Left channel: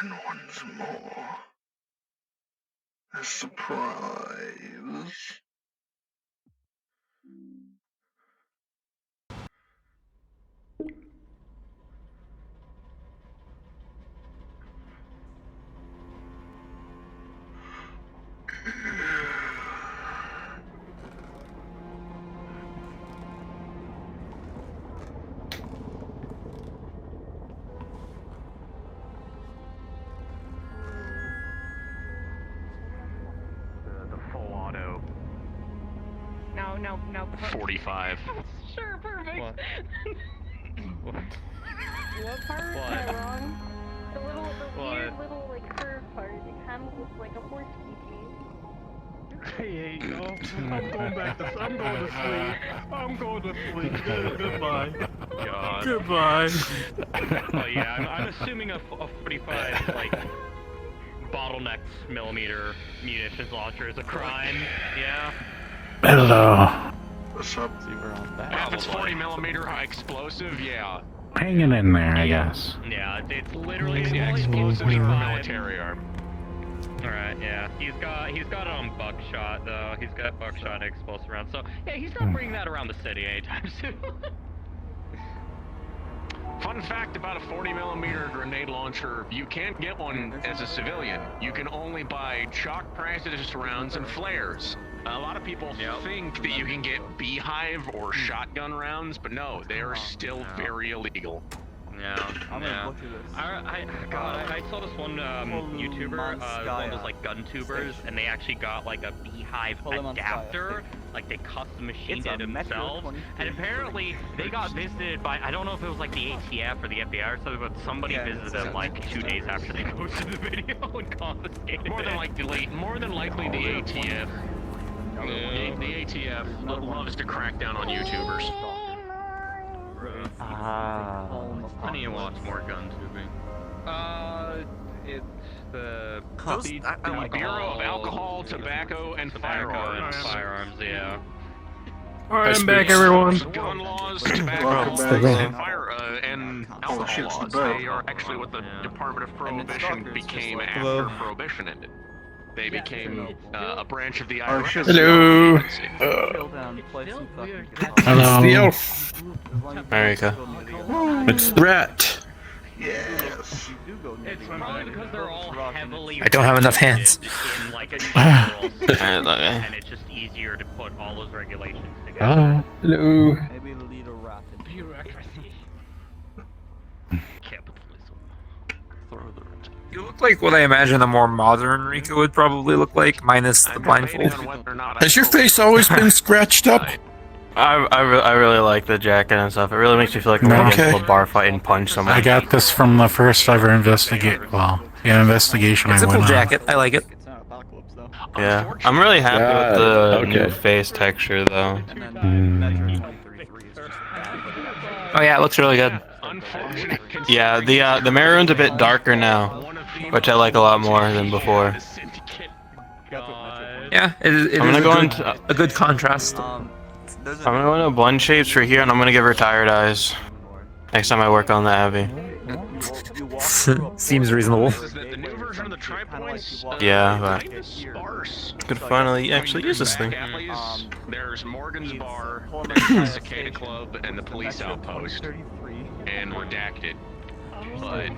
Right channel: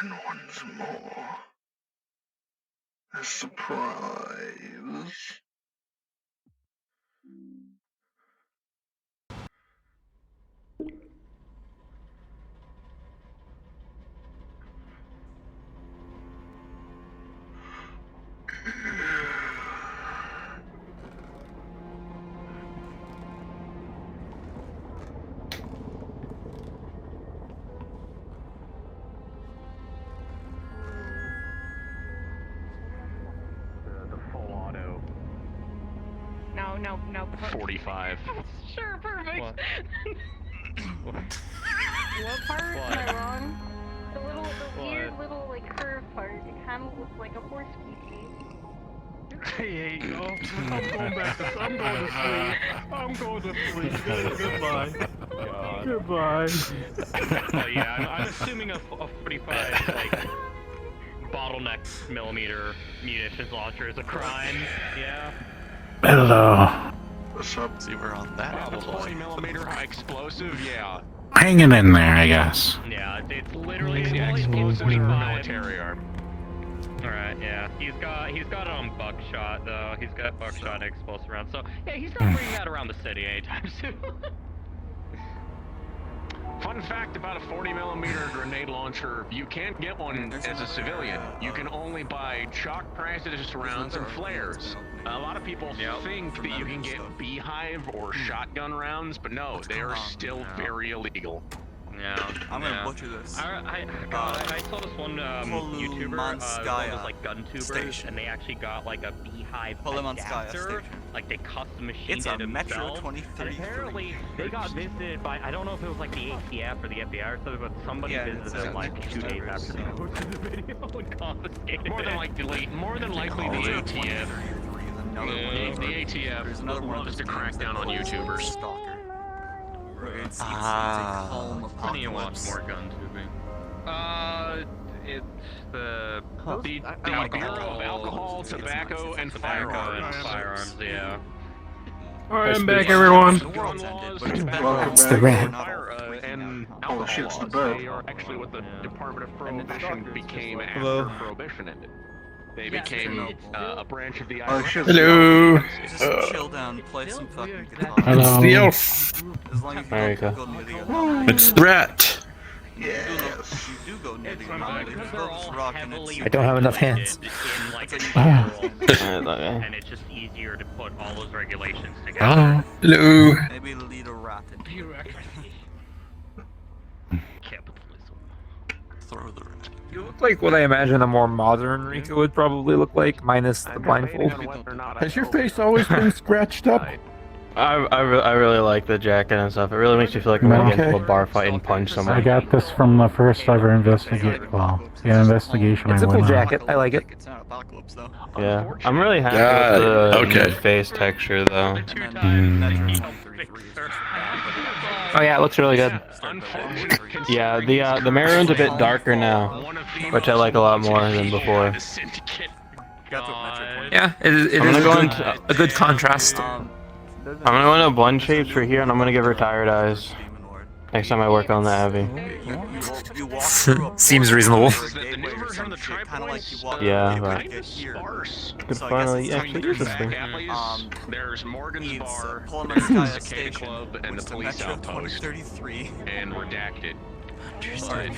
And once more, a surprise. No. 45. Sure, perfect. What? What? What part? Am I wrong? The weird little, like, curve part. It kind of looks like a horse feet. I'm going to sleep. Goodbye. Goodbye. Well, yeah, I'm assuming a 45, like, bottleneck millimeter munitions launcher is a crime. Yeah. Hello. What's up? If it's 40 millimeter high explosive, yeah. Hanging in there, I guess. Yeah, it's literally Explosive 45. military arm. Alright, yeah. He's got it on buckshot though. He's got buckshot and explosive rounds. So yeah, he's not bringing that around the city anytime soon. Fun fact about a 40 millimeter grenade launcher, you can't get one as a civilian. You can only buy chalk practice rounds and flares. A lot of people think that you can get beehive or shotgun rounds, but no, they are still very illegal. Yeah. I saw this one YouTuber, one was like gun tubers, and they actually got like a beehive adapter, like they custom machined it themselves, and apparently they got visited by, I don't know if it was like the ATF or the FBI or something, but somebody visited like 2 days after they posted the video and confiscated More than likely the ATF. The ATF loves to crack down on YouTubers. I need to watch more gun tubing. It's the Bureau of Alcohol, Tobacco, and Firearms, yeah. Alright, I'm back, everyone. Welcome back. Oh shit, it's the bed. They are actually what the Department of Prohibition became after Prohibition ended. They became a branch of the Hello. It's the elf. There you go. It's the rat. Yes. It's probably because they're all heavily I don't have enough hands. in like a neutral system, and it's just easier to put all those regulations together. Oh, hello. Maybe lead a rapid Bureaucracy. Capitalism. You look like what I imagine a more modern Rico would probably look like, minus the blindfold. Has your face always been scratched up? I really like the jacket and stuff. It really makes me feel like I'm gonna get into a bar fight and punch someone. I got this from the first ever investigation I It's a cool went on. jacket. I like it. Yeah, I'm really happy with the new face texture though. Oh yeah, it looks really good. Yeah, the Maroon's a bit darker now, which I like a lot more than before. Yeah, it is a good contrast. I'm gonna go into blend shapes for here, and I'm gonna give her tired eyes next time I work on the Abby. Seems reasonable. Yeah, but could finally actually use this thing. There's Morgan's Bar, there's the Cicada Club, and the Police Outpost, and Redacted. But,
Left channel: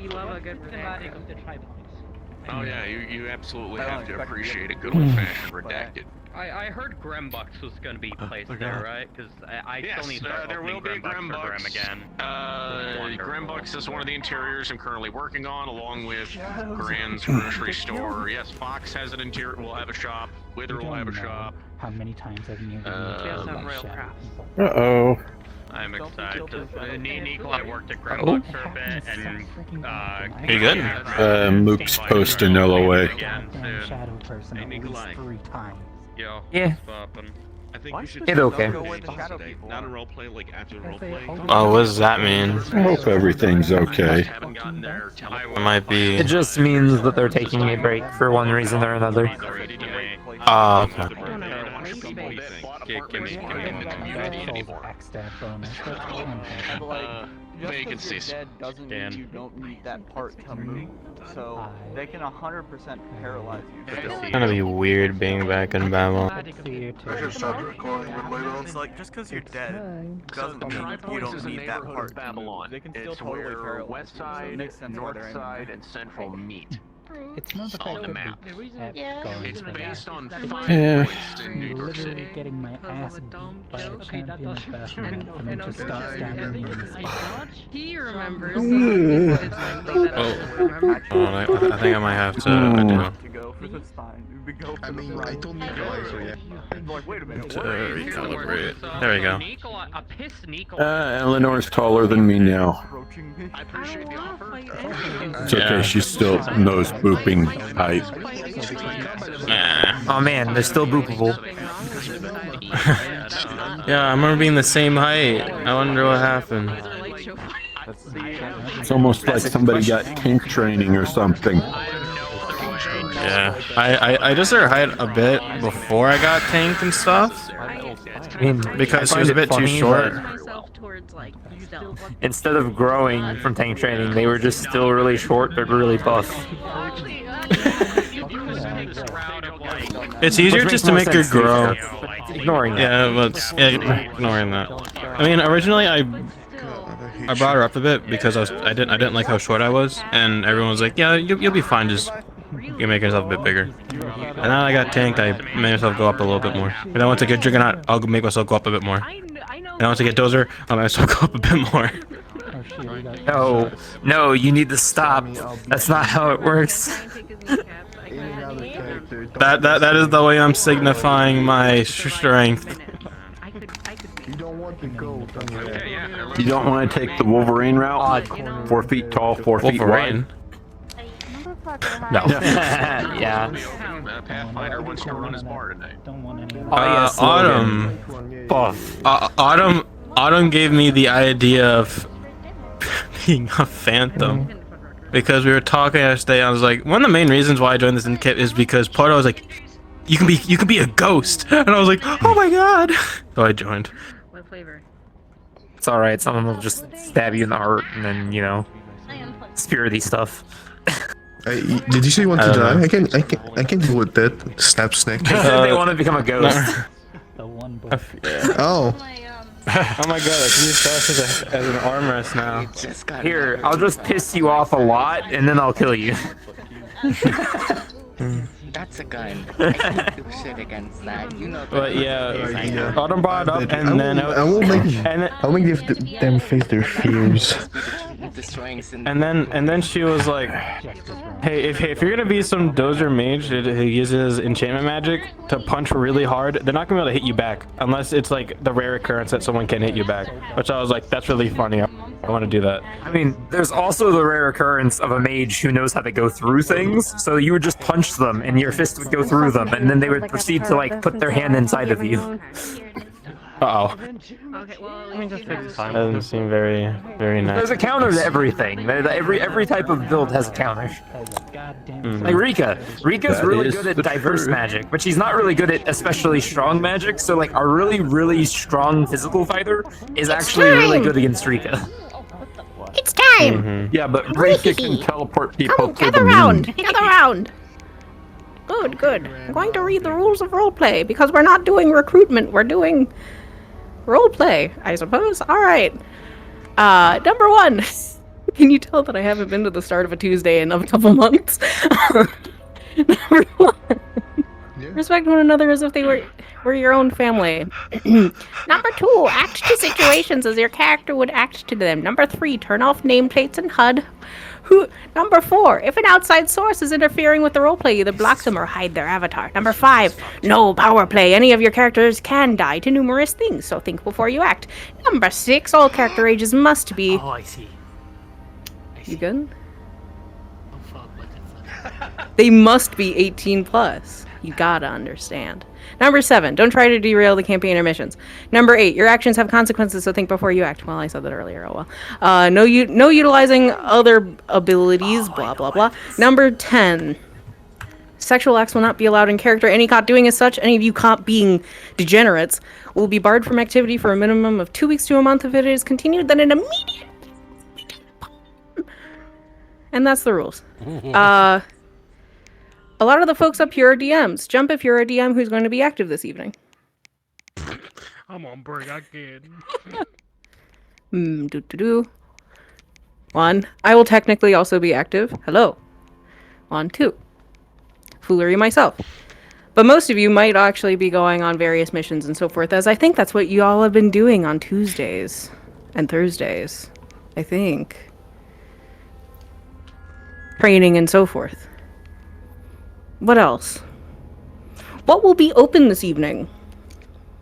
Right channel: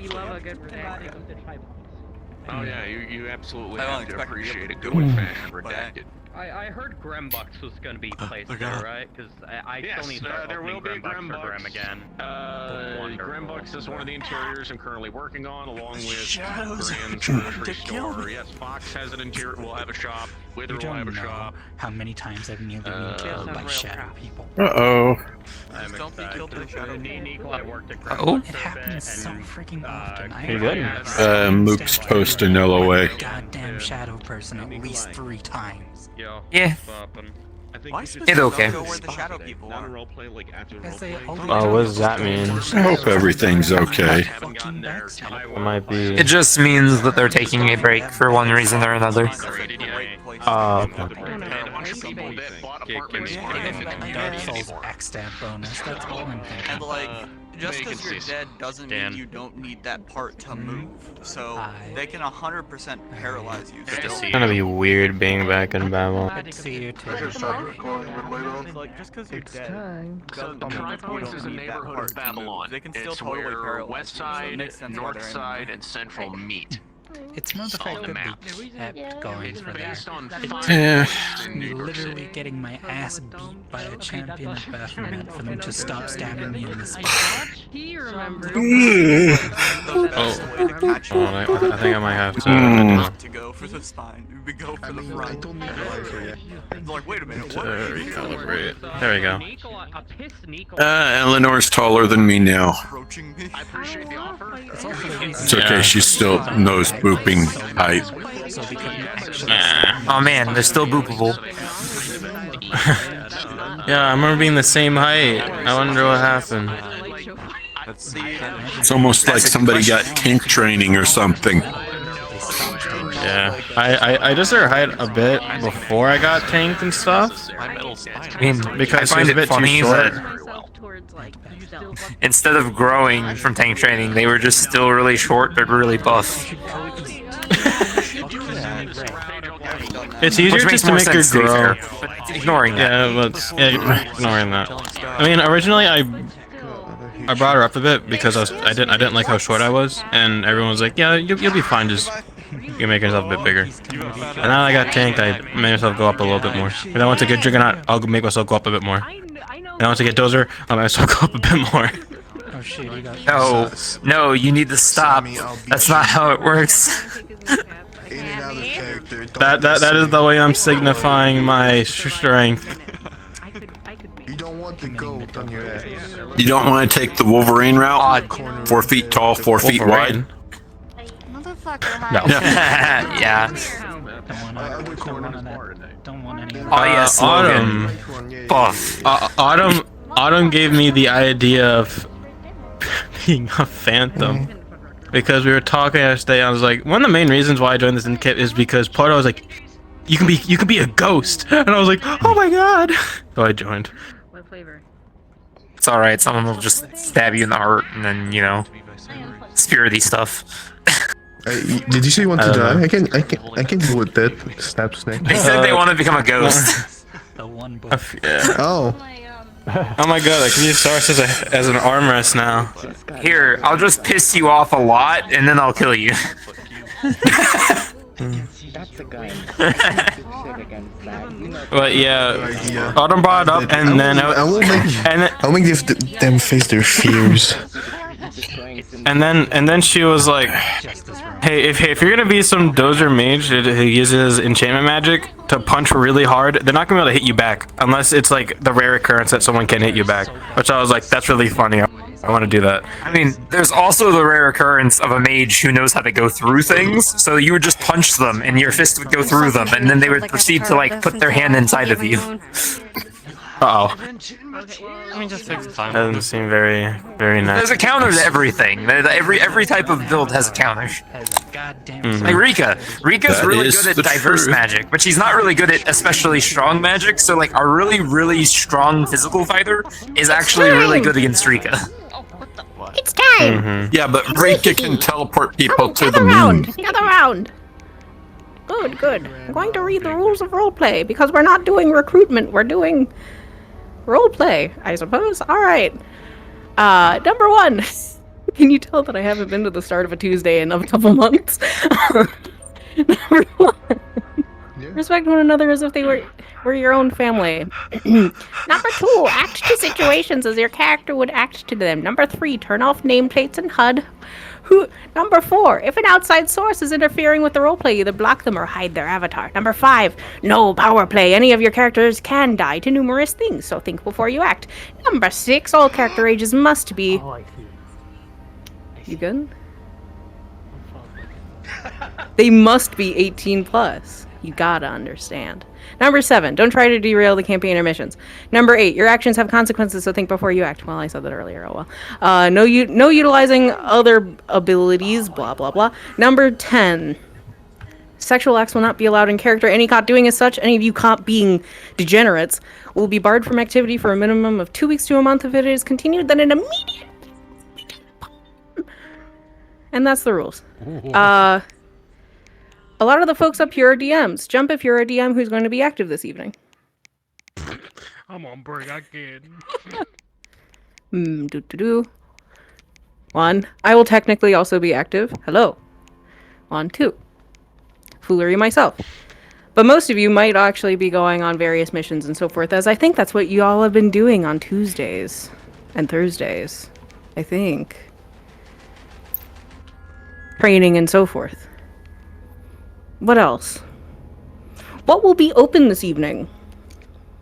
We love a good redacted. oh yeah, you absolutely have to appreciate a good old-fashioned Redacted. I heard Grembucks was going to be placed there, right? Because I still need to start there will opening be Grembucks for Grem again. Grembucks is one of the interiors I'm currently working on, along with Graham's grocery store. Yes, Fox has an interior. We'll have a shop. Wither will have a shop. How many times have you Uh-oh. I'm excited. Nico, I worked at Oh. Grembucks for a bit, and Pretty good. Mook's posting LOA. goddamn shadow person at least 3 times. Yeah. I think we should It's okay. Not a roleplay, like after roleplay. Oh, what does that mean? I hope everything's okay. It might be. It just means that they're taking a break for one reason or another. Oh, okay. bunch of people that bought apartments give me aren't in the one community Dark Souls anymore. backstab bonus. That's all I'm thinking. Just because you're Vacancies. dead doesn't Dan. mean you don't need that part to move. So they can 100% paralyze you. Good to see It's gonna be weird being back in Babylon. Good to see you I too. can start recording a bit later on. It's like, just because you're dead So doesn't mean you Tripolis don't is a need that neighborhood part of to move. Babylon. They can still It's totally where paralyze West you, so it Side, makes sense why North they're in Side, there. and Central meet. It's not the On fact the that map. we have Yeah. gone It's for based on It's 5 Yeah. points in New York literally City. getting my ass beat by a champion of Baphomet for them to stop stabbing me in the spine. He remembers. Oh, hold on, I think I might have to. To go for the spine. We go for I mean, I don't need the life for you. like, wait a minute. To recalibrate. There we go. A pissed Nikolai. Eleanor's taller than me now. Approaching me. I appreciate the offer. It's okay, she's still nose booping height. Nah. Oh man, they're still boopable. Yeah, I remember being the same height. I wonder what happened. Let's see. It's almost like somebody got tank training or something. Yeah, I just started height a bit before I got tanked and stuff. I mean, Because I he was a find bit it too funny short. that myself towards like stealth. instead of growing from tank training, they were just still really short but really buff. It's easier Which just makes to more make her sense, to be grow. fair, but ignoring that. Yeah, but ignoring that. I mean, originally I brought her up a bit because I didn't like how short I was, and everyone was like, "Yeah, you'll be fine. Just you make yourself a bit bigger." And then I got tanked. I made myself go up a little bit more. When I want to get Juggernaut, I'll make myself go up a bit more. When I want to get Dozer, I'll make myself go up a bit more. Oh shit, you got No, no, you need to stop. That's not how it works. That is the way I'm signifying my strength. You don't want to go on your You don't want to take the Wolverine route? 4 feet tall, 4 feet Wolverine. wide. No. Yeah. don't want any of Oh, yeah, Autumn. Buff. Autumn gave me the idea of being a phantom because we were talking yesterday. I was like, one of the main reasons why I joined this Syndicate is because Porto was like, you can be a ghost, and I was like, oh my god. So I joined. What flavor? It's alright, someone will just stab you in the heart and then, you know, spirity stuff. Did you say you want I to don't die? know. I can deal with that. Snap snake. They said they want to become a ghost. the one book. Yeah. Oh. Oh my god, I can use Source as an armrest now. Here, I'll just piss you off a lot and then I'll kill you. That's a gun. I can do shit against that. You know, But yeah, Autumn brought it up, and then I'll make them face their fears. destroying and then she was like, hey, if you're gonna be some Dozer mage who uses enchantment magic to punch really hard, they're not gonna be able to hit you back unless it's like the rare occurrence that someone can hit you back. Which I was like, that's really funny. I want to do that. I mean, there's also the rare occurrence of a mage who knows how to go through things, so you would just punch them and your fist would go through them, and then they would proceed to like put their hand inside of you. Uh-oh. Okay, well, Let me just fix the time. Doesn't seem very nice. There's a counter to everything. Every type of build has a counter. Goddamn. Like Rika's That really is good the at diverse truth. magic, but she's not really good at especially strong magic. So like a really strong physical fighter is actually really good against Rika. It's time! Mhm. Yeah, but Rika can teleport people Come, to the gather moon. round! Gather round! Good, good. I'm going to read the rules of roleplay, because we're not doing recruitment, we're doing roleplay, I suppose. Alright. Number 1. Can you tell that I haven't been to the start of a Tuesday in a couple months? Number 1. Respect one another as if they were your own family. Number 2, act to situations as your character would act to them. Number 3, turn off nameplates and HUD. Number 4, if an outside source is interfering with the roleplay, either block them or hide their avatar. Number 5, no power play. Any of your characters can die to numerous things, so think before you act. Number 6, all character ages must be... Oh, I see. You good? They must be 18 plus. You gotta understand. Number 7, don't try to derail the campaign or missions. Number 8, your actions have consequences, so think before you act. Well, I said that earlier, oh well. No utilizing other abilities, blah, blah, blah. Number 10, Sexual acts will not be allowed in character. Any caught doing as such, any of you caught being degenerates, will be barred from activity for a minimum of 2 weeks to a month. If it is continued, then an immediate... And that's the rules. A lot of the folks up here are DMs. Jump if you're a DM who's going to be active this evening. I'm on break, I can't. One. I will technically also be active. Hello. 1, 2. Foolery myself. But most of you might actually be going on various missions and so forth, as I think that's what you all have been doing on Tuesdays and Thursdays. I think. Training and so forth. What else? What will be open this evening?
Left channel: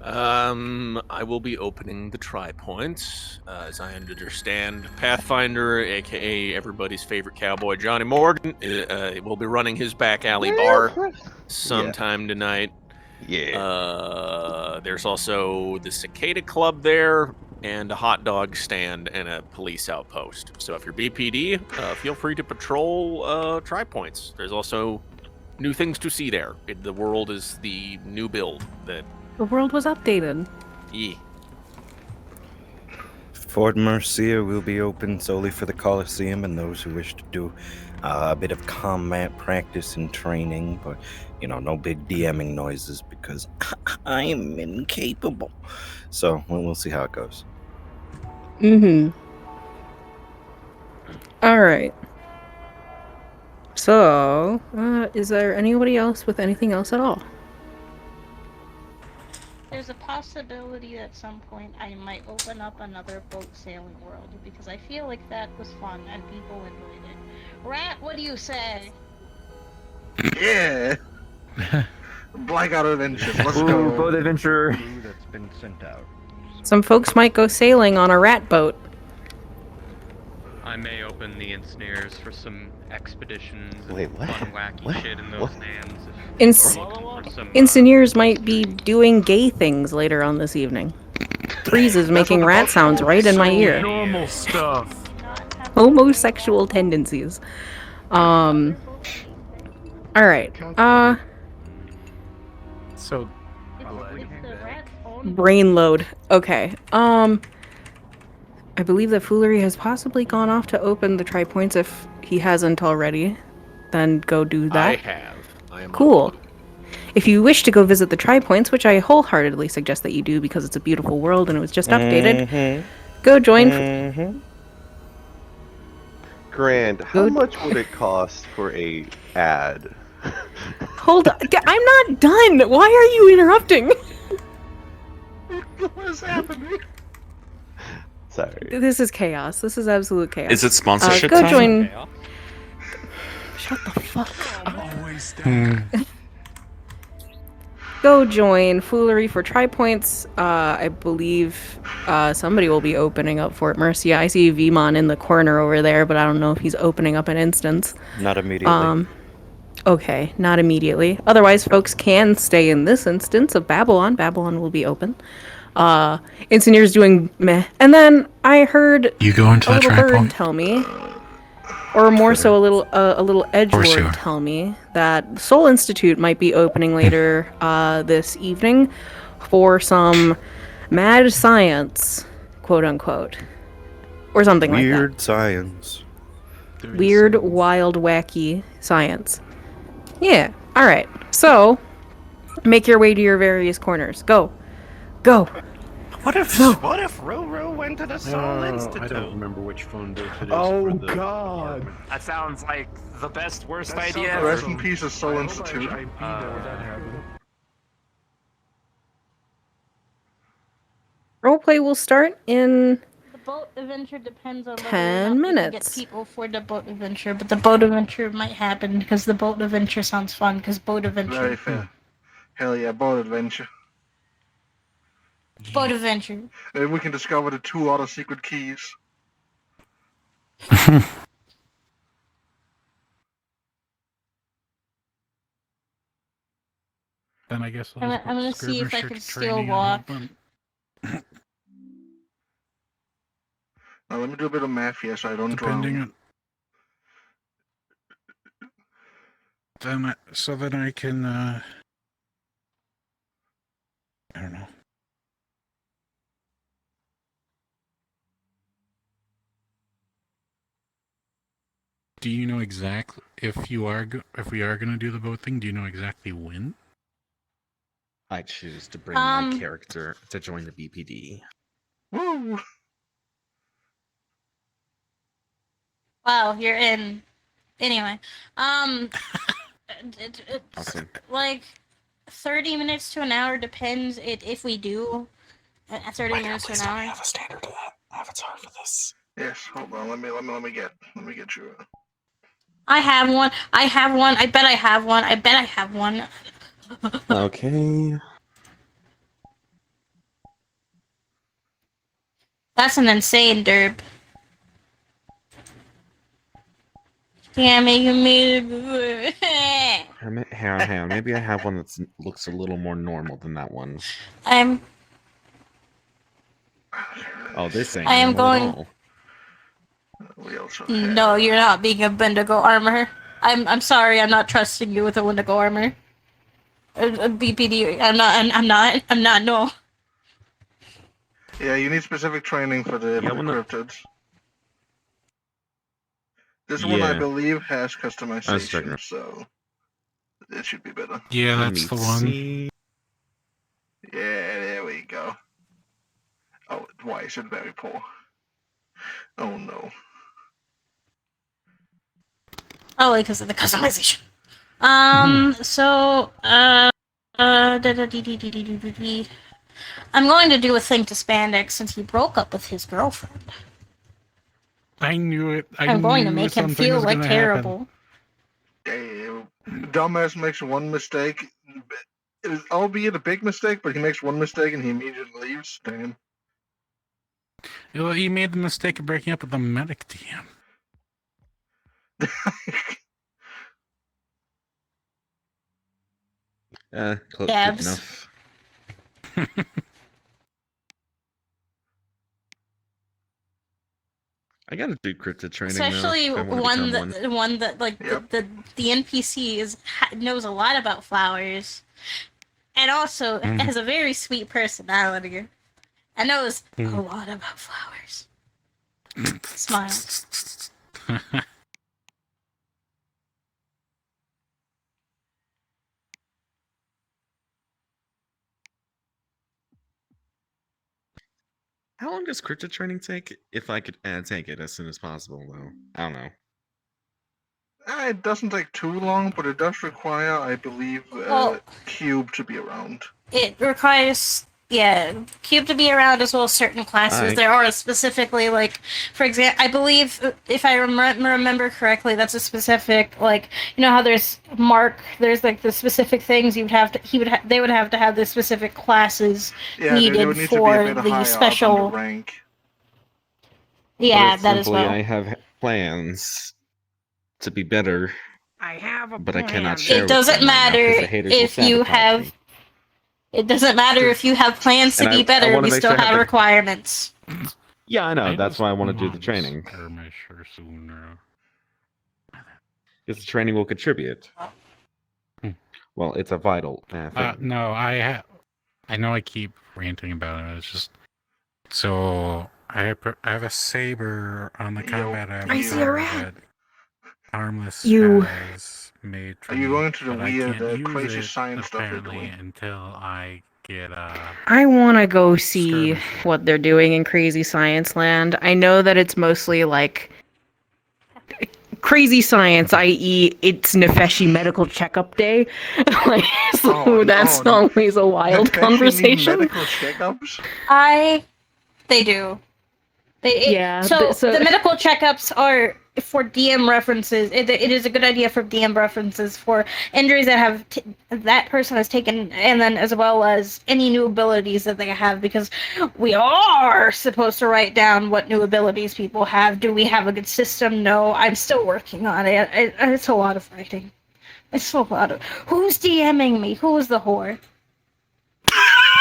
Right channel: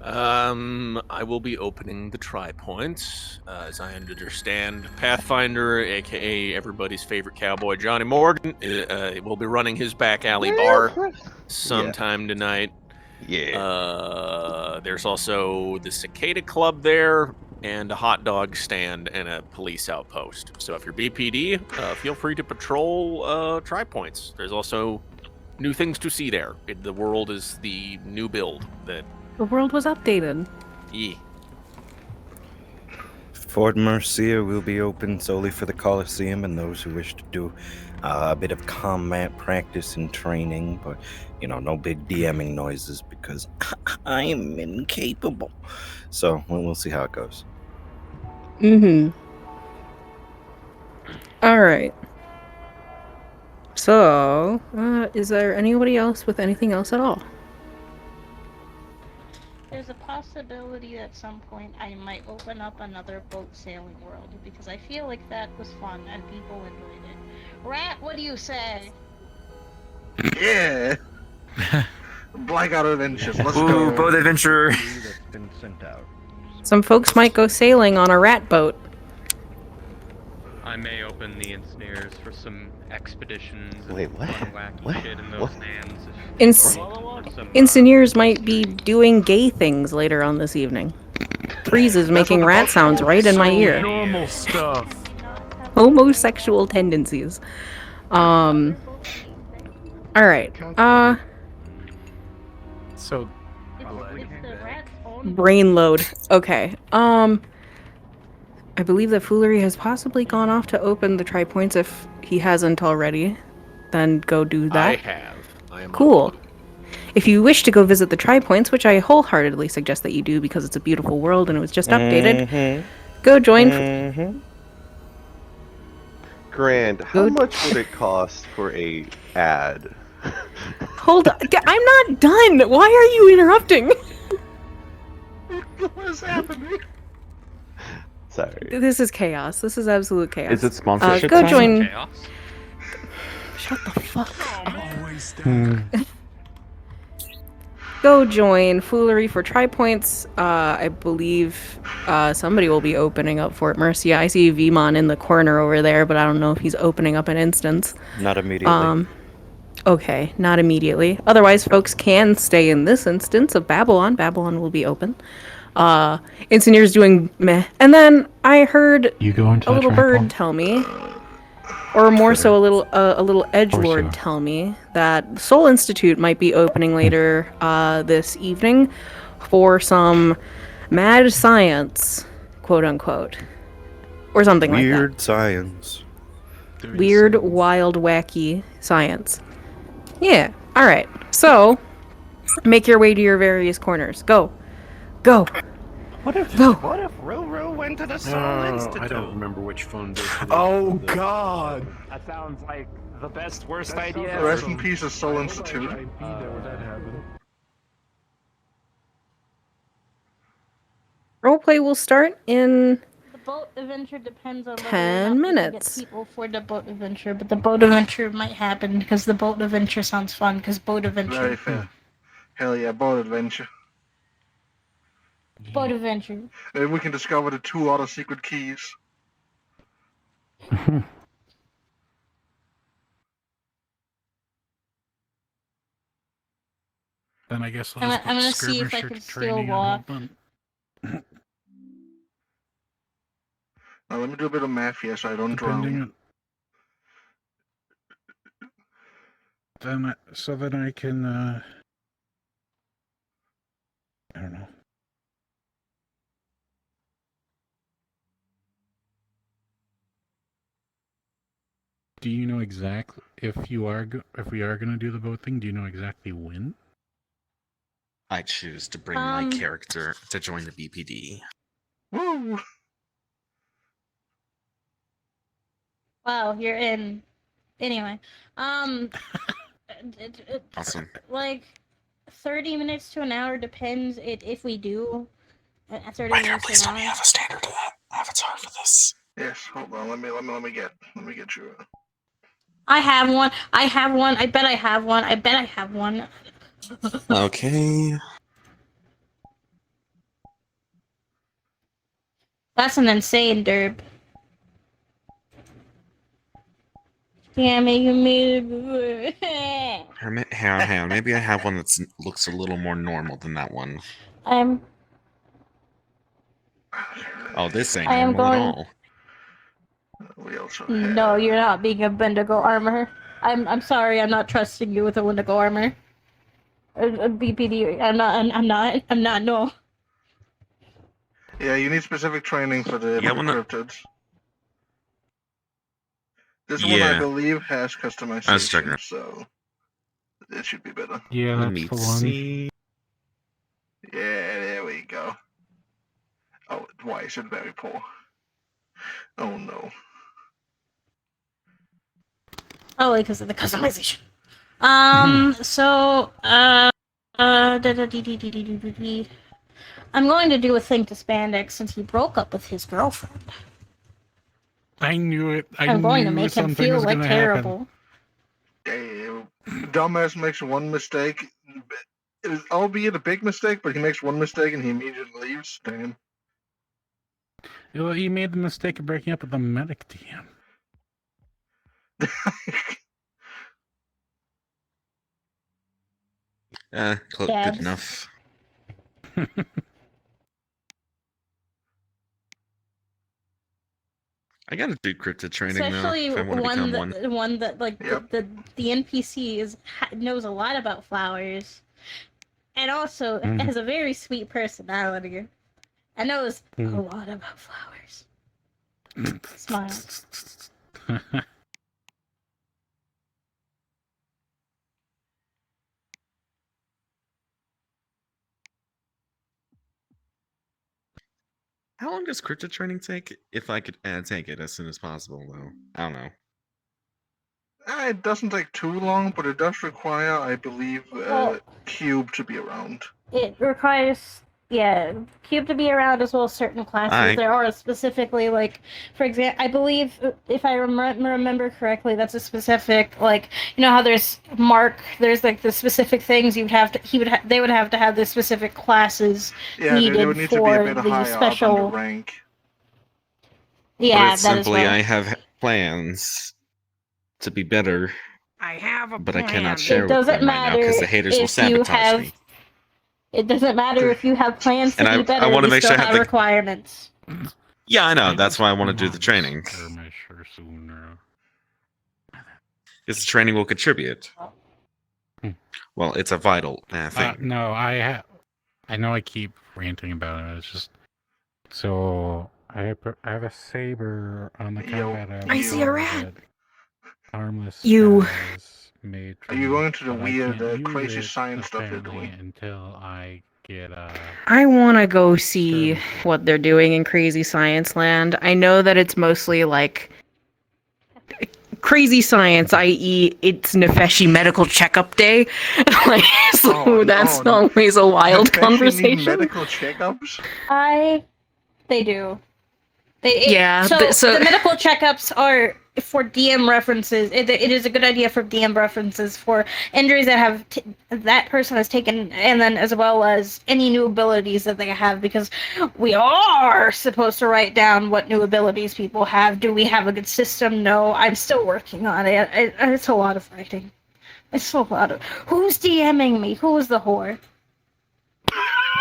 I will be opening the Tri-Point, as I understand. Pathfinder, aka everybody's favorite cowboy, Johnny Morgan, will be running his back alley bar sometime tonight. Yeah. There's also the Cicada Club there, and a hot dog stand and a police outpost. So if you're BPD, feel free to patrol Tri-Points. There's also new things to see there. The world is the new build that... The world was updated. Yeah. Fort Mercia will be open solely for the Coliseum and those who wish to do a bit of combat practice and training, but, you know, no big DMing noises because I am incapable. So we'll see how it goes. Alright. So, is there anybody else with anything else at all? There's a possibility at some point I might open up another boat sailing world, because I feel like that was fun and people enjoyed it. Rat, what do you say? Yeah! Blackout Adventures, let's go. Boat adventure. Some folks might go sailing on a rat boat. I may open the ensnares for some expeditions and Wait, what? fun, wacky What? shit in those What? lands. Engineers might be doing gay things later on this evening. Freeze is making rat sounds right in my ear. Normal stuff. Homosexual tendencies. Alright. So, brain load. Okay. I believe that Foolery has possibly gone off to open the Tri-Points. If he hasn't already, then go do that. I have. I am cool. If you wish to go visit the Tri-Points, which I wholeheartedly suggest that you do because it's a beautiful world and it was just updated, go join. Grand, how much would it cost for a ad? Hold on. I'm not done. Why are you interrupting? What is happening? Sorry. This is chaos. This is absolute chaos. Is it sponsorship? Go join. Shut the fuck up. Go join Foolery for Tri-Points. I believe somebody will be opening up Fort Mercia. I see Vmon in the corner over there, but I don't know if he's opening up an instance. Not immediately. Okay, not immediately. Otherwise, folks can stay in this instance of Babylon. Babylon will be open. Engineer's doing meh. And then I heard You go into a the little Tri-Point? bird tell me, or more so a little edgelord tell me that Soul Institute might be opening later this evening for some mad science, quote unquote, or something like that. Weird science. Weird, wild, wacky science. Yeah. All right. So, make your way to your various corners. Go. Go. What if Roro went to the Soul Institute? I don't remember which phone booth it is. Oh god! That sounds like the best, worst idea. Rest in peace of Soul Institute. Roleplay will start in The boat adventure depends on whether 10 or not we minutes. can get people for the boat adventure, but the boat adventure might happen because the boat adventure sounds fun. Because boat adventure. Very fair. Hell yeah, boat adventure. Boat adventure. Maybe we can discover the 2 other secret keys. Then I guess we'll I'm just gonna get see if I skirmisher can still training and walk. all done. Now let me do a bit of math here so I don't drown. So then I can, I don't know. Do you know exactly if we are going to do the boat thing? Do you know exactly when? I choose to bring my character to join the BPD. Woo! Wow, you're in. Anyway, Awesome. like 30 minutes to an hour depends if we do 30 minutes to an hour. Have a standard avatar for this. Yes, hold on. Let me get you. I have one. I have one. I bet I have one. I bet I have one. Okay. That's an insane derp. Yeah, making me. Hang on. Maybe I have one that looks a little more normal than that one. I'm. Oh, this ain't I am normal going. at all. We also No, you're not being a Wendigo armor. I'm sorry. I'm not trusting you with a Wendigo armor. BPD. I'm not. No. Yeah, you need specific training for the cryptids. This one, I believe, has customization, so it should be better. Yeah, that's the one. Yeah, there we go. Oh, why is it very poor? Oh no. Oh, because of the customization. So, I'm going to do a thing to Spandex since he broke up with his girlfriend. I knew it. I'm going to knew make him something feel was like gonna terrible. Dumbass makes one mistake, albeit a big mistake, but he makes one mistake and he immediately leaves. Damn. Well, he made the mistake of breaking up with the medic DM. Good enough. I gotta do cryptid training Especially now. If I want to become one. one that like the NPC knows a lot about flowers, and also has a very sweet personality, and knows a lot about flowers. Smiles. How long does cryptid training take? If I could take it as soon as possible, though. I don't know. It doesn't take too long, but it does require, I believe, Cube to be around. It requires, Cube to be around as well as certain classes. Alright. There are specifically, like, for example, I believe, if I remember correctly, that's a specific, like, you know how there's there's like the specific things you would have to, they would have to have the specific classes needed they would need to be for a bit the higher special. up on the rank. Yeah, But that as simply, well. I have plans to be better. I have a but I cannot share It with doesn't them right now matter because the haters will if you sabotage have. me. It doesn't matter if you have plans to And be I better. wanna You make still sure I have have the- requirements. Yeah, I know. That's why I want to do the training. Because the training will contribute. Well, it's a vital thing. No, I know I keep ranting about it. It's just so I have a saber on the combat. I see a rat. Armless. You. Made Are you going to the but I weird, can't use crazy it, science stuff they're apparently, doing? until I get I want to go see what they're doing in Crazy Science Land. I know that it's mostly like crazy science, i.e., it's Nefeshi Medical Checkup Day. Like, so that's always a wild Nefeshi conversation. need medical checkups? They do. Yeah, So the medical checkups are for DM references. It is a good idea for DM references for injuries that have that person has taken, and then as well as any new abilities that they have, because we are supposed to write down what new abilities people have. Do we have a good system? No, I'm still working on it. It's a lot of writing. It's a lot of. Who's DMing me? Who is the whore?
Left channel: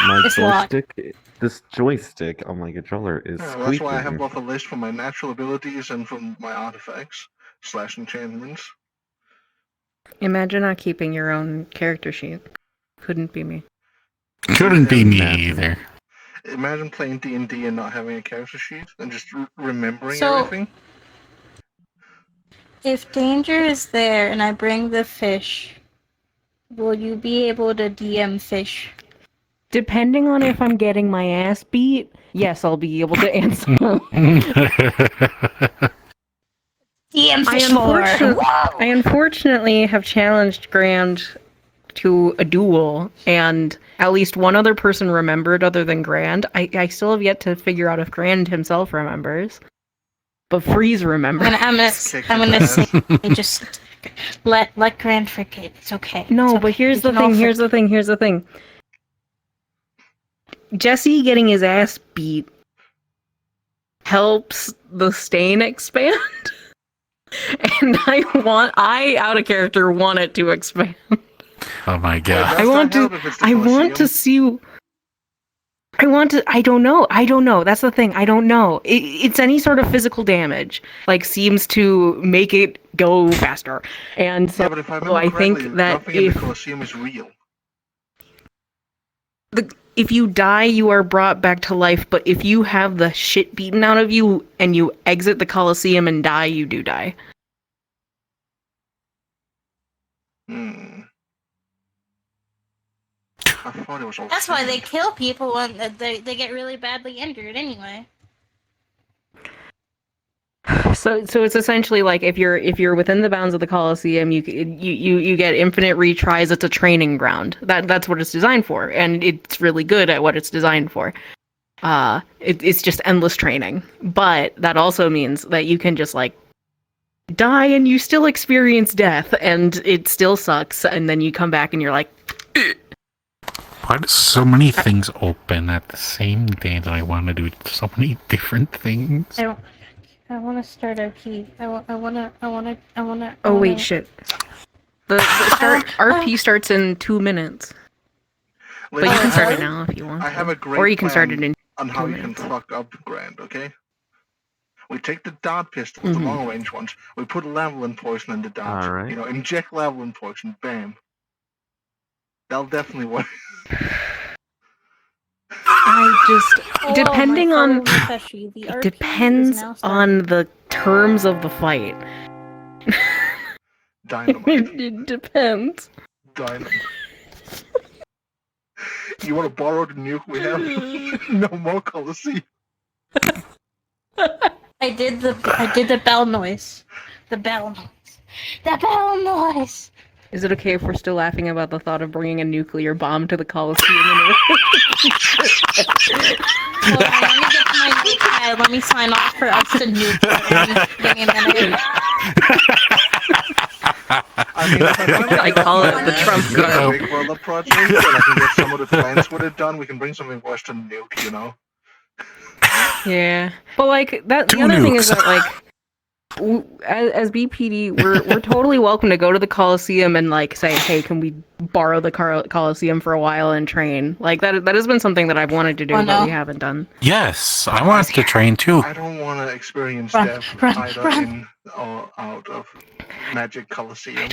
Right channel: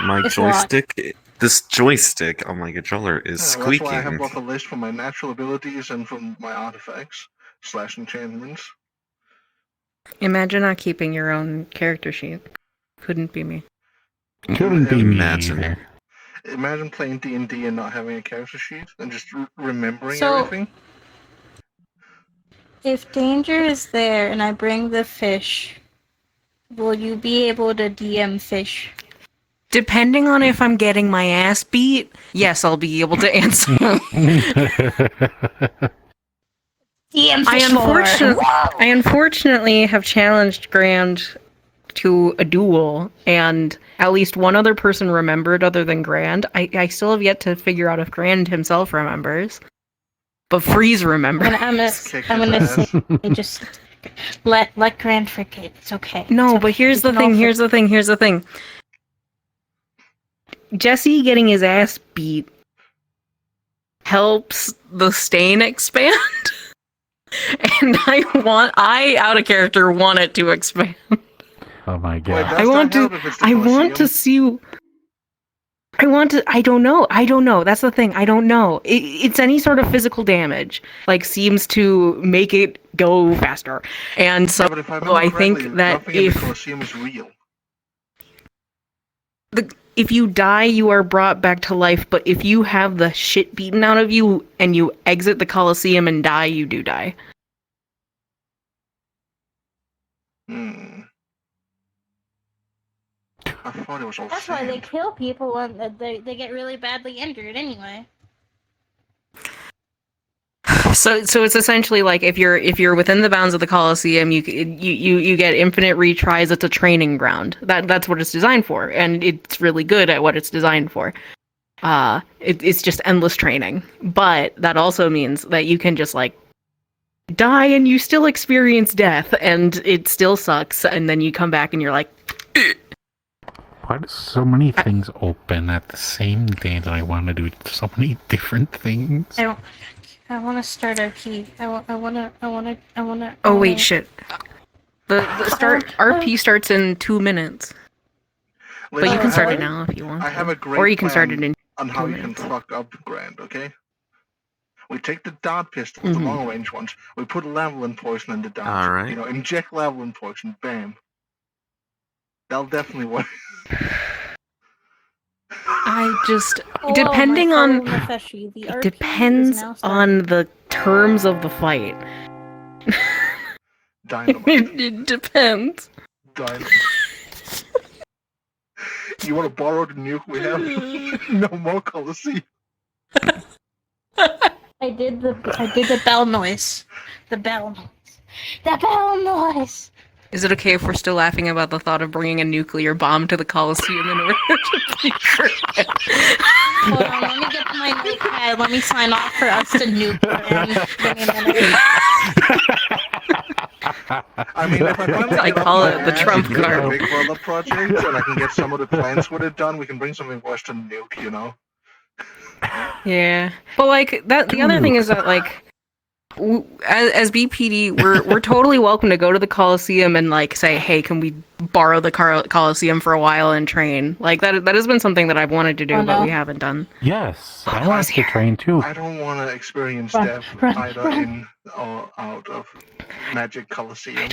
My It's a lot. joystick. This joystick on my controller is That's squeaking. why I have both a list for my natural abilities and from my artifacts / enchantments. Imagine not keeping your own character sheet. Couldn't be me. Couldn't be me either. Imagine playing D&D and not having a character sheet and just remembering So- everything. If danger is there and I bring the fish, will you be able to DM fish? Depending on if I'm getting my ass beat, yes, I'll be able to answer. DM fish more. I unfortunately have challenged Grand to a duel, and at least one other person remembered other than Grand. I still have yet to figure out if Grand himself remembers. But Freeze remembers. I'm gonna say, just let Grand forget. It's okay. No, It's but okay. here's You the can thing, also- here's the thing. Jesse getting his ass beat helps the stain expand. And I out of character want it to expand. Oh my god. I want to see. I don't know. That's the thing. I don't know. It's any sort of physical damage, like, seems to make it go faster. And so Yeah, but if I remember think correctly, that nothing in the Colosseum is real. if you die, you are brought back to life. But if you have the shit beaten out of you and you exit the Colosseum and die, you do die. I thought it was all That's why sand. they kill people when they get really badly injured anyway. So it's essentially like if you're within the bounds of the Colosseum, you get infinite retries. It's a training ground. That's what it's designed for, and it's really good at what it's designed for. It's just endless training, but that also means that you can just like die and you still experience death, and it still sucks. And then you come back and you're like, Why do so many things open at the same day that I want to do so many different things? I want to start RP. I want to. oh wait, shit. The start RP starts in 2 minutes. But you can start it now if you want. I have a great or you can start it plan in on how 2 you can minutes. fuck up Grand, okay? We take the dart pistols, the Mhm. long range ones. We put Lavalin poison in the dart. Alright. You know, inject Lavalin poison. Bam. That'll definitely work. I just Oh, depending my on fellow Nefeshi, the it RP depends is now starting. on the terms of the fight. Dynamite. It depends. Dynamite. You want to borrow the nuke we have? No more Colosseum. I did the bell noise. The bell noise. The bell noise. Is it okay if we're still laughing about the thought of bringing a nuclear bomb to the Colosseum in order to keep Hold on, let me get to my notepad. Let me sign off for us to nuke Grand in a minute. I mean, if I finally I get off call my it the ass Trump and do card. the Big Brother project, and I can get some of the plans with it done, we can bring something worse than nuke, you know? Yeah, but like that. The other thing is that like, as BPD, we're totally welcome to go to the Coliseum and like say, hey, can we borrow the Coliseum for a while and train? Like that has been something that I've wanted to do, but we haven't done. Yes, I want to train too. I don't want to experience death either in or out of Magic Coliseum. I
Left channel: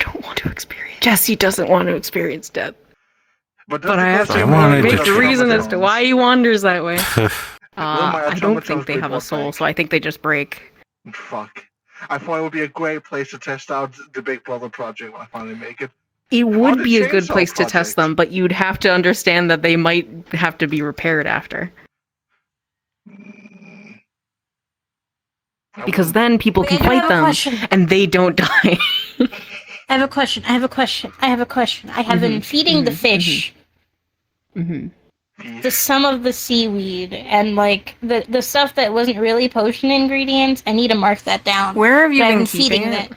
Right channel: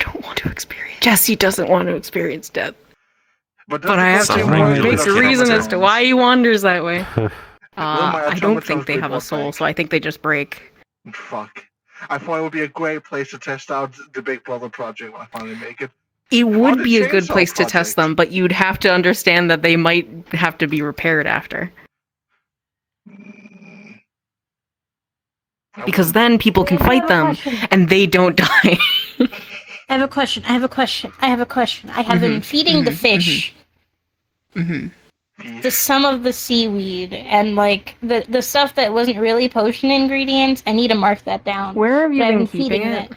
don't want to experience. Jesse doesn't want to experience death. But I have to make the reason as to why he wanders that way. I don't think they have a soul, so I think they just break. Fuck. I thought it would be a great place to test out the Big Brother project when I finally make it. It Or would the be a good Chainsaw place to Project. test them, but you'd have to understand that they might have to be repaired after. Because then people can fight them, and they don't die. I have a question. I have been feeding the fish some of the seaweed and like the stuff that wasn't really potion ingredients. I need to mark that down. Where have you But I've been feeding keeping it?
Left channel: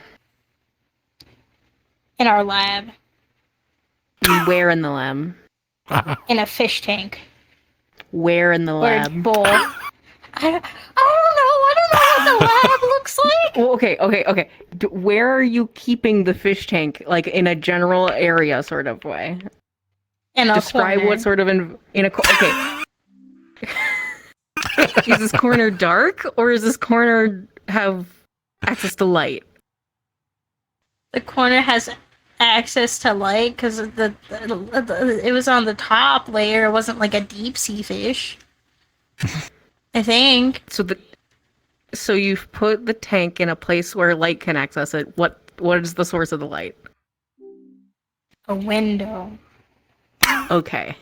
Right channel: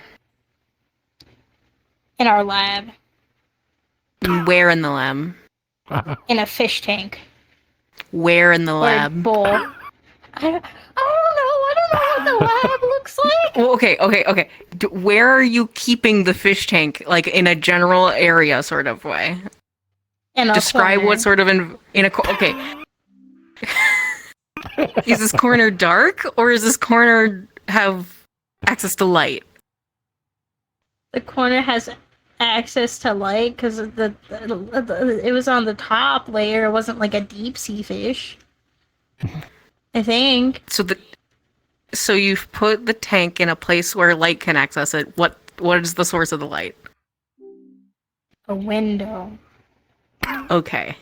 In our lab. Where in the lab? In a fish tank. Where in the Or a lab? bowl. I don't know what the lab looks like. Well, okay. Where are you keeping the fish tank? Like in a general area sort of way? In a Describe corner. what sort of in a okay. Is this corner dark or is this corner have access to light? the corner has access to light because it was on the top layer. It wasn't like a deep sea fish. I think. So you've put the tank in a place where light can access it. What is the source of the light? A window. Okay.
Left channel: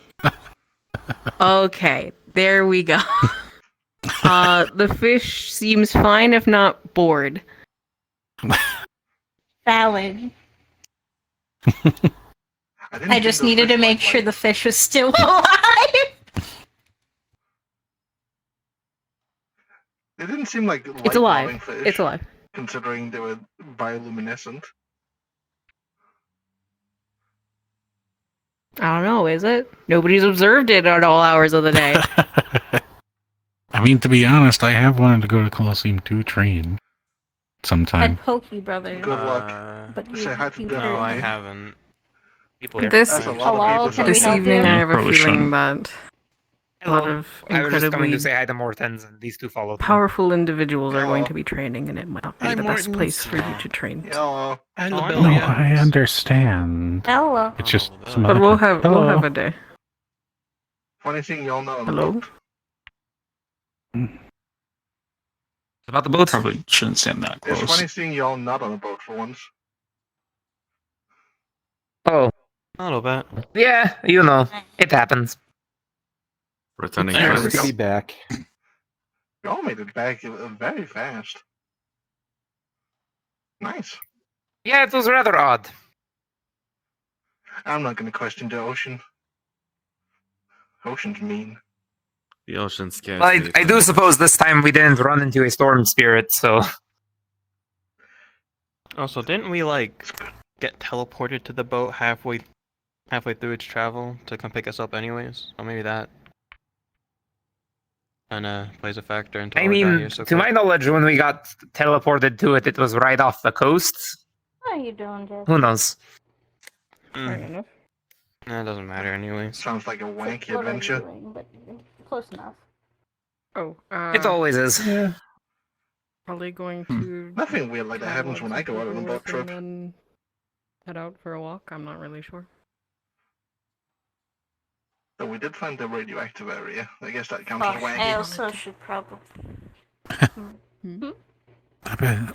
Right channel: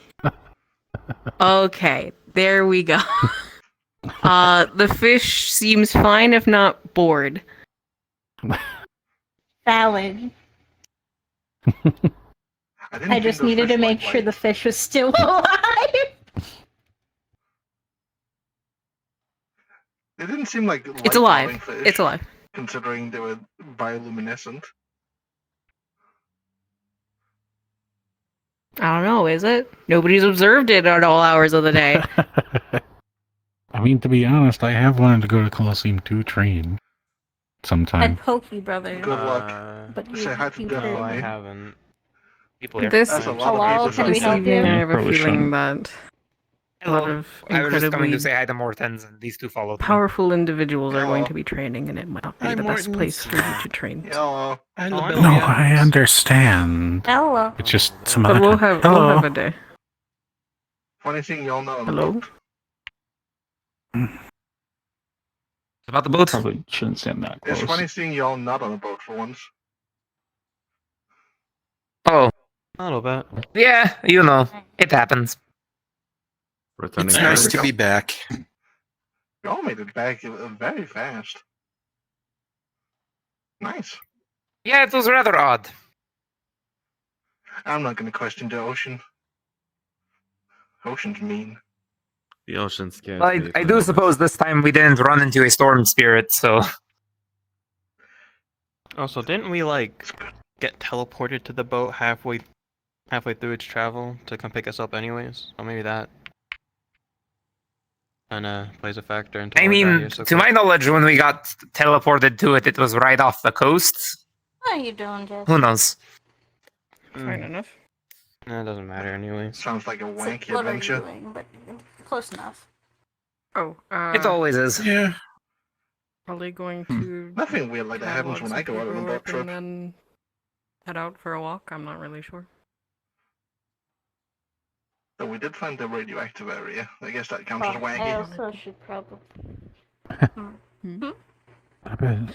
Okay, there we go. The fish seems fine, if not bored. Valid. I just needed to make sure the fish was still alive. They didn't seem like It's alive. light-loving fish. It's alive. Considering they were bioluminescent. I don't know, is it? Nobody's observed it at all hours of the day. I mean, to be honest, I have wanted to go to Colosseum to train sometime. I'd poke you, brother. Good luck. But Say hi to Death I me. haven't. People here. This, That's a lot of people. this evening, I have a Probably feeling shouldn't. that a lot Hello. of I was just coming to incredibly say hi to Mortens, and these two followed me. powerful individuals are going Hello. to be training, and it might not be Hi, the best Mortens. place for you to train. Hello. No, I understand. Hello. It's just But we'll have a day. Funny thing, y'all know. Hello? About the boat? Probably shouldn't stand that close. It's funny seeing y'all not on a boat for once. Oh. A little bit. Yeah, you know, it happens. It's nice to be back. Y'all made it back very fast. Nice. Yeah, it was rather odd. I'm not going to question the ocean. Ocean's mean. The ocean scares Well, me. I do suppose this time we didn't run into a storm spirit, so... Also, didn't we, like, get teleported to the boat halfway through its travel to come pick us up anyways? Or maybe that kinda plays a factor into I why we got mean, here so to my quick. knowledge, when we got teleported to it, it was right off the coast. How are you doing, Jess? Who knows? Fair enough. No, it doesn't matter anyways. Sounds like a wanky What are you adventure. doing? But close enough. Oh, It always is. Yeah. probably going to Nothing weird like that happens when I go out on a boat trip. and then head out for a walk. I'm not really sure. So we did find the radioactive area. I guess that counts as I wacky. also should probably.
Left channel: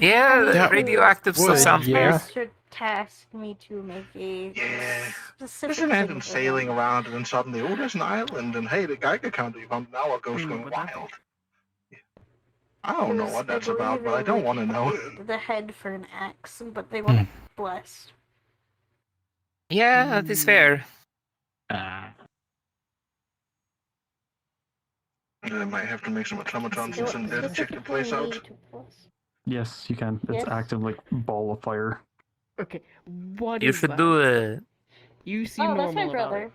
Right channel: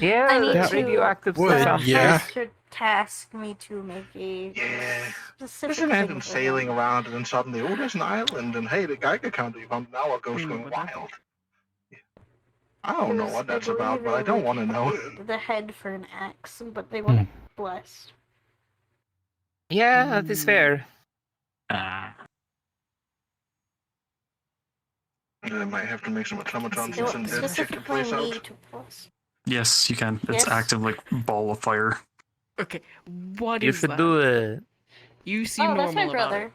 Yeah, That radioactive would, stuff sounds yeah. Should task me to make a Yeah. specific Just imagine thing for sailing them. around and then suddenly, oh, there's an island, and hey, the Geiger counter you found now goes going what happened? wild. I don't know what that's about, but I don't want to know. The head for an axe, but they want blessed. Yeah, that is fair. I might have to make some automatons and send Death check the place out. Yes, you can. It's Yes. active like ball of fire. Okay, what You is should that? do it. You seem Oh, that's my normal about brother.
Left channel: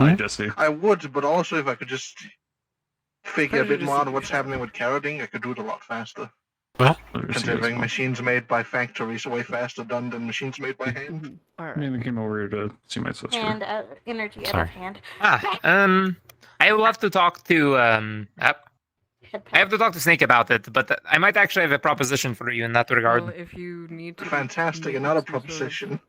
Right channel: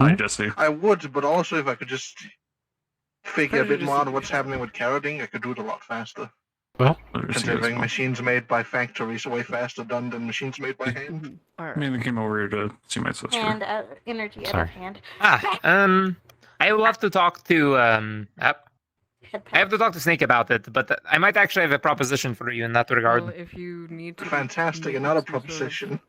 I guess so. I would, but also if I could just figure a bit Prejudice more is out what's happening with carroting, I could do it a lot faster. Well, Considering machines made by factories are way faster done than machines made by hand. it. All I right. mean, we came over here to see my sister. And energy out Sorry. of hand. I will have to talk to, Head I have to talk to Snake about it, but I might actually have a proposition for you in that regard. Well, if you need to Fantastic, make another some sort of proposition.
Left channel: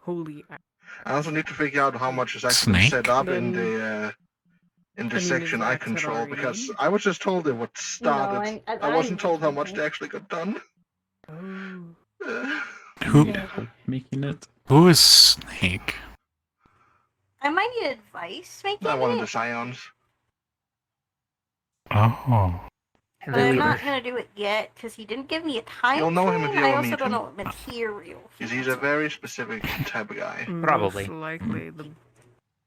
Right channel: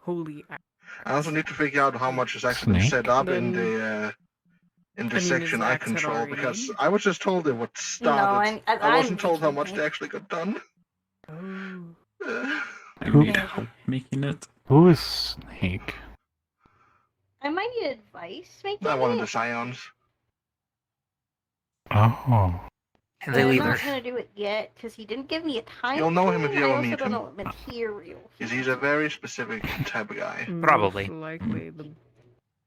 holy act, I also need to figure out how much is actually Snake? set up in Then- the I mean, section is I that set control already because in? I was just told it what started. I I wasn't told how just much they actually got done. Oh. Who Making it. who is Snake? I might need advice making Not one of it, the scions. Oh. And but they I'm leave not her. gonna do it yet because he didn't give me a time. You'll know him if frame, you and ever I meet also him. don't know what material. He's a very specific type of guy. Probably. Most likely the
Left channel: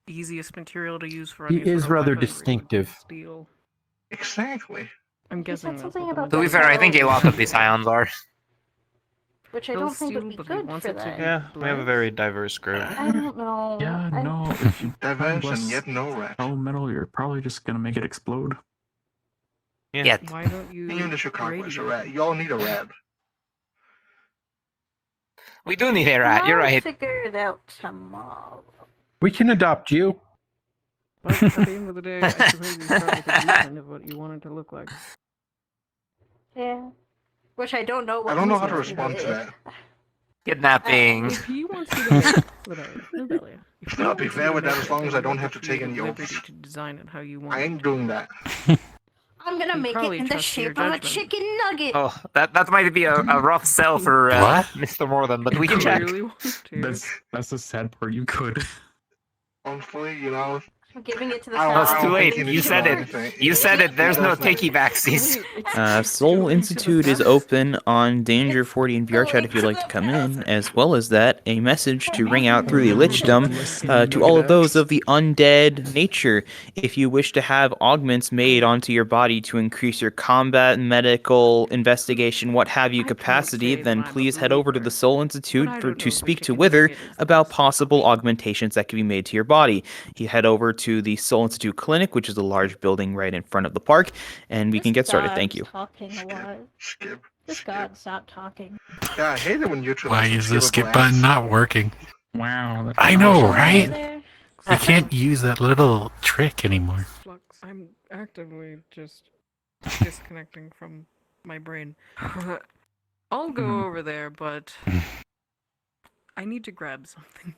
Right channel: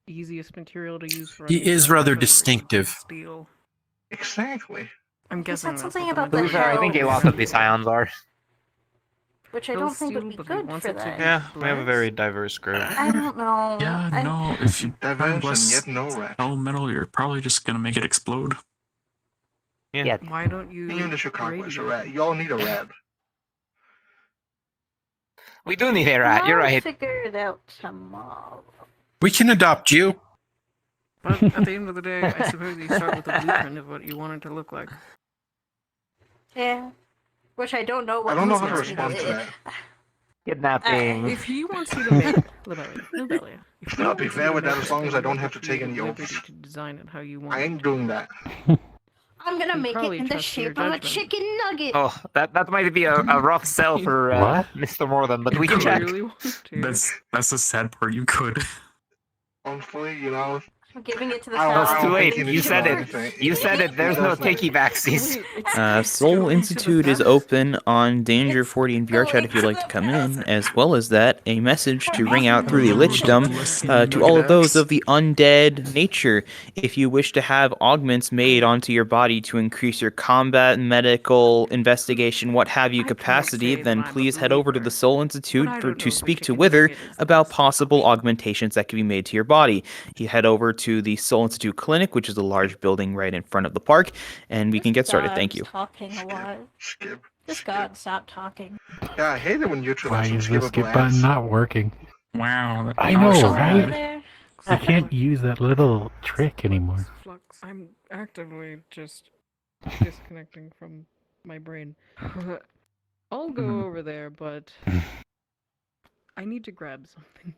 easiest material to use for He any is sort of rather weaponry would be distinctive. Steel. Exactly. I'm guessing said that's something what the about To be material fair, I think a is. lot of these ions are. Which I They'll don't think would steal, be but he good wants for it to that. be Yeah, we have a very diverse group. I don't know. Yeah, I- no. If you Diverse less and yet no rat. metal, you're probably just gonna make it explode. Yeah. Why don't you Even the Chicago is a radio? rat. Y'all need a rat. We do need a rat, you're I'll right. figure it out tomorrow. We can adopt you. But at the end of the day, I suppose you start with a blueprint of what you want it to look like. Yeah. Which I don't know. What I don't know how to means respond to it. that. Kidnapping. If he wants you to make Libelia. I'll be fair with that as long as I don't have to take any oaths. To design it how you want. I ain't doing that. I'm gonna You make it probably in the trust your shape of a judgment. chicken nugget. Oh, that might be a rough sell for Mr. Morden, but we can check. That's a sad part. You could. Honestly, you know. I'm giving it to the No, it's sour too late. cream You said sugar. it. You said it. There's no takey backsies. Soul Institute is open on Danger 40 and VR chat if you'd like to come in. As well as that, a message to ring out through the Lichdom to all of those of the undead nature. If you wish to have augments made onto your body to increase your combat, medical, investigation, what have you capacity, then please head over to the Soul Institute to speak to Wither about possible augmentations that can be made to your body. You head over to the Soul Institute Clinic, which is a large building right in front of the park, and we can get started. Thank you. Talking a lot. Skip. Just God, stop talking. Yeah, I hate it when YouTube Why has is the skip skippable button ads. not working? Wow. I know, right? You can't use that little trick anymore. Flux. I'm actively just disconnecting from my brain. I'll go over there, but I need to grab something.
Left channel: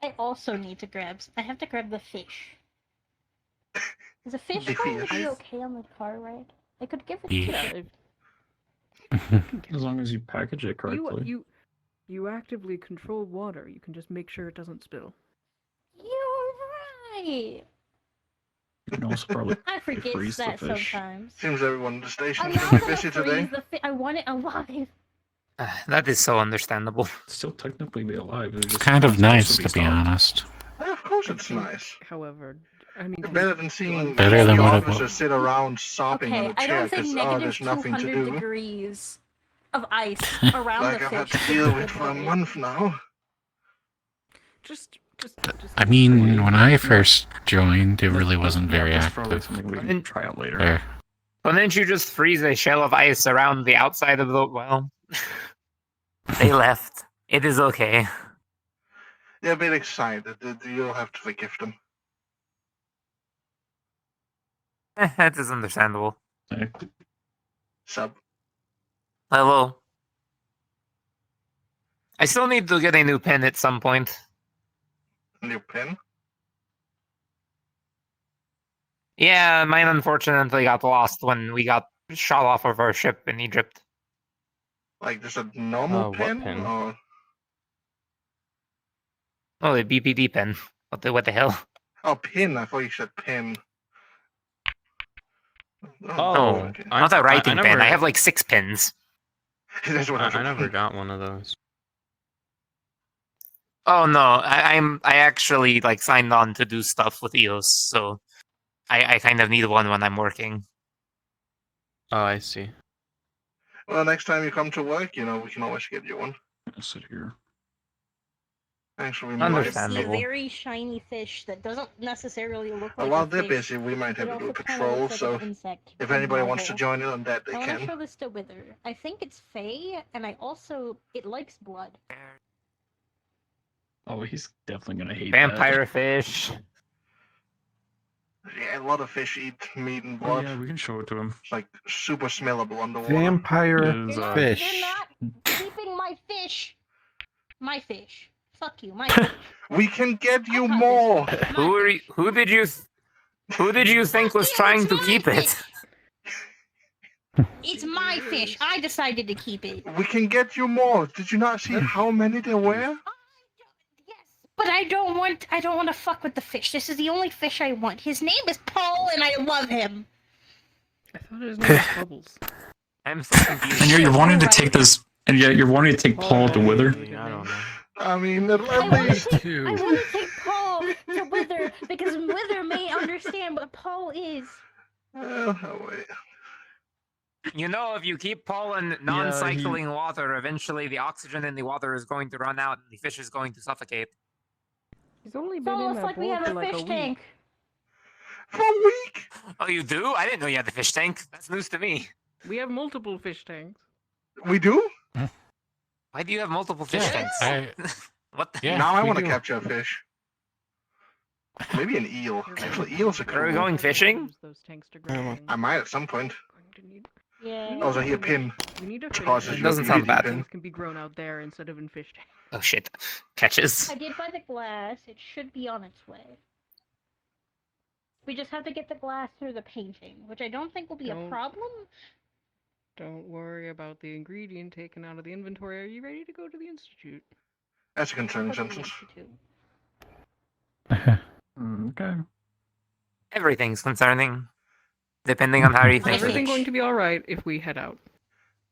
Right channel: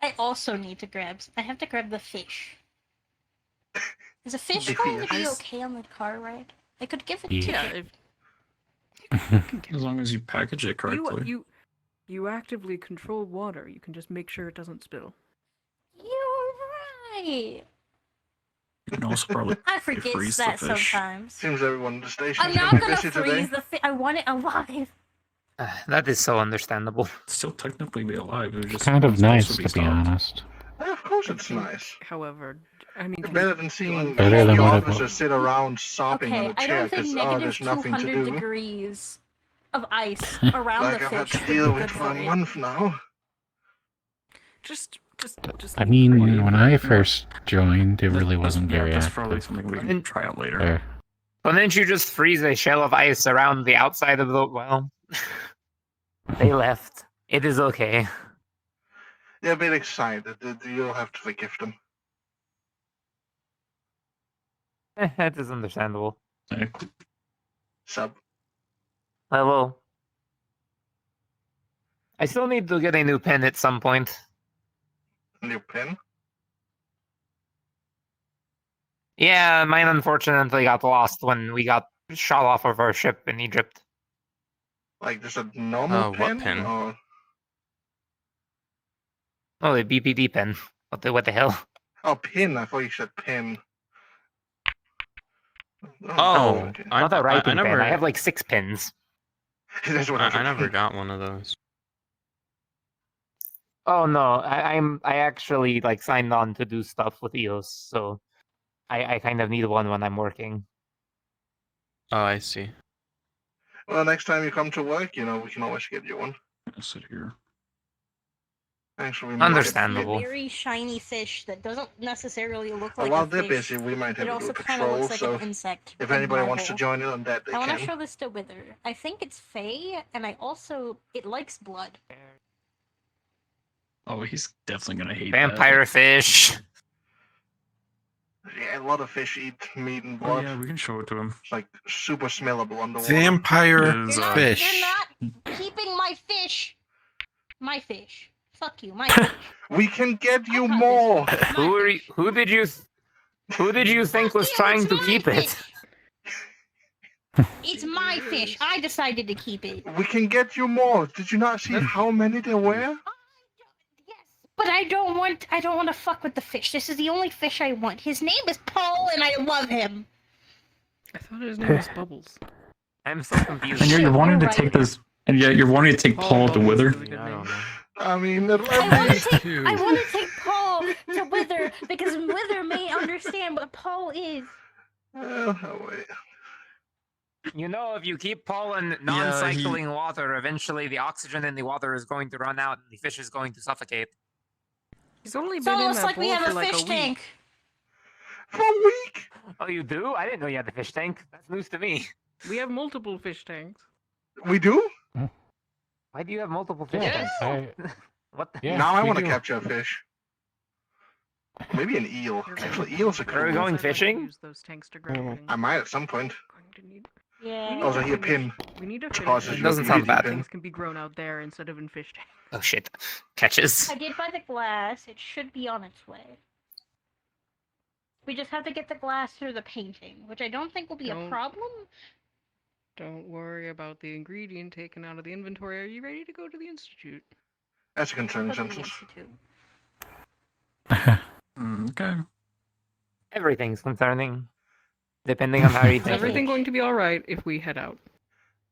I also need to grab. I have to grab the fish. Is a fish The going to be fish. okay on the car ride? I could give it Yeah. to you. As long as you package it correctly. You actively control water. You can just make sure it doesn't spill. You're right. You can also probably I forget freeze the that fish. sometimes. Seems everyone in the station I'm is not going to gonna be busy freeze today. the fish. I want it alive. That is so understandable. Still technically be alive. It's kind of nice, to be honest. Yeah, of course it's nice. However, I mean, It's better than seeing Better than the what it officer was. sit around sopping Okay, on a I chair don't think because negative there's nothing to 200 do. degrees of ice around Like the I've had fish. to deal with for a month now. just. I mean, when I first joined, it really wasn't very That's active. probably something we can try out later. There. Well, didn't you just freeze a shell of ice around the outside of the well? They left. It is okay. They're a bit excited. You'll have to forgive them. That is understandable. Sub. Hello. I still need to get a new pen at some point. New pen? Yeah, mine unfortunately got lost when we got shot off of our ship in Egypt. Like just a normal what pen? pen? Or... Oh, the BPD pen. What the hell? Oh, pin. I thought you said pen. Oh, okay. not a writing never- pen. I have like 6 pens. That's what I was I never got one of those. Oh no, I actually like signed on to do stuff with EOS, so I kind of need one when I'm working. Oh, I see. Well, next time you come to work, you know, we can always get you one. I'll sit here. Actually, we Understandable. It's a very shiny fish that doesn't necessarily look might... like While a they're fish. busy, we might have It to do a also kinda patrol, looks like so an insect if in anybody my wants to bowl. join in on that, they I want to can. show this to Wither. I think it's Fae, and I also... It likes blood. Oh, he's definitely gonna hate Vampire that. fish. Yeah, a lot of fish eat meat and Oh, blood. yeah, we can show it to him. It's like super smellable underwater. Vampire Is, fish. You're not keeping my fish! My fish. Fuck you, my fish. We can get you more! Who did you think was trying to keep it? It's my fish. I decided to keep it. We can get you more. Did you not see how many there were? But I don't want to fuck with the fish. This is the only fish I want. His name is Paul, and I love him. I thought his name was Bubbles. I'm so confused. And you're wanting to take this, and yeah, you're wanting to take Paul to Wither. Yeah, I don't know. I mean, at I want least to take Paul to Wither, because Wither may understand what Paul is. Oh, wait. You know, if you keep Paul in non-cycling water, eventually the oxygen in the water is going to run out and the fish is going to suffocate. He's only It's been in almost that like we bowl have for a like fish a week. tank. For a week? Oh, you do? I didn't know you had the fish tank. That's news to me. We have multiple fish tanks. We do? Why do you have multiple fish Yeah, tanks? What the now I we want to do. capture a fish. Maybe an eel. Actually, eels are cool. Are we going fishing? Use those tanks to grab things. I might at some point. I'm going to need Yeah. Oh, so he a pin. We need to Causes It you doesn't to sound eat bad. pin. things can be grown out there instead of in fish tanks. Oh shit. Catches. I did buy the glass. It should be on its way. We just have to get the glass through the painting, which I don't think will be a problem. Don't worry about the ingredient taken out of the inventory. Are you ready to go to the institute? That's a concerning sentence. Okay. Everything's concerning. Depending on how you Is think. everything going to be alright if we head out?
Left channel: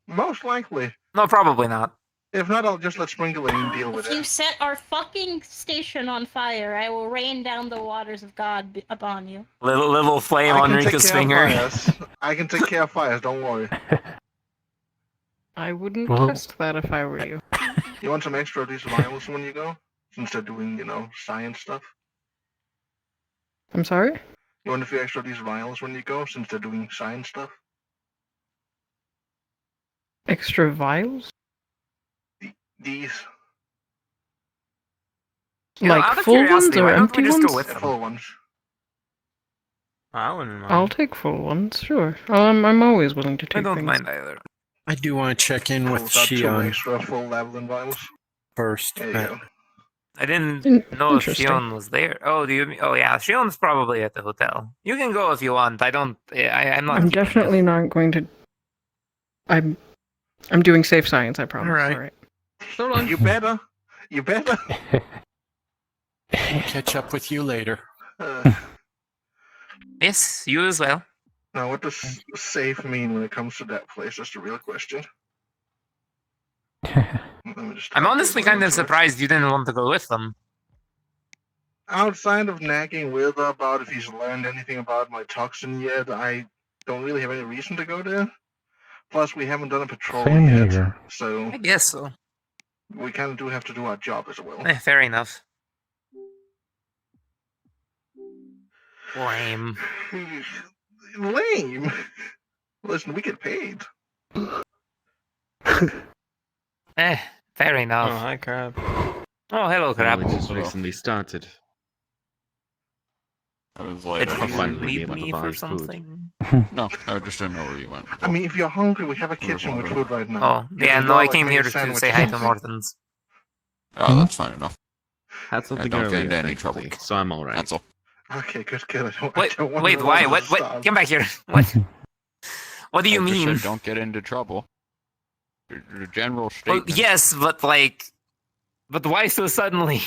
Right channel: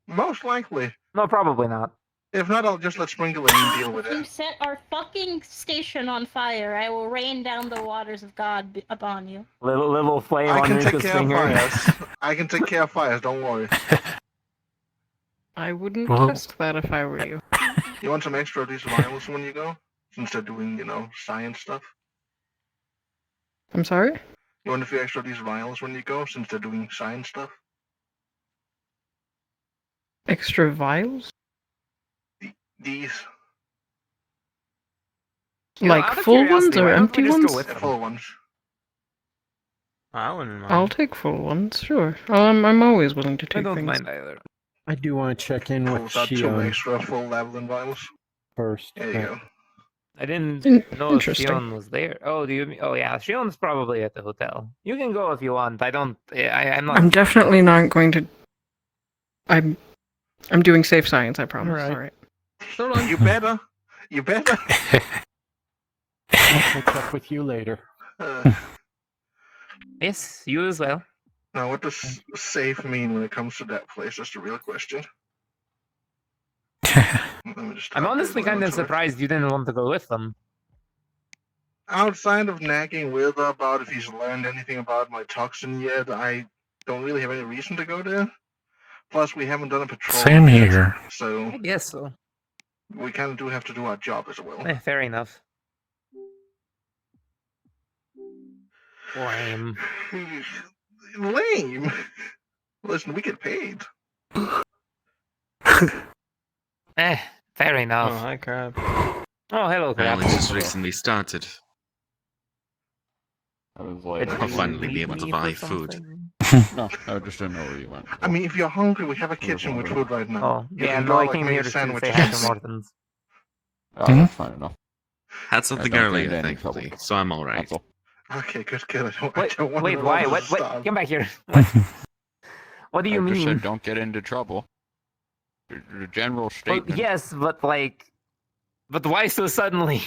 Most likely. No, probably not. If not, I'll just let Sprinkling deal with If you it. set our fucking station on fire, I will rain down the waters of God upon you. Little flame I on can take Rika's care finger. of fires. I can take care of fires, don't worry. I wouldn't Well- test that if I were you. You want some extra of these vials when you go? Since they're doing, science stuff? I'm sorry? You want a few extra of these vials when you go, since they're doing science stuff? Extra vials? These. Like full ones or empty ones? Full ones. I wouldn't mind. I'll take full ones, sure. I'm always willing to take things. either. I do want to check in with Pulls out 2 Shion extra full Lavalin vials. first. There you go. I didn't know if Interesting. Shion was there. Oh, do you? Oh yeah, Shion's probably at the hotel. You can go if you want. I don't. I'm not. I'm definitely not going to. I'm doing safe science. I promise. Alright. All right. So long. You better. You better. I'll catch up with you later. Yes, you as well. Now, what does safe mean when it comes to that place? That's the real question. Let me just I'm talk honestly to you kind of about it. surprised you didn't want to go with them. Outside of nagging with about if he's learned anything about my toxin yet, I don't really have any reason to go there. Plus, we haven't done a patrol Same yet, here. so I guess so. we kind of do have to do our job as well. Fair enough. Lame. Lame. Listen, we get paid. Fair enough. Oh, hi, Crab. Oh, hello, Crab. We just recently started. I was like, I finally leave able to me buy for food. something? no, I just didn't know where you went. I mean, if you're hungry, we have a kitchen with food right now. Oh, You yeah, can no, go, I like, came make here a to say sandwich hi or to something. Morton's. Oh, that's fine enough. Had something don't get earlier, into any trouble. thankfully, so I'm alright. That's all. Okay, good. I Wait, don't want wait, to why? know What? to stop. Come back here. What? What do you I just mean? said don't get into trouble. The general Well, statement. yes, but like, but why so suddenly?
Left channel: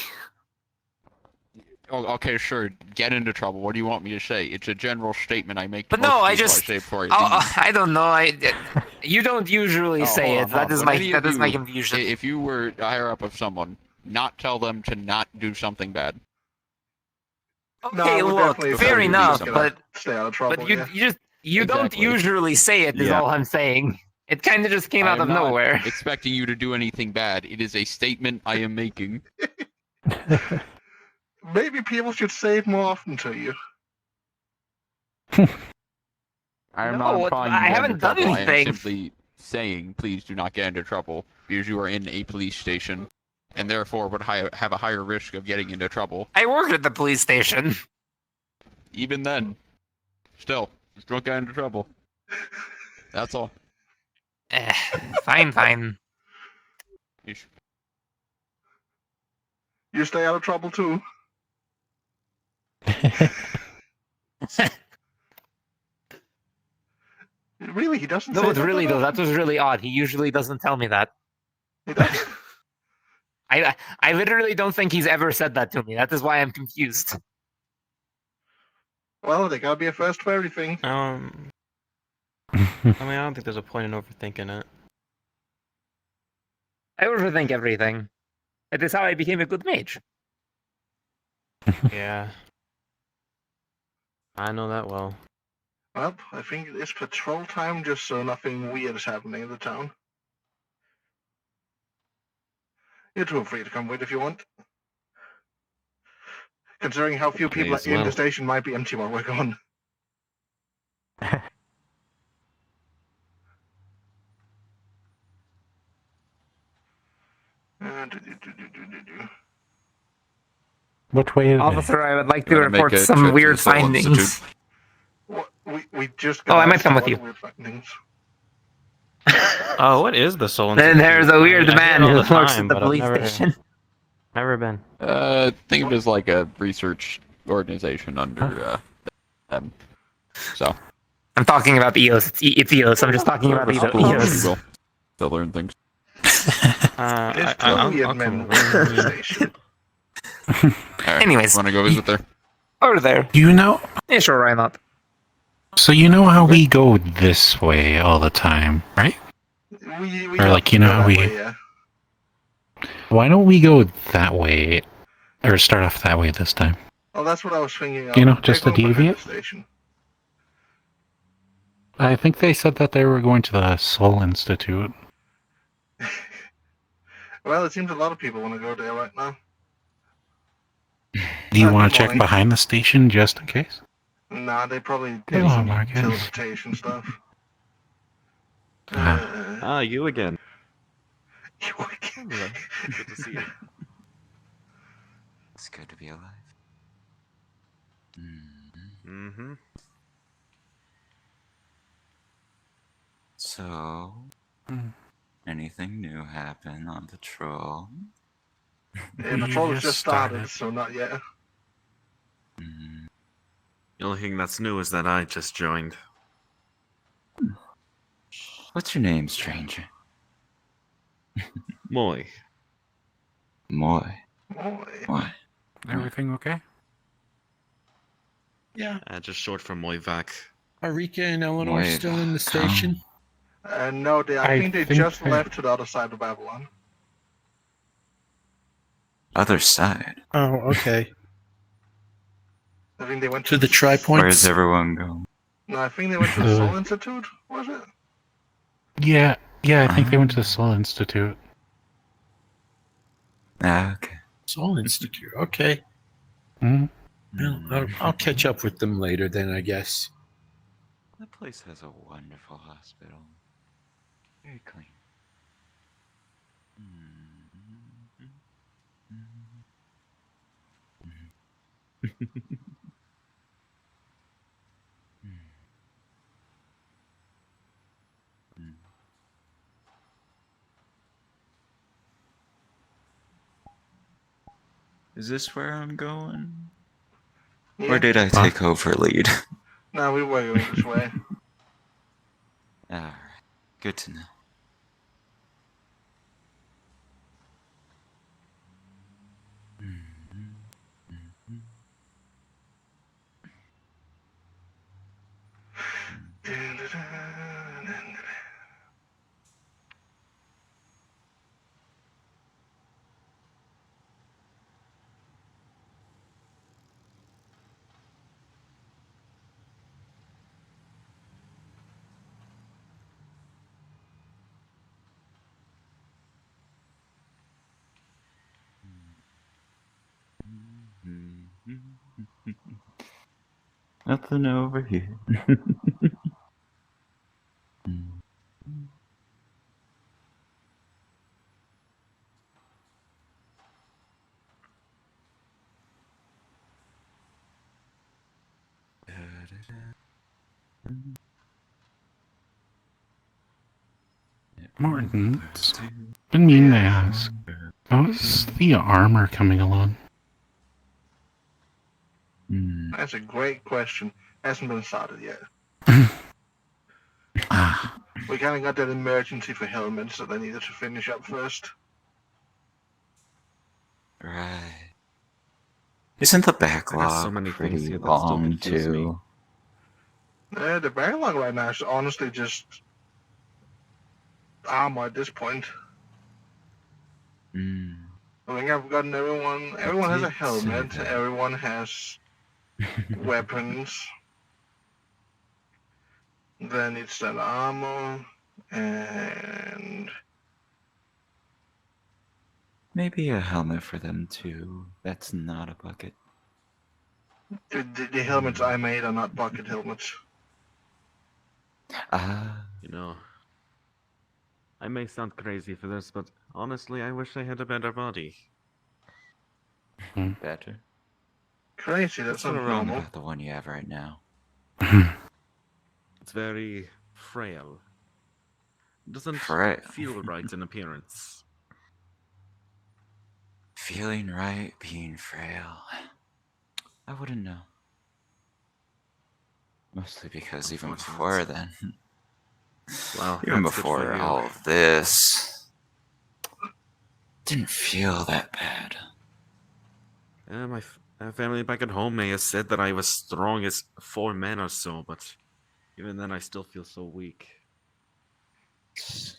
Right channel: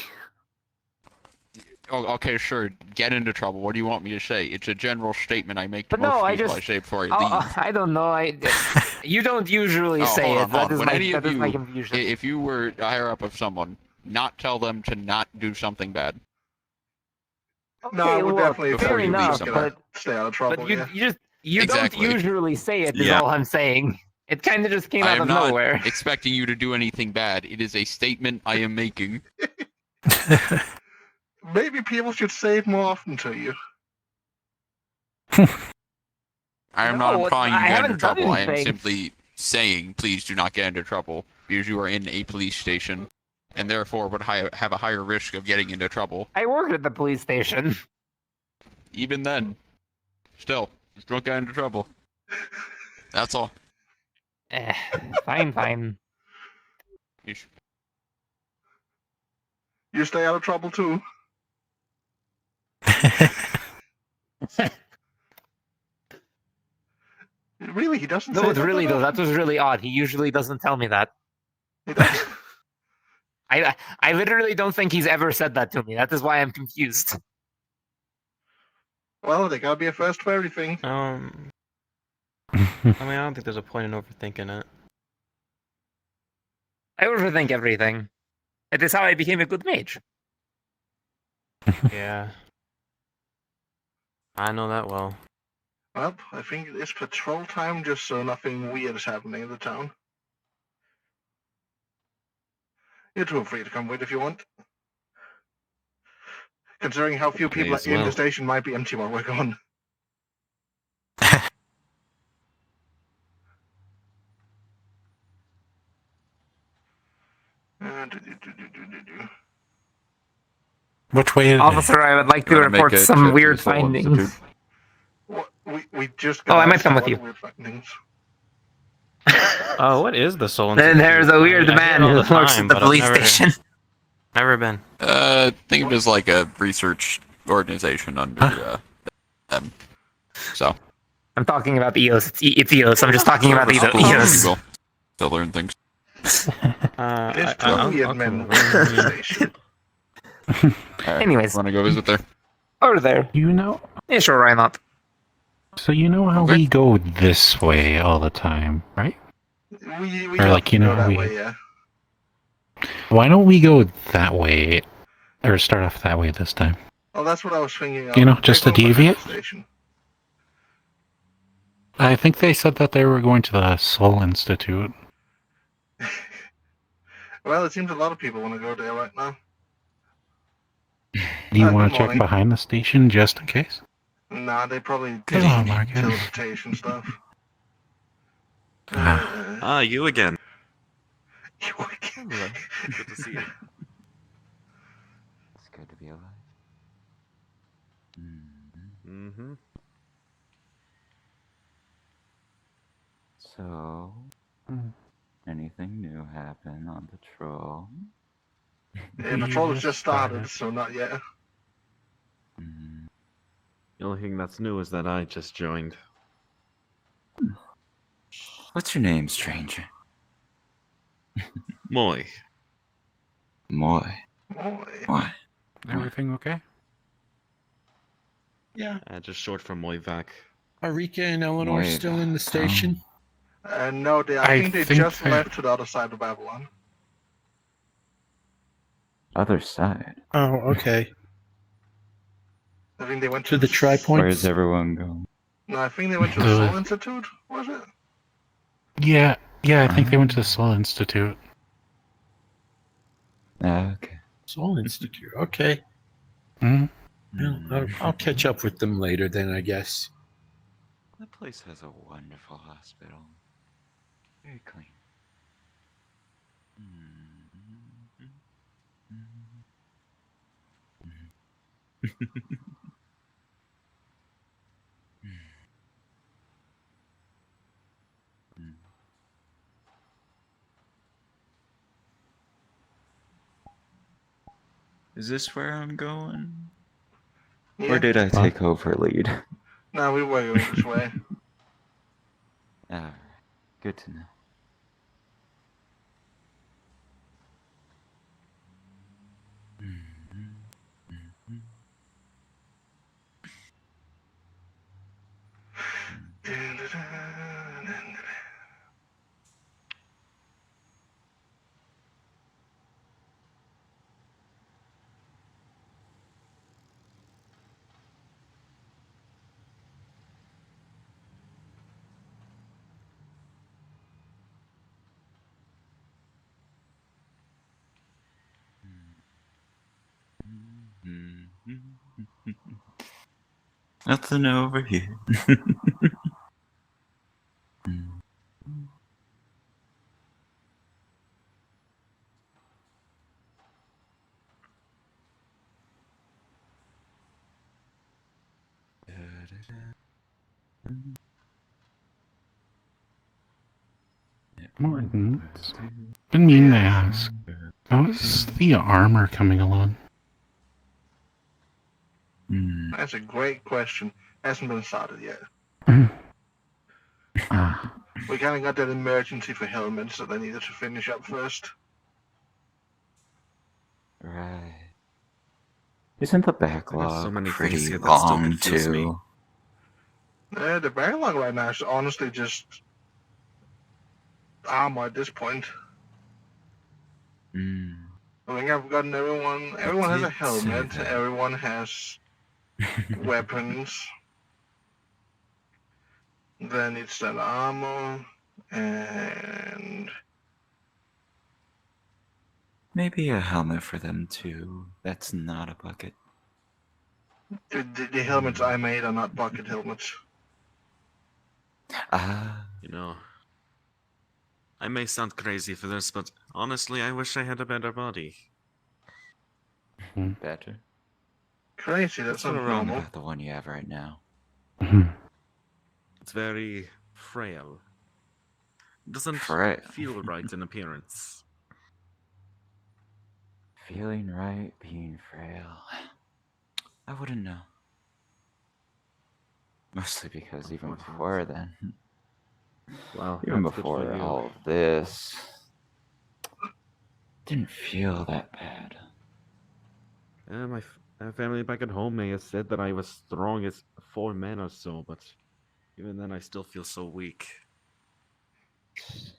Oh, okay, sure. Get into trouble. What do you want me to say? It's a general statement I make to But most no, I people just. I say before I leave. I don't know. You don't usually say hold it. on, That hold on. is When my. any of That is my you- confusion. If you were higher up of someone, not tell them to not do something bad. No, Okay, I would look, definitely fair tell you enough, to but stay out of trouble. but you Yeah. you just you Exactly. don't usually say it. Is Yeah. all I'm saying. It kind of just came I out am of not nowhere. expecting you to do anything bad. It is a statement I am making. Maybe people should say it more often to you. I am No, not implying I you get haven't into done trouble. I am anything. simply saying, please do not get into trouble, because you are in a police station, and therefore would have a higher risk of getting into trouble. I work at the police station. Even then, still, just don't get into trouble. That's all. Fine. You stay out of trouble too. Really, he doesn't say No, that really that though, often? that was really odd. He usually doesn't tell me that. He doesn't? I literally don't think he's ever said that to me. That is why I'm confused. Well, there gotta be a first for everything. I mean, I don't think there's a point in overthinking it. I overthink everything. It is how I became a good mage. Yeah. I know that well. Well, I think it's patrol time, just so nothing weird is happening in the town. You're too free to come with if you want. Considering how few people as in well. the station might be empty while we're gone. Which way is Officer, I would like You to wanna make report a some trip to weird the Civil findings. Institute? What, we just Oh, I got might come with some you. other weird findings. Oh, what is the Soul Then Institute? there's a weird I man hear it all who works time, at the but I've police station. Never been. Think of it as like a research organization under them. So. I'm talking about the EOS. It's EOS. I'm just talking about the EOS. To learn things. There's two weird men working at the station. Anyways. Want to go visit there? Over there. You know? Yeah, sure, why not? So you know how we go this way all the time, right? We Or like, you know how we... way, yeah. Why don't we go that way? Or start off that way this time? Oh, that's what I was thinking. You know, just to Take one behind deviate? the station. I think they said that they were going to the Soul Institute. Well, it seems a lot of people want to go there right now. Do you want good to check morning. behind the station just in case? Nah, they probably Come did on, some Marcus. teleportation stuff. You again. You again. Good to see you. It's good to be alive. Mm-hmm. So, anything new happen on patrol? Yeah, patrol has just started, so not yet. The only thing that's new is that I just joined. What's your name, stranger? Moy. Moy. Why? Everything okay? Yeah. Just short for Moyvac. Are Rika and Eleanor still in the station? No, I think they just left to the other side of Babylon. Other side? Oh, okay. I think they went To the Tri-Points? Where's everyone going? No, I think they went to the Soul Institute, was it? Yeah, I think they went to the Soul Institute. Okay. Soul Institute, okay. Well, I'll catch up with them later then, I guess. That place has a wonderful hospital. Very clean. Is this where I'm going? Yeah. Or did I take over lead? No, we were going this way. Alright, good to know. Nothing over here. Morton, been meaning to ask, how's the armor coming along? That's a great question. Hasn't been started yet. We kind of got that emergency for helmets that they needed to finish up first. Right. Isn't the backlog so many pretty things here that still long, confuse me. too? The backlog right now is honestly just armor at this point. I think I've gotten everyone. Everyone has a helmet. Everyone has weapons. Then it's that armor and Maybe a helmet for them, too. That's not a bucket. the helmets I made are not bucket helmets. You know, I may sound crazy for this, but honestly, I wish I had a better body. Better? Crazy, that's What's so not wrong normal. about the one you have right now? It's very frail. doesn't Frail. feel right in appearance. Feeling right, being frail. I wouldn't know. Mostly because even before then, Well, even that's good for before you. all of this, didn't feel that bad. My family back at home may have said that I was strong as 4 men or so, but even then I still feel so weak.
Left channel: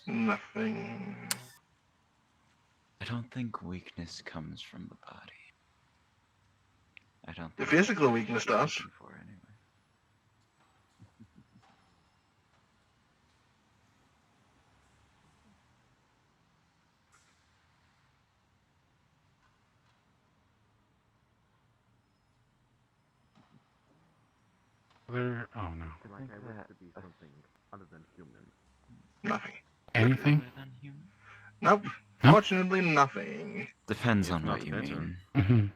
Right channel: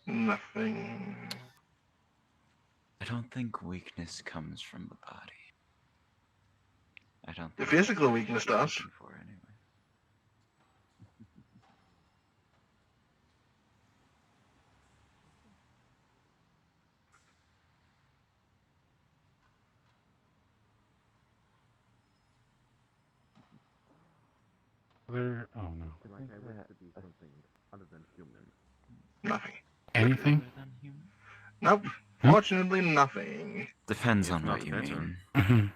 Nothing. I don't think weakness comes from the body. I don't The think physical that's what weakness you're does. looking for anyway. Where? Oh no. Like I wish to be something other than human. Nothing. Anything? Nope. Fortunately, nothing. Depends If on not what you better. mean.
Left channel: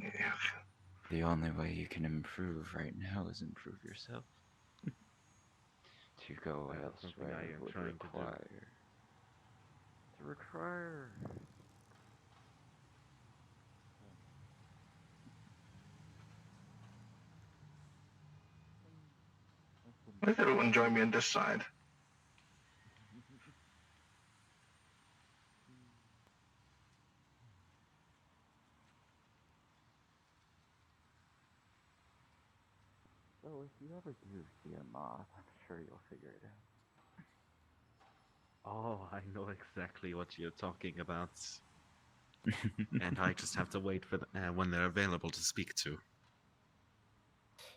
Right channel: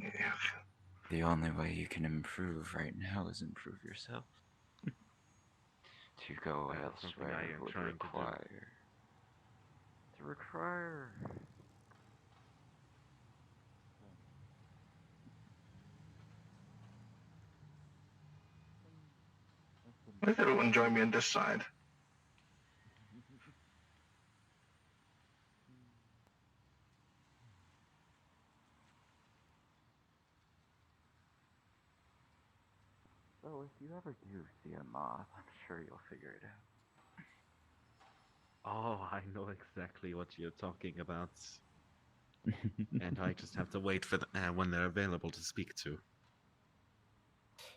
Yeah. The only way you can improve right now is improve yourself. To go That's something elsewhere I am would trying to do. require. Why does everyone join me on this side? Well, if you ever do see a moth, I'm sure you'll figure it out. Oh, I know exactly what you're talking about. And I just have to wait for when they're available to speak to.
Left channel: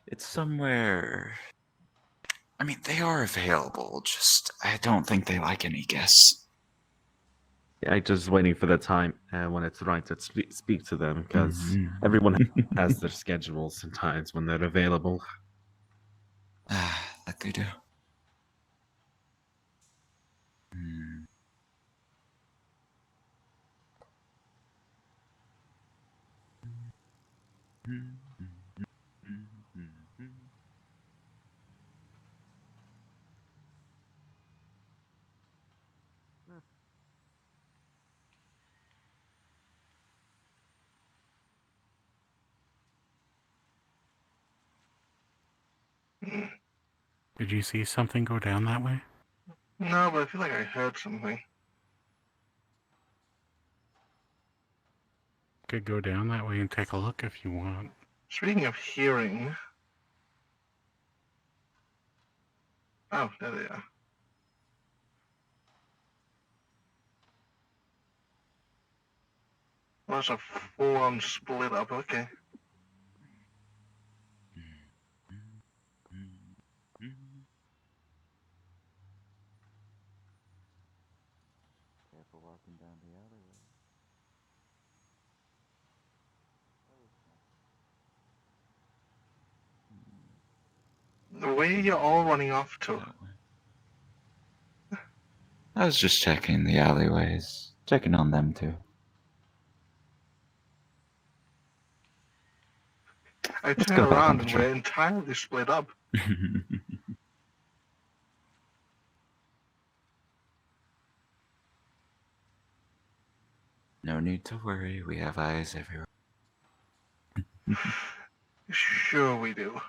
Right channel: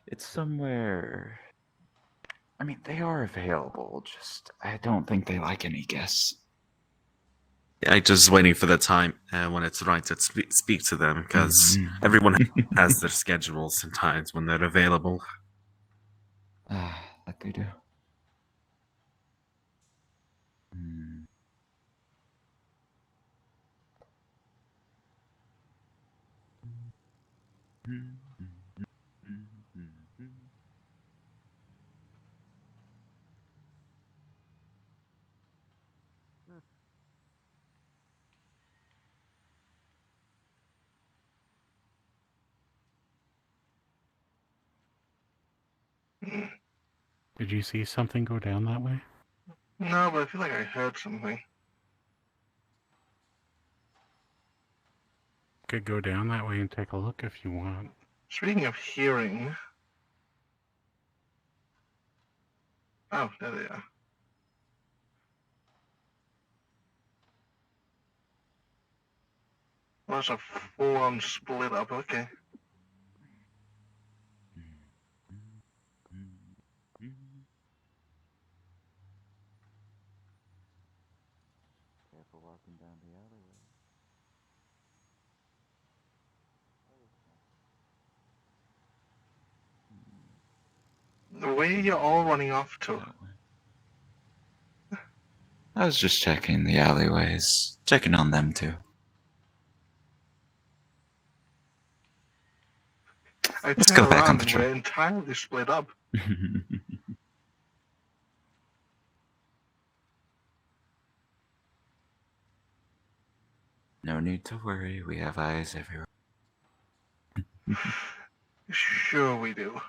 It's somewhere. I mean, they are available, just I don't think they like any guests. I'm just waiting for the time when it's right to speak to them, because everyone has their schedules sometimes when they're available. That they do. Did you see something go down that way? No, but I feel like I heard something. Could go down that way and take a look if you want. Speaking of hearing. Oh, there they are. Well, that's a full-on split up, okay. Careful walking down the alleyway. Where are you all running off to? I was just checking the alleyways, checking on them too. I Let's turned go back on around and patrol. we're entirely split up. No need to worry, we have eyes everywhere. Sure we do.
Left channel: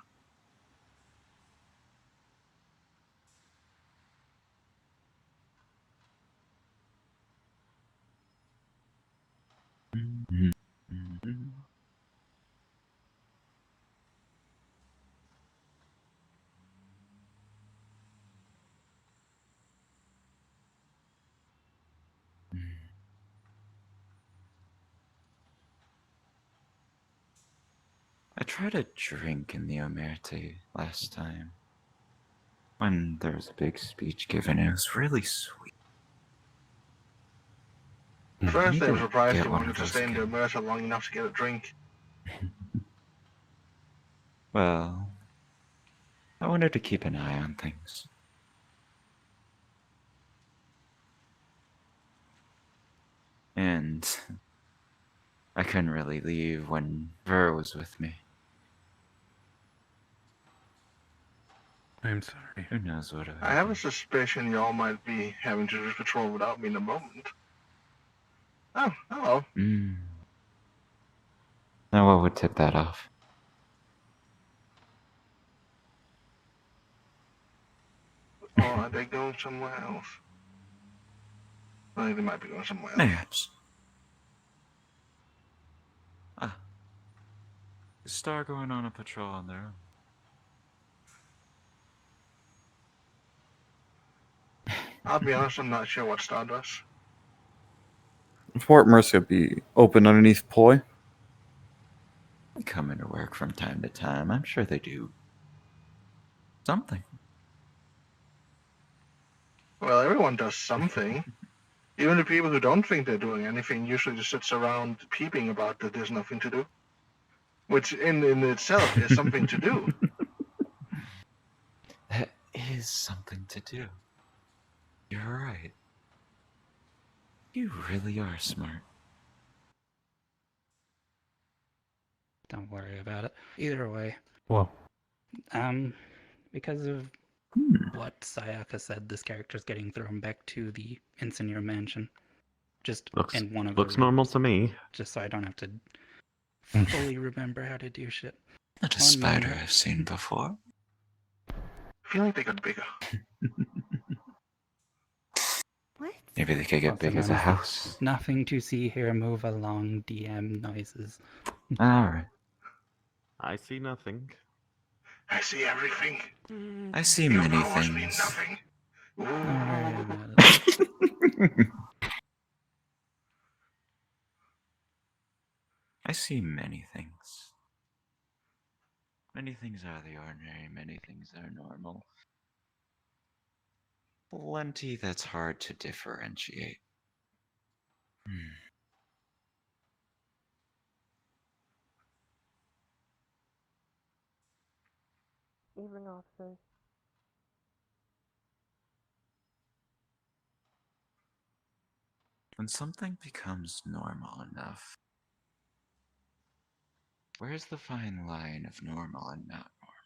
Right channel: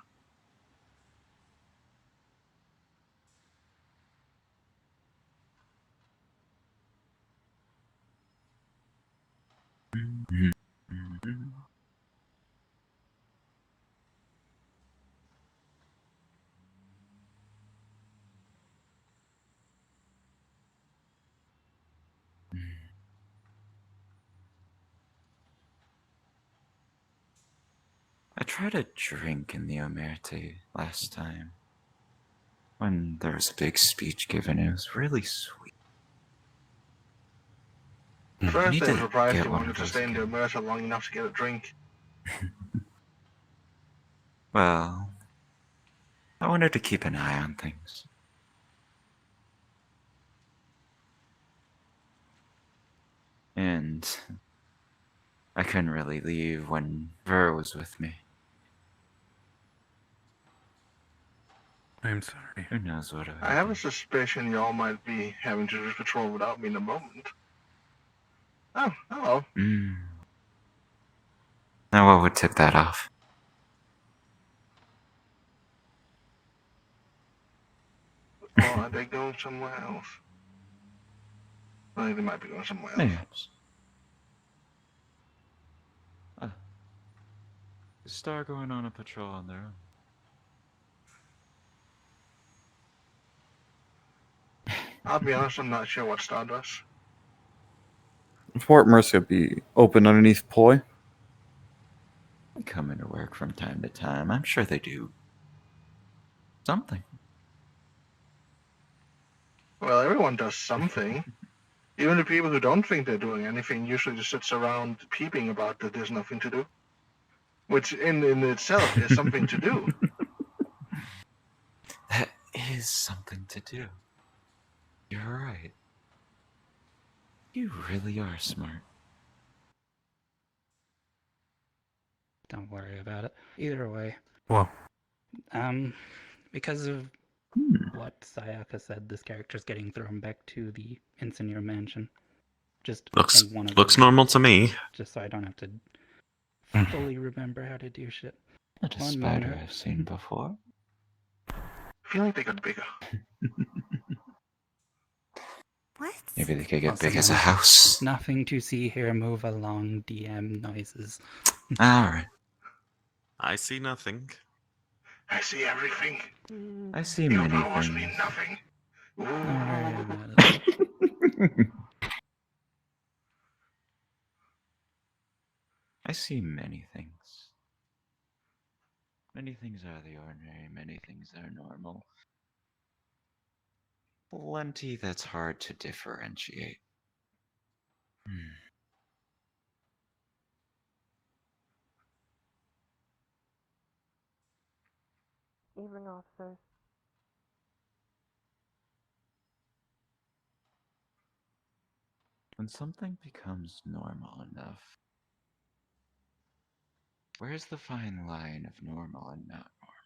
I tried a drink in the Omerta last time. When there was a big speech given, it was really sweet. First, I I need was to surprised get you one wanted of to those stay in the again. immerser long enough to get a drink. Well, I wanted to keep an eye on things. And I couldn't really leave when Ver was with me. I'm sorry. Who knows what I have a suspicion y'all might be having to do patrol without me in a moment. Oh, hello. Now what would tip that off? Or are they going somewhere else? I think they might be going somewhere else. Perhaps. The Star going on a patrol on their own. I'll be honest, I'm not sure what Star does. Fort Mercer be open underneath ploy? They come into work from time to time. I'm sure they do something. Well, everyone does something. Even the people who don't think they're doing anything usually just sits around peeping about that there's nothing to do. Which in itself is something to do. That is something to do. You're right. You really are smart. Don't worry about it. Either way. Well. Because of what Sayaka said, this character's getting thrown back to the Engineer Mansion. Just Looks in one of looks those normal rooms, to me. Just so I don't have to fully remember how to do shit. Not a One spider moment. I've seen before. I feel like they got bigger. Maybe they could get Also big as a nothing- house. Nothing to see here. Move along, DM noises. Alright. I see nothing. I see everything. I see Your many powers mean things. nothing. I see many things. Many things are the ordinary, many things are normal. Plenty that's hard to differentiate. Evening, officers. When something becomes normal enough, where's the fine line of normal and not normal?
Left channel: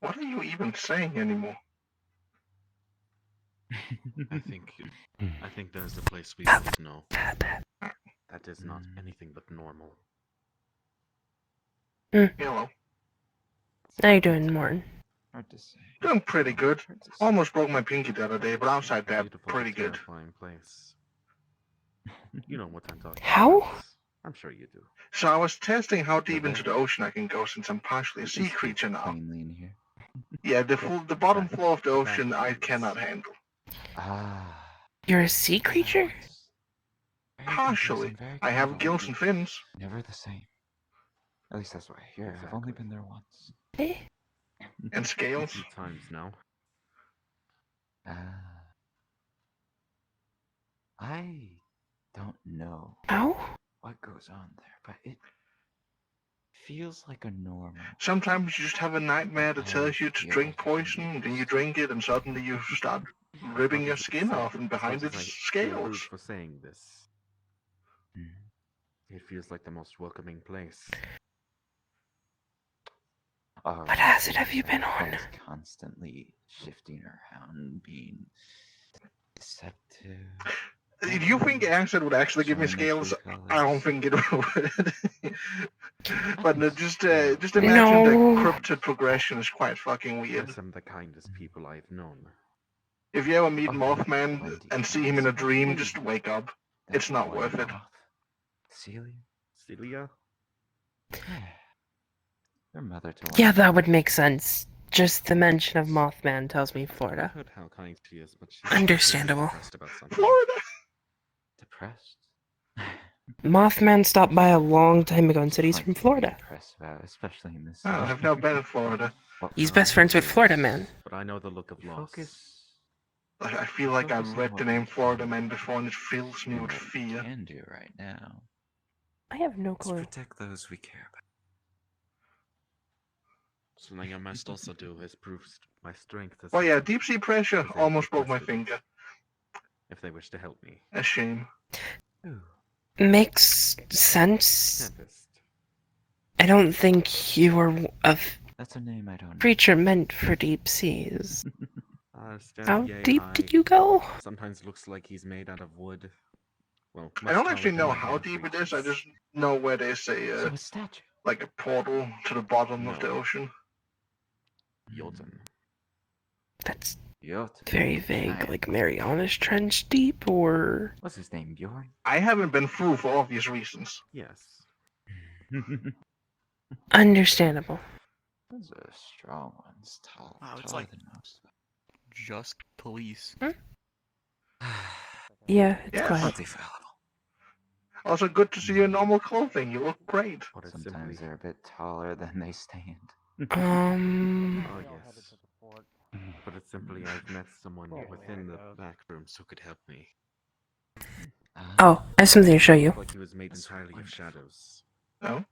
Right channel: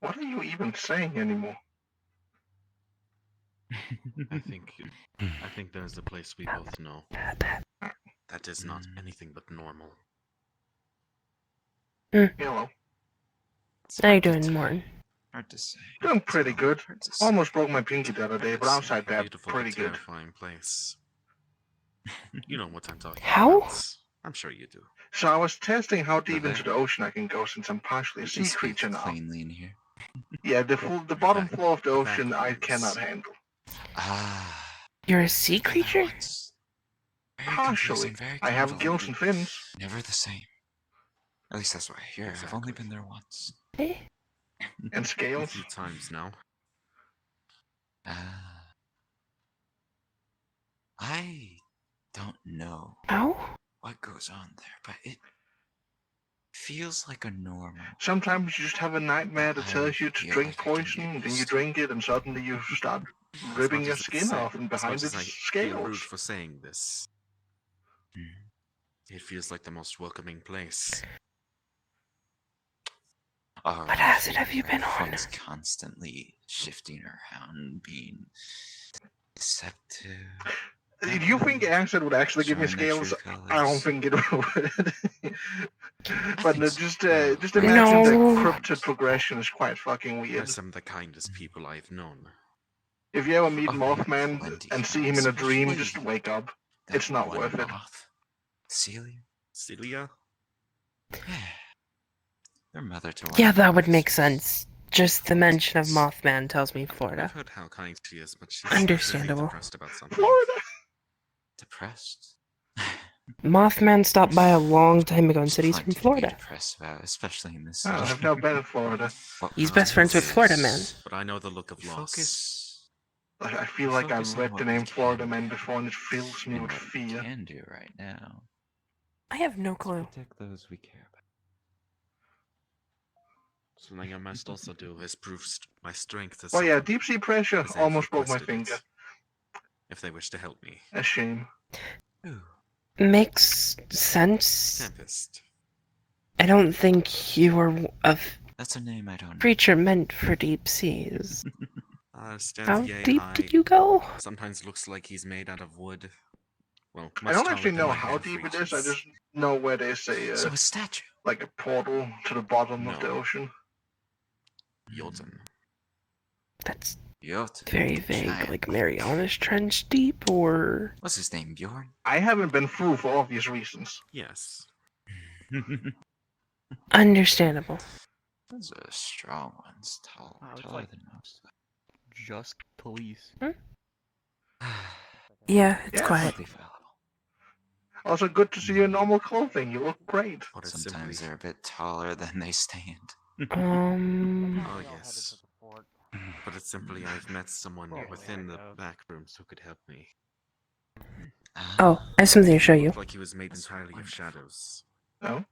What are you even saying anymore? I think there's a place we both know. That is not anything but normal. Hello. How you doing, Morton? Hard to say. Doing pretty good. Almost broke my pinky the other day, but outside that, pretty good. Terrifying place. You know what I'm talking How? about. I'm sure you do. So I was testing how deep into the ocean I can go since I'm partially a sea creature now. Plainly in here. Yeah, the bottom floor of the ocean I cannot handle. You're a sea creature? Partially. I have gills and fins. Never the same. At least that's what I hear. I've only been there once. And scales. A few times now. I don't know what goes on there, but it feels like a normal. Sometimes you just have a nightmare that tells you to drink poison, and then you drink it, and suddenly you start ripping your skin off, and behind it's Rude scales. for saying this. It feels like the most welcoming place. What acid have you been on? It's constantly shifting around, being deceptive. If you think acid would actually give me scales, I don't think it would. But just imagine the cryptid progression is quite fucking weird. Some of the kindest people I've known. If you ever meet Mothman and see him in a dream, just wake up. It's not worth it. Celia? Celia? Their mother to Yeah, that would make sense. Just the mention of Mothman tells me Florida. I've heard how kind she is, but she's Understandable. depressed about something. Florida! Depressed? Mothman stopped by a long time ago and said he's from Florida. Depressed about, especially in this. Oh, I've never been in Florida. He's best friends with Florida Man. But I know the look of loss. I feel like I've read the name Florida Man before, and it fills me with fear. Can do right now. I have no clue. Let's protect those we care about. Something I must also do is prove my strength. Well, yeah, deep sea pressure almost broke my finger. If they wish to help me. A shame. Makes sense. Tempest. I don't think you were of That's a name I don't know. Creature meant for deep seas. Stands How yay deep high. did you go? Sometimes looks like he's made out of wood. Well, I don't actually know how deep it is. I just know where there's a So a statue. like a portal to the bottom of the ocean. Jotun. That's Jotun. very vague. Like Marianas Trench deep, or What's his name, Bjorn? I haven't been through for obvious reasons. Yes. understandable. Those are strong ones, taller than most. Just police. Yeah, it's Yes. quiet. Also, good to see you in normal clothing. You look great. Sometimes they're a bit taller than they stand. Oh, yes. But it's simply I've met someone within the back rooms who could help me. Oh, I have something to show you. Like he was made entirely of shadows. No?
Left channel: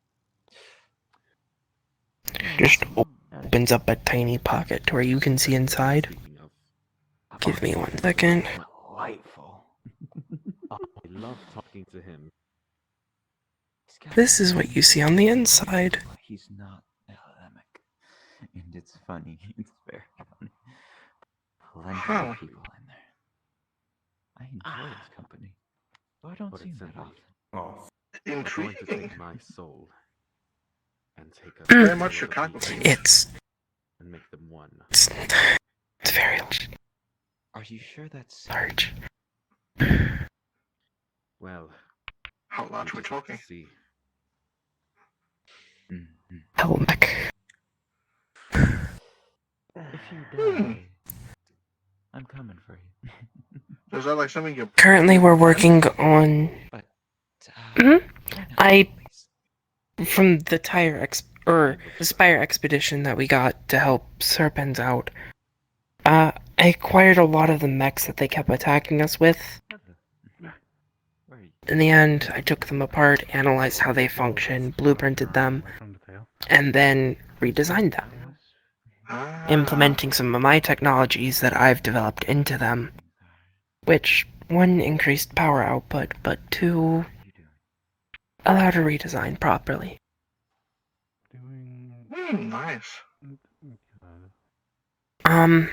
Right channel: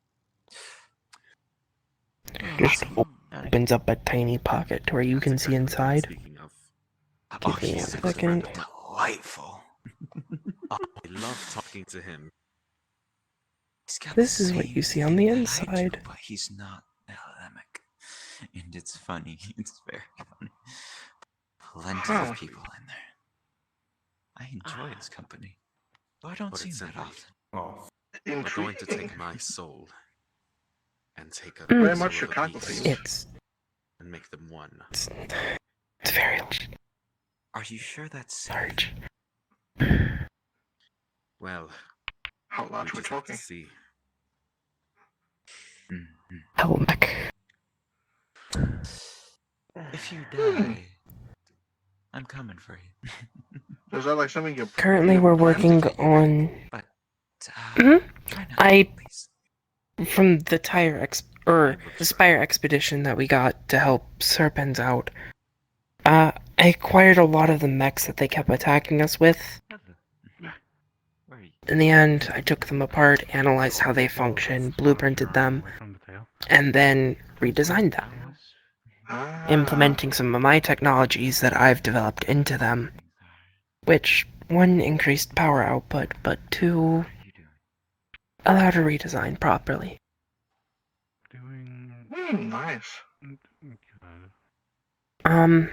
Just opens up a tiny pocket to where you can see inside. Give me 1 second. Delightful. I love talking to him. This is what you see on the inside. But he's not Elamic. And it's funny. It's very funny. Plenty of people in there. I enjoy his company. Though I don't see him that often. I'm going to take my soul and take a Very much Chicago thing. It's and make them one. It's very Are you sure that's large. Well, how large we're talking? See. Helmick. If you die, I'm coming for you. Is that like something you're Currently, we're working on. From the Spire expedition that we got to help Serpens out. I acquired a lot of the mechs that they kept attacking us with. In the end, I took them apart, analyzed how they function, blueprinted them, and then redesigned them. Implementing some of my technologies that I've developed into them, which, 1, increased power output, but 2, allowed a redesign properly. Nice. The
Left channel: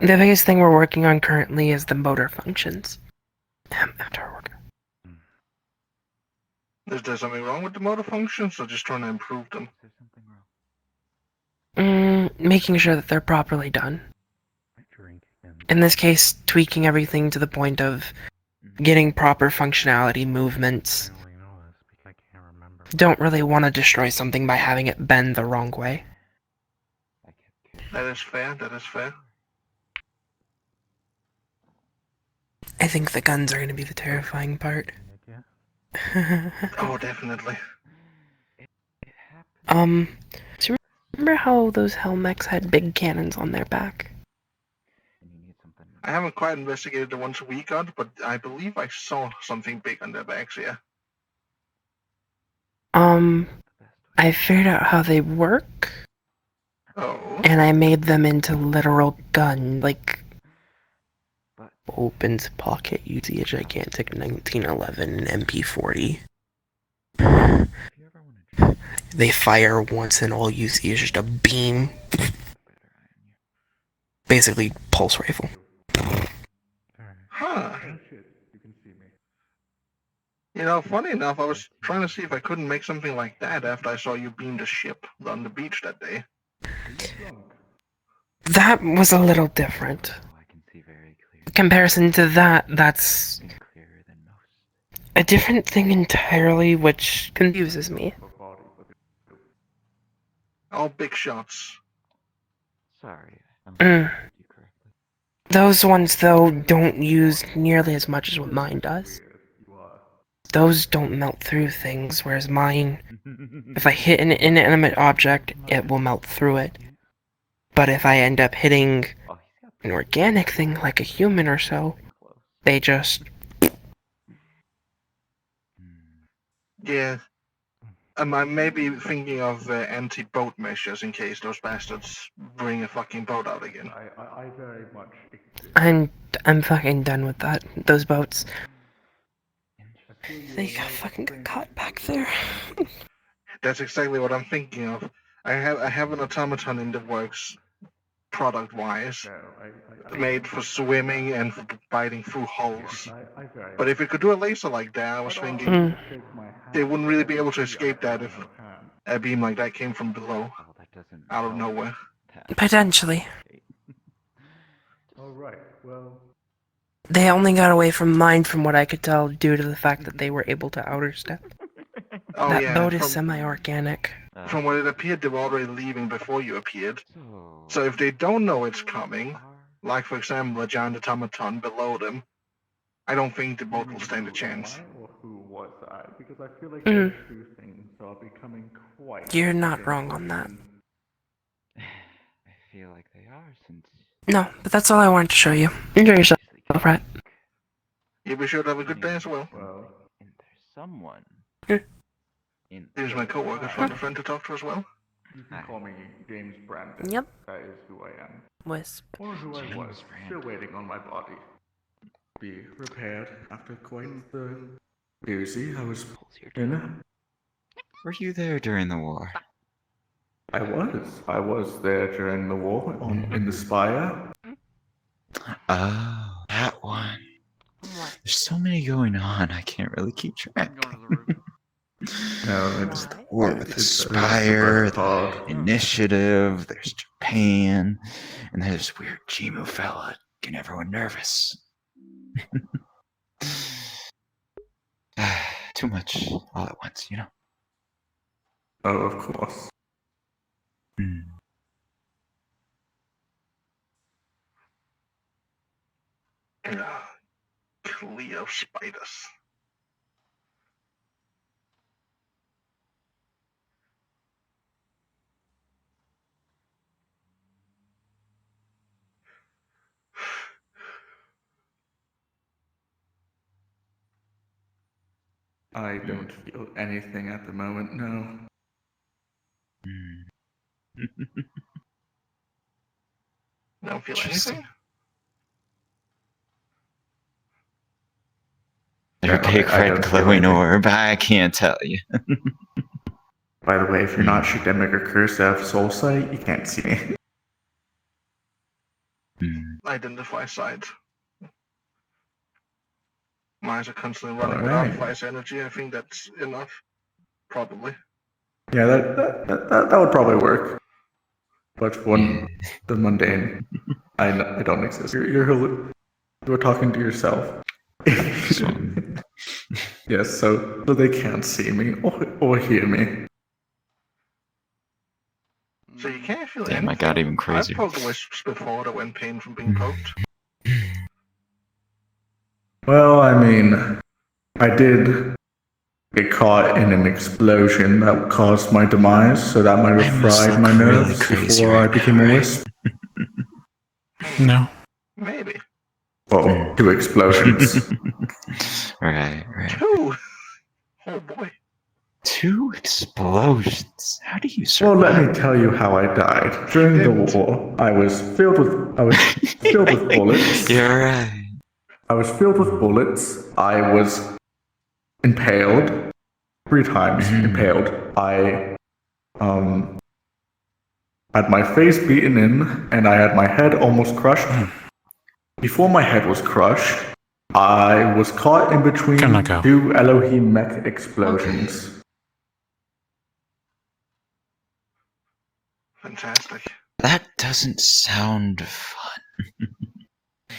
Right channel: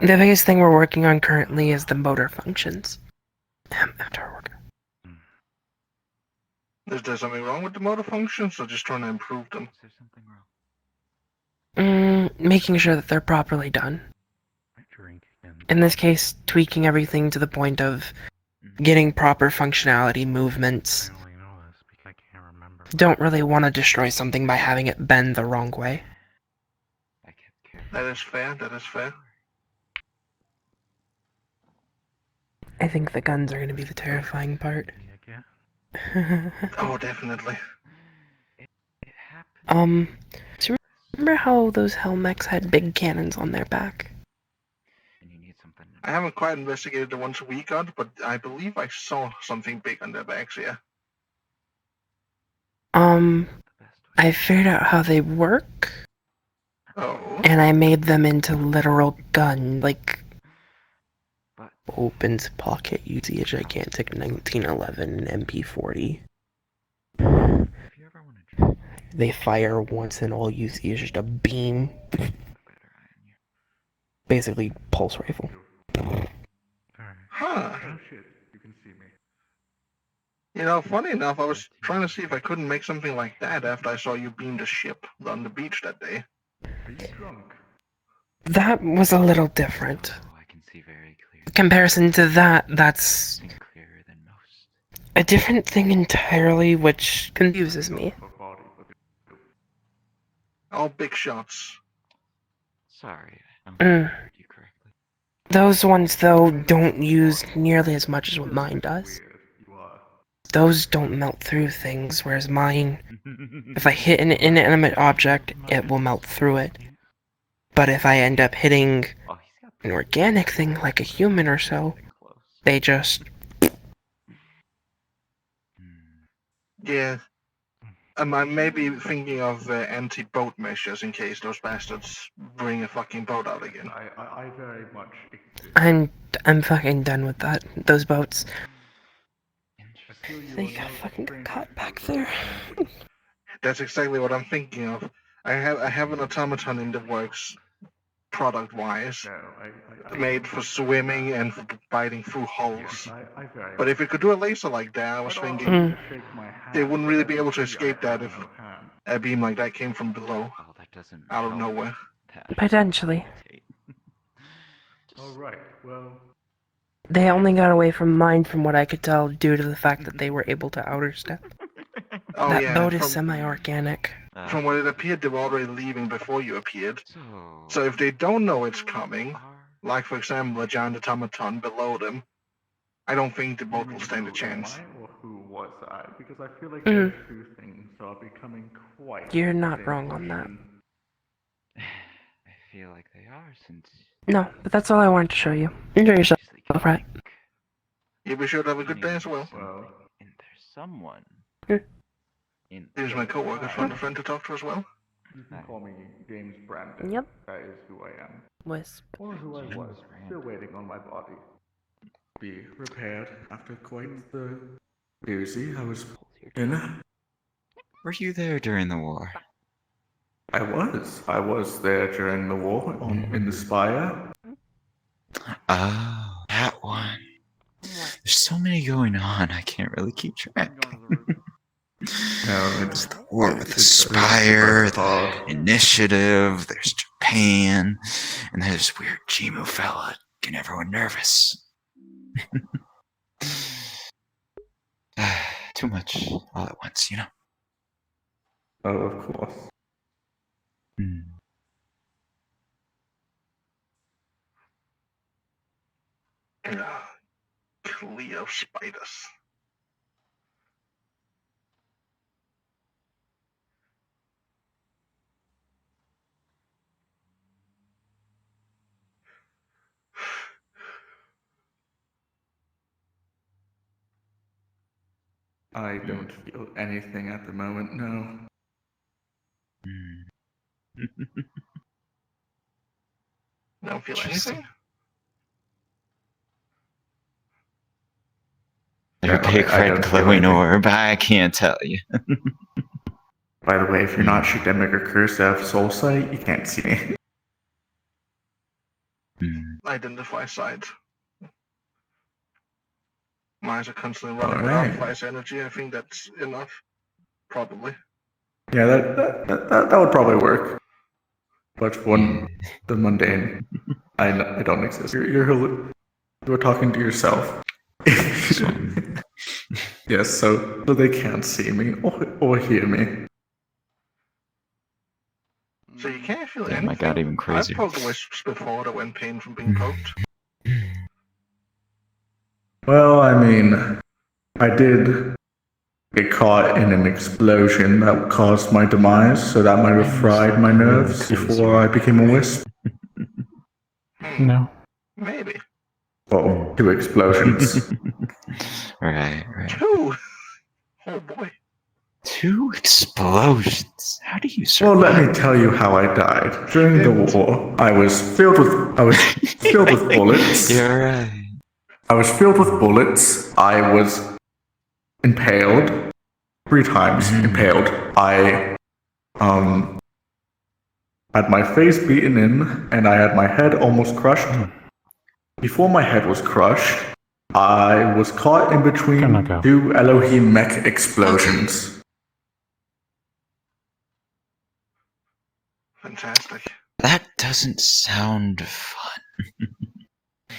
biggest thing we're working on currently is the motor functions. After our work. Is there something wrong with the motor functions, or just trying to improve them? Making sure that they're properly done. In this case, tweaking everything to the point of getting proper functionality, movements. Don't really want to destroy something by having it bend the wrong way. That is fair, that is fair. I think the guns are going to be the terrifying part. Oh, definitely. So remember how those Helmechs had big cannons on their back? I haven't quite investigated the ones we got, but I believe I saw something big on their backs, yeah. I figured out how they work. Oh. And I made them into literal gun, like opens pocket using a gigantic 1911 MP40. They fire once and all you see is just a beam. Basically, pulse rifle. Huh. You know, funny enough, I was trying to see if I couldn't make something like that after I saw you beam the ship on the beach that day. That was a little different. In comparison to that, that's a different thing entirely, which confuses me. All big shots. Sorry. Those ones, though, don't use nearly as much as what mine does. Those don't melt through things, whereas mine, if I hit an inanimate object, it will melt through it. But if I end up hitting an organic thing, like a human or so, they just... Yeah. I may be thinking of anti-boat measures in case those bastards bring a fucking boat out again. I very much... I'm fucking done with that. Those boats. They fucking got caught back there. That's exactly what I'm thinking of. I have an automaton in the works, product-wise, made for swimming and for biting through holes. But if it could do a laser like that, I was thinking they wouldn't really be able to escape that if a beam like that came from below, out of nowhere. Potentially. Alright, well. They only got away from mine, from what I could tell, due to the fact that they were able to outer step. Oh, That yeah, boat is semi-organic. From what it appeared, they were already leaving before you appeared. So if they don't know it's coming, like for example a giant automaton below them, I don't think the boat will stand a chance. Or who was I? Because I feel like Mhm. those two things are becoming quite. You're not wrong on that. I feel like they are since. No, but that's all I wanted to show you. Enjoy yourself, right? You be sure to have a good day as well. And there's someone. Here's my coworker, found a friend to talk to as well. You can call me James Brandon. Yep. That is who I am. Wisp. Or who I was, still waiting on my body. Be repaired after quite the doozy I was in. Were you there during the war? I was there during the war in the Spire. Oh, that one. There's so many going on, I can't really keep track. No, There's the war with the Spire, the Initiative, there's Japan, and there's this weird Jimu fella getting everyone nervous. Too much all at once, you know? Oh, of course. Cleo spiders. I don't feel anything at the moment, no. Don't feel anything? Your big red glowing orb, I can't tell you. By the way, if you're not Shigdemic or Cursive Soul Sight, you can't see me. Identify site. My eyes are constantly running Alright. without flash energy. I think that's enough. Probably. Yeah, that would probably work. But for the mundane, I don't exist. You're talking to yourself. Yes, so they can't see me or hear me. So you can't feel Damn, anything? I got even crazier. I've poked wisps before that went pain from being poked. Well, I mean, I did get caught in an explosion that caused my demise, so that might have fried my nerves before I became a wisp. No. Maybe. Well, 2 explosions. Right. 2? Oh boy. 2 explosions. How do you Well, survive? let me tell you how I died. During the war, I was filled with bullets. You're right. I was filled with bullets. I was impaled 3 times. Impaled. I had my face beaten in, and I had my head almost crushed. Before my head was crushed, I was caught in between 2 Elohim mech explosions. Fantastic. That doesn't sound fun.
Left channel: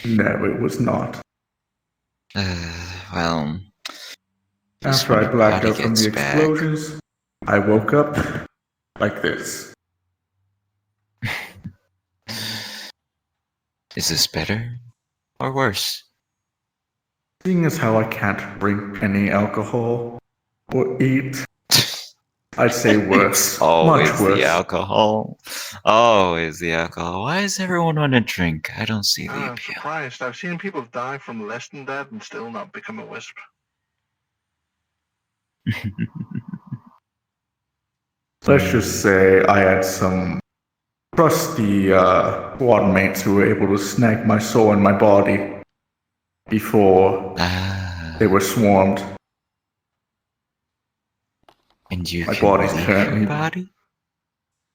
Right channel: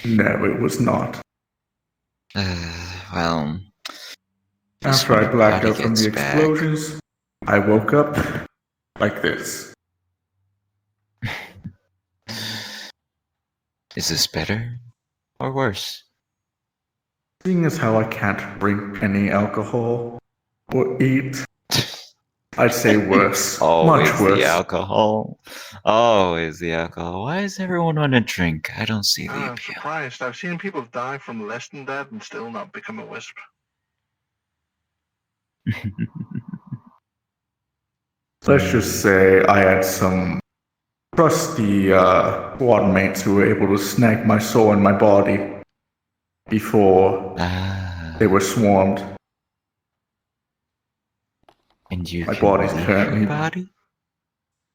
No, it was not. Well, After I blacked out from the explosions, I woke up like this. Is this better or worse? Seeing as how I can't drink any alcohol or eat, I'd say worse. Always Much worse. the alcohol. Always the alcohol. Why does everyone want to drink? I don't see the I'm appeal. surprised. I've seen people die from less than that and still not become a wisp. Let's just say I had some trusty squad mates who were able to snag my soul in my body before they were swarmed. And you my can body's leave currently your body?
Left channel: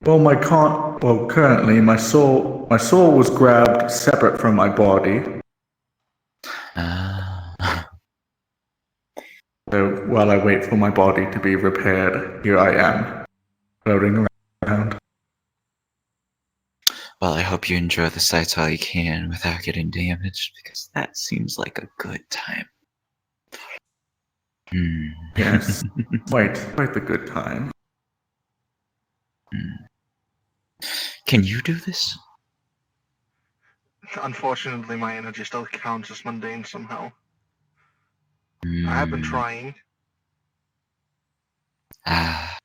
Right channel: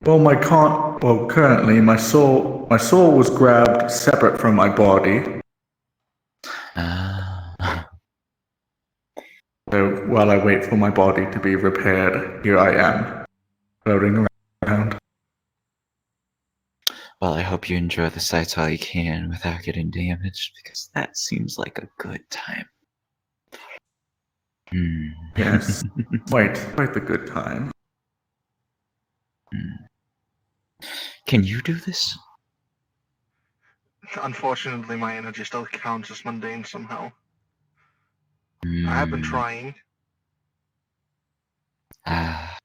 Well, currently my soul was grabbed separate from my body. So while I wait for my body to be repaired, here I am, floating around. Well, I hope you enjoy the sights while you can without getting damaged, because that seems like a good time. Yes, quite the good time. Can you do this? Unfortunately, my energy still counts as mundane somehow. I have been trying.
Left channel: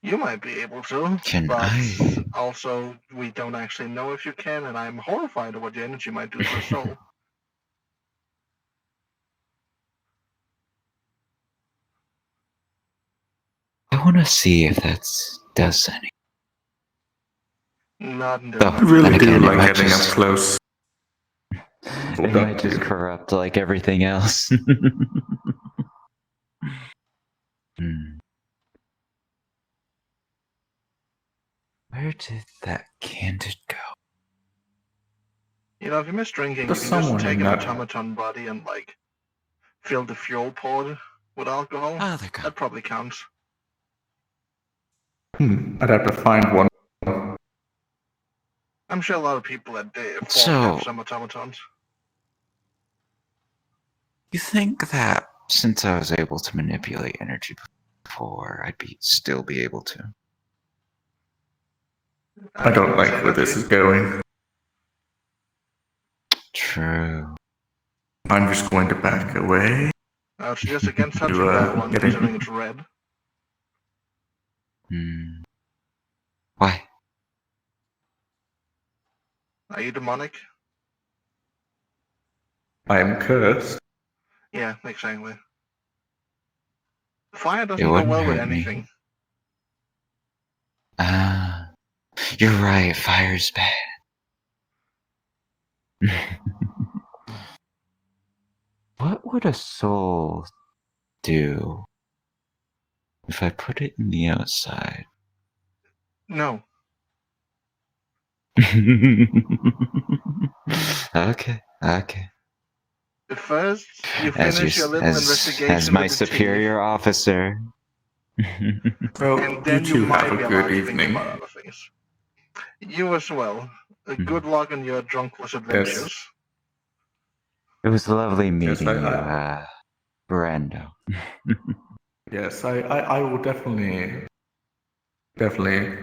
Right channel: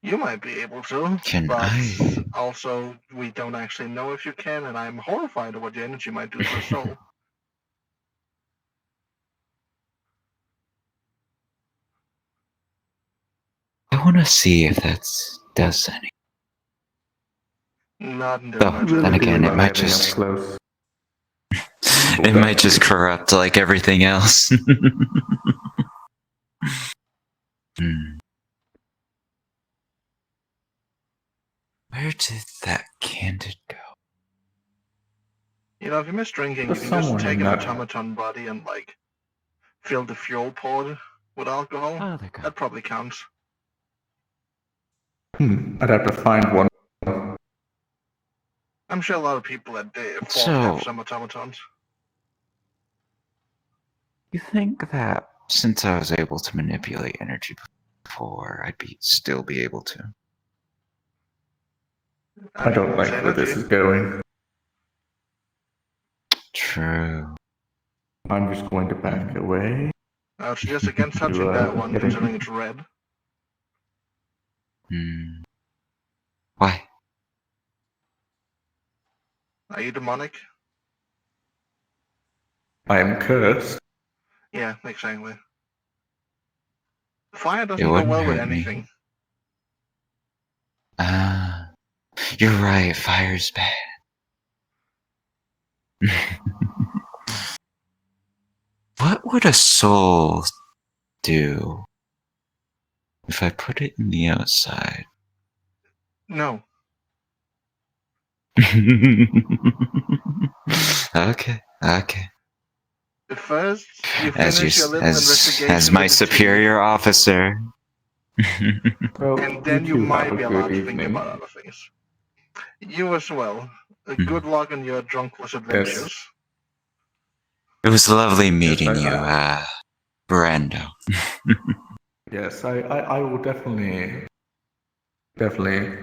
You might be able to, but also we don't actually know if you can, and I'm horrified at what your energy might do to a soul. I want to see if that does any. Not in Oh, then again, it might just close. it might just corrupt like everything else. Where did that candid go? You know, if you miss drinking, you There's can just someone take in an that- automaton body and, like, fill the fuel pod with alcohol. That probably counts. I'd have to find one. I'm sure a lot of people at Fort So- have some automatons. You think that since I was able to manipulate energy before, I'd still be able to? I don't like where this is going. True. I'm just going to back away. I would suggest against touching that one, considering it's red. Why? Are you demonic? I am cursed. Yeah, exactly. Fire doesn't It go wouldn't well with hurt me. anything. You're right, fire's bad. What would a soul do if I put it in the outside? No. Okay. First, you finish your little investigation as my with the superior officer. and then you two might have be a allowed good to think evening. about other things. You as well. Good luck on your drunkless adventures. It was lovely meeting I- you, Brando. Yes, I will definitely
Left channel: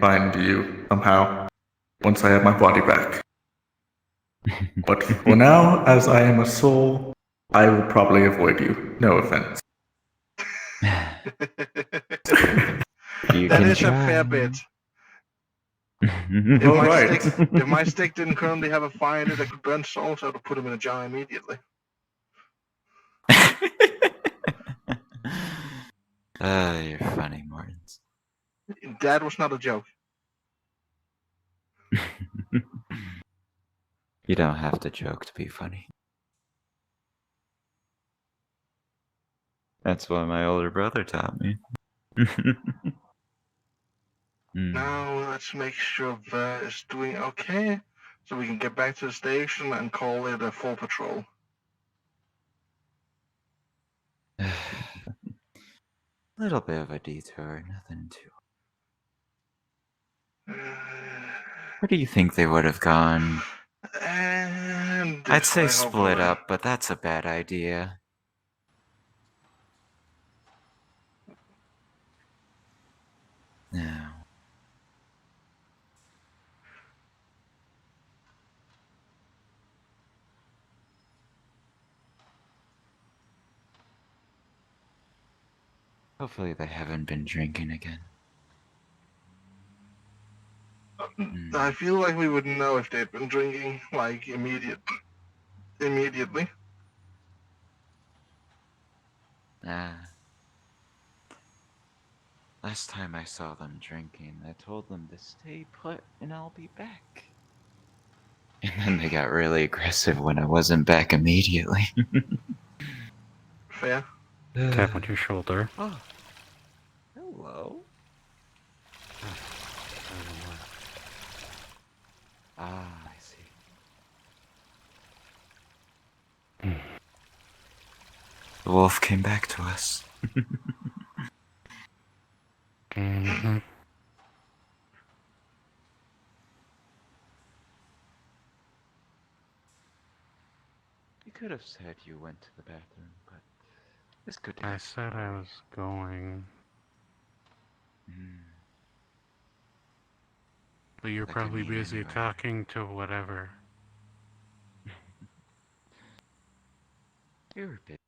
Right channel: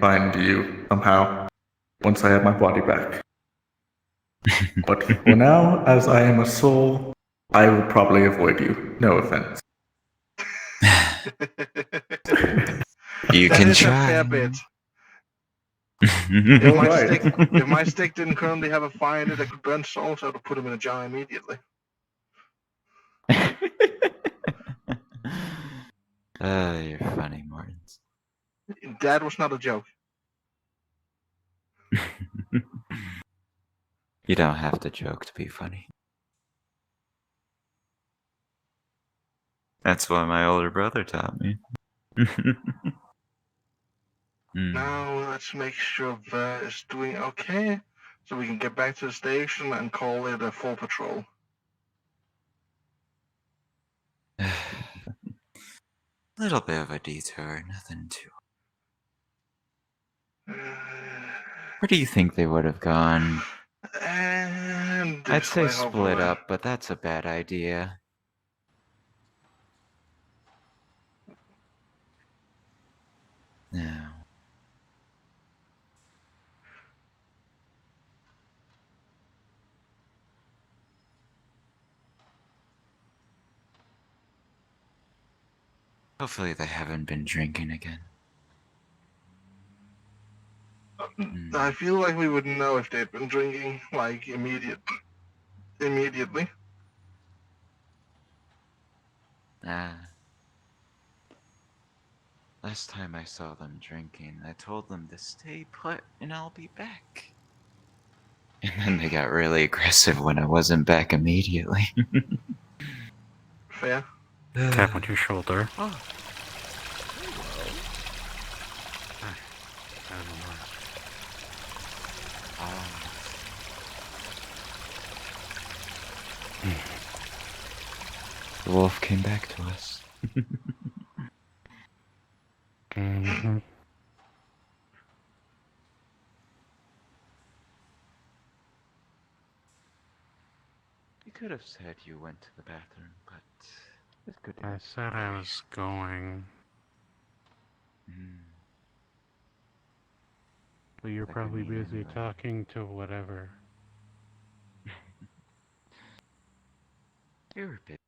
find you somehow once I have my body back. But for now, as I am a soul, I will probably avoid you. No offense. You That can is a try. fair bit. If my stick didn't currently have a fire in it that could burn souls, I would have put them in a jar immediately. You're funny, Mortens. That was not a joke. You don't have to joke to be funny. That's what my older brother taught me. Now let's make sure Ver is doing okay, so we can get back to the station and call it a full patrol. Little bit of a detour, nothing too. Where do you think they would have gone? And I'd say I hope split we're- up, but that's a bad idea. No. Hopefully they haven't been drinking again. I feel like we would know if they'd been drinking, like, immediately. Last time I saw them drinking, I told them to stay put and I'll be back. And then they got really aggressive when I wasn't back immediately. Fair. Tap on your shoulder. The wolf came back to us. Mm-hmm. You could have said you went to the bathroom, but it's good to I hear. said I was going. But you're Like probably you need busy anyway. talking to whatever. You're a bit.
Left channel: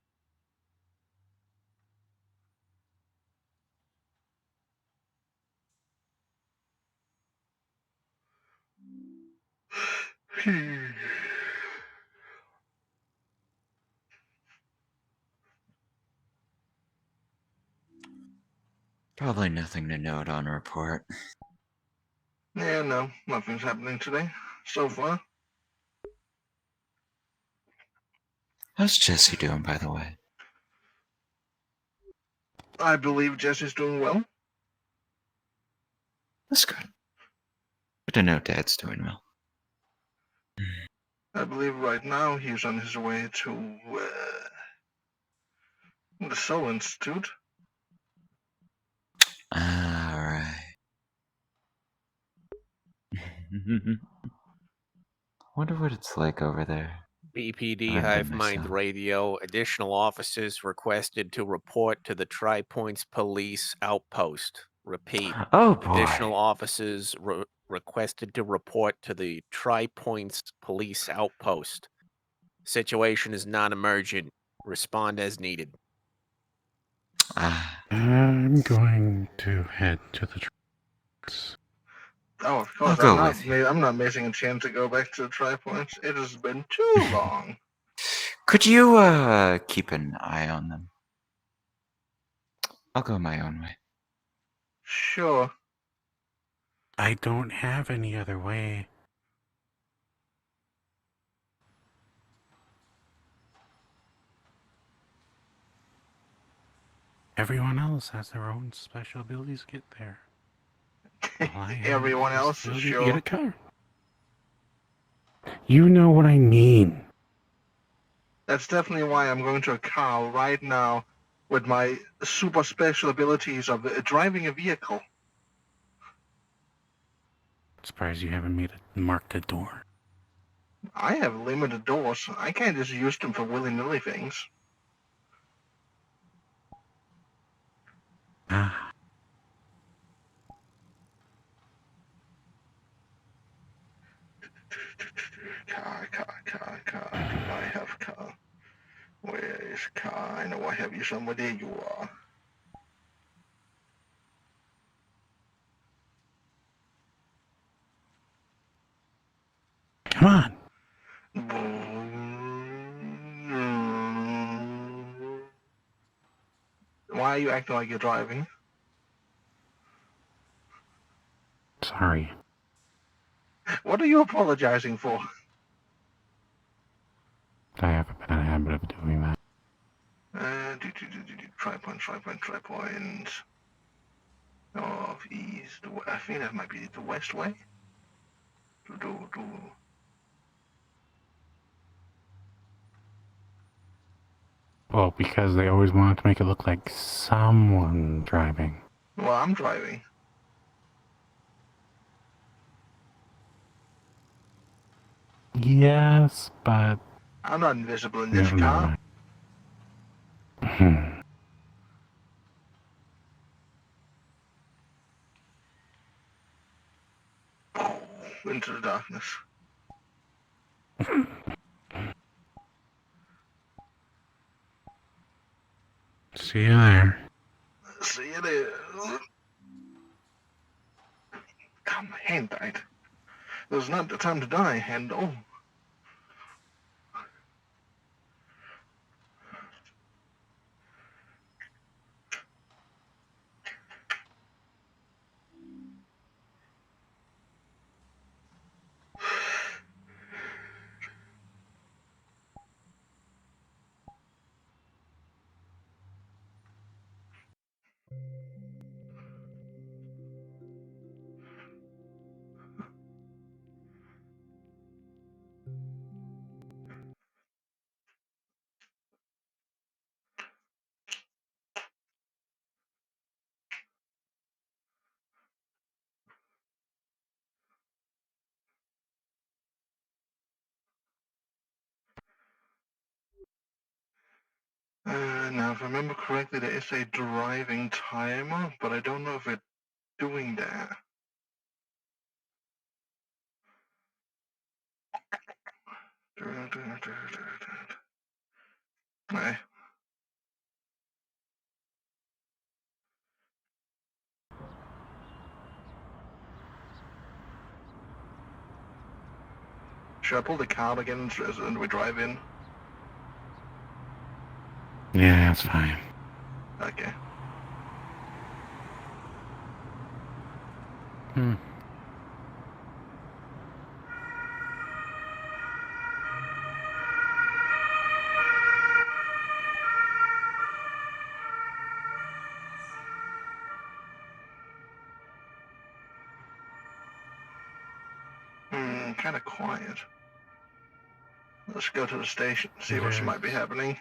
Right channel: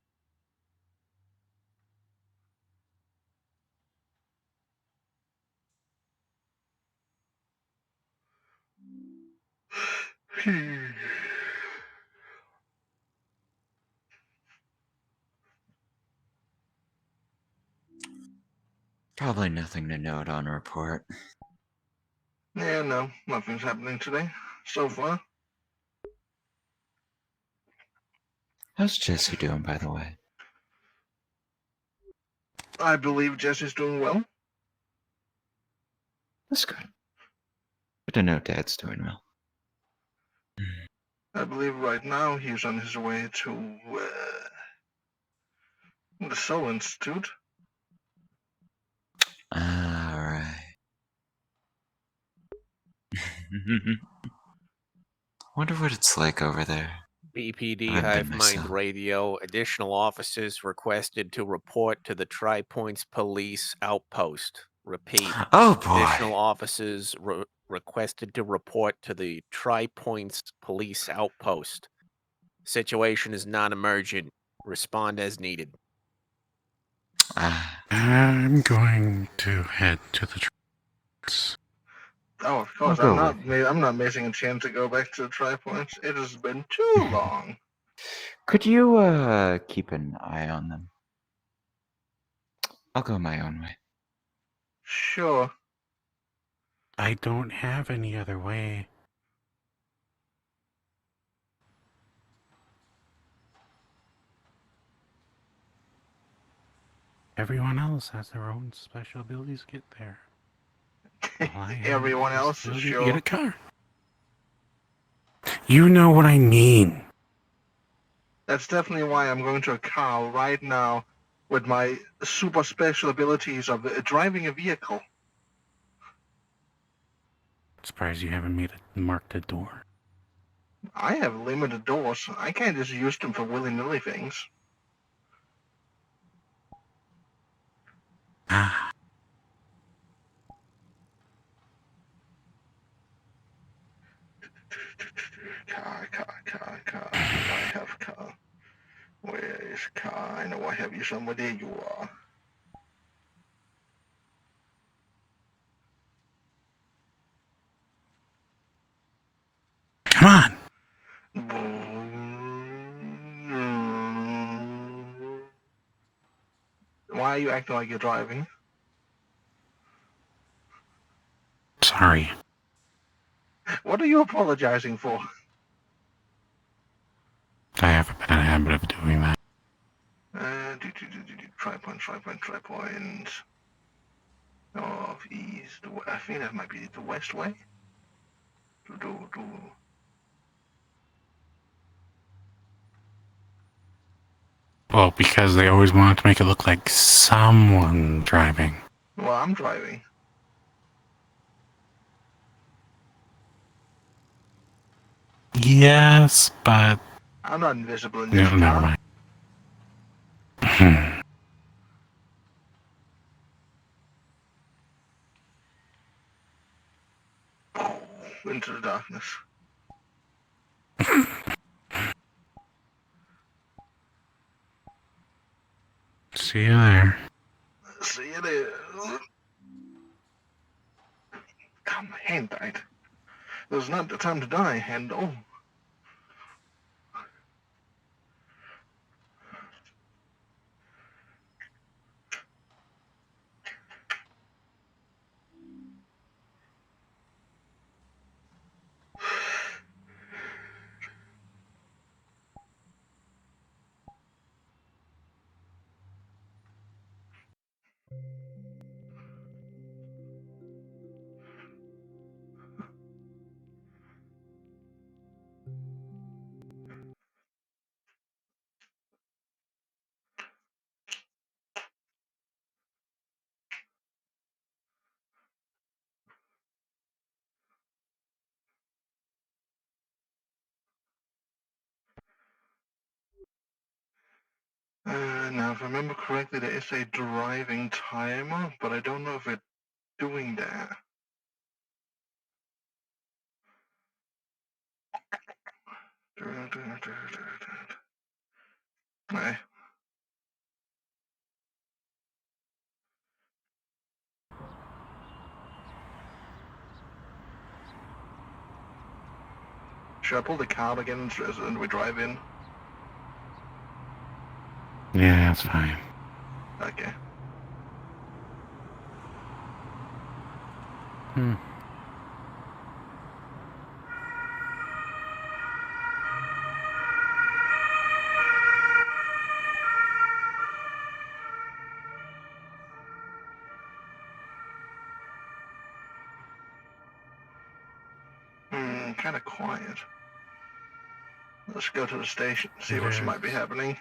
Probably nothing to note on a report. Yeah, no, nothing's happening today so far. How's Jesse doing, by the way? I believe Jesse's doing well. That's good. Good to know Dad's doing well. I believe right now he's on his way to the Soul Institute. Alright. Wonder what it's like over there. BPD I've been Hive Mind myself. Radio. Additional officers requested to report to the Tri-Points Police Outpost. Repeat. Oh boy. Additional officers requested to report to the Tri-Points Police Outpost. Situation is non-emergent. Respond as needed. I'm going to head to the trucks. Oh, of course. I'll I'm go not. with you. I'm not missing a chance to go back to the Tri-Points. It has been too long. Could you keep an eye on them? I'll go my own way. Sure. I don't have any other way. Everyone else has their own special abilities to get there. Everyone else, Ability to get sure. a car. You know what I mean. That's definitely why I'm going to a car right now with my super special abilities of driving a vehicle. Surprised you haven't made it mark the door. I have limited doors. I can't just use them for willy-nilly things. Car. Do I have car? Where is car? I know I have you somewhere. There you are. Come on. Why are you acting like you're driving? Sorry. What are you apologizing for? I have a bad habit of doing that. Tri-point. North, east, I think that might be the west way. Well, because they always wanted to make it look like someone driving. Well, I'm driving. Yes, but... I'm not invisible in this Never car. mind. Into the darkness. See you there. See you there. God, my hand died. It was not the time to die, hand. Oh. Now, if I remember correctly, there is a driving timer, but I don't know if it's doing that. Right. Should I pull the card again and we drive in? Yeah, that's fine. Okay. Hmm. Kind of quiet. Let's go to the station, see what Yeah. might be happening.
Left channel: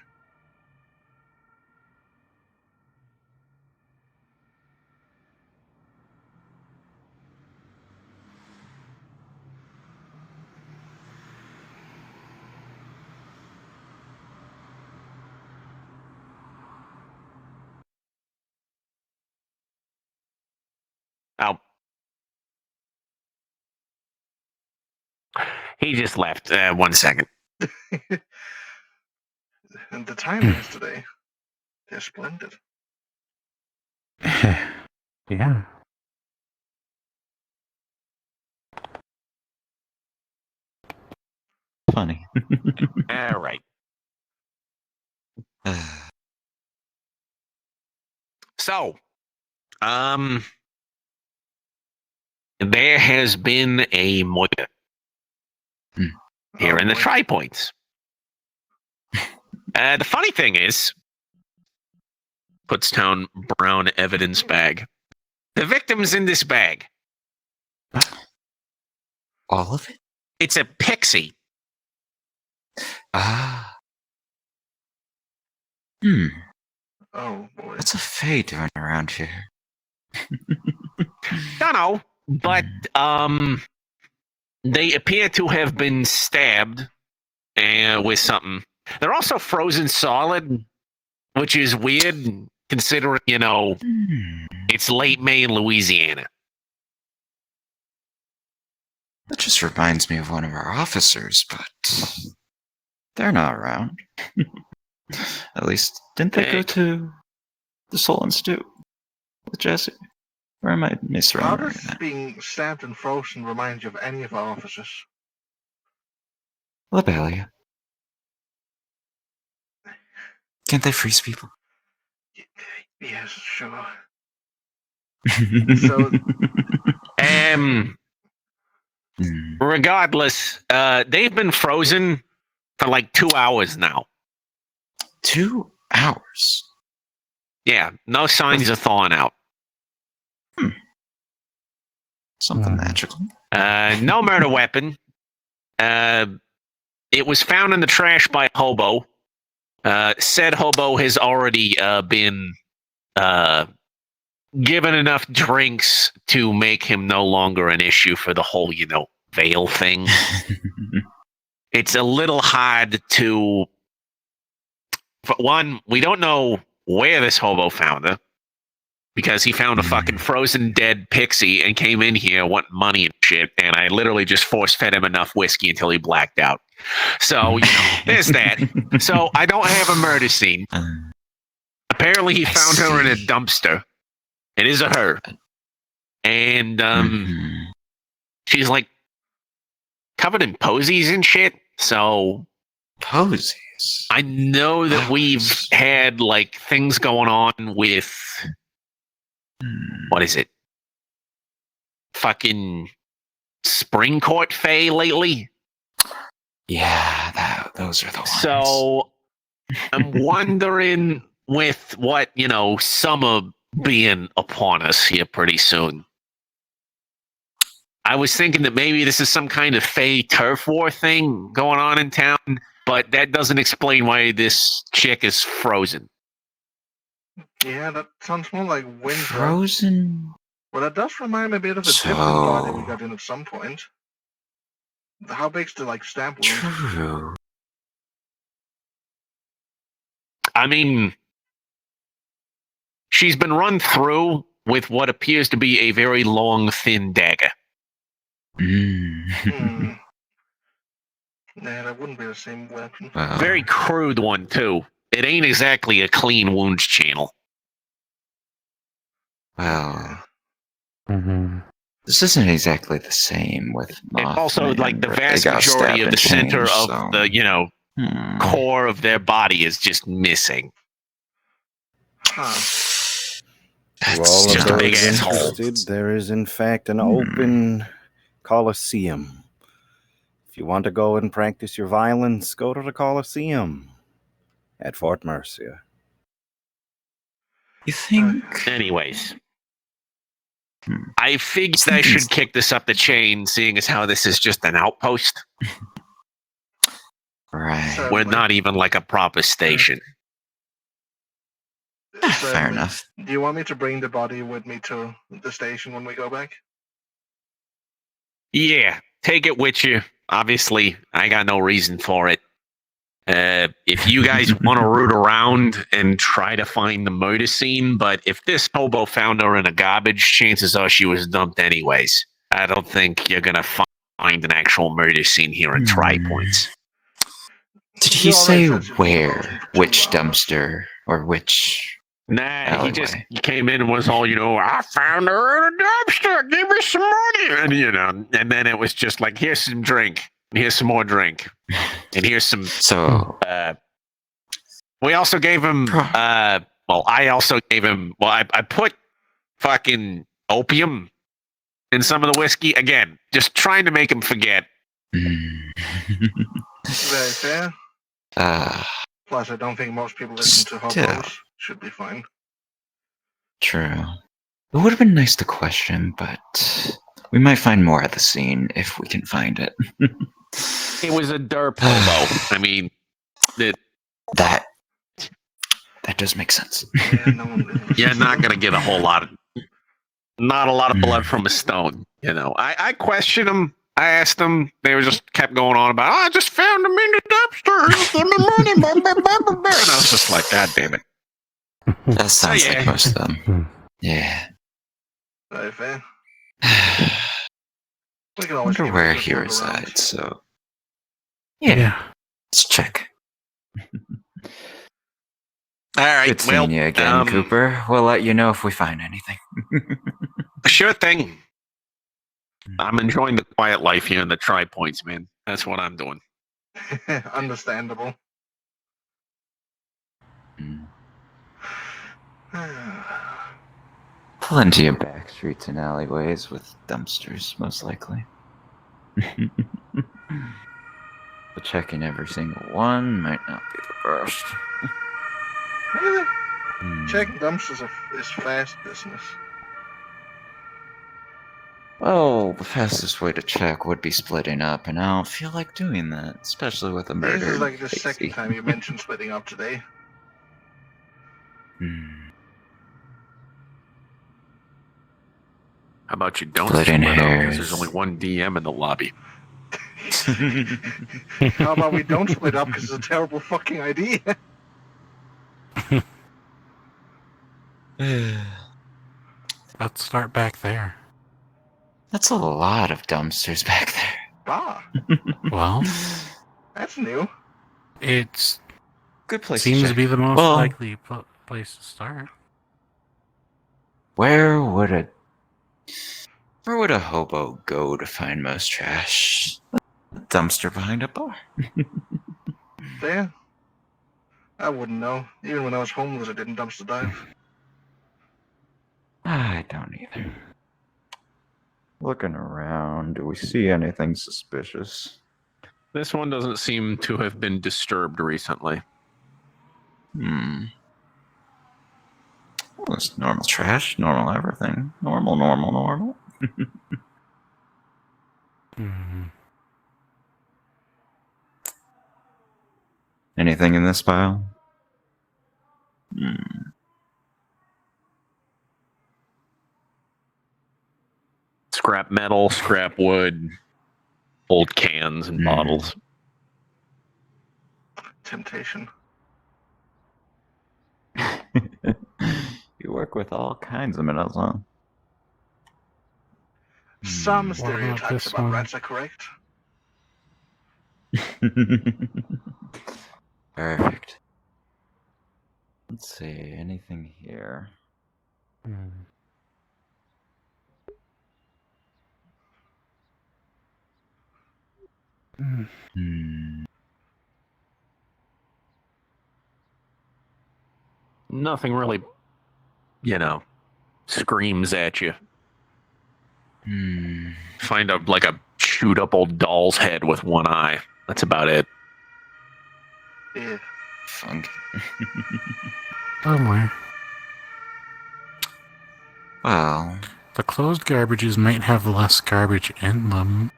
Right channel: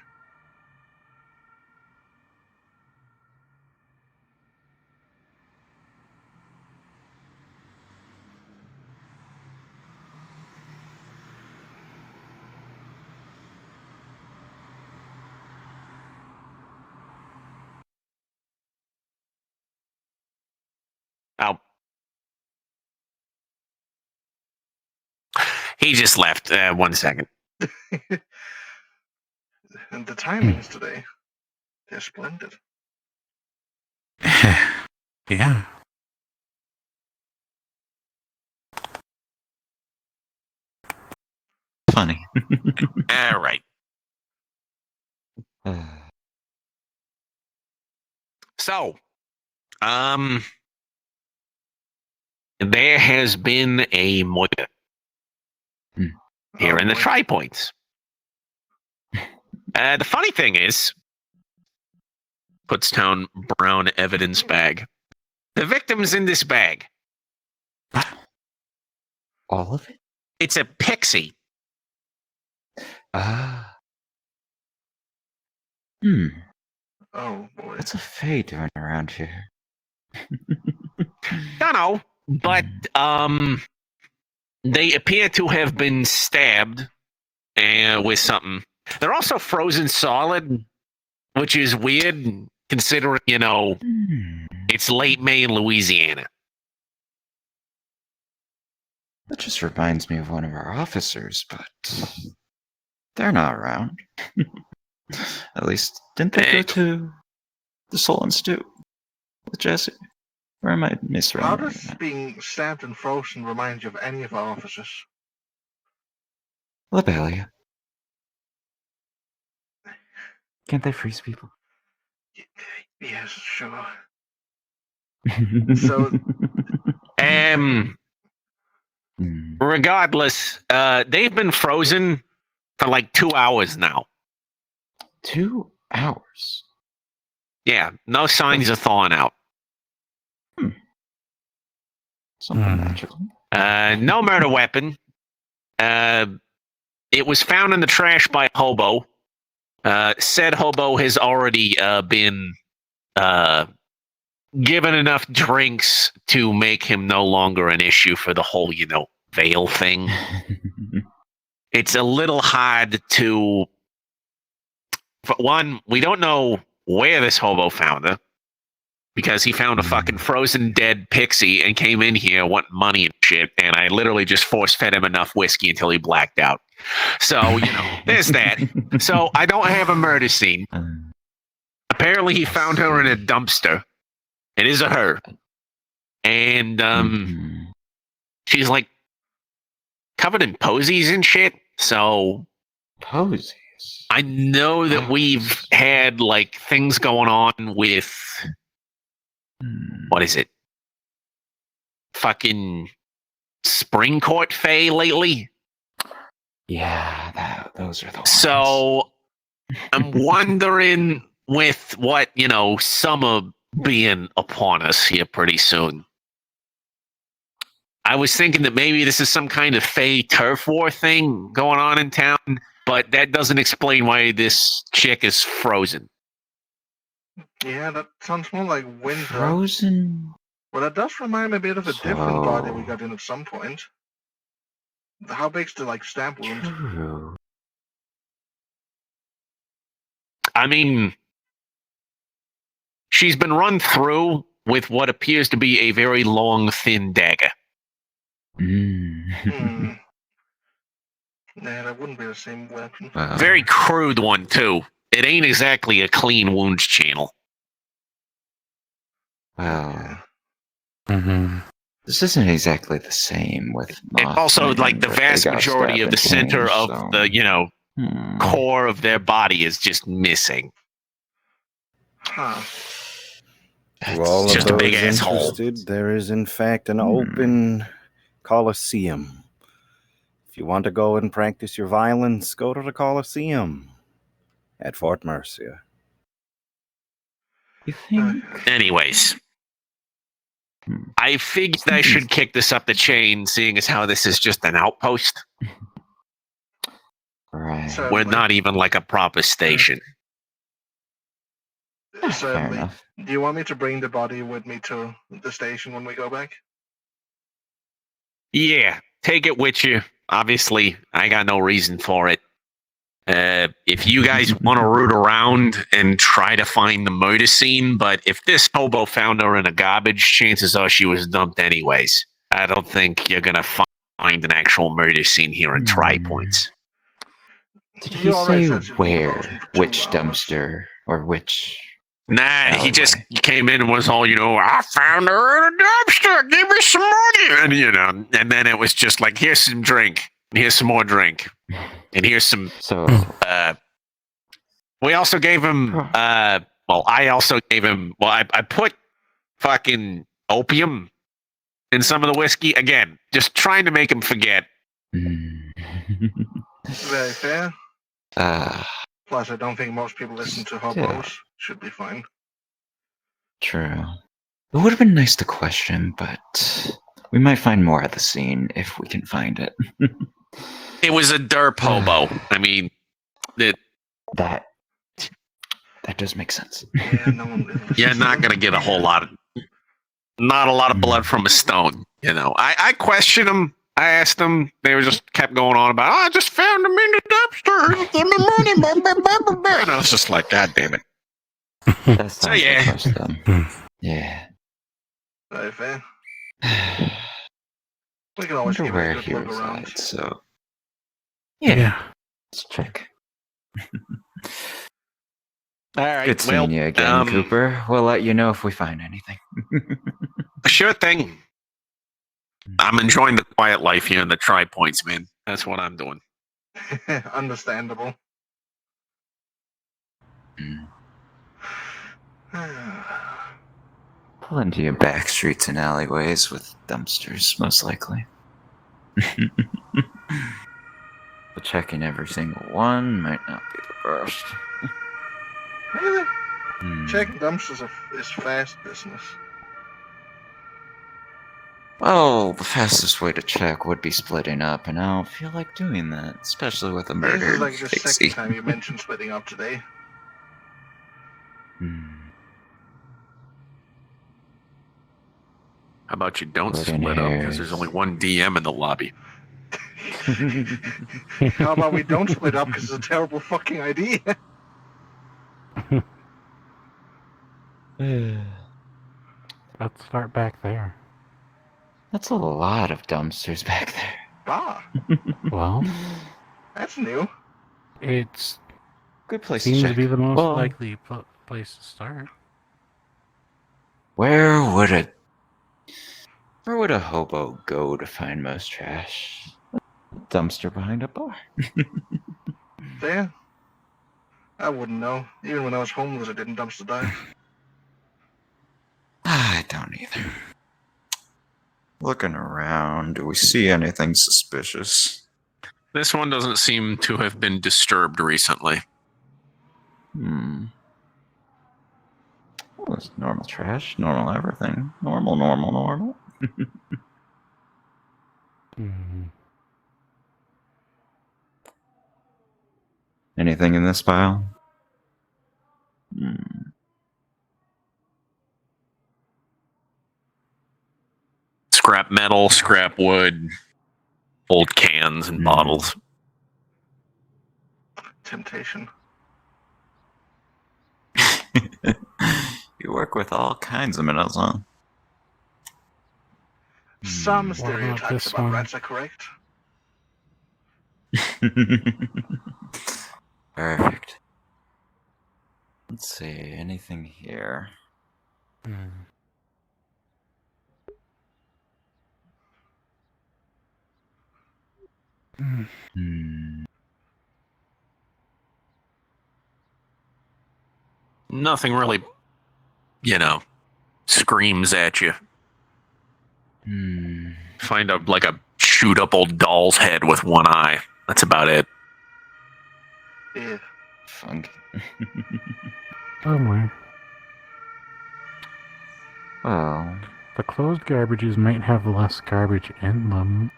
Oh. He just left. 1 second. And the timings today, they're splendid. Yeah. Funny. All right. So, there has been a murder here in the Tri-Points. The funny thing is, puts down brown evidence bag. The victim's in this bag. All of it? It's a pixie. Ah. Oh boy. What's a fae doing around here? Don't know, but they appear to have been stabbed with something. They're also frozen solid, which is weird considering, it's late May in Louisiana. That just reminds me of one of our officers, but they're not around. At least, didn't they go to the Soul Institute with Jesse? Or am I misremembering? How does being stabbed and frozen remind you of any of our officers? Lobelia. Can't they freeze people? Yes, sure. Regardless, they've been frozen for like 2 hours now. 2 hours? Yeah, no signs of thawing out. Something magical. No murder weapon. It was found in the trash by a hobo. Said hobo has already been given enough drinks to make him no longer an issue for the whole, veil thing. It's a little hard to... For one, we don't know where this hobo found her. Because he found a fucking frozen dead pixie and came in here wanting money and shit, and I literally just force-fed him enough whiskey until he blacked out. So, there's that. So, I don't have a murder scene. Apparently, he found her in a dumpster. It is a her. And, she's, like, covered in posies and shit, so... Posies? I know that we've had, like, things going on with... What is it? Fucking Spring Court Fae lately? Yeah, those are the ones. So, I'm wondering with what, summer being upon us here pretty soon. I was thinking that maybe this is some kind of Fae turf war thing going on in town, but that doesn't explain why this chick is frozen. Yeah, that sounds more like winter. Frozen? Well, that does remind me a bit of a different body we got in at some point. How big's the, stab wound? True. I mean, she's been run through with what appears to be a very long, thin dagger. Nah, that wouldn't be the same weapon. Very crude one, too. It ain't exactly a clean wounds channel. Well, this isn't exactly the same with And also, Mothman, like, the but they vast got majority of stabbed the and center changed, of so- the, core of their body is just missing. Huh. To all of just a big those asshole. interested, there is in fact an open Coliseum. If you want to go and practice your violence, go to the Coliseum at Fort Mercia. You think? Anyways. I figured I should kick this up the chain, seeing as how this is just an outpost. Right. We're not even like a proper station. Fair enough. Do you want me to bring the body with me to the station when we go back? Yeah, take it with you. Obviously, I got no reason for it. If you guys want to root around and try to find the murder scene, but if this hobo found her in a garbage, chances are she was dumped anyways. I don't think you're gonna find an actual murder scene here in Tri Points. Did he say where? Which dumpster? Or which... Nah, he came in and was all, I found her in a dumpster. Give me some money. And, and then it was just like, here's some drink. And here's some more drink. And here's some. We also gave him, I also gave him, I put fucking opium in some of the whiskey. Again, just trying to make him forget. Very fair. Plus, I don't think most people listen to hobos. Should be fine. True. It would have been nice to question, but we might find more at the scene if we can find it. It was a derp hobo. I mean, that does make sense. You're not gonna get a whole lot of, not a lot of blood from a stone. I questioned them. I asked them. They were just kept going on about. I just found him in the dumpster. Give me money. And I was just like, God damn it. That sounds like most of them. Yeah. Very fair. We can I always wonder give it where a good he look around. resides, so... Yeah. Let's check. All right. Good seeing you again, Cooper. We'll let you know if we find anything. Sure thing. I'm enjoying the quiet life here in the Tri Points, man. That's what I'm doing. Understandable. Plenty of back streets and alleyways with dumpsters, most likely. But checking every single one might not be the best. Really? Checking dumpsters is fast business. Well, the fastest way to check would be splitting up, and I don't feel like doing that, especially with a murder. This is like the second time you mentioned splitting up today. How about you don't Splitting split up because hairs. there's only one DM in the lobby. How about we don't split up because it's a terrible fucking idea? Let's start back there. That's a lot of dumpsters back there. Ah, Well, that's new. it's good place. Seems to to be check. the most Well, likely place to start. Where would a hobo go to find most trash? A dumpster behind a bar. There. I wouldn't know. Even when I was homeless, I didn't dumpster dive. I don't either. Looking around, do we see anything suspicious? This one doesn't seem to have been disturbed recently. It's normal trash, normal everything. Normal. Anything in this pile? Scrap metal, scrap wood, old cans and Hmm. bottles. Temptation. work with all kinds of minerals, huh? Some What about stereotypes this about one? rats are correct. Perfect. Let's see, anything here? Nothing really, screams at you. Find a chewed up old doll's head with one eye. That's about it. Yeah. Funk. Somewhere. Well, the closed garbages might have less garbage in them,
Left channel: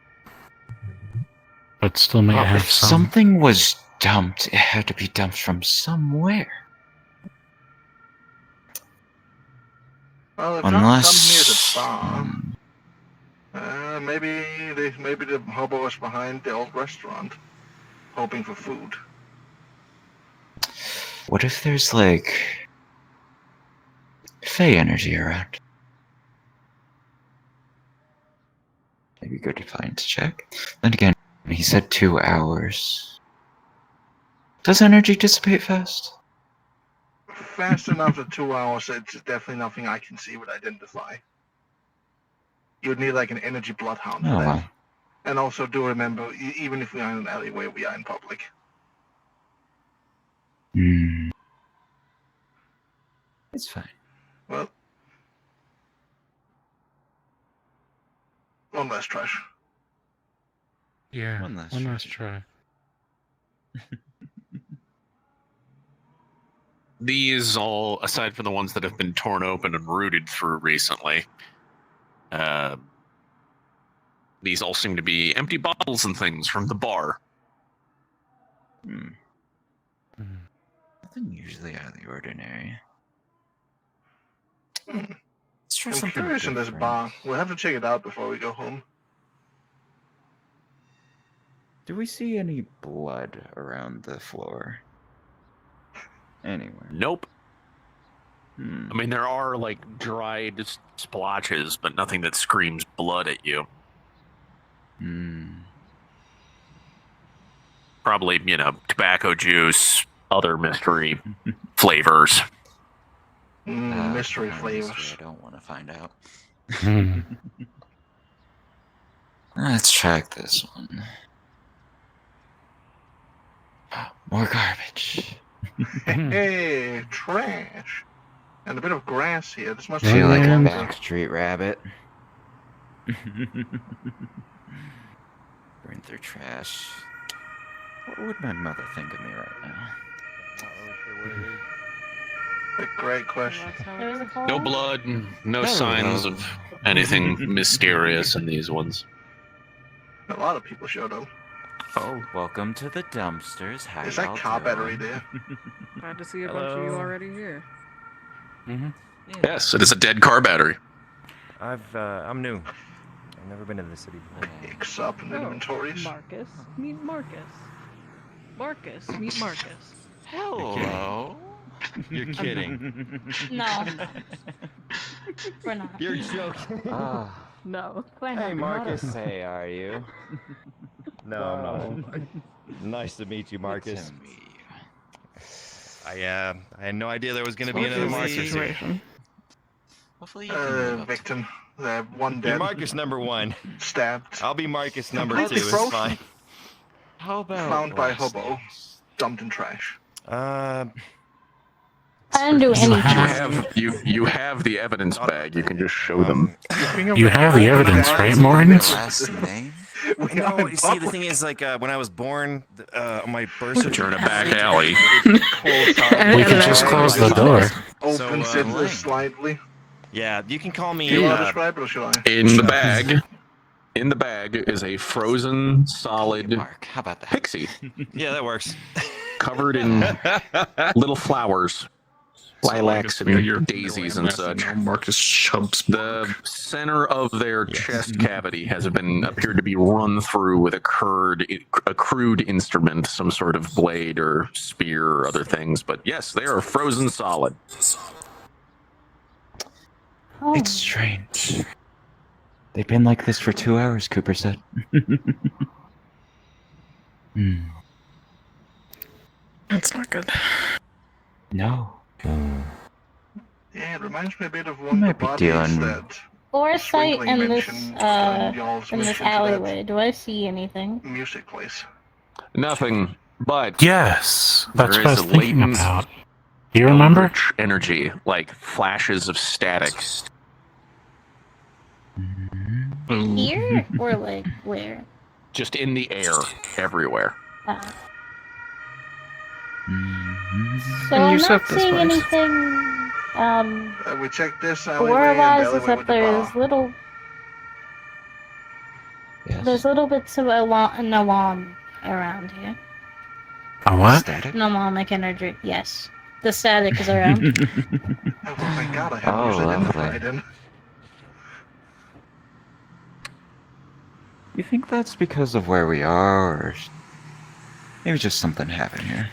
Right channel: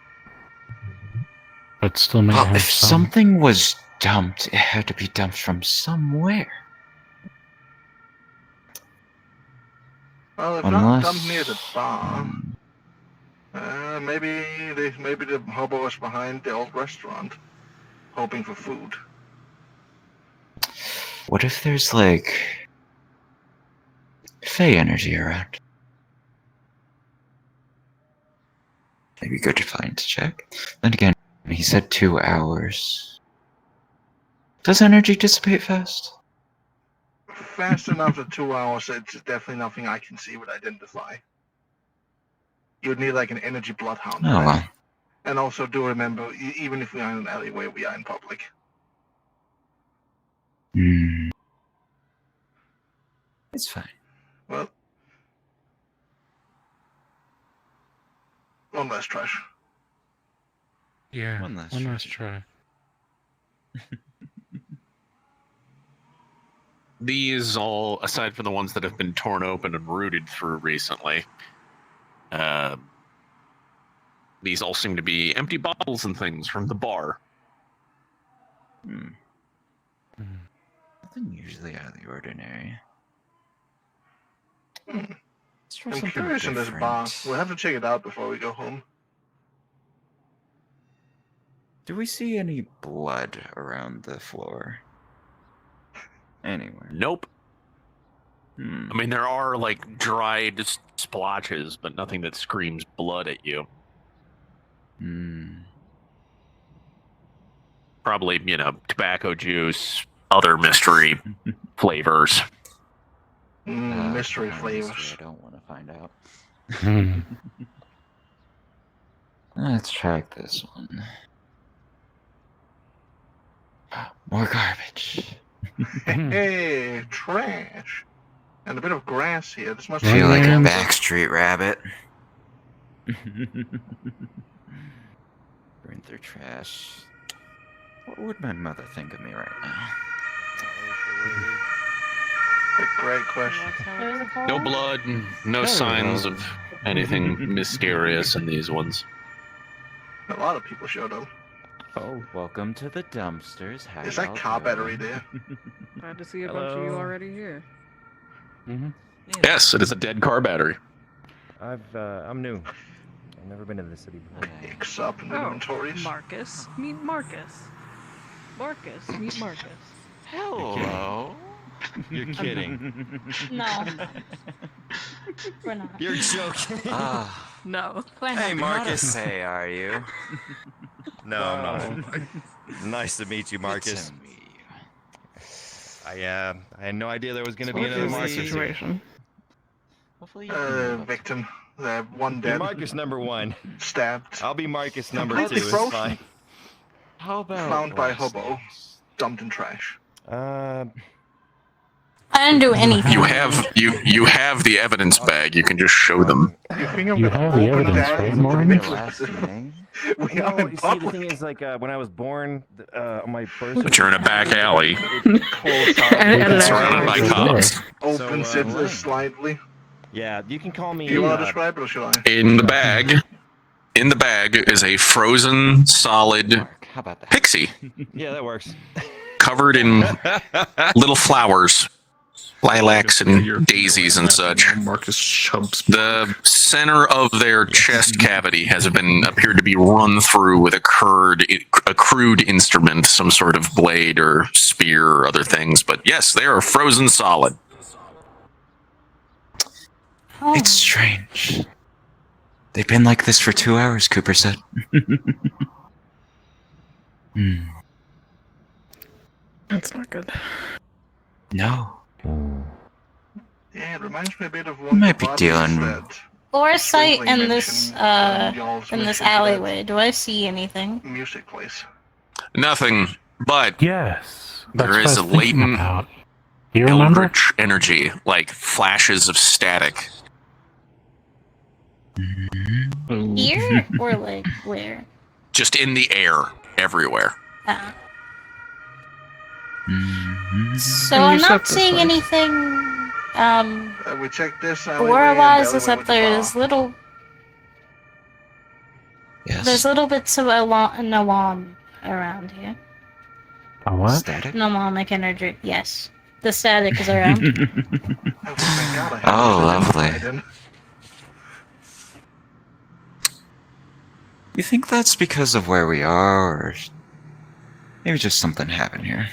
but still might well, have if some. something was dumped, it had to be dumped from somewhere. Well, if not dumped near the bar, maybe the hobo was behind the old restaurant, hoping for food. What if there's like Fey energy around? Maybe go to plan to check. Then again, he said 2 hours. Does energy dissipate fast? Fast enough for 2 hours, it's definitely nothing I can see would identify. You'd need like an energy bloodhound for that. And also do remember, even if we are in an alleyway, we are in public. It's fine. Well, one last trash. Yeah, One last try. These all, aside from the ones that have been torn open and rooted through recently, these all seem to be empty bottles and things from the bar. Nothing usually out of the ordinary. I'm curious in this bar. We'll have to check it out before we go home. Do we see any blood around the floor? Anywhere? Nope. I mean, there are like dried splotches, but nothing that screams blood at you. Probably, tobacco juice, other mystery flavors. Mystery flavors. I don't want to find out. Let's check this one. More garbage. Hey, trash. And a bit of grass here. This must Feel like a lumber. backstreet rabbit. Going through trash. What would my mother think of me right now? A great question. No blood, no signs of anything mysterious in these ones. A lot of people showed up. Oh, welcome to the dumpsters. How Is that y'all car doing? battery there? Glad to see a bunch of you already here. Yes, it is a dead car battery. I'm new. I've never been to the city before. Picks up in inventories. Marcus, meet Marcus. Marcus, meet Marcus. Hello. You're kidding. No. We're not. You're joking. No. Hey, Marcus. Hey, are you? No, I'm not. Nice to meet you, Marcus. I had no idea there was going to be What another is the Marcus. situation? Victim. One Be dead. Marcus number 1. Stabbed. I'll be Marcus number 2. Completely It's frozen. fine. How about Found by hobo. Dumped in trash. I didn't do anything. You have the evidence bag. You can just show them. You have the evidence, right, Morris? We are in See, the public. thing is, like, when I was born, my birth But you're in a back alley. Just close the door. Opens it slightly. Yeah, you can call me. Do you want to describe it or should I? In the bag is a frozen solid pixie Yeah, that works. covered in little flowers, lilacs and daisies and such. Marcus Chubbs. The center of their chest cavity has been appeared to be run through with a crude instrument, some sort of blade or spear or other things. But yes, they are frozen solid. Oh. It's strange. They've been like this for 2 hours, Cooper said. Hmm. That's not good. No. Yeah, it reminds me a bit of You one of might the be bodies dealing. that Foresight Swingling in mentioned on y'all's this mission to that alleyway. Do I see anything? music place. Nothing, but Yes, that's there what I is was a thinking latent about. Do you remember? eldritch energy, like flashes of static. Here or like where? Just in the air, everywhere. Ah. So And you I'm set not this seeing place. anything. We checked this alleyway and the Whereas is alleyway that with the bar. there's little. Yes. There's little bits of an alarm around here. A what? Static? An alarmic energy. Yes, the static is around. Oh, well, thank God I have Oh, this lovely. identified in. You think that's because of where we are, or maybe just something happened here?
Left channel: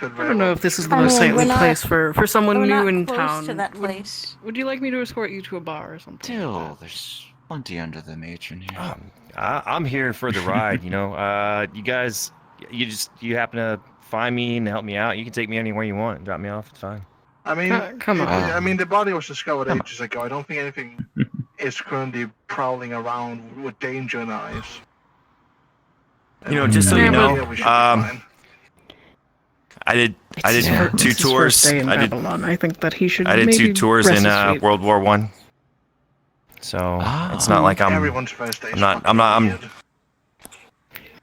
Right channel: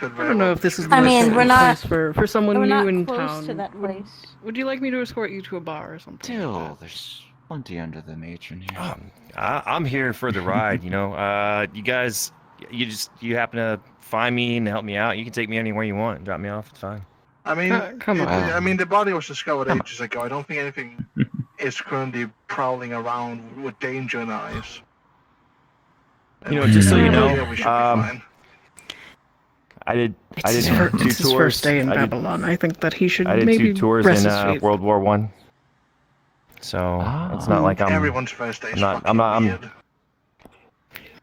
I don't know if this is the I most mean, we're safe not- place for someone we're new not in close town. to that place. Would you like me to escort you to a bar or something? Still, there's plenty under the matron here. I'm here for the ride. You know, you guys, you happen to find me and help me out. You can take me anywhere you want. Drop me off. It's fine. I mean, come on. I mean, the body was discovered ages ago. I don't think anything is currently prowling around with danger in eyes. You know, just so you know, yeah, we should be fine. I did It's two his tours. first day in I did, Babylon. I think that he should I did maybe 2 tours rest in his feet. World War One. So it's not like I'm. Everyone's first day is I'm weird.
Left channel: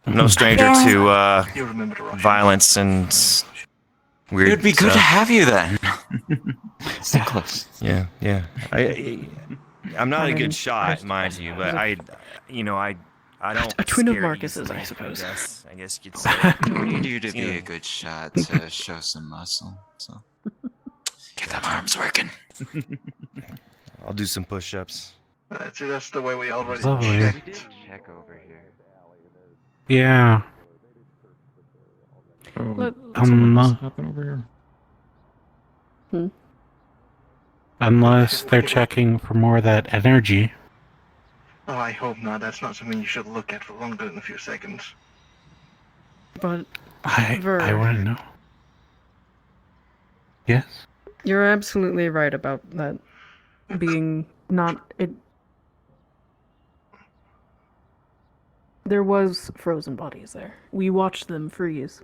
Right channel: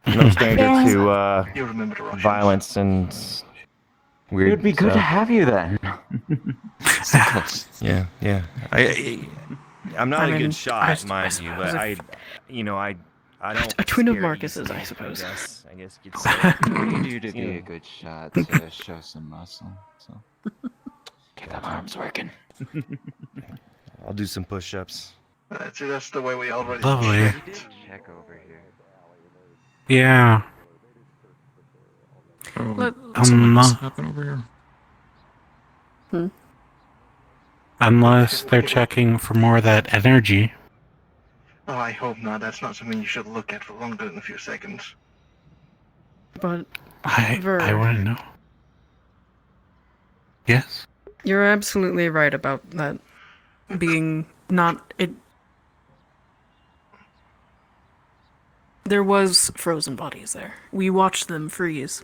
no stranger to You remember the Russians. violence and weird. It'd be good to stuff. have you then. Yeah, yeah. I'm not I a mean, good shot, I mind you, but I don't. A twin of scare Marcus's, easily, I suppose. I guess you could say. I need you to be a good shot to show some muscle. So get them arms working. I'll do some push-ups. See, that's the way we already Lovely. checked. Check over here. Yeah. Unless they're checking for more of that energy. Oh, I hope not. That's not something you should look at for longer than a few seconds. But I want to know. Yes? you're absolutely right about that being not it. There was frozen bodies there. We watched them freeze.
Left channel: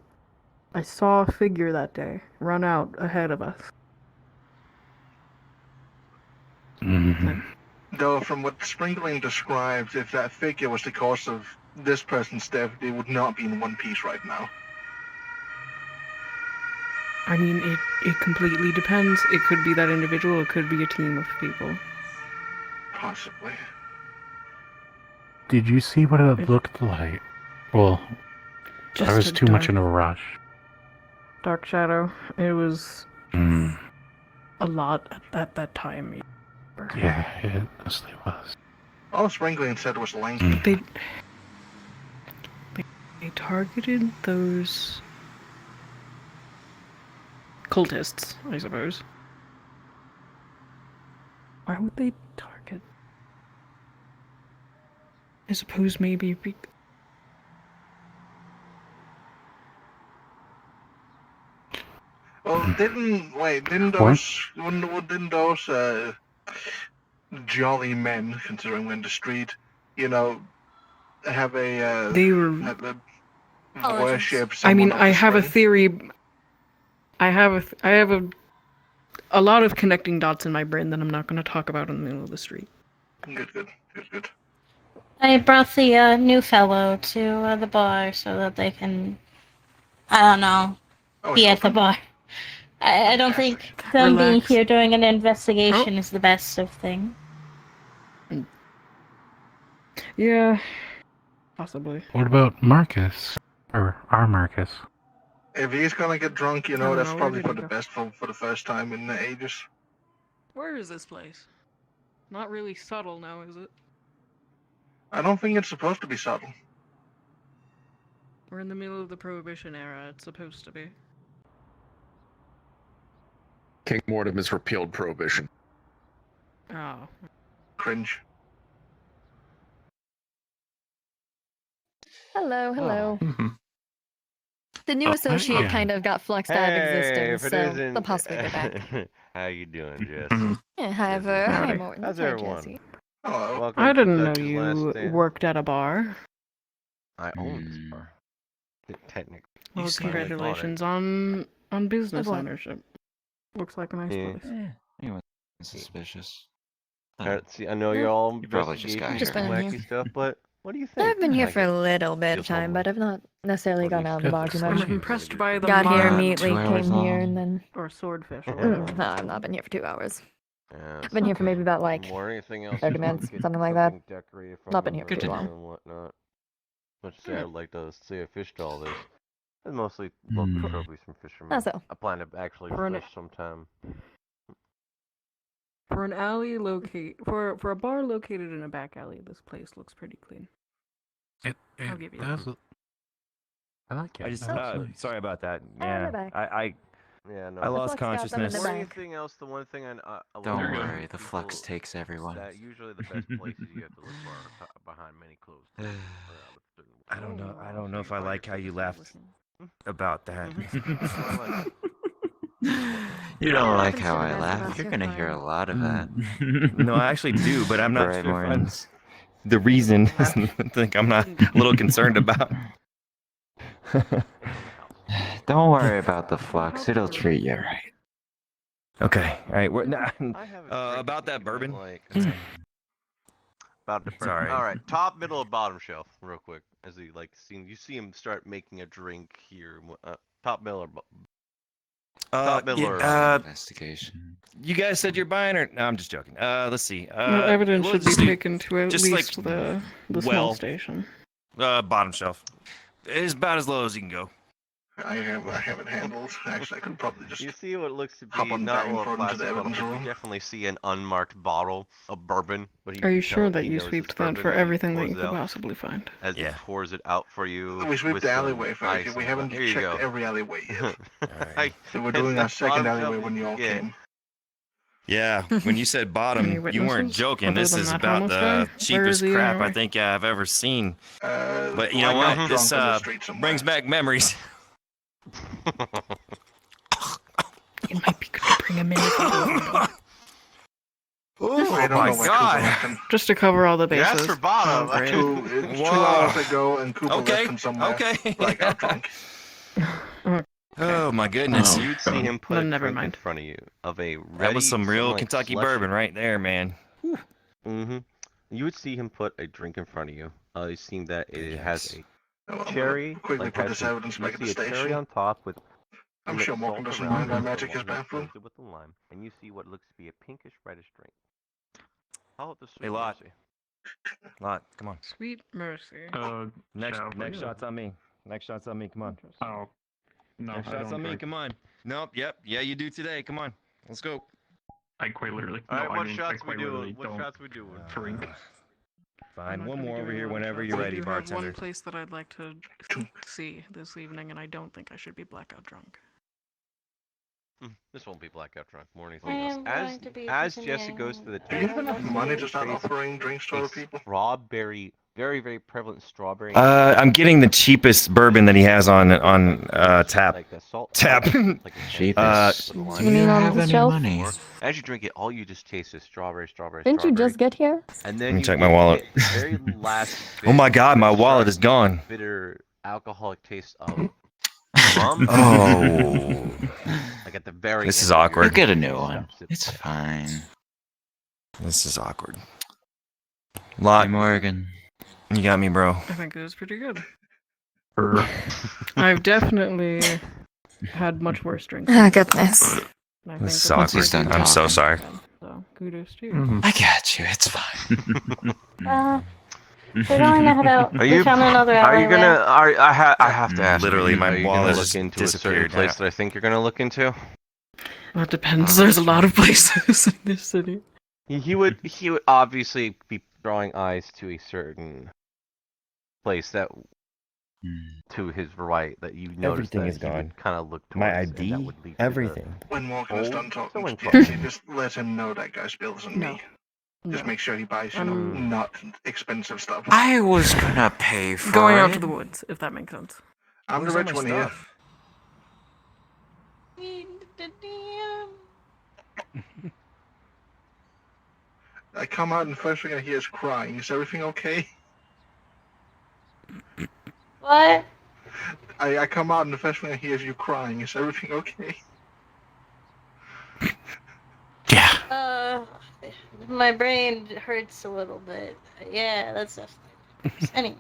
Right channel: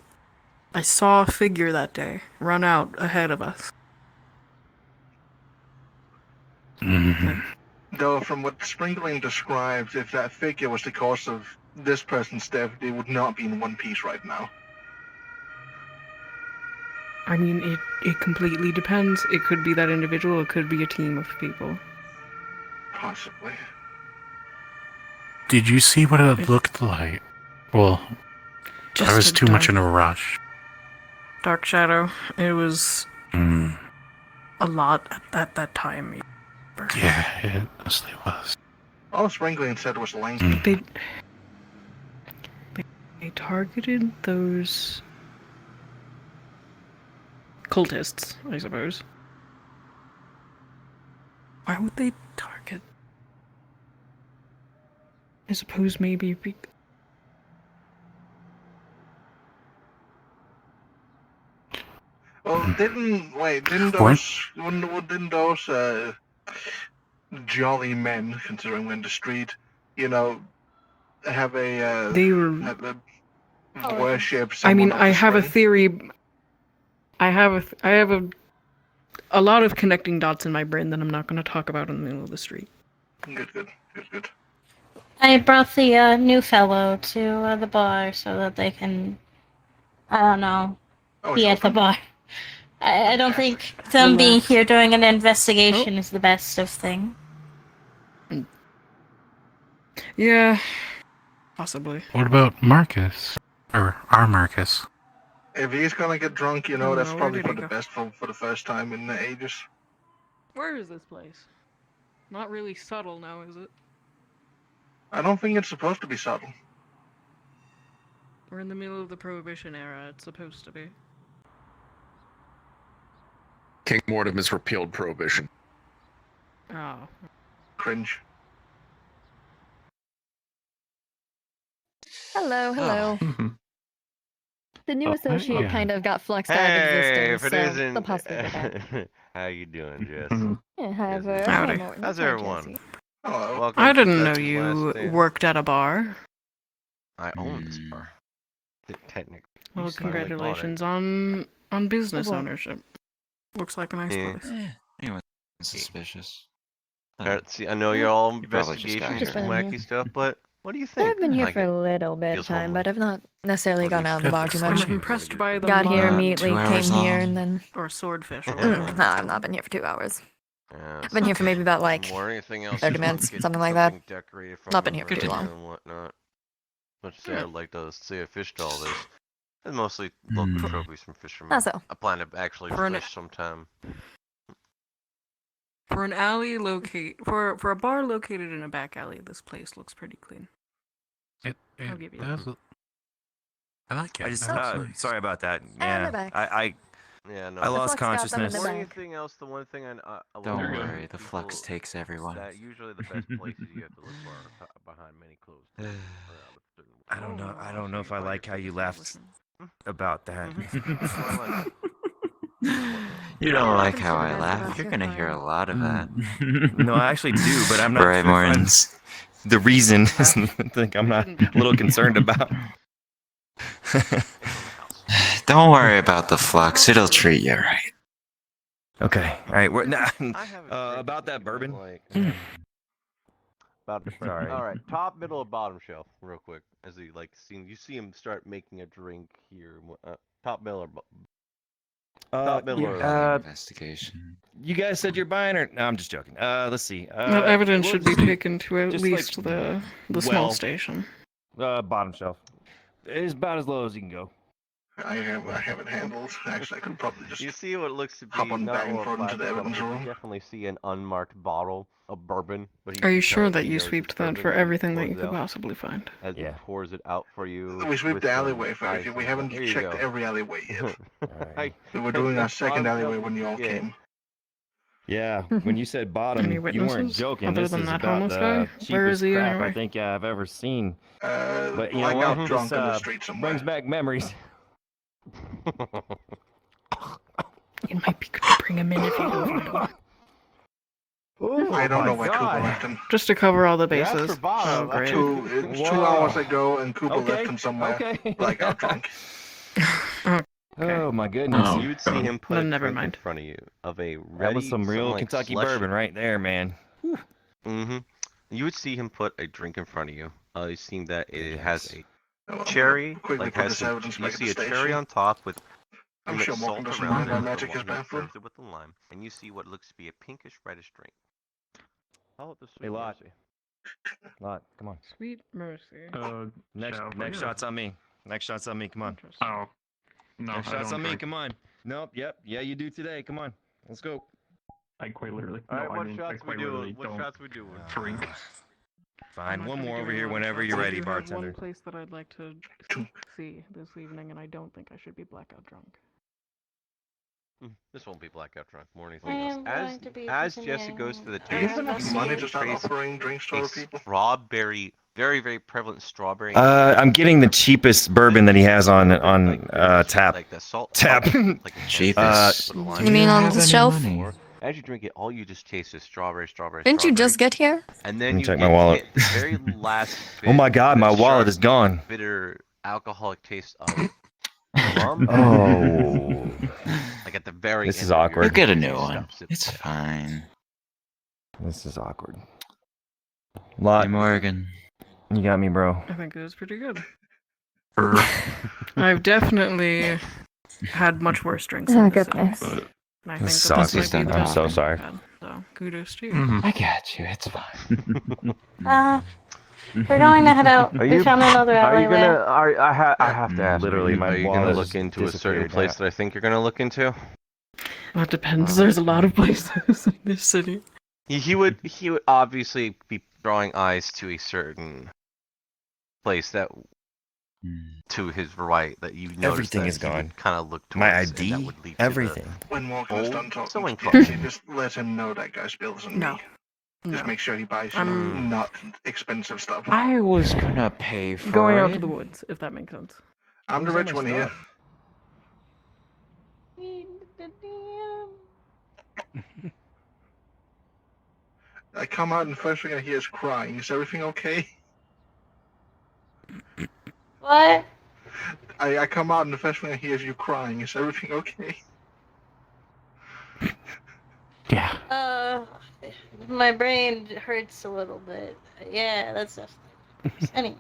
I saw a figure that day run out ahead of us. Though, from what Sprinkling describes, if that figure was the cause of this person's death, they would not be in one piece right now. I mean, it completely depends. It could be that individual, it could be a team of people. Possibly. Did you see what it looked like? Well, Just I was a too much dark- in a rush. Dark Shadow. It was Mm. a lot at that time. Yeah, it mostly was. All Sprinkling said was lanky. They targeted those cultists, I suppose. Why would they target? I suppose maybe Well, didn't those jolly men, considering we're in the street, have a They were- have a worship? I mean, someone I of the have a spring? theory. I have a lot of connecting dots in my brain that I'm not going to talk about in the middle of the street. Good. I brought the new fellow to the bar so that they can, I don't know, be at the bar. I don't think them being Relax. here doing an investigation is the best of things. Yeah, possibly. What about Marcus? Or our Marcus? If he's gonna get drunk, that's where probably did for he the go? best for the first time in ages. Where is this place? Not really subtle now, is it? I don't think it's supposed to be subtle. We're in the middle of the Prohibition era. It's supposed to be. King Mortem has repealed prohibition. Oh. Cringe. Hello, hello. Mhm. The new associate yeah. kind of got fluxed out of existence, if it so isn't- they'll possibly be back. How you doing, Jess? Yeah, hi, Ver. Howdy. Hello, Morton. How's Hi, everyone? Jesse. Hello. Welcome I to didn't know Texas Last you Stand. worked at a bar. I own this bar. Technically. Well, You finally bought it. congratulations on business What? ownership. Looks like a nice Yeah. place. Anyone suspicious? See, I know you're all You probably just got investigations Just and been in wacky here. stuff, but what do you think? I've been here Like for it? a little bit of Feels time, normal. but I've not necessarily gone out of the bar too much. I'm impressed by the Got here mod- immediately, 2 came hours here, long. and then. or swordfish. Or No, I've not been here for 2 hours. Yeah, I've been here for maybe about like more anything else 30 you minutes, get something like that. decorated from Not been here for the too room long. and whatnot. Much to say, I'd like to say I fished all this. And mostly local trophies from fishermen. How so? I plan to actually For an- fish sometime. For an alley for a bar located in a back alley, this place looks pretty clean. I'll give you that. I like it. I just That's nice. sorry about that. we're Yeah, back. Yeah, no. I lost consciousness. Before anything else, the one thing Don't worry, the flux takes everyone. That usually the best places you have to look for are behind many closed doors. I don't know if I like how you left about that. You don't like happens how to the I best of laugh. us, You're you're gonna hear fine. a lot of that. No, I actually do, but I'm not. Right, Morons. The reason is I think I'm not a little concerned about. Don't worry about the flux. It'll treat you right. Okay, all right. About that bourbon. About the Sorry. All right, top, middle, or bottom shelf, real quick. As he you see him start making a drink here. Top, middle, or top, middle, or Investigation. You guys said you're buying or no? I'm just joking. Let's see. The evidence should be taken to at just least like- the small well, station. Bottom shelf. It's about as low as you can go. I haven't handled. Actually, I could probably just You see what looks to be hop on not back and more throw it into the plastic, evidence but you room. definitely see an unmarked bottle of bourbon. But Are you can sure tell that he you knows sweeped it's that bourbon for as he everything that you pours could it out- possibly find? As he pours it out for you. We sweep with the some alleyway first. ice We and- haven't Here you checked go. every alleyway yet. Right. So we're doing our second Bottom alleyway shelf when you all again. came. Yeah, when you said bottom, Any you weren't witnesses? joking. Other This than is that about homeless the guy? Where is cheapest he crap anyway? I think I've ever seen. But you know Blackout what? drunk This in the street somewhere. brings back memories. It might be good to bring him in if you do want to. I don't my know why Cooper God. left him. Just to cover all the Yes, bases. for bottom. Oh, great. It's 2 Whoa. hours ago, and Cooper Okay, left him somewhere. okay. Blackout drunk. Oh my goodness. Oh. You'd see him put Then a never drink in mind. front of you of a ready. That was some real Kentucky bourbon right there, man. Mm-hmm. You would see him put a drink in front of you. You see that it has a Well, I'm cherry. gonna quickly like put has this some- evidence you back at see the a cherry station. on top with. I'm with sure salt Morgan doesn't around mind it, our and magic his water bathroom. fills it with the lime, and you see what looks to be a pinkish reddish drink. Call it the Hey, sweet Lot. mercy. Lot, come on. Sweet mercy. Next shot's on me. Next shot's on me. Come on. Oh, no, Next I shot's don't on me. drink. Come on. Nope. Yep. Yeah, you do today. Come on. Let's go. I quite literally. All right, no, I what mean, I shots we quite literally doing? What don't shots we doing? drink. Fine. I'm One not more gonna over give here you a lot of whenever shots. you're I ready, do have bartender. one place that I'd like to see this evening, and I don't think I should be blackout drunk. This won't be blackout drunk. More anything I else. am going to be As Jesse goes to the Do you have table, enough money to start offering drinks to other people? Strawberry, very very prevalent strawberry. I'm getting the cheapest bourbon that he has on tap. Like the salt. Tap. Like the Cheapest. Do Do you have any money? As you drink it, all you just taste is strawberry. Didn't you just get here? And Let then me you check my get wallet. the very last Oh my bit God, of my the wallet is sharp, gone. Bitter alcoholic taste of rum. Oh. Like at the very This end is of your awkward. You'll get a new stop one. sip. It's fine. This is awkward. Hey, Lot, Morgan. you got me, bro. I think it was pretty good. I've definitely had much worse drinks. Oh, than goodness. this. And I think This that sauce this is might be done. I'm the so best sorry. I've had, So, kudos to you. Mm-hmm. I got you. It's fine. We're going to head out. Are We you? found another Are you alleyway. gonna? I have to ask. Literally, you, my are you wallet gonna just look into a certain disappeared. place that I think you're gonna look into? That depends. There's a lot of places in this city. He would obviously be drawing eyes to a certain place that to his right that you noticed Everything that is gone. Kind of look My towards, and that ID, would lead to the everything. When Morgan is done gold talking to sewing Jesse, club. just let him know that guy's bill isn't No. me. Just make sure he buys, not expensive stuff. I was gonna pay for Going it. out to the woods, if that makes sense. I'm the rich one here. I come out and the first thing I hear is crying. Is everything okay? What? I come out and the first thing I hear is you crying. Is everything okay? My brain hurts a little bit. Yeah, that's definitely. Anyway.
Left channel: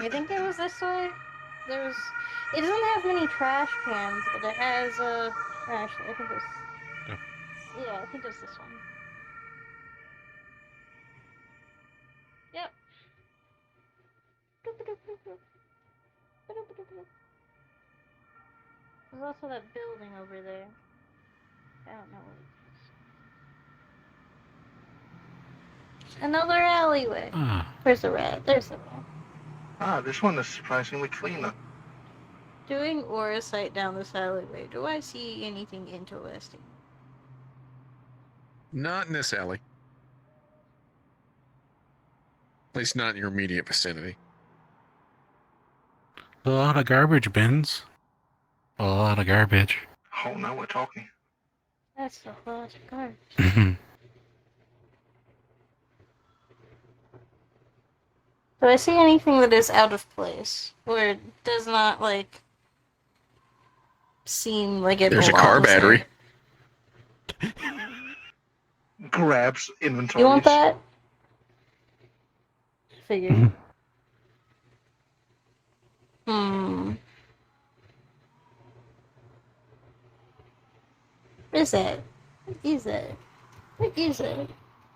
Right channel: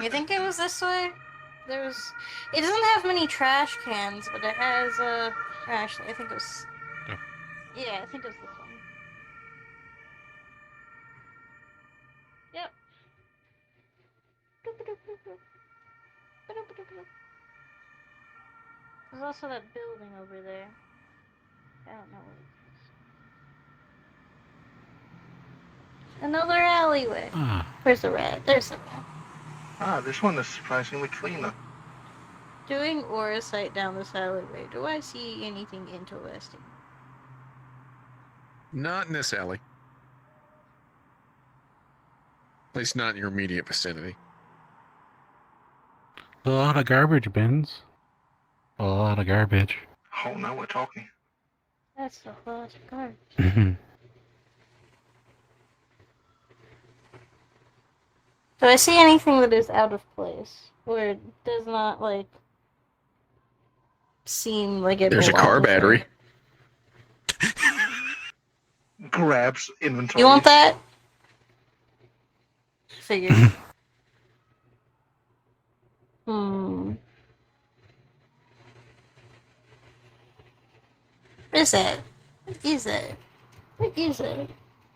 You think it was this way? There's. It doesn't have many trash cans, but it has Actually, I think it was. Yeah, I think it was this one. Yep. There's also that building over there. I don't know what it is. Another alleyway. Where's the rat? There's the rat. This one is surprisingly cleaner. Doing aura sight down this alleyway. Do I see anything interesting? Not in this alley. At least not in your immediate vicinity. A lot of garbage bins. A lot of garbage. Oh, now we're talking. That's the lot of garbage. Do I see anything that is out of place? Or it does not, seem like it There's a car belongs battery. there? Grabs inventory. You want that? Figured. What is that? What is that? What is that?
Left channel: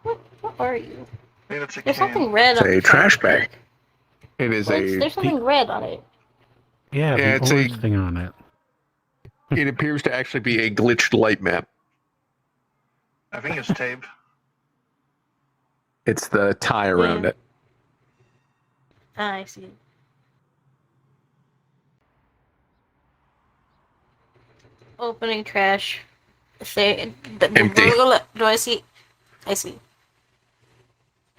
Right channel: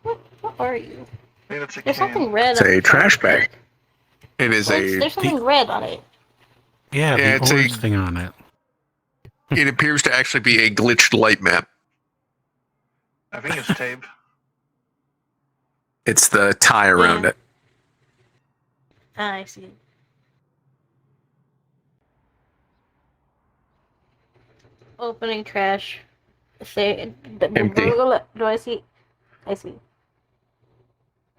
What are you? There's something red It's on a the trash top. bag. It is There's something red on it. Yeah, the it's orange thing on it. It appears to actually be a glitched light map. I think it's tape. It's the tie around it. Ah, I see. Opening trash. Say Empty. Do I see? I see.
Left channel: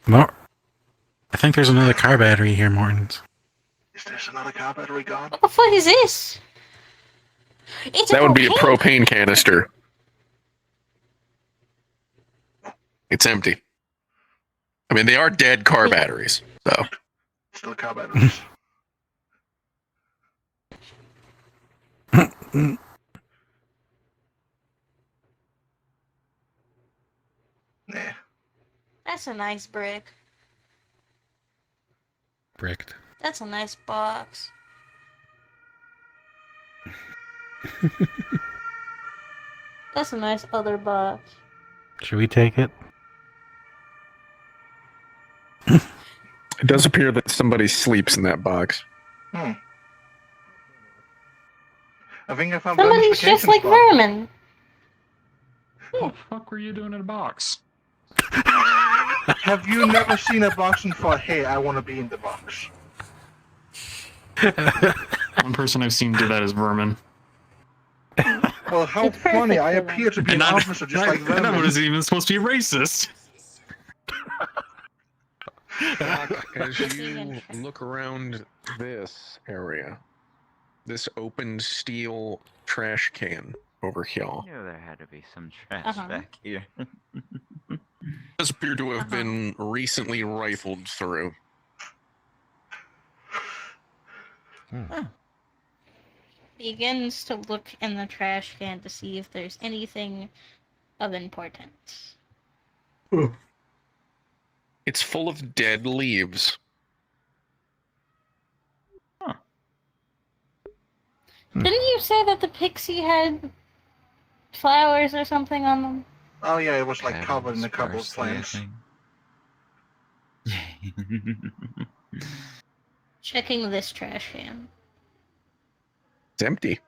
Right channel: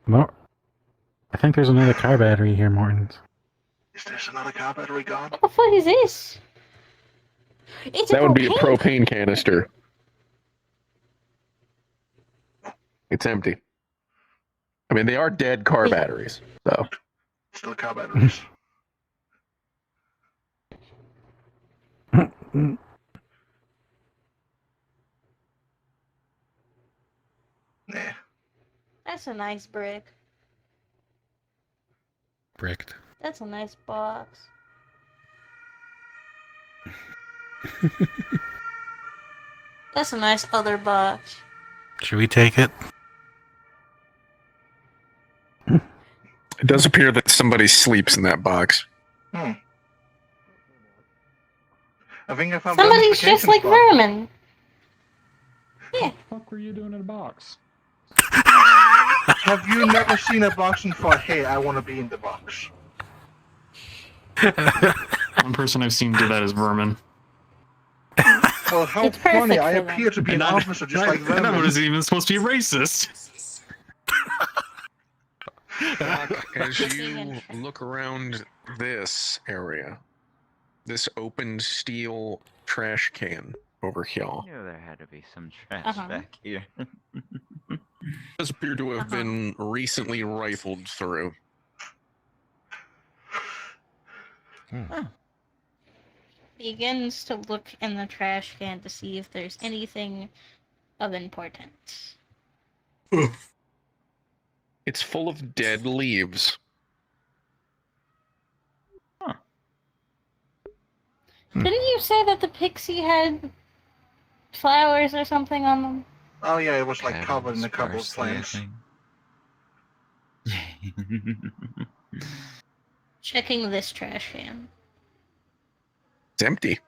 No. I think there's another car battery here, Mortons. Is there another car battery gone? What the fuck is this? It's That would be a propane. propane canister. It's empty. I mean, they are dead car batteries, so. Still car batteries. Nah. That's a nice brick. Bricked. That's a nice box. That's a nice other box. Should we take it? It does appear that somebody sleeps in that box. I think I found Somebody's just verification like spot. vermin. What the fuck were you doing in a box? Have you never seen a box and thought, hey, I want to be in the box? One person I've seen do that is Vermin. Well, how funny. I appear to be an officer just like And I Vermin. was even supposed to be racist. As you look around this area, this open steel trash can over here. I knew there had to be some trash back here. Does appear to have been recently rifled through. Begins to look in the trash can to see if there's anything of importance. It's full of dead leaves. Didn't you say that the pixie had flowers or something on them? Oh yeah, it was like covered in a couple of plants. Checking this trash can. It's empty.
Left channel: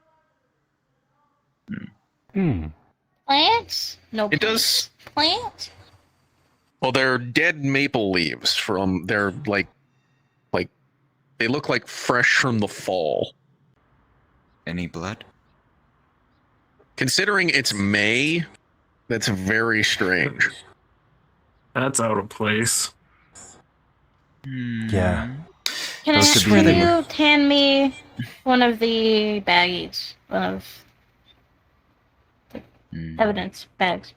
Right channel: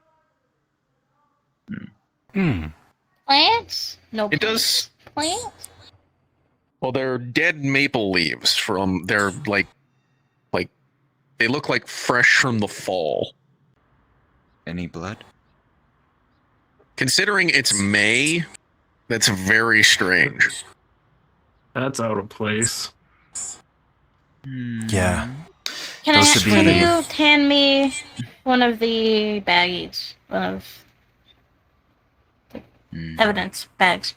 Plants? No. It does. Plants? Well, they're dead maple leaves from. They're like they look like fresh from the fall. Any blood? Considering it's May, That's very strange. That's out of place. Yeah. Can Those I should can be- you hand me one of the baggies? One of the evidence bags.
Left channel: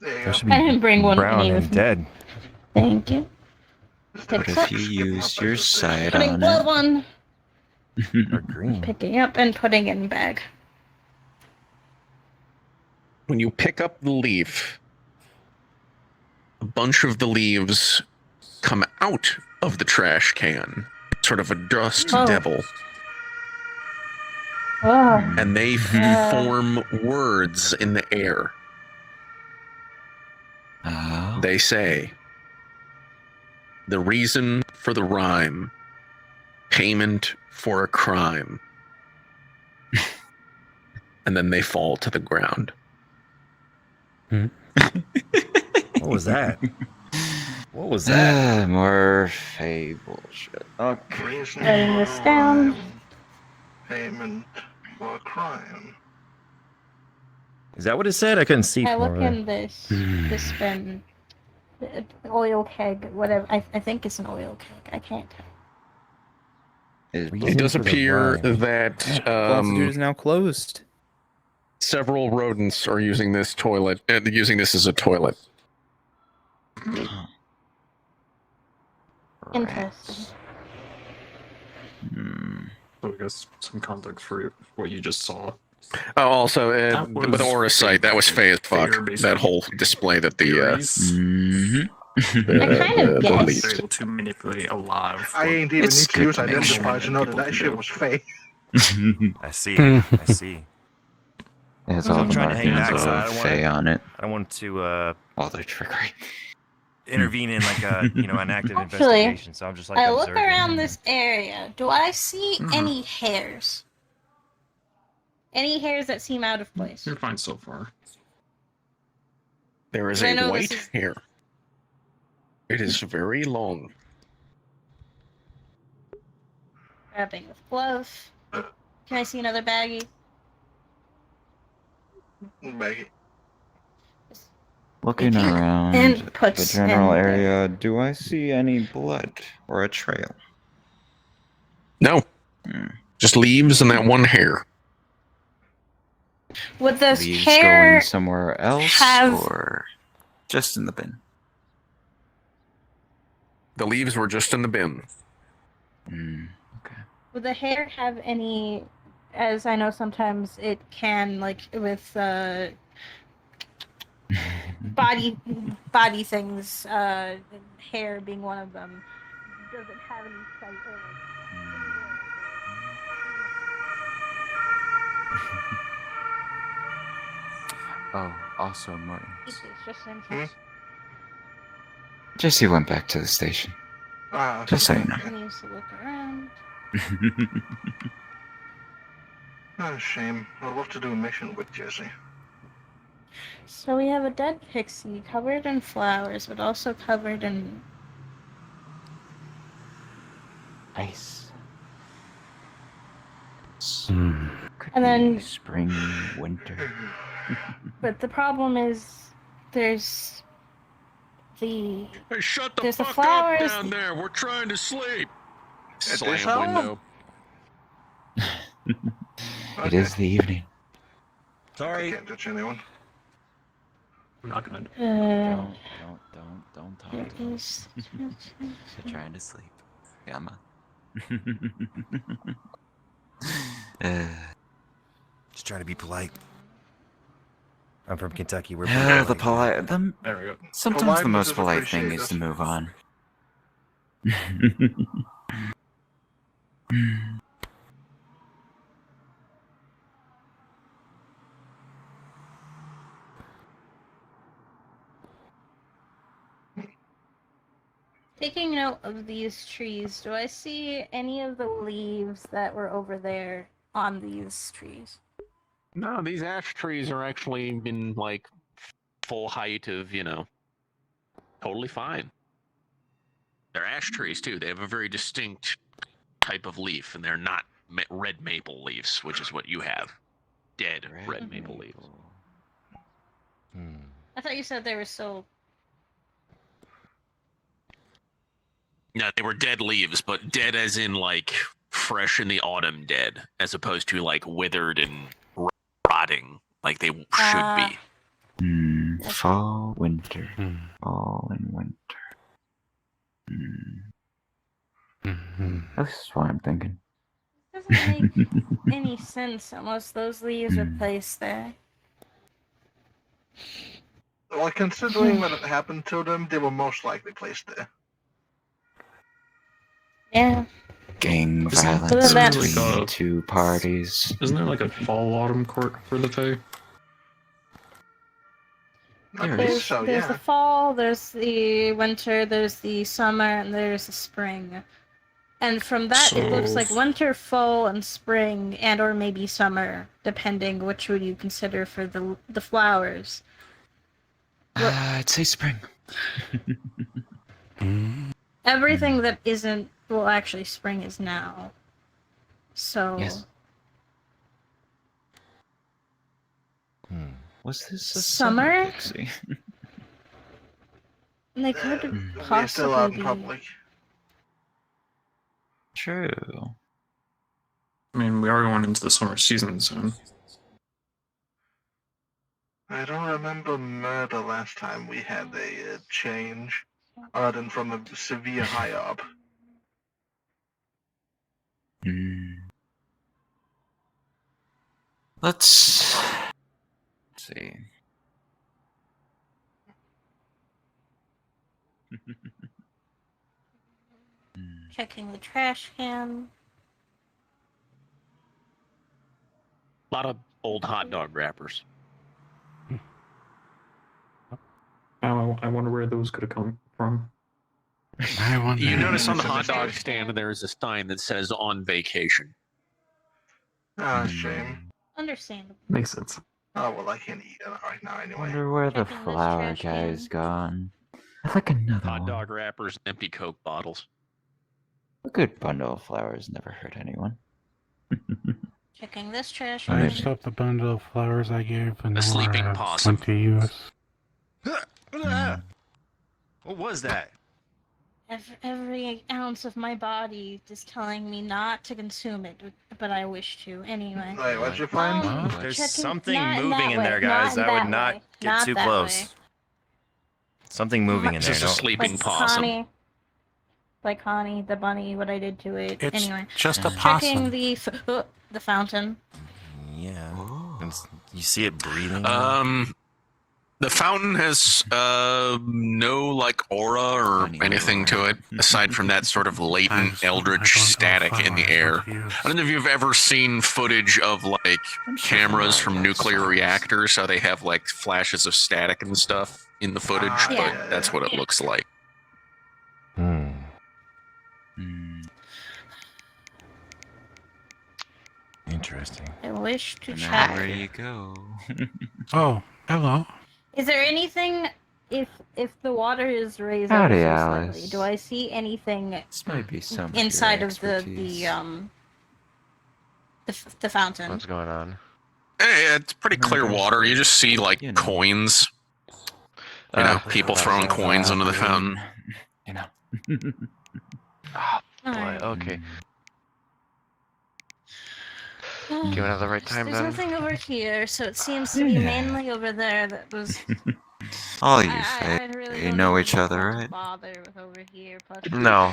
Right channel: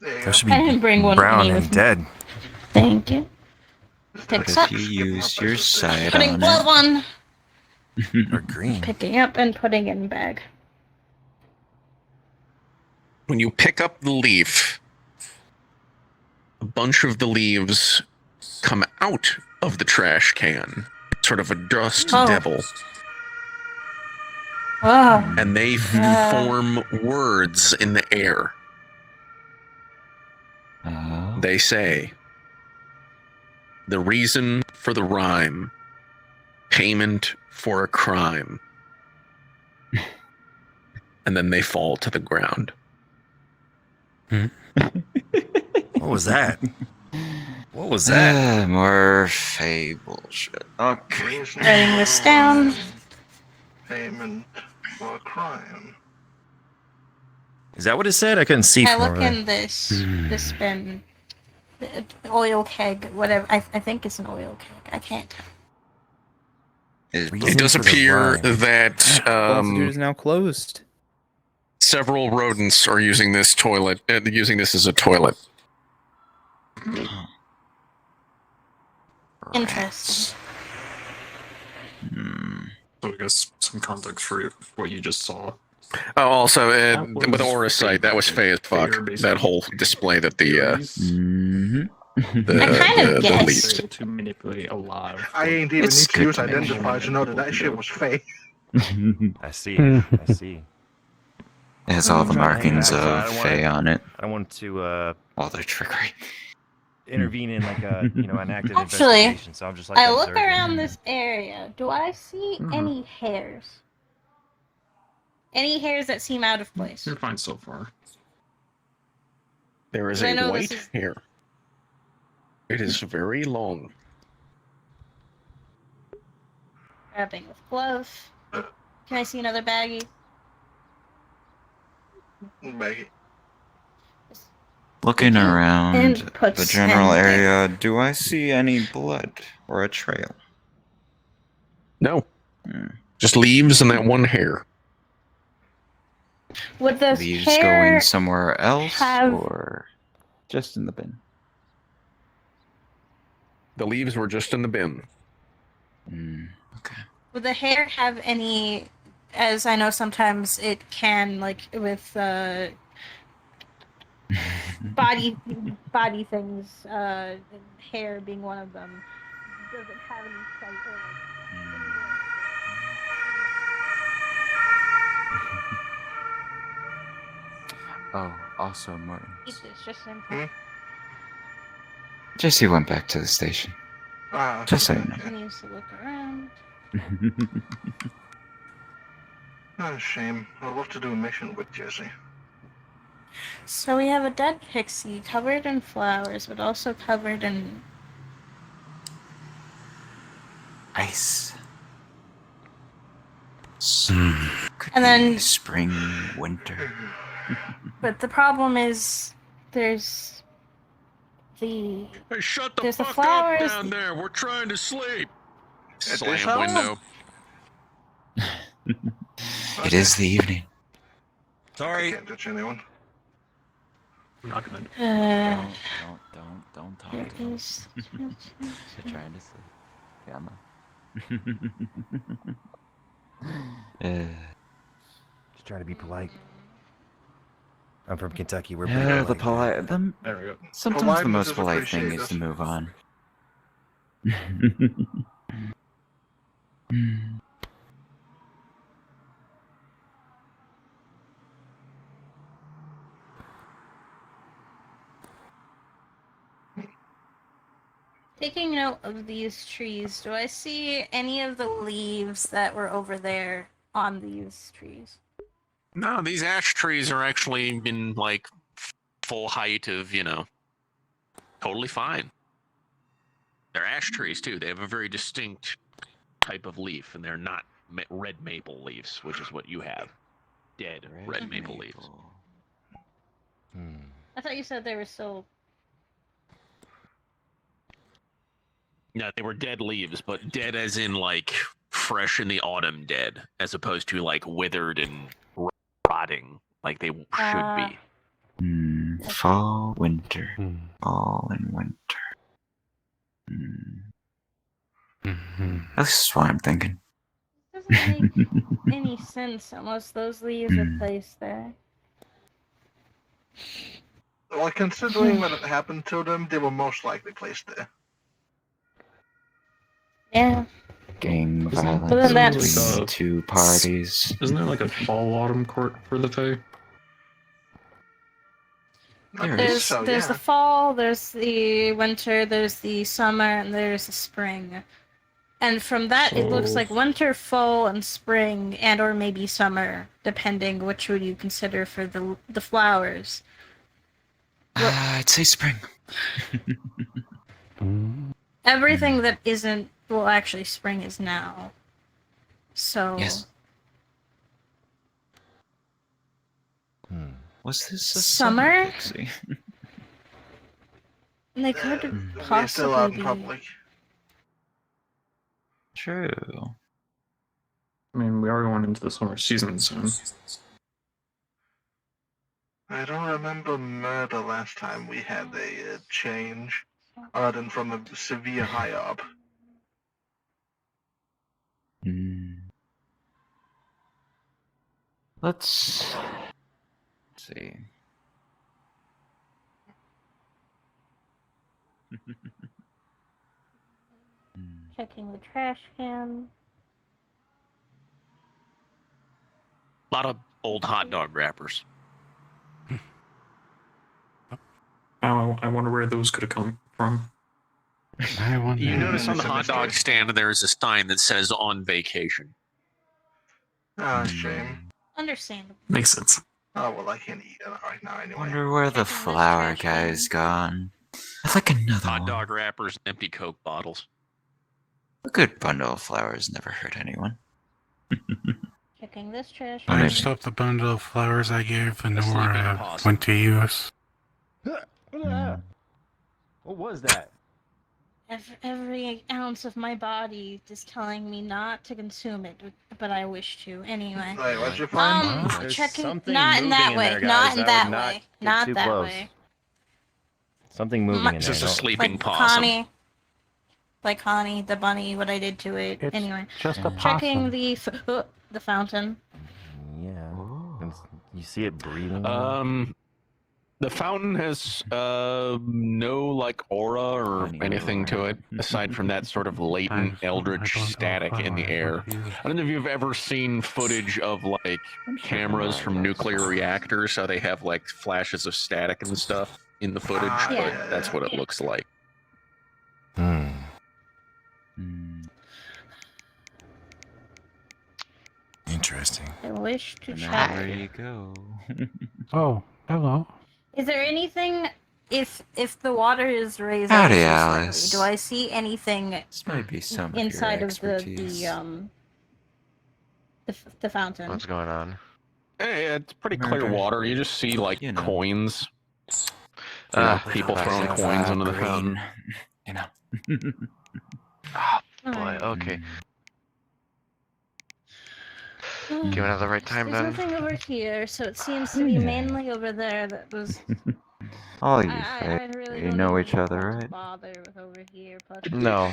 Those should I didn't bring one with brown me and with me. dead. Thank you. But Picks if up. you use your side Putting on blood it, one. Or green. Picking up and putting in bag. When you pick up the leaf, a bunch of the leaves come out of the trash can, sort of a dust devil, Wow. and they form words in the air. They say, "The reason for the rhyme, payment for a crime." And then they fall to the ground. What was that? What was that? More fable shit. Okay. Writing this down. Payment for a crime. Is that what it said? I couldn't see I from look over there. in this bin. Oil keg, whatever. I think it's an oil keg. I can't. It does appear that Altitude is now closed. several rodents are using this toilet, using this as a toilet. Interesting. So I guess some context for what you just saw. Oh, also, was with Aura Sight, that was fey as fuck. That whole display that the I kind of guessed. Able to manipulate a lot of. I ain't even need to use identifier to know that shit was fake. I see. I see. It has all the markings of Fey on it. I don't want to While they're trickery. intervene in like a an active Actually, investigation. So I'm just like I look observing. around this area. Do I see any hairs? Any hairs that seem out of place? You're fine so far. There is I a know white this is- hair. It is very long. Grabbing with glove. Can I see another baggie? Maggie. Looking around And the puts general in- area, do I see any blood or a trail? No. Just leaves and that one hair. Would those Leaves hair going somewhere else have- or just in the bin? The leaves were just in the bin. Would the hair have any? As I know, sometimes it can, like with body things, hair being one of them. Does it have any sight or Oh, also Martin. It's just in case. Jesse went back to the station. Just so you know. He needs to look around. Oh, shame. I'd love to do a mission with Jesse. So we have a dead pixie covered in flowers, but also covered in Ice. And then- spring, winter. But the problem is, there's the Hey, shut there's the flowers. there. We're trying to sleep. At Slam this hour? window. It is the evening. I can't touch anyone. I'm not gonna. Don't talk to me. There's- You're trying to sleep. Gamma. Just try to be polite. I'm from Kentucky. We're Yeah, the pretty polite. There we go. Sometimes the Politeness most is polite thing is appreciated. to move on. Taking note of these trees, do I see any of the leaves that were over there on these trees? No, these ash trees are actually in like full height of, totally fine. They're ash trees too. They have a very distinct type of leaf, and they're not red maple leaves, which is what you have. dead red maple leaves. I thought you said they were still. No, they were dead leaves, but dead as in like fresh in the autumn dead, as opposed to like withered and rotting like they should be. Fall, winter. Fall and winter. That's what I'm thinking. Doesn't make any sense unless those leaves are placed there. Well, considering what had happened to them, they were most likely placed there. Yeah. Gang Isn't violence there between like a- two parties. Isn't there like a fall autumn court for the Fae? I believe There's, so, there's yeah. the fall, there's the winter, there's the summer, and there's the spring. And from that, it looks like winter, fall, and spring, and or maybe summer, depending which would you consider for the flowers. I'd say spring. Everything that isn't, well, actually, spring is now. So. Yes. Was this a Summer? Pixie? And they could We're still out in possibly be. public. True. I mean, we are going into the summer season soon. I don't remember murder last time we had a change, other than from a severe high up. Let's see. Checking the trash can. A lot of old hot dog wrappers. Oh, I wonder where those could have come from. You notice on the hot dog stand there is a sign that says "on vacation." Ah, shame. Understandable. Makes sense. Oh, well, I can't eat it right now anyway. Wonder where the flower guy's gone. I'd like another Hot one. dog wrappers, and empty Coke bottles. A good bundle of flowers never hurt anyone. Checking this trash I can. just up the bundle of flowers I gave and sleeping Nora possum. went to use. What was that? Every ounce of my body is telling me not to consume it, but I wish to anyway. Wait, what'd you find? There's Checking, something not in moving that in way. there, Not guys. in I that would not way. get Not too that close. way. Something moving in It's there. just a don't- sleeping possum. Connie. Like Connie, the bunny, what I did to it. It's anyway. just a Checking possum. the fountain. Yeah. And you see it breathing. The fountain has no like aura or anything to it aside from that sort of latent eldritch static in the air. I don't know if you've ever seen footage of like cameras from nuclear reactors, how they have like flashes of static and stuff in the footage, but Yeah. that's what it looks like. Interesting. I wish to There check. you go. Oh, hello. Is there anything if the water is raised Howdy, ever so slightly, Alice. do I see anything This might be some inside of of your the expertise. the fountain? What's going on? Hey, it's pretty clear Murder. water. You just see like You know. coins. You know, people throwing coins into the fountain. You know. Oh boy. Okay. Give another right time There's then. nothing over here, so it seems to be mainly over there that was. All you I really you don't know even each other, want to right? bother with over here. No.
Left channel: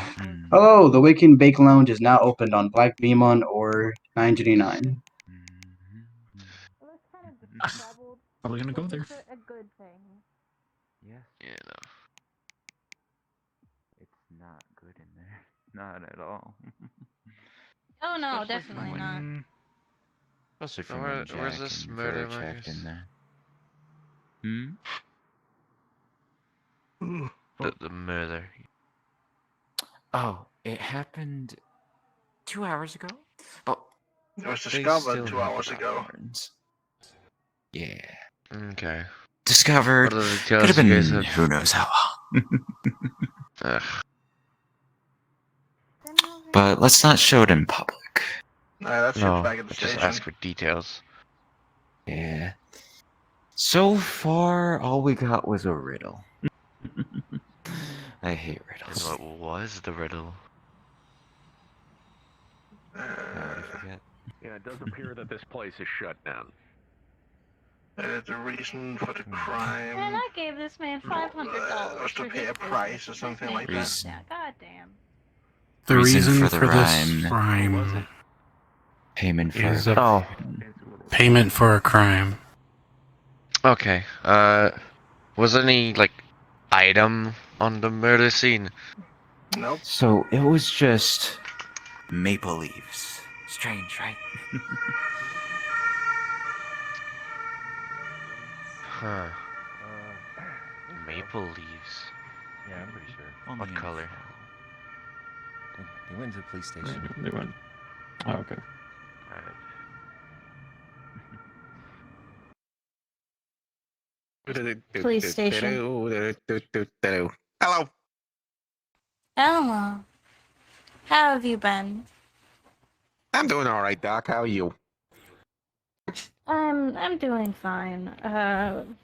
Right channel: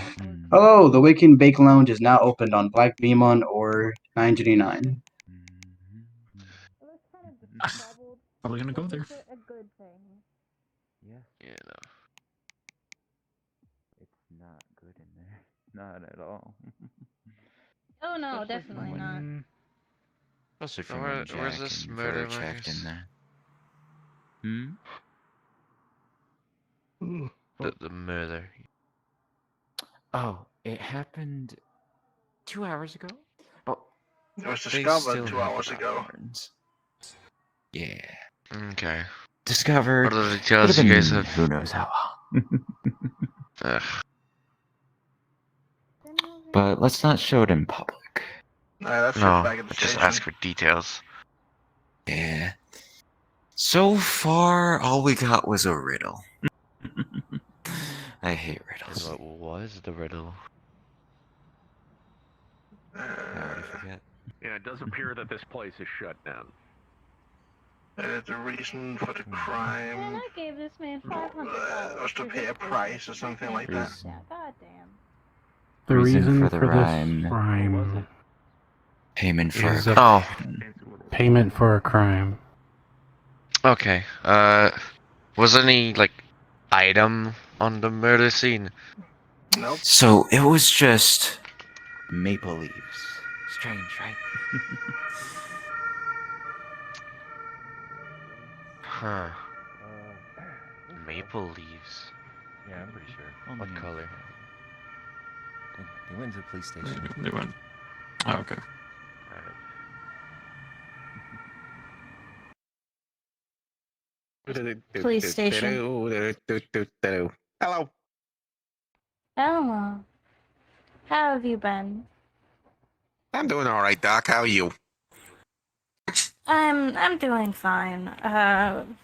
Hello, the Waking Bake Lounge is now opened on Black Demon or 929. Probably gonna go there. A good thing. Yes. Yeah. No. It's not good in there. Not at all. Oh no, definitely not. Especially So from where- when Jack where's this and murder, Fur checked Marcus? in there. The murder. Oh, it happened 2 hours ago? But It was they discovered still 2 have hours the ago. patterns. Yeah. Okay. Discovered. What are the Could details have you been guys have? who knows how long. Ugh. But let's not show it in public. Nah, that's No. just back at the Just station. ask for details. Yeah. So far, all we got was a riddle. I hate riddles. What was the riddle? I already forget. Yeah, it does appear that this place is shut down. The reason for the crime And I gave this man $500 was to pay a price or something like that. God damn. The reason for the for this rhyme. crime Payment for is a payment for a crime. Okay. Was there any like item on the murder scene? Nope. So it was just maple leaves. Strange, right? Huh. Maple leaves. Yeah, I'm pretty sure. What color? They went to the police station. They went. Oh, okay. Police station. Hello. Elmo, how have you been? I'm doing all right, Doc. How are you? I'm doing fine.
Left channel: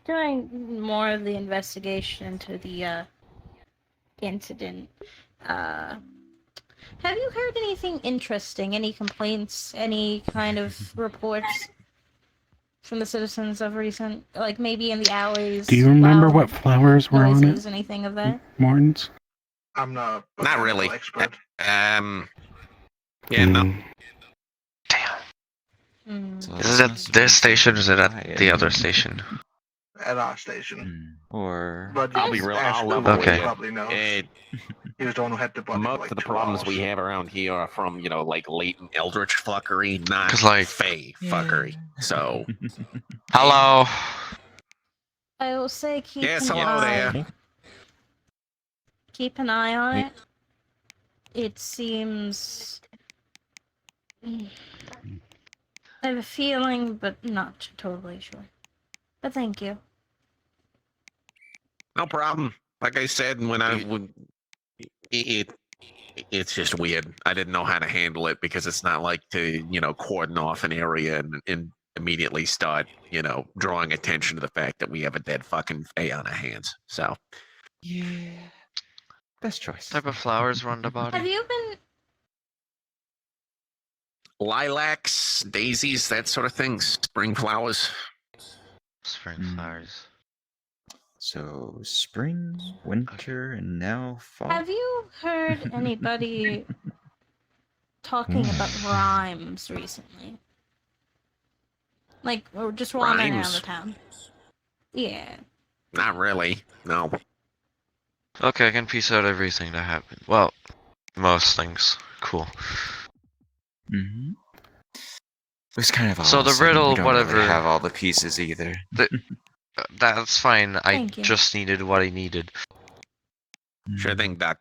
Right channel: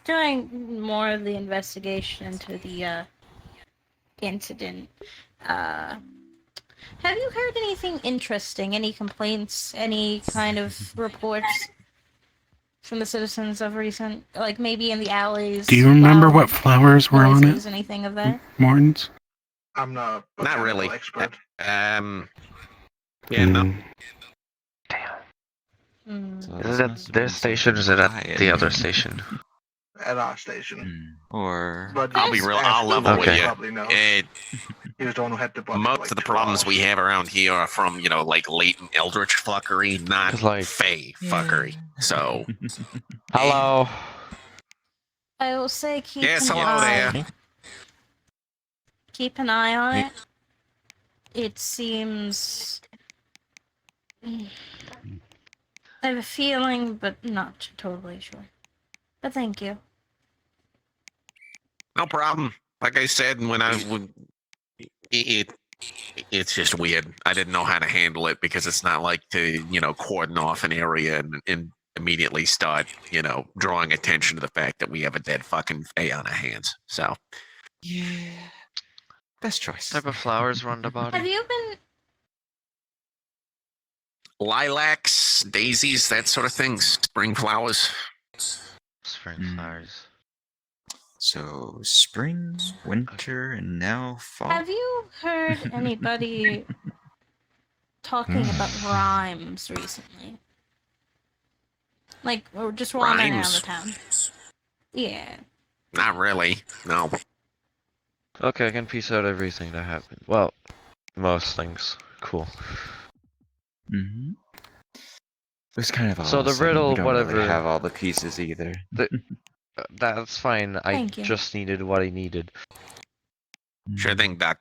Doing more of the investigation into the incident. Have you heard anything interesting? Any complaints? Any kind of reports from the citizens of recent, like maybe in the alleys? Do you remember what flowers were on noises, it, anything of that? Martins? I'm not a Not really. expert. Yeah, Mm. no. Is it at this station or is it at the other station? At our station. Or But I'll be real. ask I'll Cooper, level Okay. he with you. probably knows. He was the one who had the body for Most like of the 2 problems hours. we have around here are from, like latent eldritch fuckery, not 'Cause, like- fey fuckery. So, Hello. I will say keep yes, an hello eye. there. Keep an eye on it. It seems. I have a feeling, but not totally sure. But thank you. No problem. Like I said, when I would, it's just weird. I didn't know how to handle it because it's not like to, cordon off an area and immediately start, drawing attention to the fact that we have a dead fucking fey on our hands. So, yeah, best choice. What type of flowers were on the body? Have you been? lilacs, daisies, that sort of thing. Spring flowers. Spring flowers. So spring, winter, and now fall. Have you heard anybody talking about rhymes recently? Like, or just wandering around Rhymes? the town? Yeah. Not really. No. Okay, I can piece out everything that happened. Well, most things. Cool. Mm-hmm. It was kind of all So of a the sudden. riddle, We don't whatever. really have all the pieces either. That's fine. I Thank you. just needed what I needed. Sure thing, Doc.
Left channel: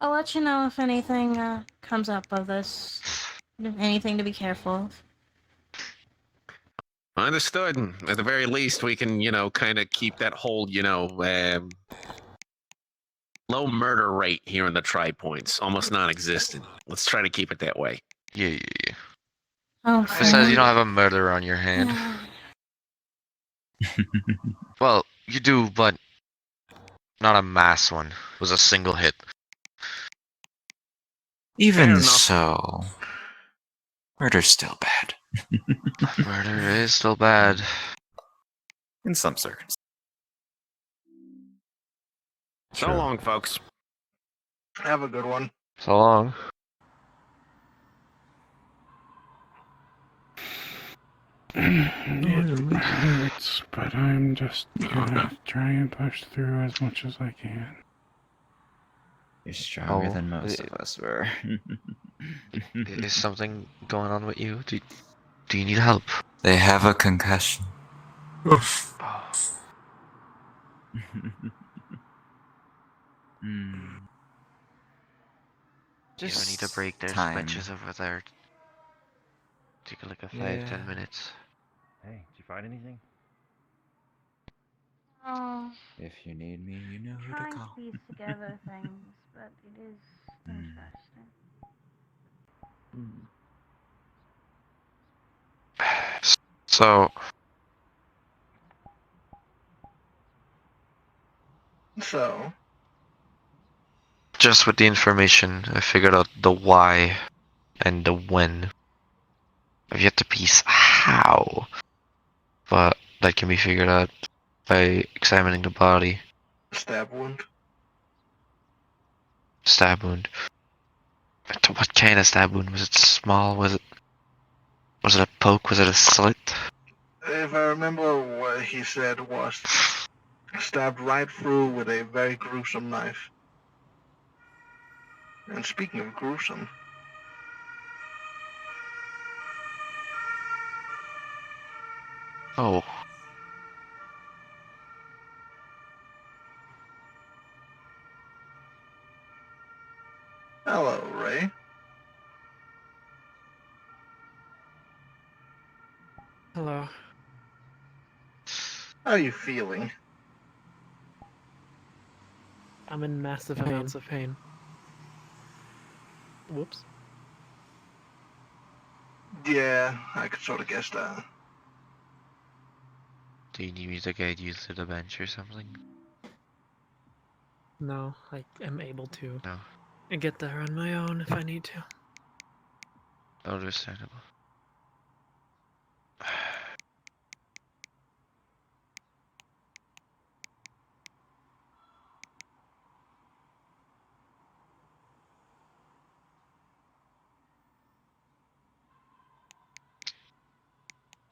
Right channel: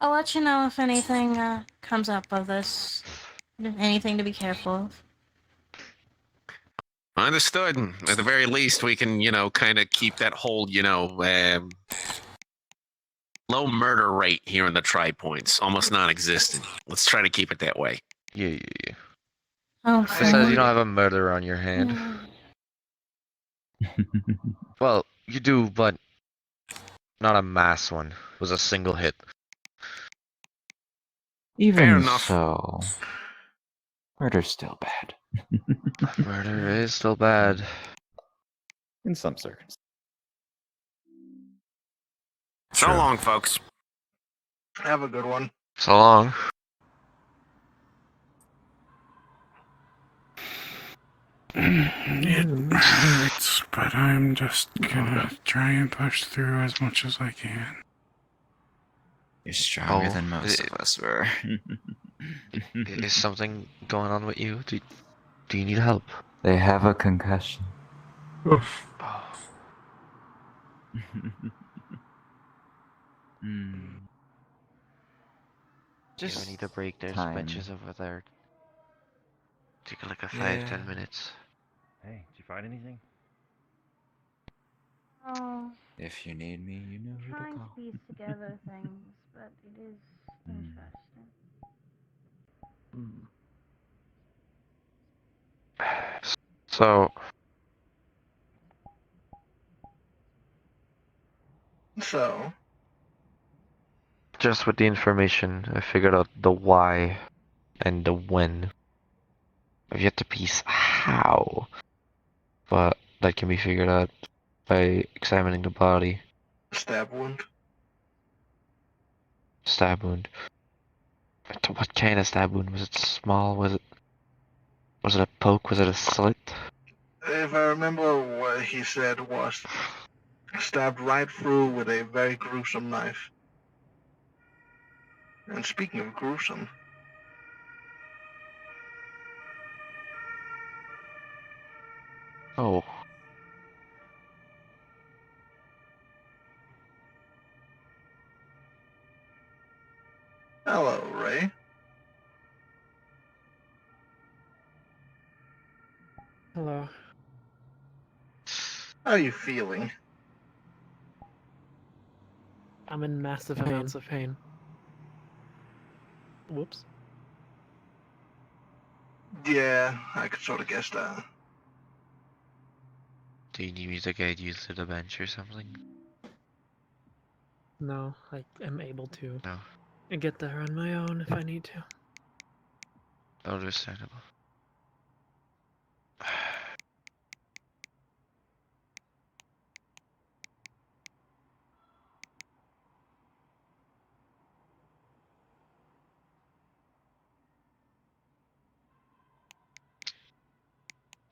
I'll let you know if anything comes up of this. Anything to be careful of. Understood. At the very least, we can, kind of keep that whole, low murder rate here in the Tri-Points. Almost non-existent. Let's try to keep it that way. Yeah. Oh, Besides, you don't have a murder on your hand. Well, you do, but not a mass one. It was a single hit. Even so, murder's still bad. Murder is still bad. In some circumstances. So long, folks. Have a good one. So long. It hurts, but I'm just gonna try and push through as much as I can. You're stronger than most of us were. Is something going on with you? Do you need help? They have a concussion. Just we need to break their switches over there. Take like a 5-10 minutes. Hey, did you find anything? If you need me, you know who to Trying to call. piece together things, but it is interesting. So, just with the information, I figured out the why and the when. I've yet to piece how, but that can be figured out by examining the body. stab wound. Stab wound. What kind of stab wound? Was it small? Was it a poke? Was it a slit? If I remember what he said was stabbed right through with a very gruesome knife. And speaking of gruesome, Oh. hello, Ray. Hello. How are you feeling? I'm in massive amounts of pain. Whoops. Yeah, I could sort of guess that. Do you need me to guide you to the bench or something? No, I am able to No. get there on my own if I need to. Understandable.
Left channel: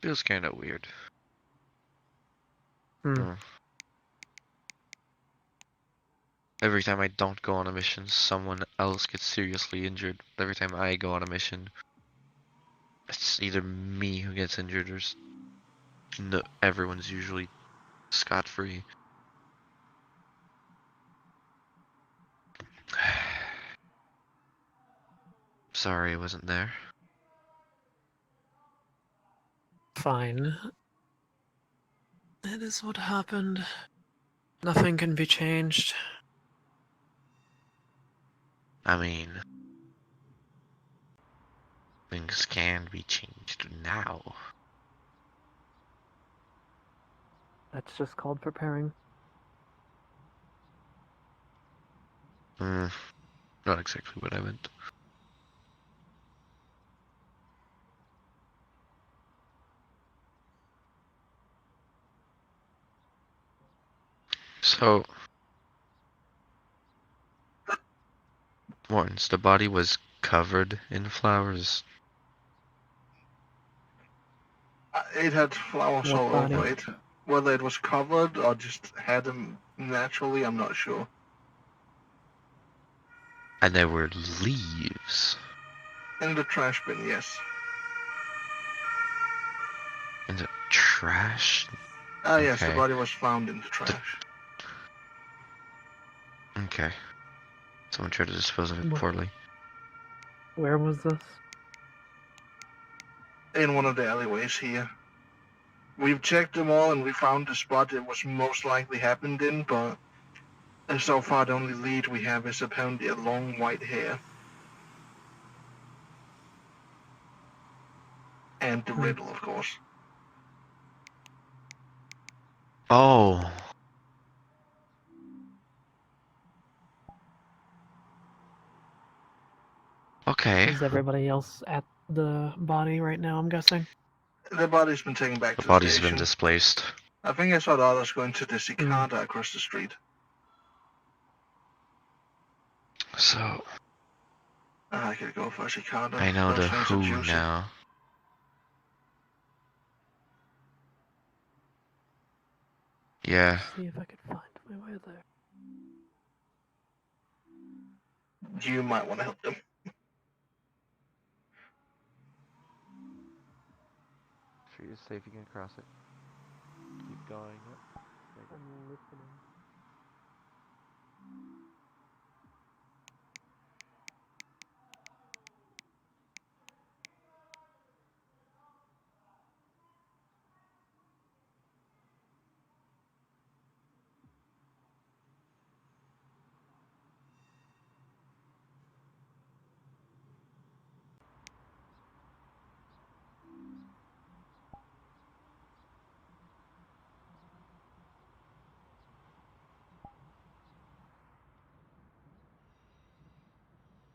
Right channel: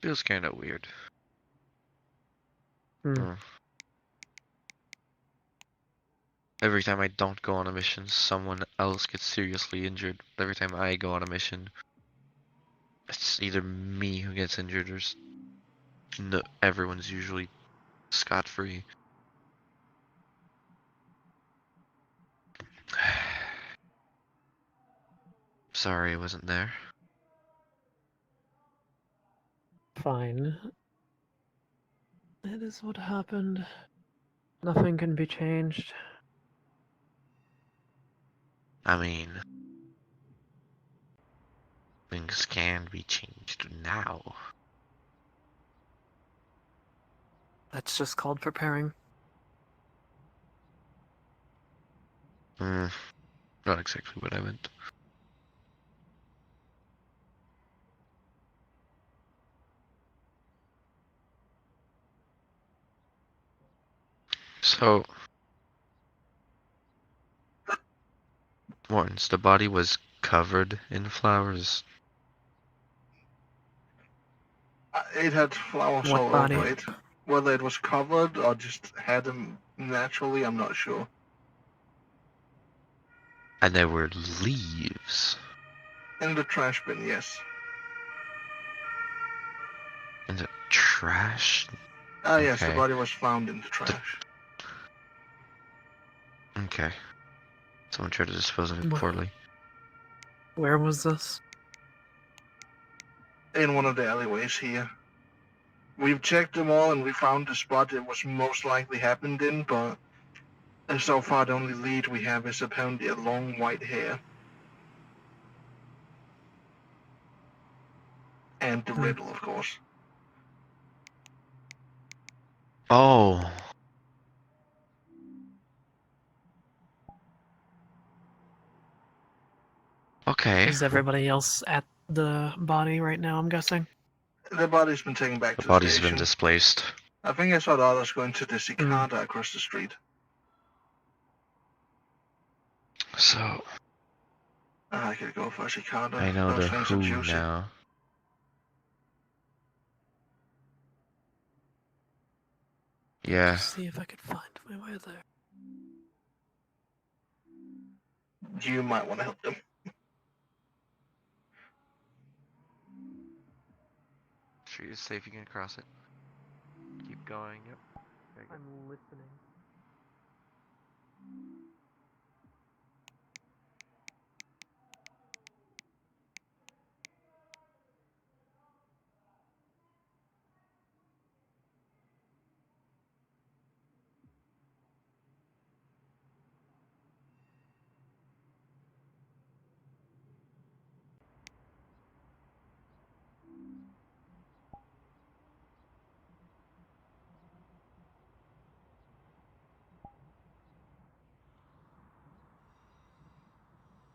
Feels kinda weird. Every time I don't go on a mission, someone else gets seriously injured. Every time I go on a mission, it's either me who gets injured or no, everyone's usually scot-free. Sorry I wasn't there. Fine. It is what happened. Nothing can be changed. I mean, things can be changed now. That's just called preparing. Not exactly what I meant. So, once the body was covered in flowers. It had flowers What all body? over it. Whether it was covered or just had them naturally, I'm not sure. And there were leaves. In the trash bin, yes. In the trash? Ah, yes, the Okay. body was found in the trash. Okay. Someone tried to dispose of it poorly. Where was this? In one of the alleyways here. We've checked them all and we found the spot it was most likely happened in, but so far the only lead we have is apparently a long white hair. And the riddle, of course. Oh. Okay. Is everybody else at the body right now, I'm guessing? The body's been taken back The to the body's station. been displaced. I think I saw the others going to the cicada across the street. So, I could go for a cicada. I know Those the things who are juicy. now. Yeah. See if I could find my way there. You might want to help them. Street is safe, you can cross it. Keep going, yep. I'm listening.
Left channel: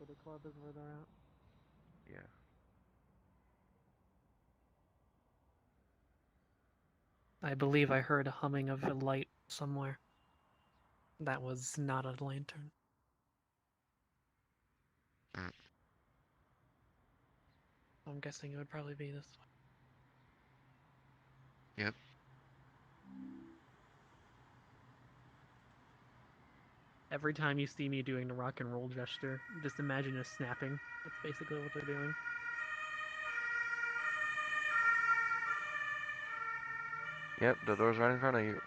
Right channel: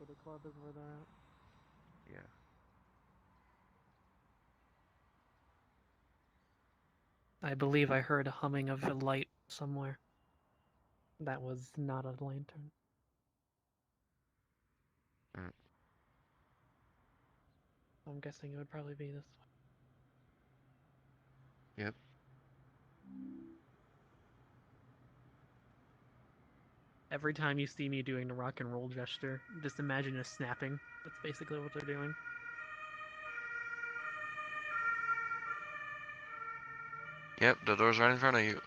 Cicada Club is where they're at. Yeah. I believe I heard a humming of a light somewhere. That was not a lantern. I'm guessing it would probably be this way. Yep. Every time you see me doing the rock and roll gesture, just imagine us snapping. That's basically what they're doing. Yep, the door's right in front of you.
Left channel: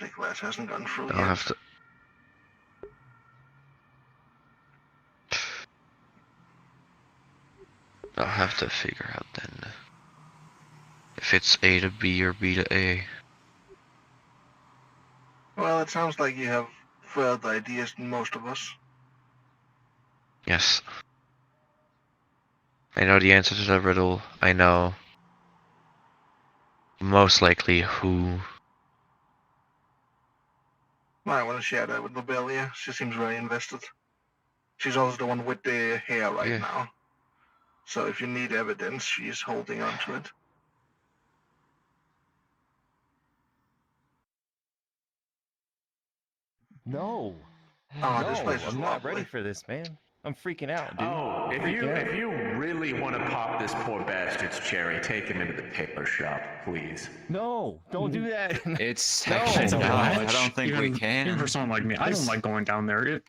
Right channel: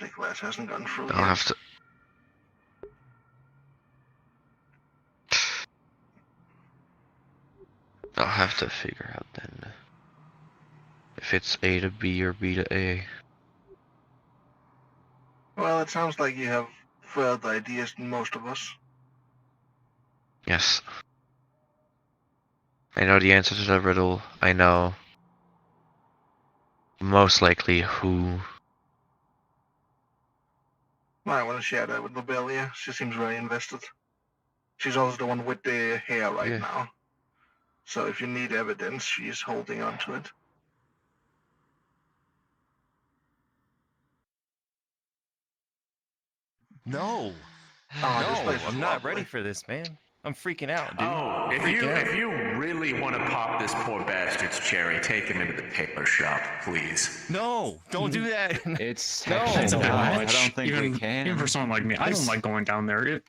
The glass hasn't gone through I'll yet. have to. I'll have to figure out then if it's A to B or B to A. Well, it sounds like you have further ideas than most of us. Yes. I know the answer to the riddle. I know most likely who. I want to share that with Lobelia. She seems very invested. She's also the one with the hair right now. So if you need evidence, she's holding on to it. No. Oh, this place is I'm not lovely. ready for this, man. I'm freaking out, dude. Oh, if you really want to pop this poor bastard's cherry, take him into the tailor shop, please. No, don't do that. It's No, actually no, not. I I don't think we Even can. for someone like me, I don't like going down there.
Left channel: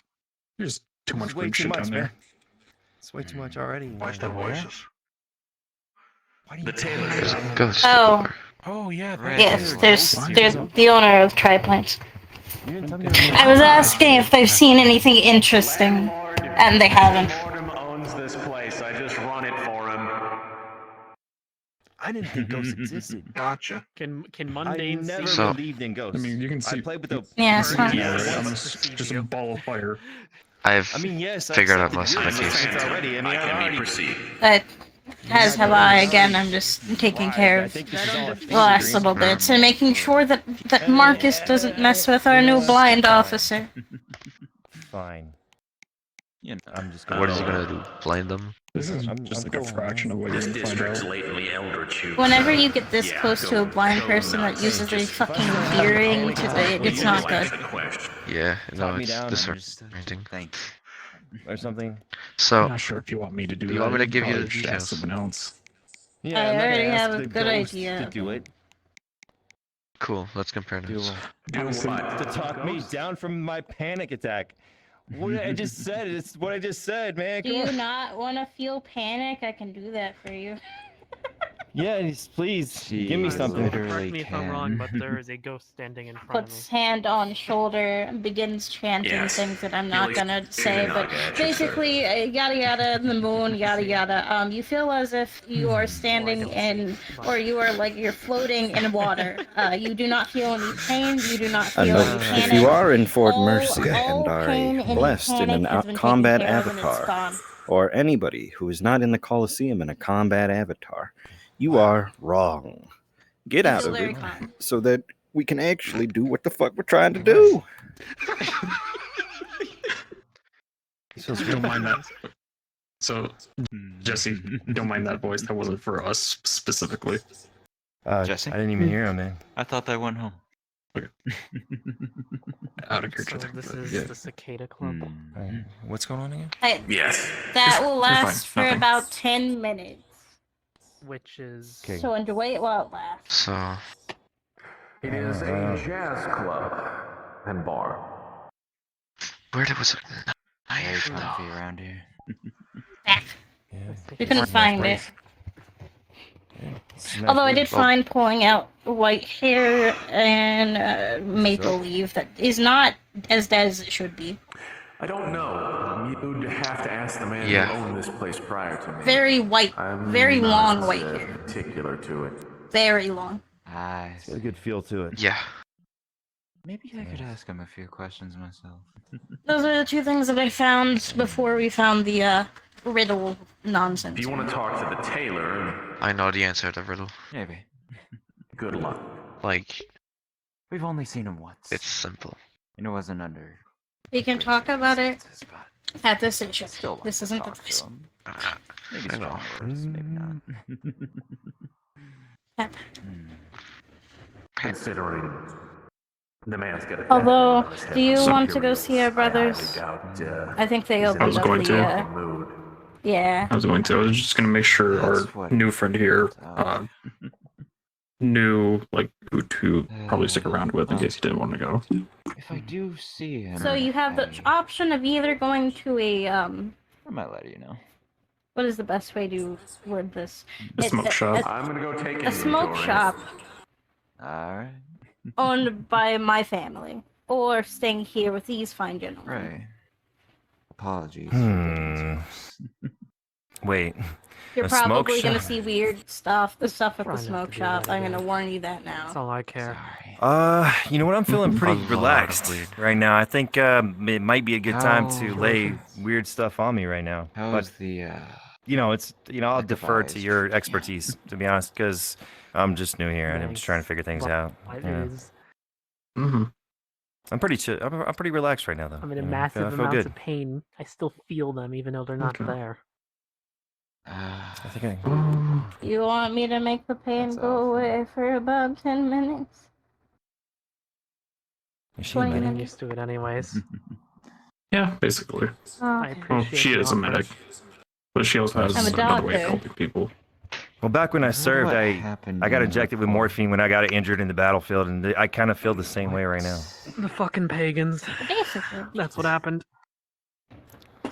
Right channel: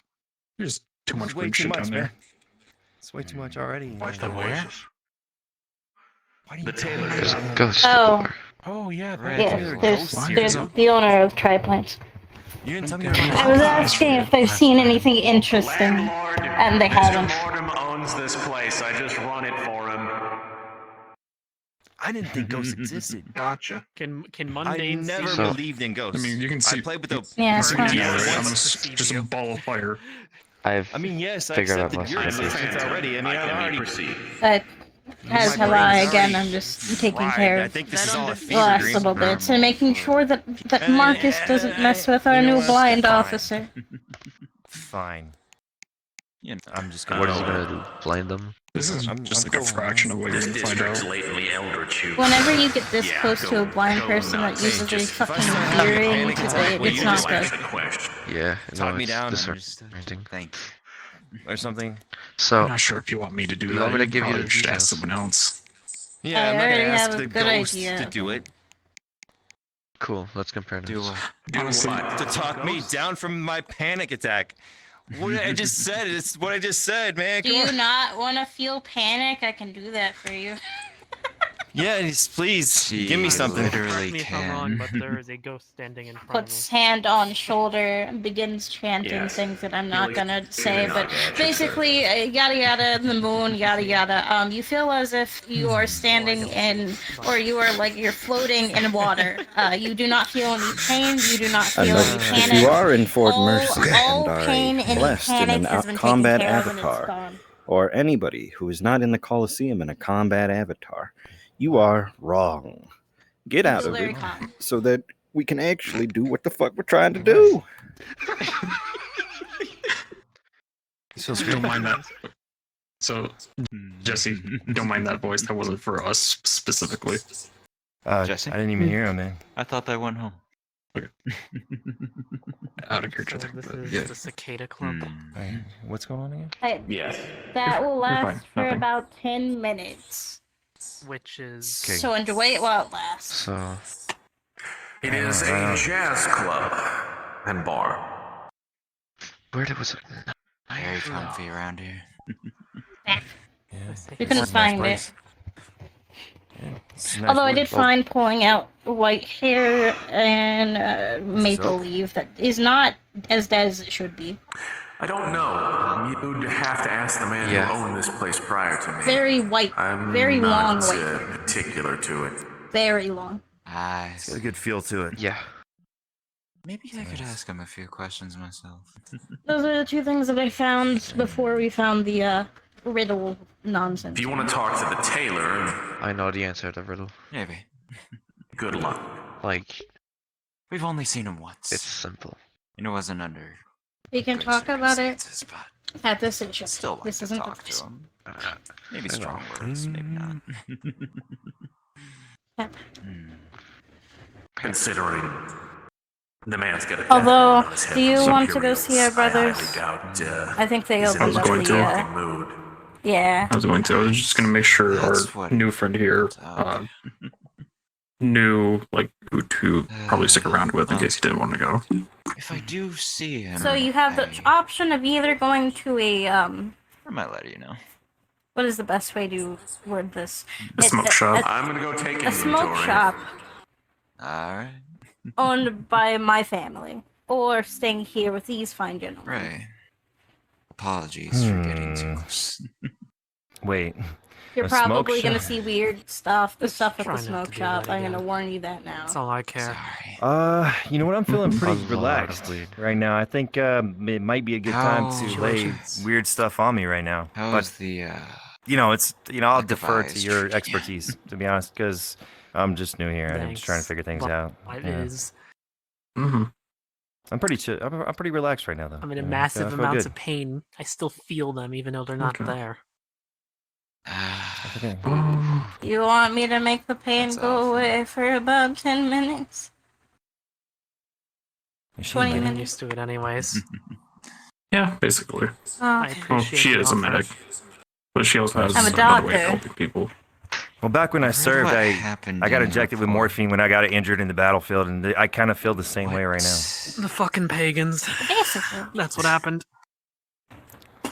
There's too much way weird too shit much, down man. there. It's way too much already. Watch their voices. The tailor shop. Ghost. Oh yeah, Yes, there's the owner of Triplanes. You didn't tell me I was asking if they've seen anything interesting, and they haven't. Fordham owns this place. I just run it for him. I didn't think ghosts existed. Gotcha. Can I mundane never see? believed in ghosts. I mean, you can see. I played with the Yeah, it's fine. Just a ball of fire. I've yes, I figured out accepted most your of the pieces. existence already. I mean, I already As have I. Again, I'm just taking care of the last little bits and making sure that Marcus doesn't mess with our new blind officer. Fine. You know, I'm just What is he gonna do? Blind them? This is just like a fraction of what you're gonna find out. Lately eldritch. Whenever you get this close to a blind person that uses a fucking hearing, it's not good. Yeah, no, me it's down, disorienting. Thanks. Or something. So, I'm not sure if you want me to do you that. want me to You give you the probably should ask details? someone else. Yeah, I I'm not already gonna ask have a the good ghost idea. to do it. Cool, let's compare notes. To talk me down from my panic attack. What I just said. It's what I just said, man. Do Come you on. not want to feel panic? I can do that for you. Yeah, please give me something. Correct me if I'm wrong, but there is a ghost standing in front of me. Puts hand on shoulder and begins chanting things that I'm not gonna say, but basically, yada yada, the moon, yada yada. You feel as if you are standing in, or you are like you're floating in water. You do not feel any pain. You do not A feel note: any panic. if you are in Fort Mercy all and are pain a and blessed in panic an has been taken combat care of and it's avatar, gone. or anybody who is not in the Coliseum in a combat avatar, you are wrong. Get out of it so that we can actually do what the fuck we're trying to do. So don't mind that. So, Jesse, don't mind that voice. That wasn't for us specifically. Jesse? I didn't even hear him, man. I thought that went home. Okay. Out of here, So Jesse. this is the Cicada Club. What's going on again? Yes. That will You're fine, last for nothing. about 10 minutes. Which is So enjoy it while it lasts. So, It is a jazz club and bar. where was it? Very comfy around here. You couldn't find it. Although I did find pulling out white hair and maple leaf that is not as dead as it should be. I don't know. You'd have to ask the man Yeah. who owned this place prior to me. Very white, I'm very not, long white hair. particular to it. Very long. Nice. It's got a good feel to it. Yeah. Maybe I could ask him a few questions myself. Those are the two things that I found before we found the riddle nonsense. If you want to talk to the tailor, I know the answer to the riddle. Maybe. Good luck. Like, We've only seen him once. it's simple. And it wasn't under. We can talk about it But at this intro. still like This to isn't the talk to place. him. I Maybe know. strong words, maybe not. Considering the man's got a Although, death on his do you head, want to go see our brothers? I think they I opened was up going the. to. Yeah. I was going to. I was just going to make sure our new friend here knew like who to probably stick around with in case he didn't want to go. If I do see him, So you have the option of either going to a I might let you know. What is the best way to word this? A smoke shop. I'm gonna go take a smoke shop Alright. owned by my family, or staying here with these fine gentlemen. Right. Apologies for getting too close. Wait. You're a smoke probably gonna shop? see weird stuff. The stuff at the Try not smoke to do shop. that I'm gonna again. warn you that now. That's all I care. You know what? I'm feeling A pretty lot of relaxed weird. right now. I think it might be a good time How's to your lay insurance? weird stuff on me right now. How's But the I'll defer to your expertise, to be honest, because I'm just new here and I'm just trying to figure things out. It you know. is. I'm pretty chill. I'm pretty relaxed right now, though. I'm in you know, massive I feel amounts good. of pain. I still feel them even though they're not there. I think You want me to make the pain go away for about 10 minutes? Is she 20 a I'm medic? used to it anyways. Yeah, basically. Oh. Well, she is a medic, but she also has I'm a another way of doctor. helping people. Well, back when I served, what I happened got in injected with morphine when I got injured in the battlefield, and I kind of feel the same way right now. The fucking pagans. Basically. That's what happened.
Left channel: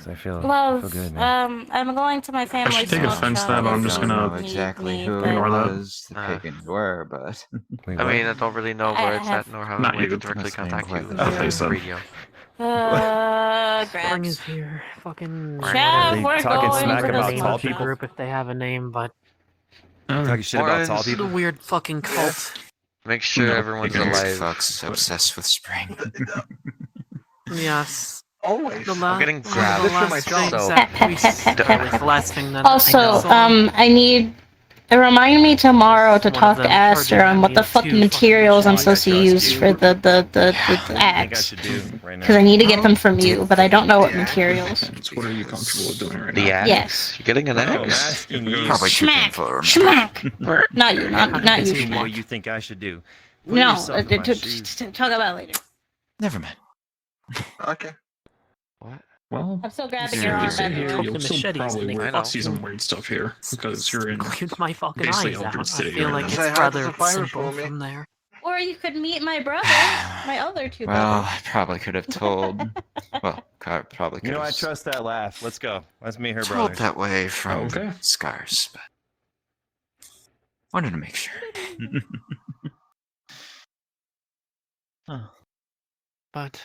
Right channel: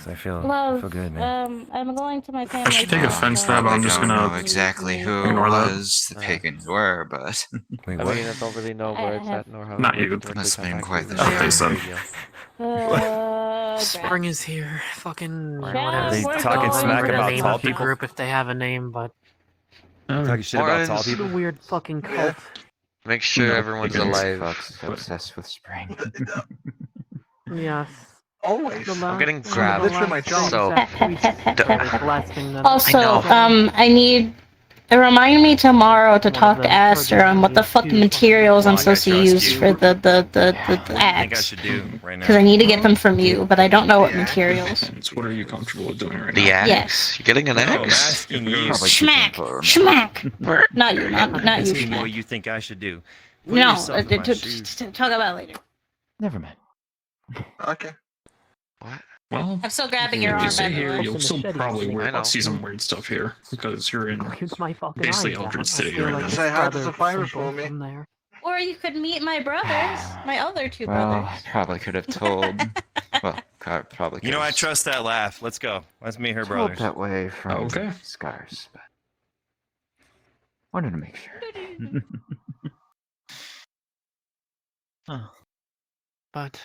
So I feel Love, good, man. I'm going to my family's should take smoke offense to shop. that, but I'm just I don't gonna know exactly who it ignore that. was the pagans were, but Wait, I what? mean, I don't really know where it's at nor how Not we you. can directly Must have been contact quite you. the Okay, so- Radio. Spring is here. Fucking. Yeah, They we're talking going smack for the about smoke tall shop. people? Group if they have a name, but Talking shit about tall Orange. people? a weird fucking cult. Make sure everyone's Pagans alive. Fox is obsessed with spring. Yes. Always. I'm getting grabbed. Literally my job. So, The last thing that Also, I need. Remind me tomorrow to talk to Aster on what the fuck materials I'm supposed to use for the axe. Because I need to get them from you, but I don't know what materials. So what are you comfortable with doing right the now? axe? Yes. You're getting an No, I'm axe? asking you. Probably Schmack! keep him for Schmack! Not you, not you, Asking you what Schmack. you think I should do. Put No, yourself in my shoes. talk about it later. Never mind. Okay. Well, I'm still grabbing if your you arm, stay by the here, way. you'll still Machetes, probably I know. see some weird stuff here because you're in Squint my fucking basically eyes out. Eldred I City feel right like now. it's Say hi to rather the virus simple for me. from there. Or you could meet my brothers, my other two Well, brothers. I probably could have told. Well, probably could You know, I have. trust that laugh. Let's go. Let's meet her Told brothers. that way from Okay. scars, but wanted to make sure. But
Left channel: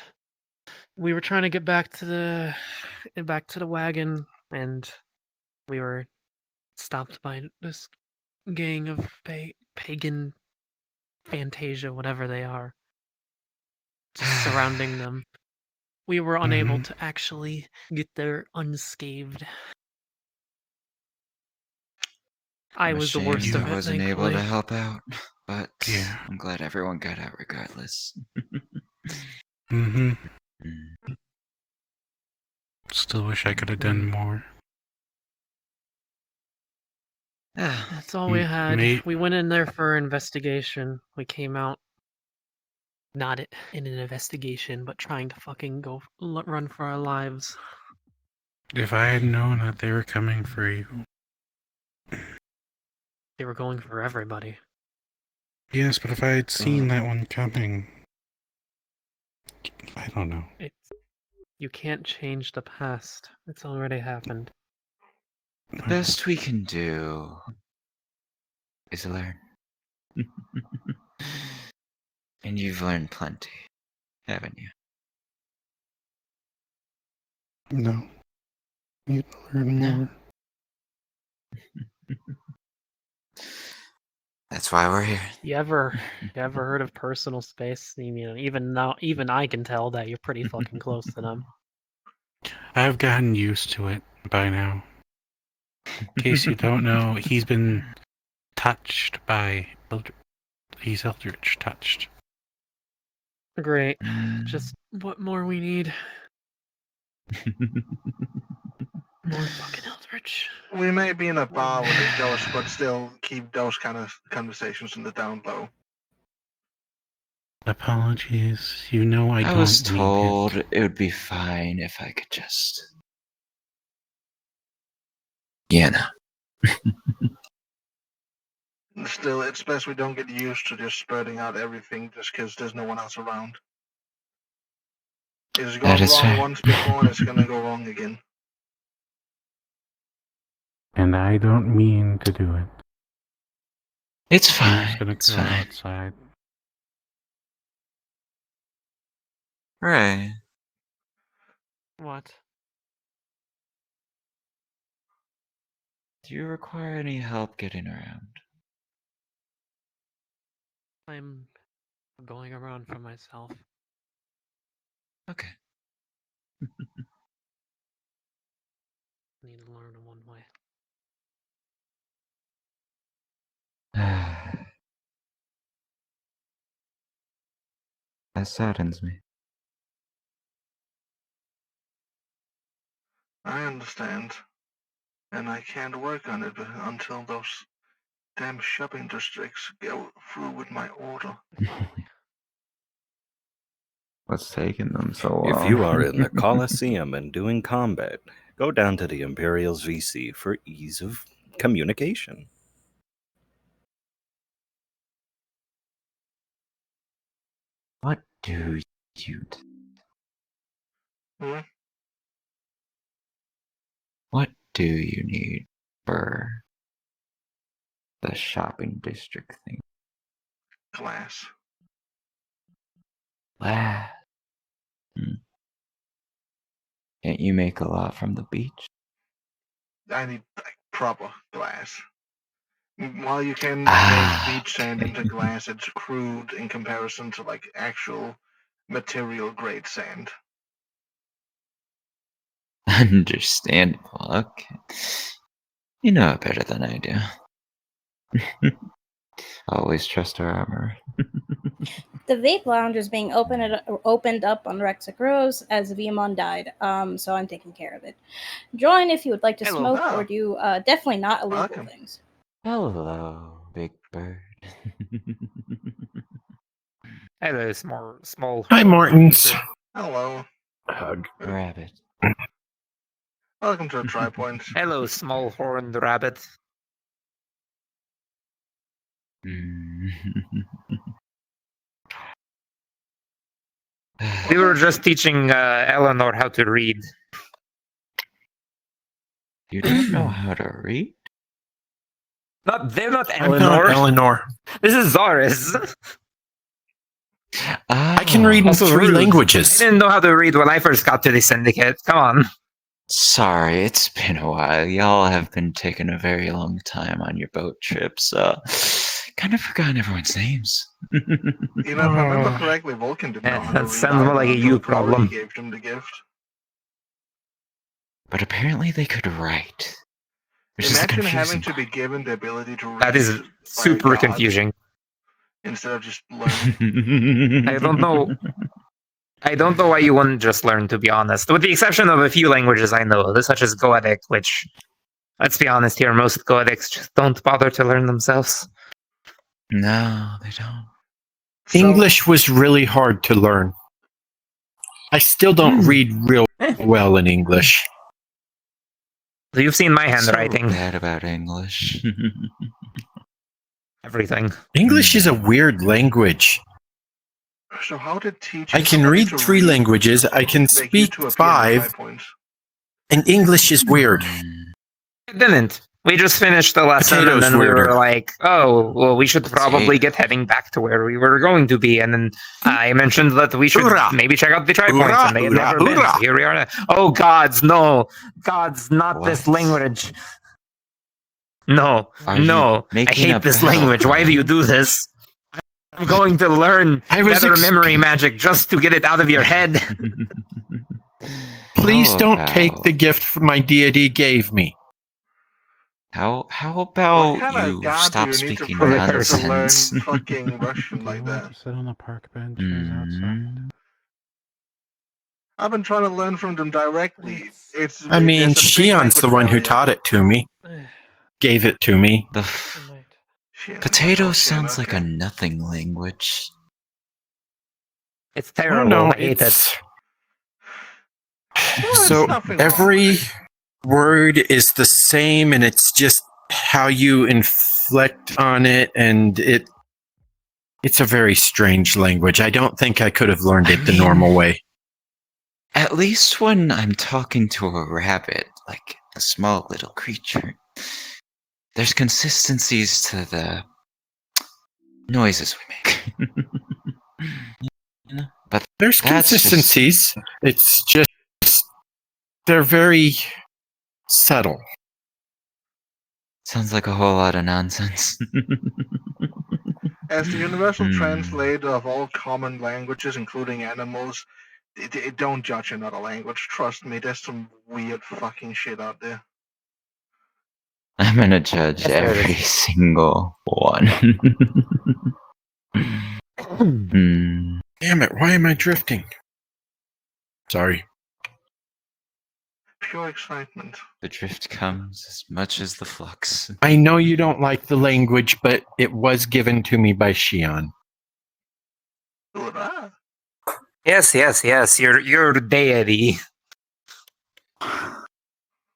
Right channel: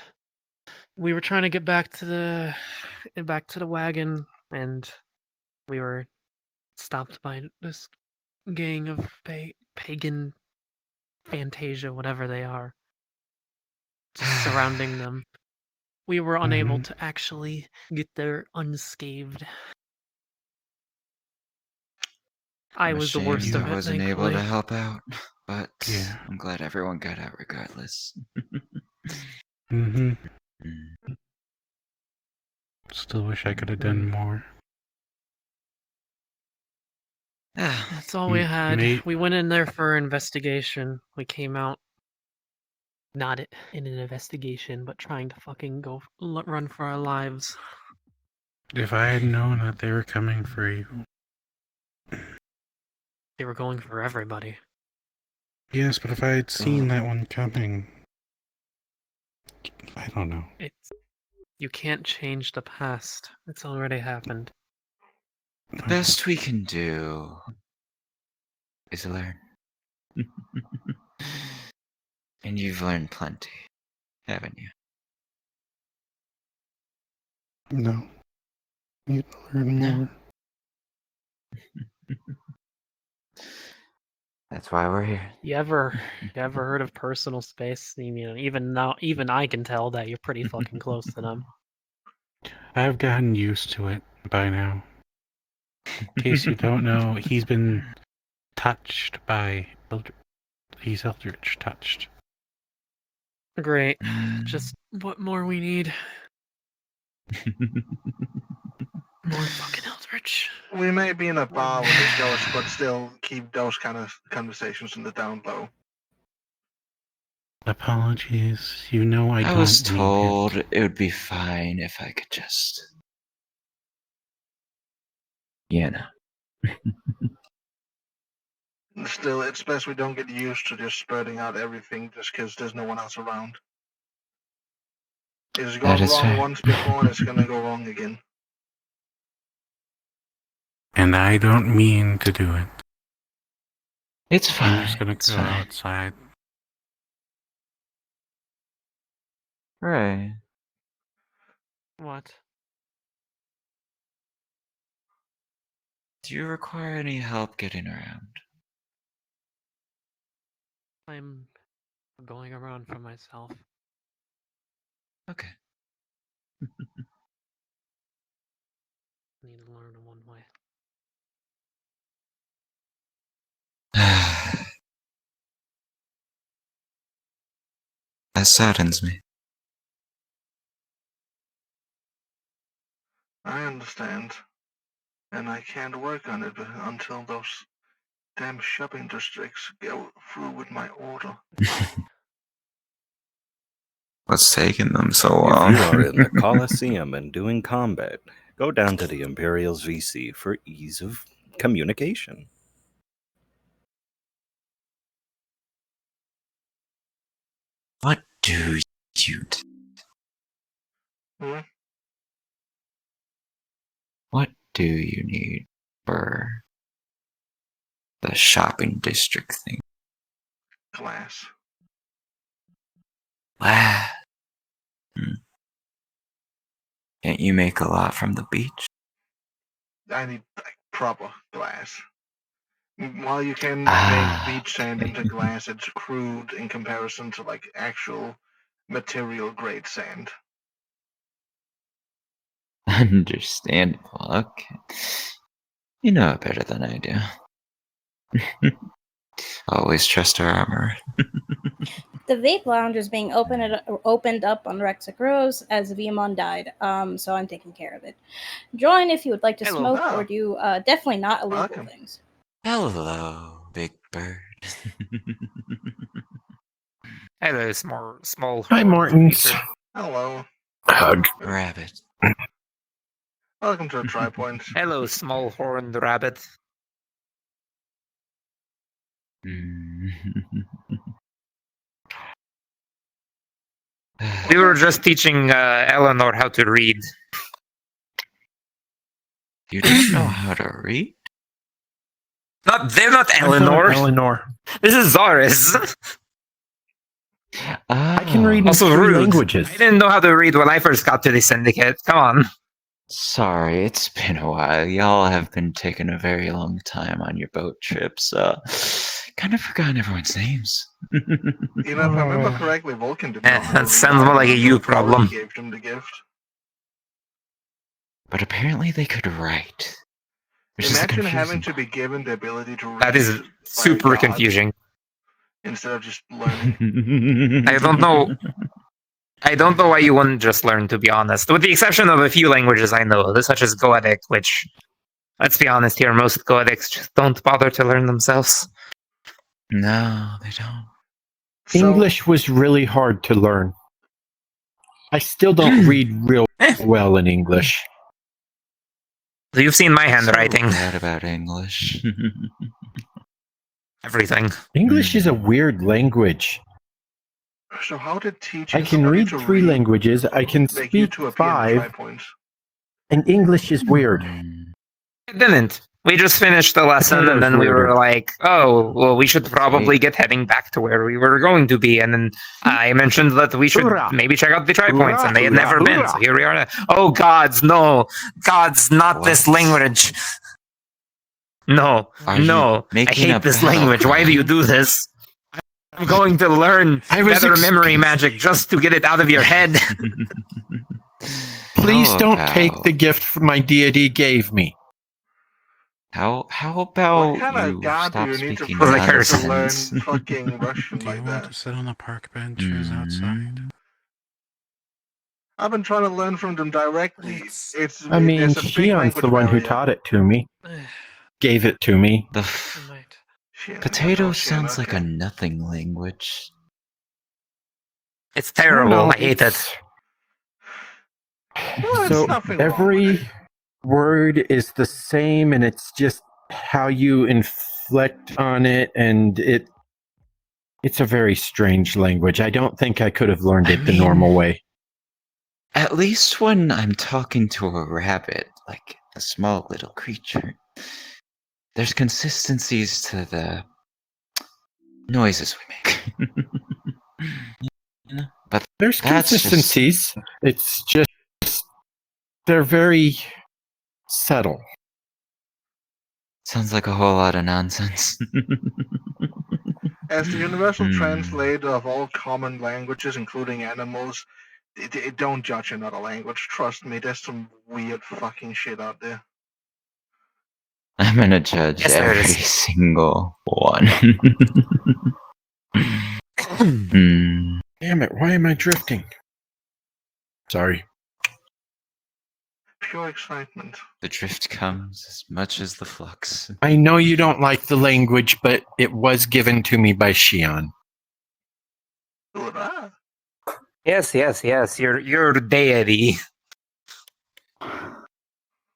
we were trying to get back to the wagon, and we were stopped by this gang of pagan Fantasia, whatever they are, just surrounding them. We were unable to actually get there unscathed. I I'm was the worst ashamed of I it, wasn't able thankfully. to help out, but Yeah. I'm glad everyone got out regardless. Mm-hmm. Still wish I could have done more. That's all we had. Mate. We went in there for investigation. We came out not in an investigation, but trying to fucking go run for our lives. If I had known that they were coming for you. They were going for everybody. Yes, but if I had seen that one coming. I don't know. You can't change the past. It's already happened. The best we can do is learn. And you've learned plenty, haven't you? No. Need to learn more. That's why we're here. You ever heard of personal space? I mean, even now, even I can tell that you're pretty fucking close to them. I've gotten used to it by now. In case you don't know, he's been touched by He's Eldritch touched. Great. Just what more we need. More fucking Eldritch. We may be in a bar with this ghost, but still keep those kind of conversations in the down low. Apologies. You know I don't was mean told it would be fine if I could just. You know. Still, it's best we don't get used to just spreading out everything just because there's no one else around. It's gone wrong fair. once before, and it's gonna go wrong again. And I don't mean to do it. It's I'm fine. just gonna It's go fine. outside. Right. What? Do you require any help getting around? I'm going around for myself. Okay. Need to learn in one way. That saddens me. I understand, and I can't work on it until those damn shopping districts go through with my order. What's taking them so long? If you are in the Coliseum and doing combat, go down to the Imperial's VC for ease of communication. What do you Hmm? What do you need for the shopping district thing? Glass. Wow. Can't you make a lot from the beach? I need like proper glass. While you can make beach sand into glass, it's crude in comparison to like actual material grade sand. Understandable. Okay. You know it better than I do. Always trust our armor. The vape lounge is being opened up on Rexic Rose as Vimon died, so I'm taking care of it. Join if you would like to Hello. smoke or do definitely not illegal Welcome. things. Hello, Big Bird. Hello, small. Hi, Mortons. Hello. Hug. Rabbit. Welcome to Tri Point. Hello, small horned rabbit. We were just teaching Eleanor how to read. You don't know how to read? They're not I'm not Eleanor. Eleanor. This is Zaris. I can read in Also 3 rude. languages. I didn't know how to read when I first got to the Syndicate. Come on. Sorry, it's been a while. Y'all have been taking a very long time on your boat trips. Kind of forgotten everyone's names. You know, if I remember correctly, Vulcan didn't know how to That read sounds more either like a until you Corey problem. gave him the gift. But apparently they could write. Which is the Imagine having confusing to be given the ability to read That is by a super god confusing. instead of just learning. I don't know. I don't know why you wouldn't just learn, to be honest. With the exception of a few languages I know, such as Goetic, which, let's be honest here, most Goetics just don't bother to learn themselves. No, they don't. English was really hard to learn. I still don't read real well in English. So you've seen my handwriting. So bad about English. Everything. English is a weird language. So how did teaching I can somebody read to 3 languages, I can make you speak two appear in the 5, points? and English is weird. It didn't. We just finished the lesson, and then we were like, oh, well, we should probably get heading back to where we were going to be. And then I mentioned that we should maybe check out the tri points, and they had never been. So here we are now. Oh, gods, no. Gods, not this language. No, no. I hate this language. Why do you do this? I'm going to learn better memory magic just to get it out of your head. Please don't take the gift my deity gave me. How What about kind of you god do stop you need to speaking pray to learn nonsense? fucking Russian like Want that? to sit on the park benches outside? I've been trying to learn from them directly. I mean, There's a big Shion's language the one who barrier. taught it to me. Gave it to me. The Shion, potato oh, Shion, sounds like a okay. nothing language. It's Oh, terrible. no, I hate it. it's- Well, So there's nothing wrong every with it. word is the same, and it's just how you inflect on it, and it's a very strange language. I don't think I could have learned it the normal way. At least when I'm talking to a rabbit, like a small little creature, there's consistencies to the noises we make. But There's that's consistencies. It's just they're very subtle. Sounds like a whole lot of nonsense. As the universal translator of all common languages, including animals, don't judge another language. Trust me, there's some weird fucking shit out there. I'm gonna judge Yes, there every is. single one. Damn it, why am I drifting? Sorry. Pure excitement. The drift comes as much as the flux. I know you don't like the language, but it was given to me by Shion. Hoorah. Yes, yes, yes. Your deity.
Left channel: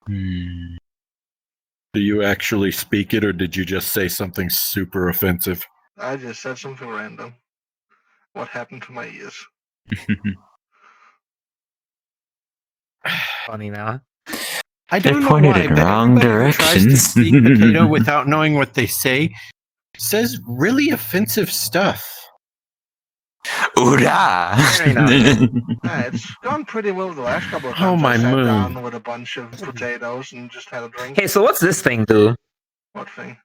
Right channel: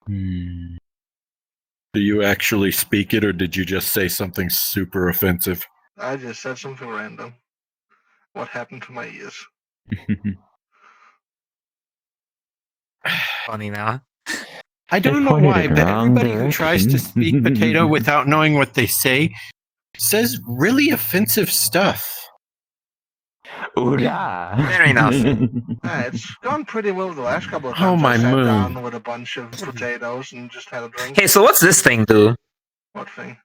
Do you actually speak it, or did you just say something super offensive? I just said something random. What happened to my ears? Funny now. I don't know pointed why, in but wrong everybody who tries to directions. speak potato without knowing what they say says really offensive stuff. Oorah! Fair enough. It's gone pretty well the last couple of Oh, times my I sat moon. down with a bunch of potatoes and just had a drink. Hey, so what's this thing do? What thing?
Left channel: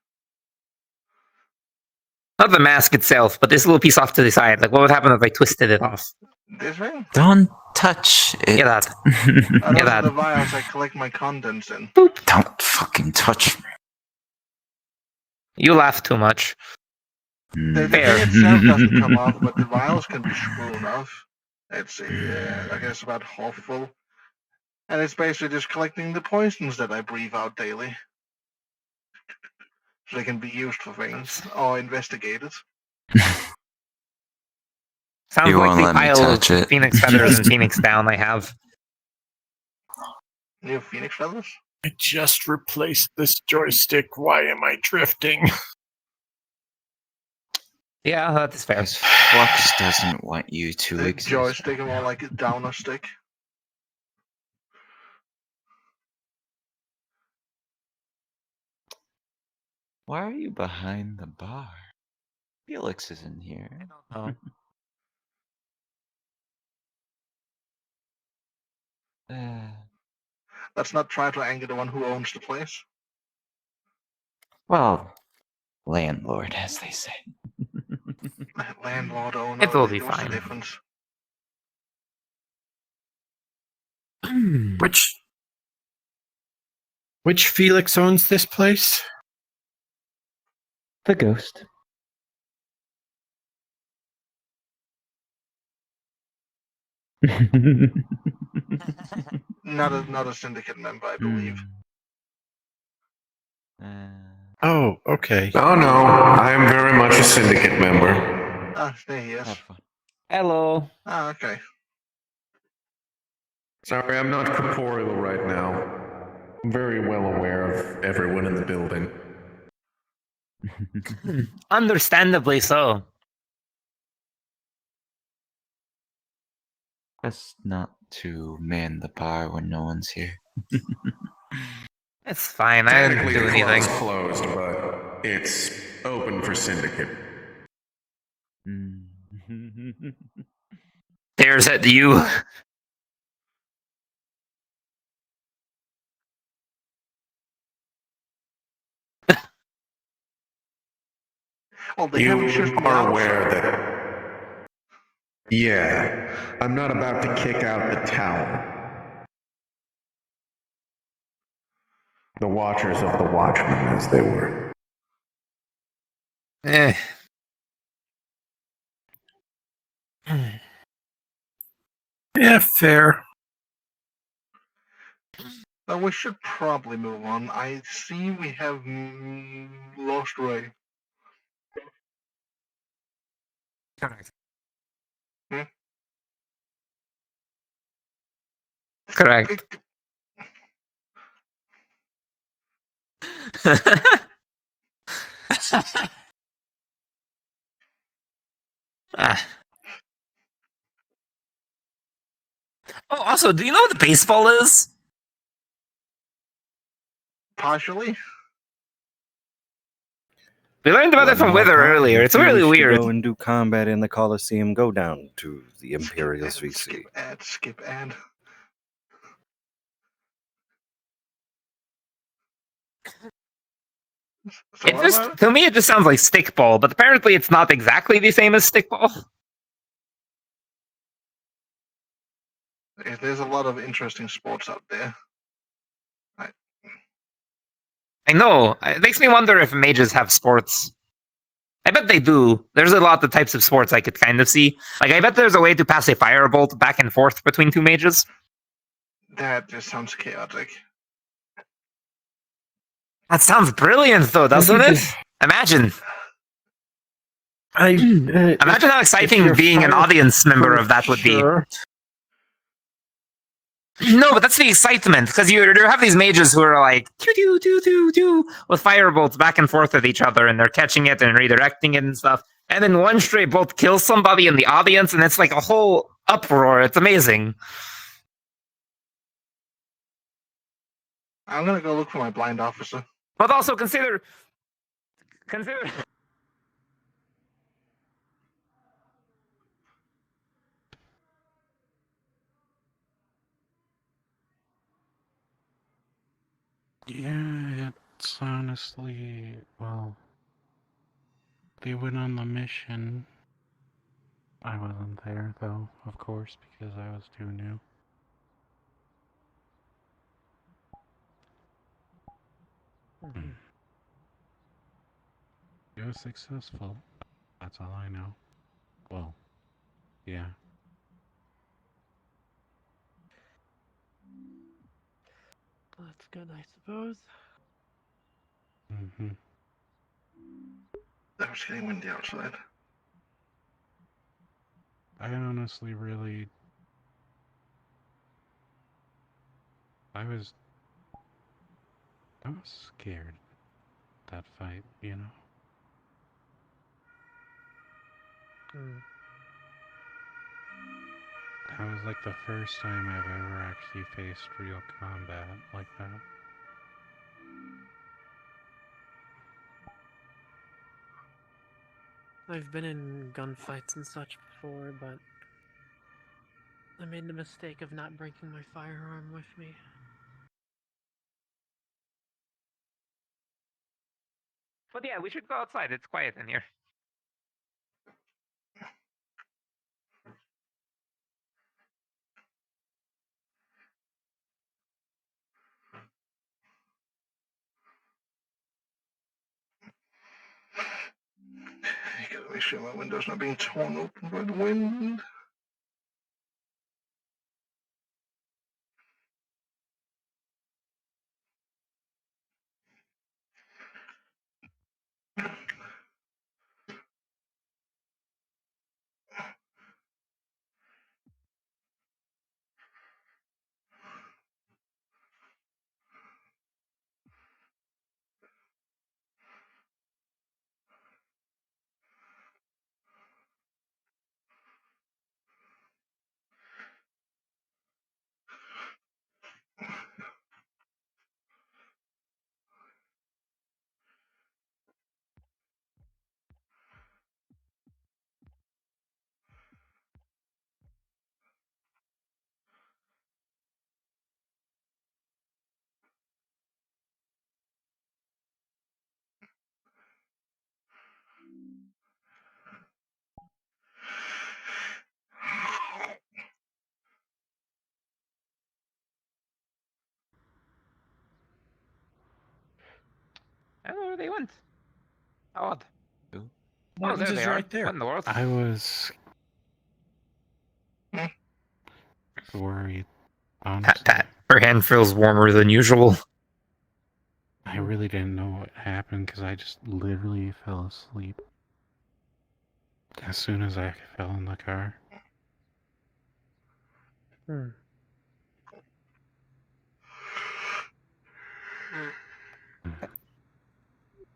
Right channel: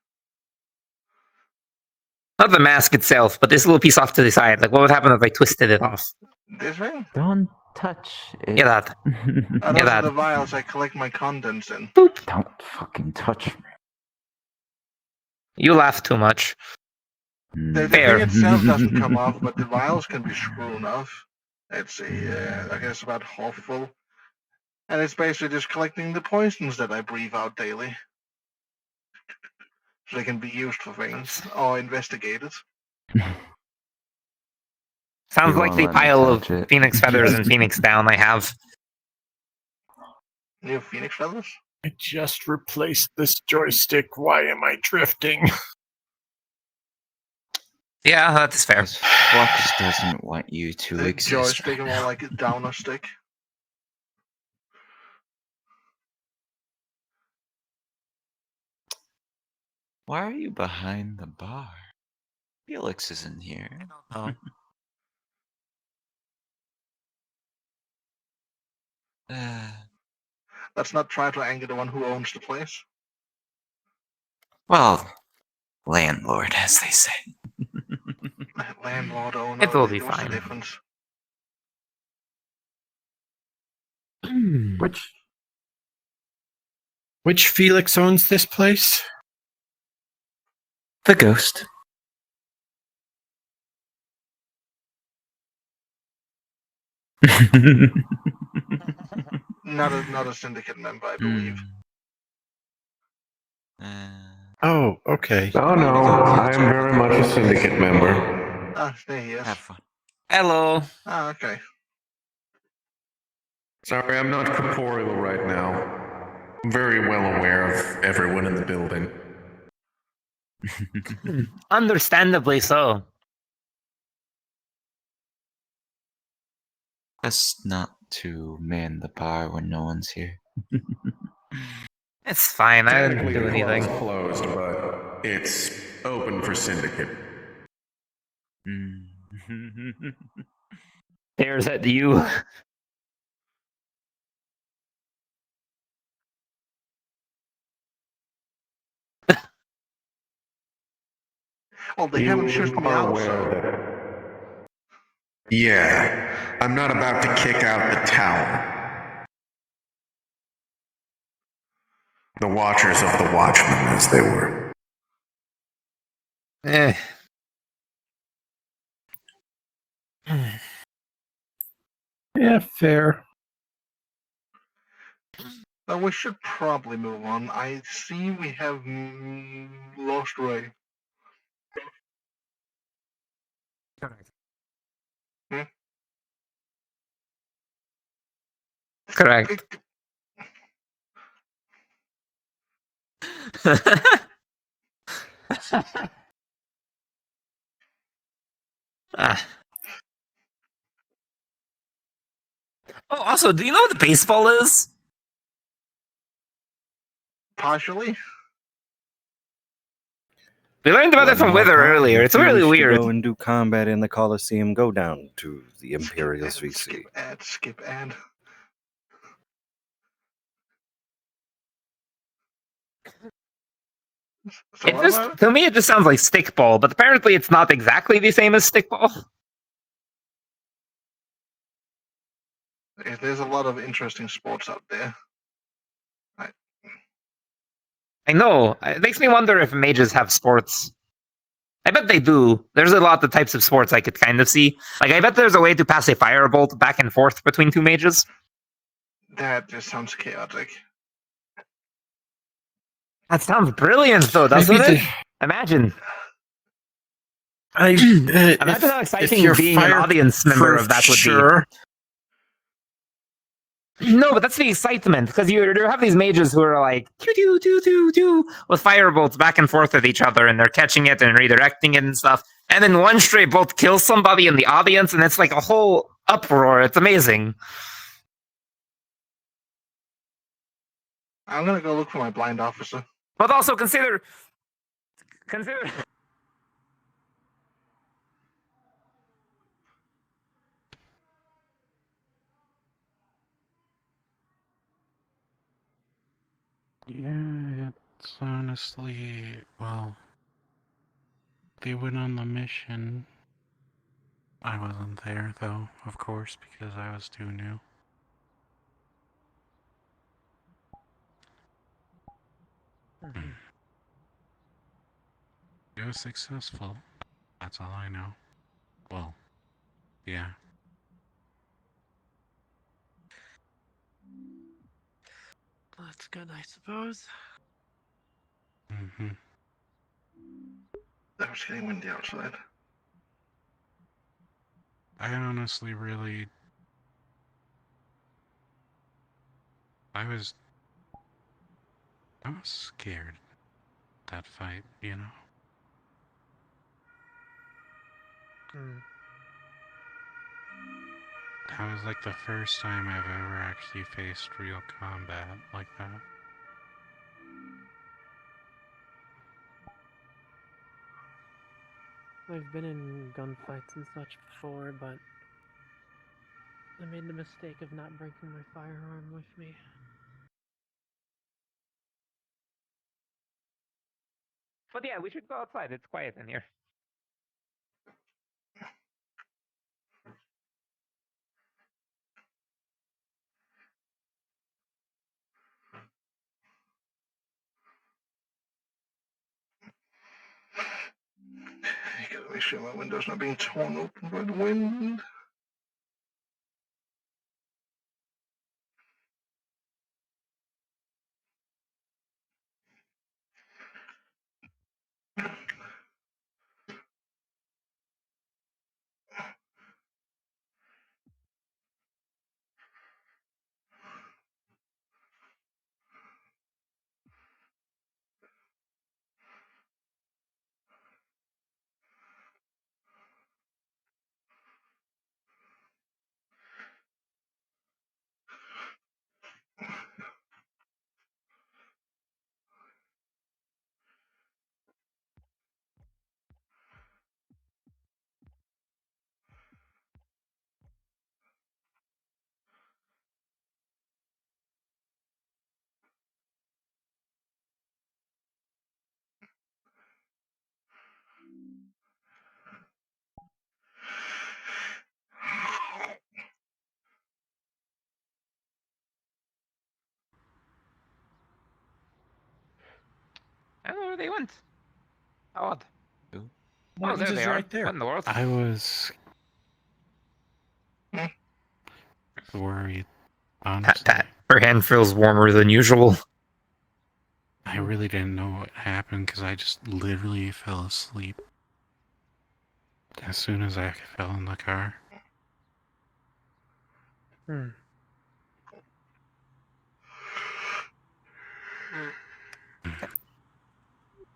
Not the mask itself, but this little piece off to the side. Like, what would happen if I twisted it off? This thing? Don't touch it. Yeah, that. Those Yeah, are that. the vials I collect my contents in. Don't fucking touch me. You laugh too much. The Fair. thing itself doesn't come off, but the vials can be screwed off. It's I guess about half full. And it's basically just collecting the poisons that I breathe out daily. So they can be used for things or investigated. Sounds You like won't the let me pile of touch it. Phoenix feathers and Phoenix down I have. You have Phoenix feathers? I just replaced this joystick. Why am I drifting? Yeah, that's fair. Flux doesn't want you to The exist. joystick, more like a downer stick. Why are you behind the bar? Felix isn't here. Oh. Let's not try to anger the one who owns the place. Well, landlord, as they say. Landlord, owner, It will be what's the fine. difference? Which Felix owns this place? The ghost. Not a syndicate member, I believe. Oh, okay. Oh no, I am very much a syndicate member. Ah, there he is. Hello. Ah, okay. Sorry, I'm not corporeal right now. I'm very well aware of everyone in the building. Understandably so. Best not to man the bar when no one's here. It's fine. I didn't Technically, do the club anything. is closed, but it's open for syndicate. Stares at you. Well, they You haven't shipped me are out, aware so... that... Yeah, I'm not about to kick out the tower. The Watchers of the Watchmen, as they were. Eh. Yeah, fair. We should probably move on. I see we have lost Ray. Hmm? Correct. Ah. Oh, also, do you know what the baseball is? Partially. We learned about it from Wither earlier. It's really To weird. go and do combat in the Coliseum, go down to the Imperials VC. Skip ad. So what about it? To me, it just sounds like stickball, but apparently it's not exactly the same as stickball. There's a lot of interesting sports out there. I know. It makes me wonder if mages have sports. I bet they do. There's a lot of types of sports I could kind of see. Like, I bet there's a way to pass a firebolt back and forth between two mages. That just sounds chaotic. That sounds brilliant, though, doesn't it? Imagine. Imagine how exciting being an audience member of that would be. No, but that's the excitement, because you have these mages who are like, doo, doo, doo, doo, with firebolts back and forth with each other, and they're catching it and redirecting it and stuff. And then one stray bolt kills somebody in the audience, and it's like a whole uproar. It's amazing. I'm gonna go look for my blind officer. But also consider. Yeah, it's honestly, well, they went on the mission. I wasn't there, though, of course, because I was too new. It was successful. That's all I know. Well, yeah. That's good, I suppose. Mm-hmm. That was getting windy outside. I honestly really... I was scared, that fight, you know? That was like the first time I've ever actually faced real combat like that. I've been in gunfights and such before, but I made the mistake of not bringing my firearm with me. But yeah, we should go outside. It's quiet in here. I gotta make sure my window's not being torn open by the wind. Oh, they went. Odd. Oh, Martin's there is they are. right there. What in the world? I was worried. Honestly, Pat. Her hand feels warmer than usual. I really didn't know what happened because I just literally fell asleep as soon as I fell in the car.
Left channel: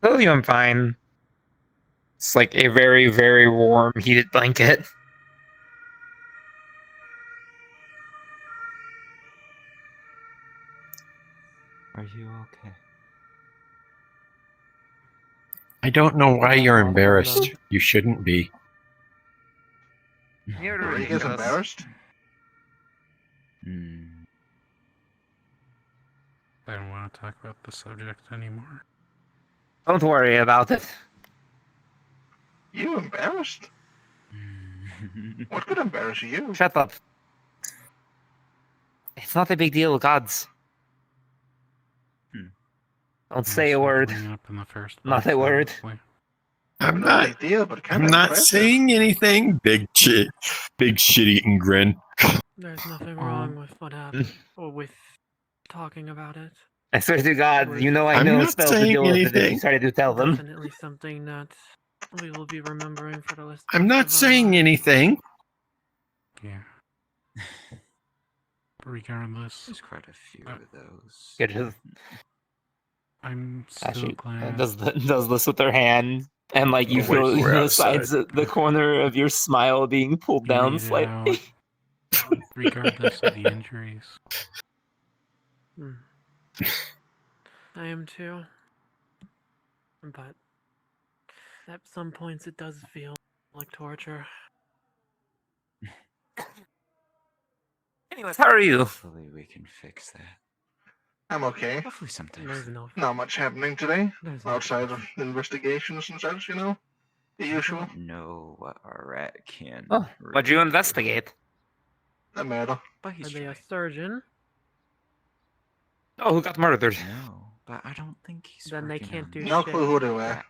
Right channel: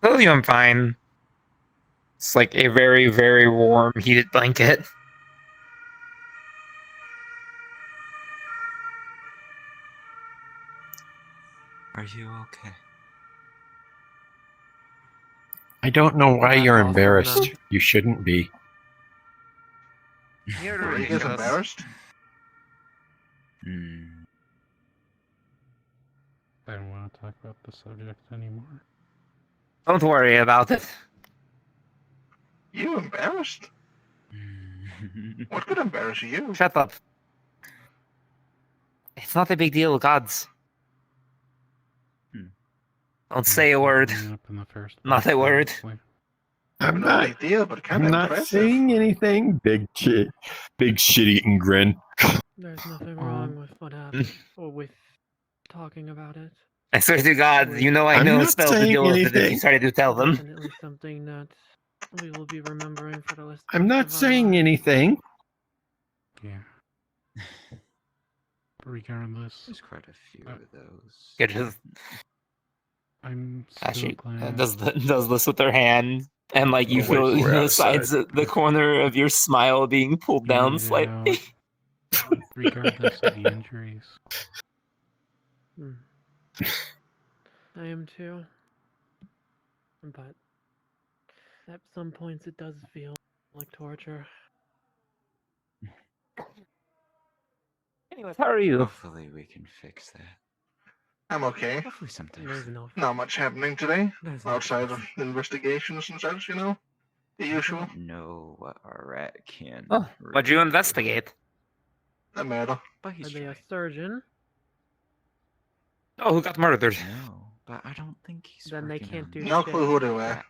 Tell you I'm fine. It's like a very, very warm, heated blanket. Are you okay? I don't know why you're embarrassed. You shouldn't be. Are you guys embarrassed? I don't want to talk about the subject anymore. Don't worry about it. You embarrassed? What could embarrass you? Shut up. It's not a big deal, gods. Don't say a word. Not a word. I'm No not. big deal, but kind I'm of not impressive. saying anything. Big shit-eating grin. There's nothing wrong with what happened, or with talking about it. I swear to God, you know I I'm know a not spell to saying deal with it if you anything. try to tell them. Definitely something that we will be remembering for the rest I'm not of our saying lives. anything. Yeah. Regardless, There's quite a few of those. It is. I'm still She glad. does this with her hand, and like you Oh, wait, feel we're the outside. sides, the corner of your smile being pulled You down made it slightly. out, regardless of the injuries. I am too. But at some points it does feel like torture. Anyways, how are you? Hopefully we can fix that. I'm okay. Hopefully something. There's no. Not much happening today, There's no outside of investigations and such, you know? The usual. I don't know what a rat can. Oh, what'd you investigate? A murder. But Are he's they a right. surgeon? Oh, who got murdered? No, but I don't think he's Then they working can't on do No clue who they were.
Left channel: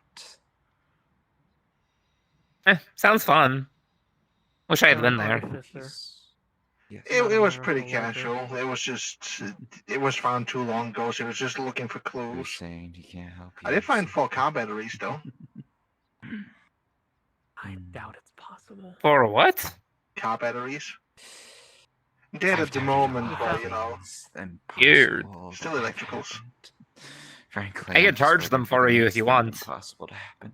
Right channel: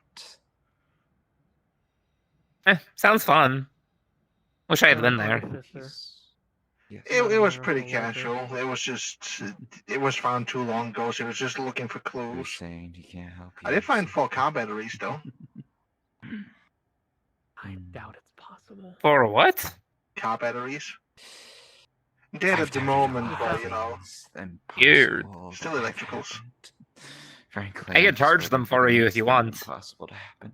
that. Sounds fun. Wish I had been there. Yes. It was pretty casual. It was just, it was found too long ago, so it was just looking for He was clues. saying he can't help you. I did find 4 car batteries, though. I doubt it's possible. For what? Car batteries. Dead at the moment, but, you know, Weird. still electricals. Frankly, I can charge them for you if you want. Impossible to happen.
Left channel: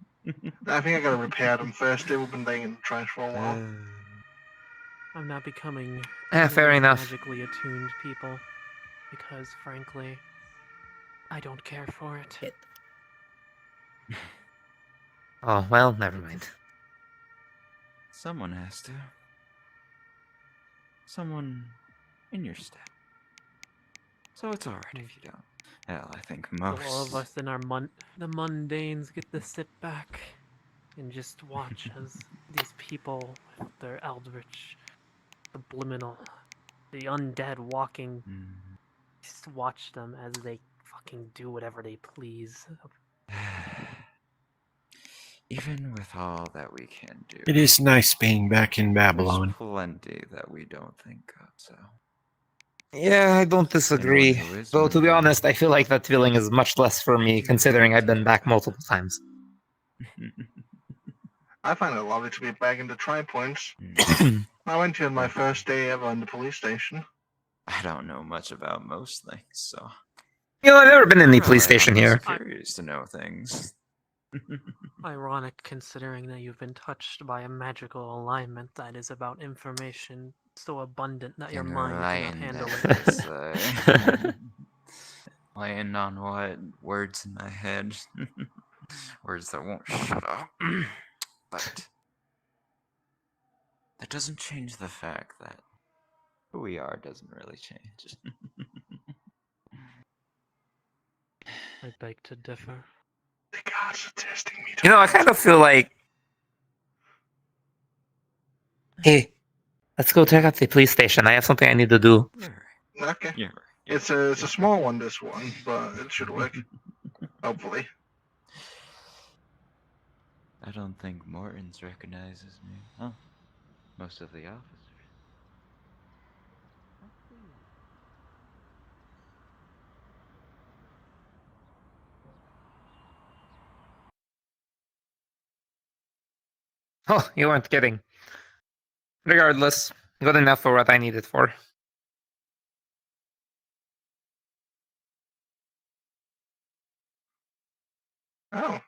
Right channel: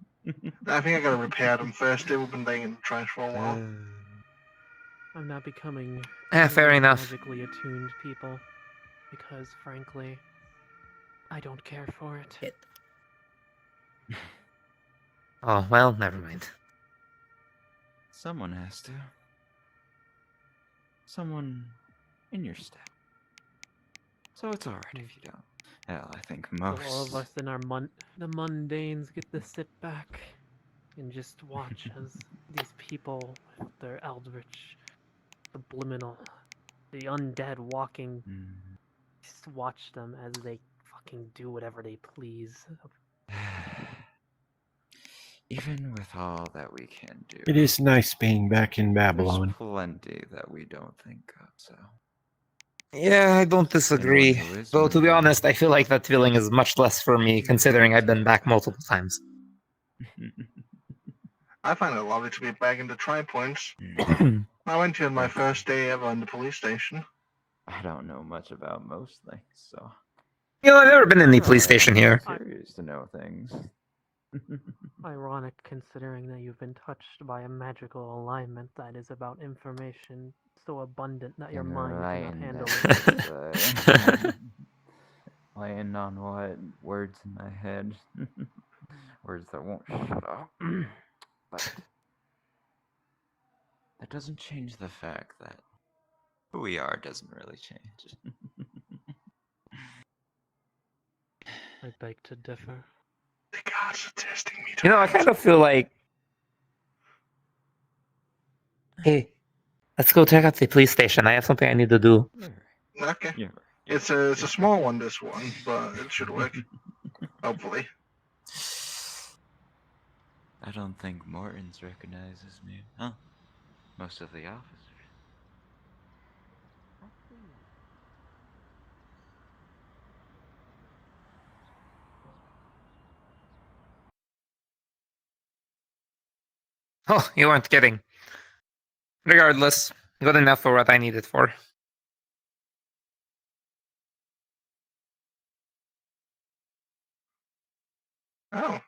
I think I gotta repair them first. They've been laying in the trash for a while. I'm not becoming Fair one of enough. those magically attuned people because, frankly, I don't care for it. Oh, well, never mind. Someone has to. Someone in your step. So it's alright if you don't. Hell, I think most. All of us in our the mundanes get to sit back and just watch as these people with their eldritch, subliminal, the undead walking, just watch them as they fucking do whatever they please. Even with all that we can do, It is nice being back in there's Babylon. plenty that we don't think of, so. Yeah, I don't disagree. Anyone who is Though, to be wondering- honest, I feel like that feeling is much less for me, considering I've been back multiple times. I find it lovely to be back in the Tri-Points. I went here on my first day ever in the police station. I don't know much about most things, so. You know, I've never been in the police station here. I'm curious to know things. Ironic considering that you've been touched by a magical alignment that is about information so abundant that your mind cannot handle it. Laying on what? Words in my head. Words that won't shut up. But that doesn't change the fact that who we are doesn't really change. I beg to differ. The gods are testing me. You know, I kind of feel like, hey, let's go check out the police station. I have something I need to do. Okay. Yeah. It's a small one, this one, but it should work. Hopefully. I don't think Morton's recognizes me. Huh? Most of the officers. Oh, you weren't kidding. Regardless, good enough for what I need it for. Oh.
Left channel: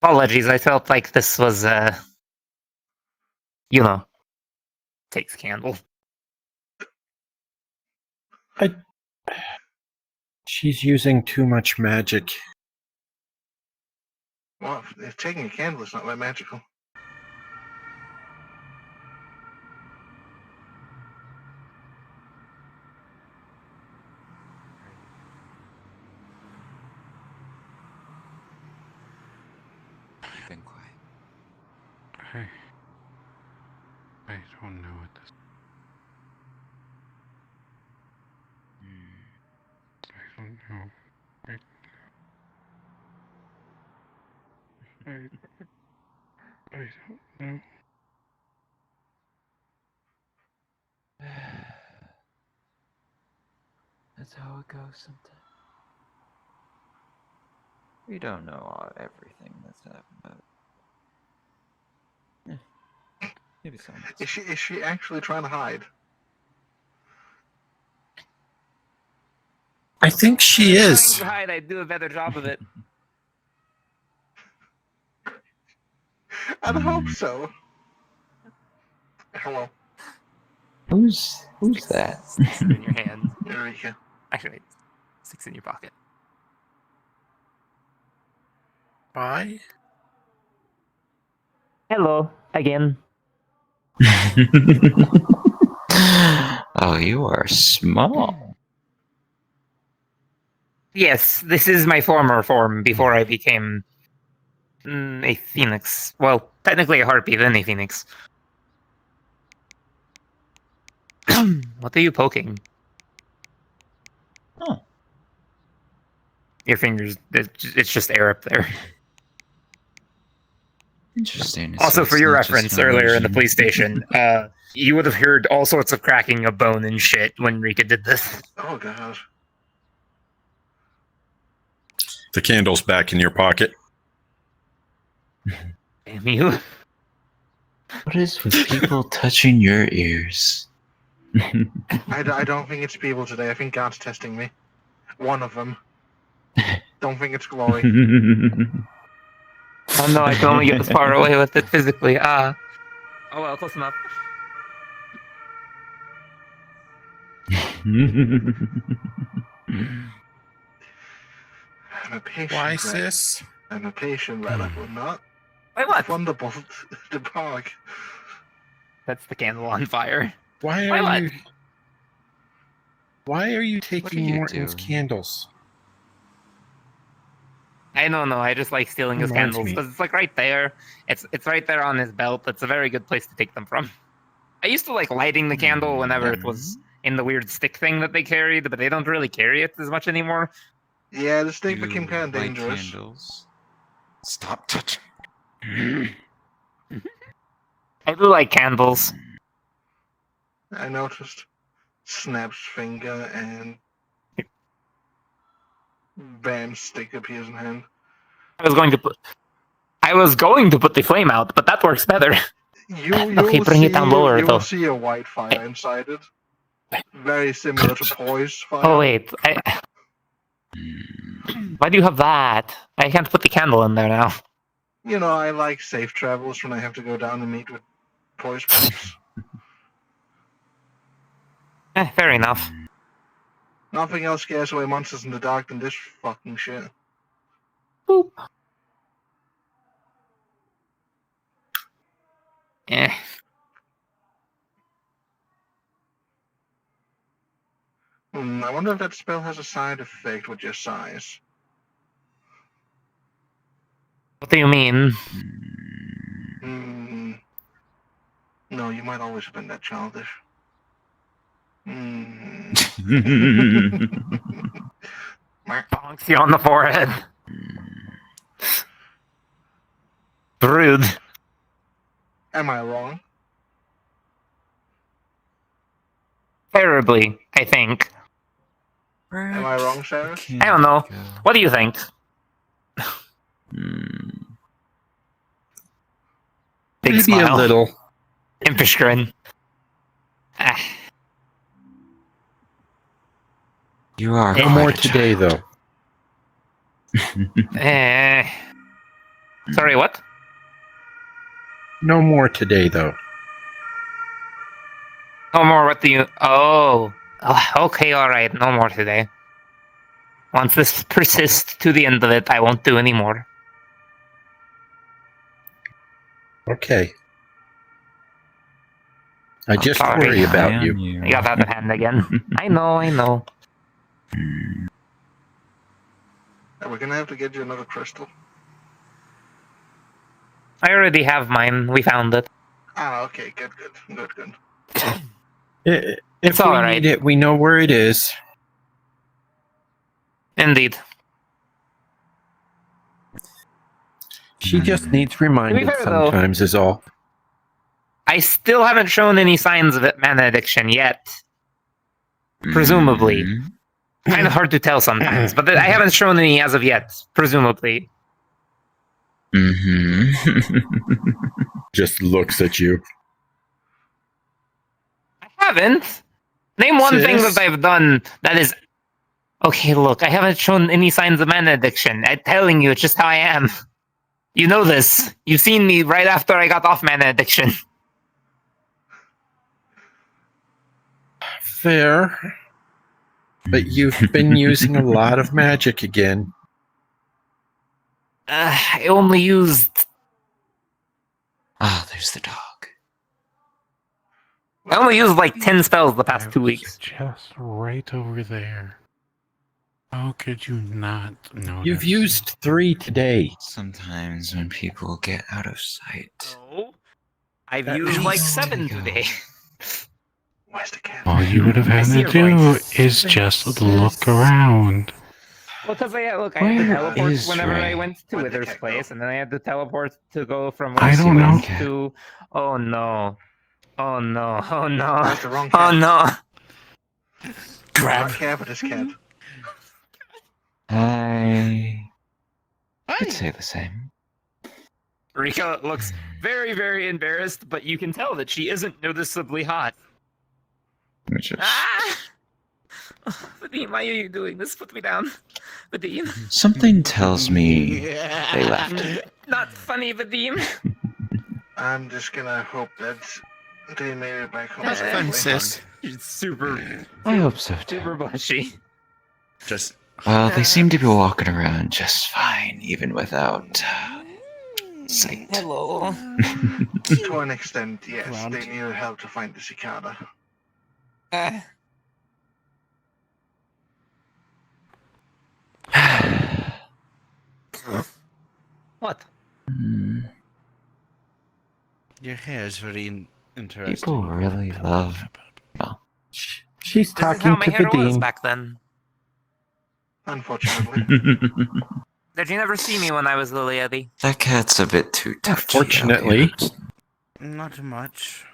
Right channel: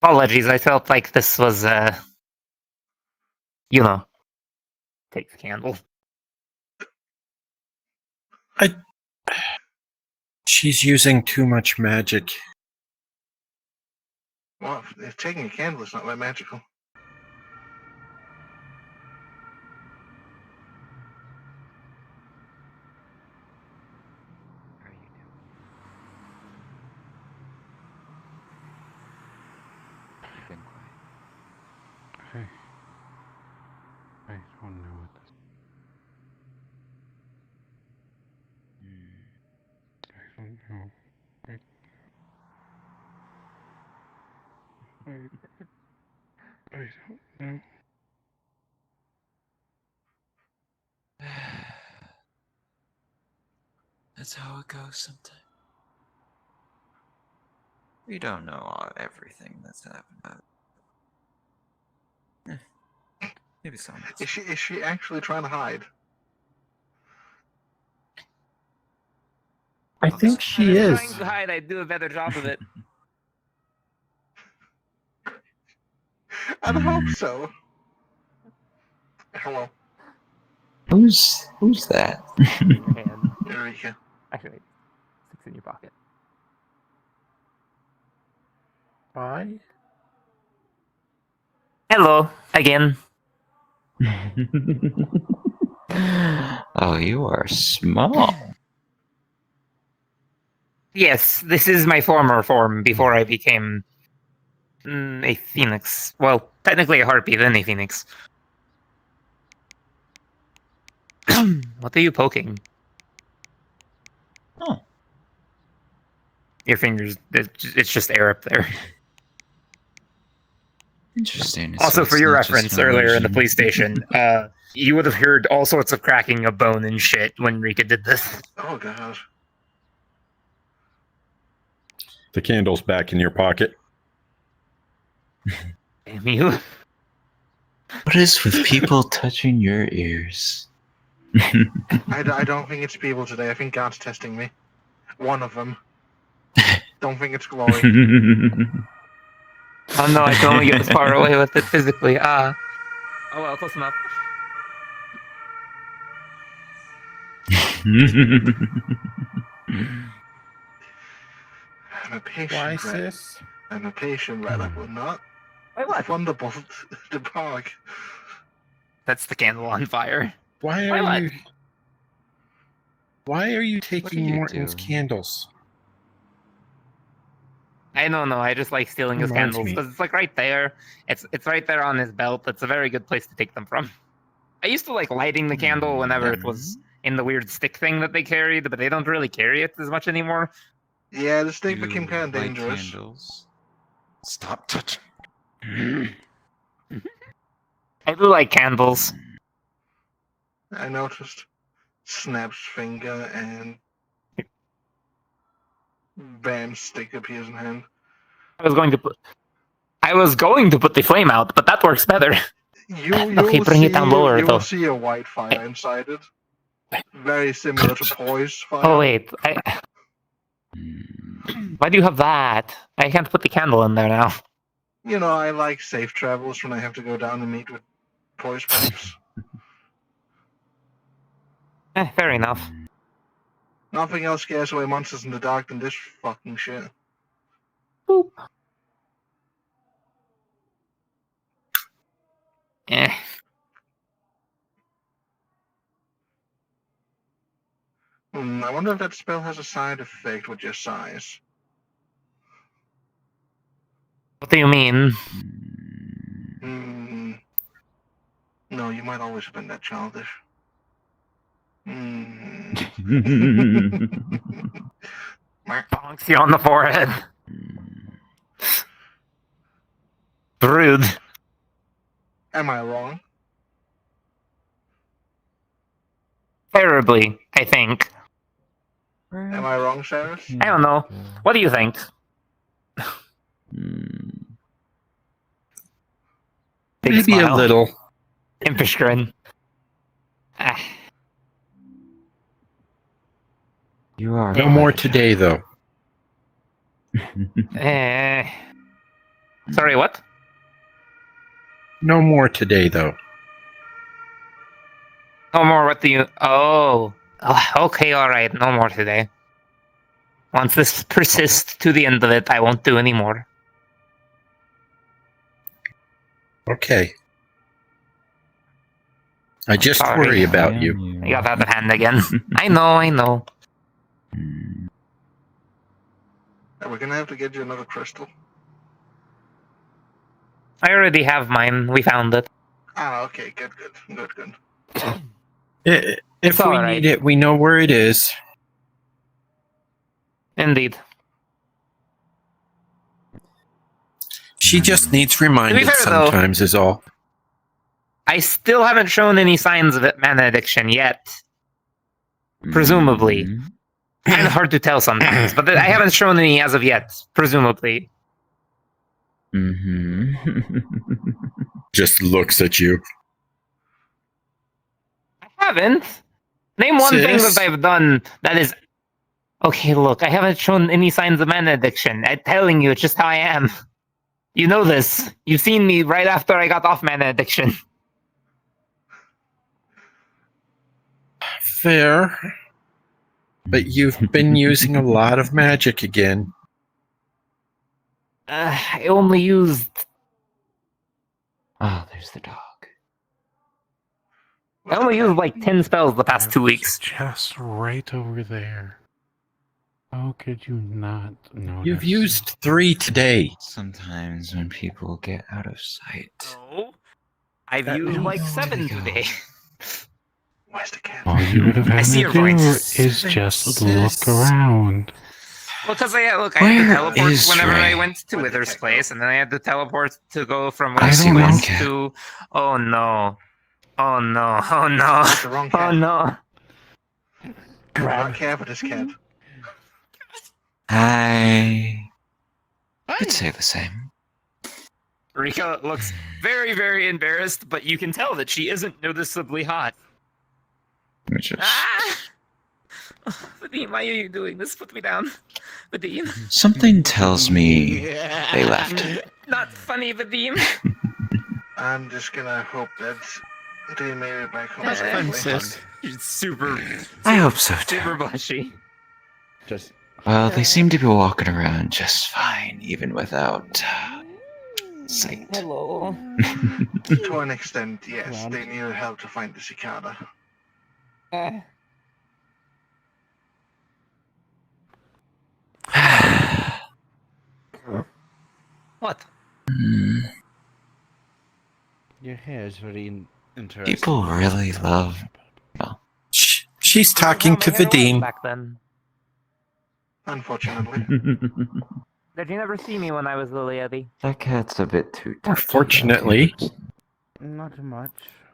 Apologies, I felt like this was, you know, takes candle. She's using too much magic. Well, if taking a candle is not that magical. You've been quiet. I don't know what this. I don't know. I don't know. That's how it goes sometimes. We don't know everything that's happened. Maybe some. Is she actually trying to hide? I think she is. Trying to hide, I'd do a better job of it. I'd hope so. Hello. Who's that? In your hand. Eureka. Actually, 6 in your pocket. Why? Hello, again. Oh, you are small. Yes, this is my former form before I became a phoenix. Well, technically a harpy, then a phoenix. What are you poking? Oh. Your fingers, it's just air up there. Interesting. Also, So for it's your not just reference, an earlier in the illusion. police station, you would have heard all sorts of cracking of bone and shit when Rika did this. Oh god. The candle's back in your pocket. Damn you. What is with people touching your ears? I don't think it's people today. I think God's testing me. One of them. Don't think it's Glory. Oh no, I can only get this far away with it physically. Oh well, close enough. I'm a patient. Why, rat. sis? I'm a patient rat. I will not. Wait, what? Thunderbolt the park. That's the candle on fire. Why Why are what? you? Why are you What are taking you Morton's doing? candles? I don't know. I just like stealing his Reminds candles me. because it's like right there. It's right there on his belt. It's a very good place to take them from. I used to like lighting the candle whenever it was in the weird stick thing that they carried, but they don't really carry it as much anymore. Yeah, the stick You became kind of light dangerous. candles. Stop touching. I do like candles. I noticed. Snaps finger and bam, stick appears in hand. I was going to put the flame out, but that works better. Okay, bring it down lower You though. will see a white fire inside it. Very similar to Poise fire. Oh wait, why do you have that? I can't put the candle in there now. You know, I like safe travels when I have to go down and meet with Poise pipes. Fair enough. Nothing else scares away monsters in the dark than this fucking shit. Boop. Eh. I wonder if that spell has a side effect with your size. What do you mean? No, you might always have been that childish. Bonks you on the forehead. Rude. Am I wrong? Terribly, I think. Am I wrong, Cyrus? I don't know. What do you think? Big Maybe smile. a little. Impish grin. You are no quite more a today, though. Sorry, what? No more today, though. No more, what do you... Oh, okay, alright, no more today. Once this persists to the end of it, I won't do any more. Okay. I just Sorry. worry about you. I got out of hand again. I know. We're gonna have to get you another crystal. I already have mine. We found it. Ah, okay, good. If we need it, we know where it is. Indeed. She just needs reminded fair, though, sometimes, is all. I still haven't shown any signs of mana addiction yet. Presumably. Kind of hard to tell sometimes, but I haven't shown any as of yet, presumably. Just looks at you. I haven't. Name one thing that I've done that is... Okay, look, I haven't shown any signs of mana addiction. I'm telling you, it's just how I am. You know this. You've seen me right after I got off mana addiction. Fair. But you've been using a lot of magic again. I only used... Ah, there's the dog. I only used like 10 spells the past 2 weeks. Just right over there. How could you not notice? You've used 3 today. Sometimes when people get out of sight. Oh, I've used like 7 today. Where's the cat? All you would have had to do is just look around. Well, because I had to teleport whenever I went to Wither's place, and then I had to teleport to go from I don't know. West to... Oh no. Oh no. Oh no. That's the wrong cat. Oh no. Do not care for this cat. I'd say the same. Rika looks very, very embarrassed, but you can tell that she isn't noticeably hot. Ah! Oh, Vadim, why are you doing this? Put me down. Vadim. Something tells me they left. Not funny, Vadim. I'm just gonna hope that they made it back home Princess. It's super... I hope so, too. Super bushy. Just... Well, they seem to be walking around just fine, even without sight. Hello. To an extent, yes. They needed help to find the cicada. What? Your hair is very interesting. People really love... Well, she's talking to Vadim. Back then. Unfortunately. Did you never see me when I was Lily Eddy? that cat's a bit too touchy. Unfortunately. Not much.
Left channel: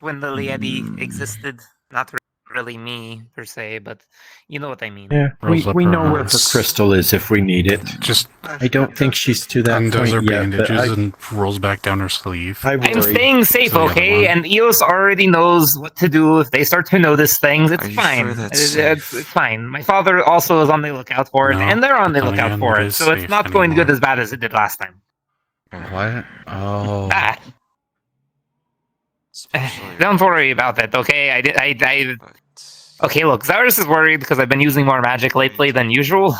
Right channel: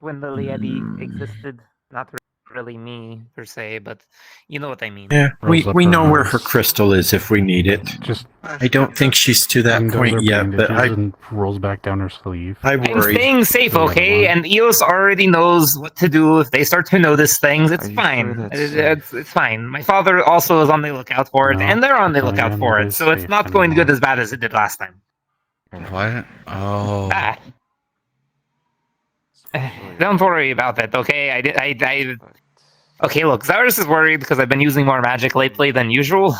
When Lily Eddy existed, not really me per se, but you know what I mean. Yeah, we know where her crystal is if we need it. Just I don't think she's to that undoes her point yet, but bandages and rolls back down her sleeve. I I'm worry. staying safe, okay? And Eos already knows what to do if they start to notice things. It's fine. It's fine. My father also is on the lookout for it, and they're on the lookout for it, so it's not going good as bad as it did last time. What? Oh. Ah. Don't worry about it, okay? Okay, look, Cyrus is worried because I've been using more magic lately than usual.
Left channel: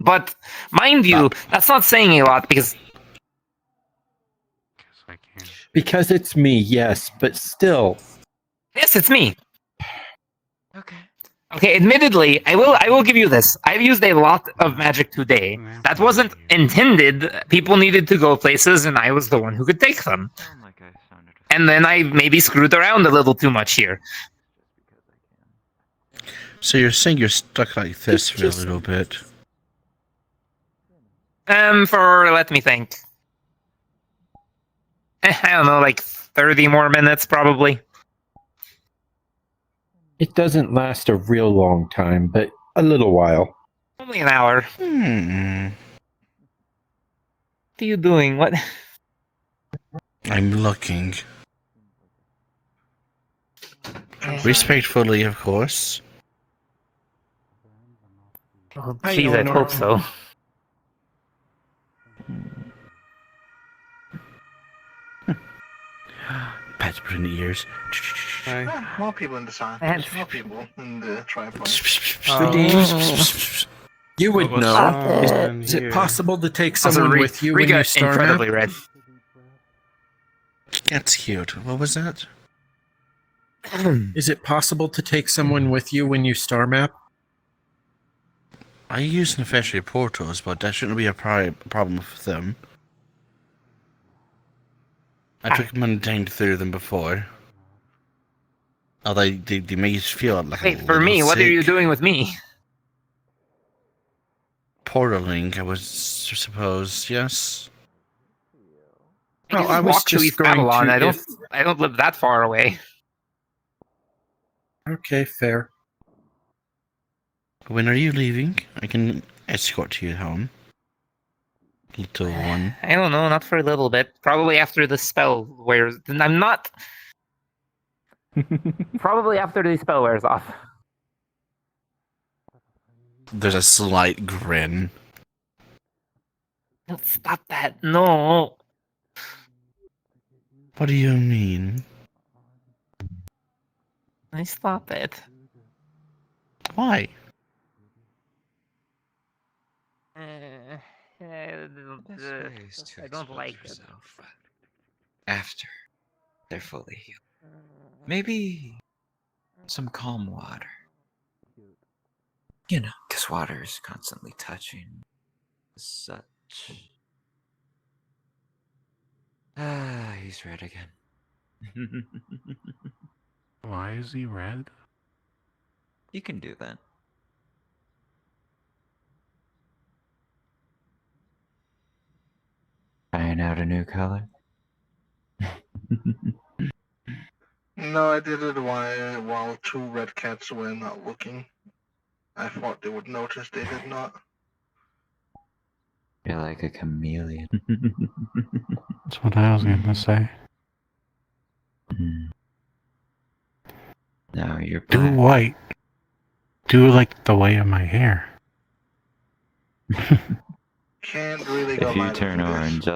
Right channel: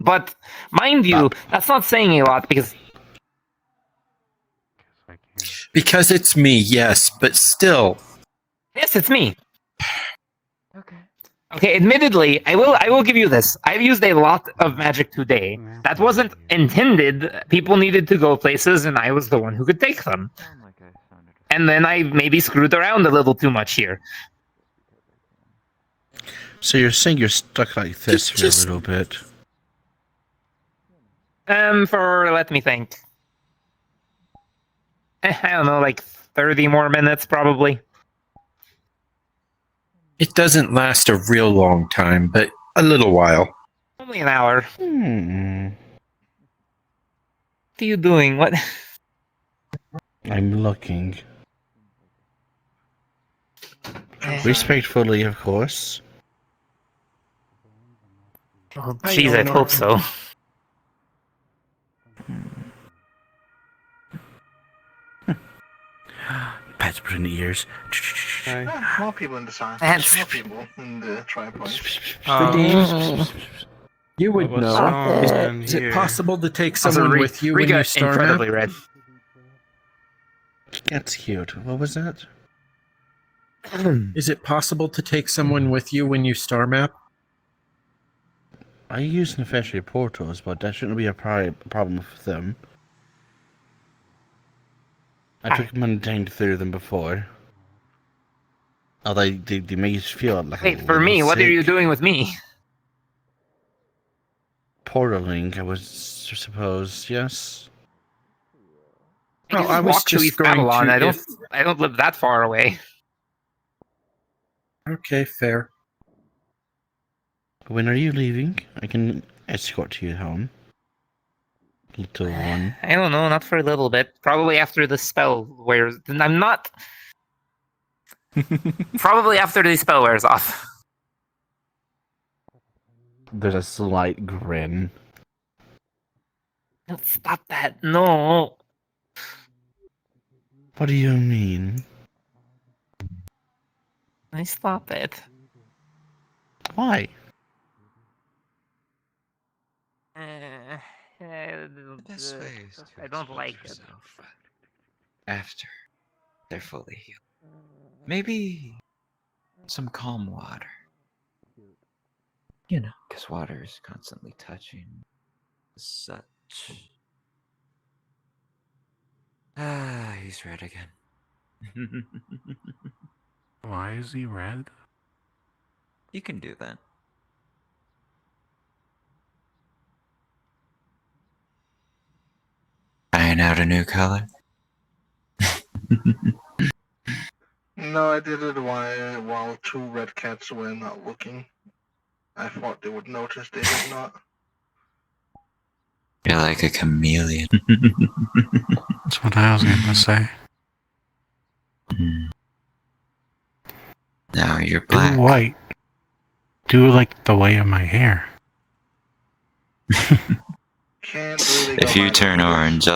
But, mind you, that's not saying a lot because... Because it's me, yes, but still. Yes, it's me. Okay, admittedly, I will give you this. I've used a lot of magic today. That wasn't intended. People needed to go places, and I was the one who could take them. And then I maybe screwed around a little too much here. So you're saying you're stuck like this for a little bit? Let me think. I don't know, like 30 more minutes probably. It doesn't last a real long time, but a little while. Only an hour. What are you doing? What? I'm looking. Respectfully, of course. Oh, jeez, I hope so. Pat's pretty ears. More people in the sign. More people in the tripod. You would know. Is it possible to take someone with you when you star map? Incredibly red. That's cute. What was that? Is it possible to take someone with you when you star map? I use Nefeshi portals, but that shouldn't be a problem for them. I took maintained through them before. Although they may feel like Wait, for me, what are you doing with me? Portaling, I was suppose, yes. No, I was just East Babylon. I don't live that far away. Okay, fair. When are you leaving? I can escort you home. Little one. I don't know, not for a little bit. Probably after the spell wears. I'm not. Probably after the spell wears off. There's a slight grin. No, stop that. No. What do you mean? I stop it. Why? I don't like it. After they're fully healed. Maybe some calm water. You know, because water is constantly touching. Such. Ah, he's red again. Why is he red? You can do that. Trying out a new color? No, I did it while two red cats were not looking. I thought they would notice, they did not. You're like a chameleon. That's what I was gonna say. Now you're black. Do white. Do like the way of my hair. Can't really go If you by turn the orange,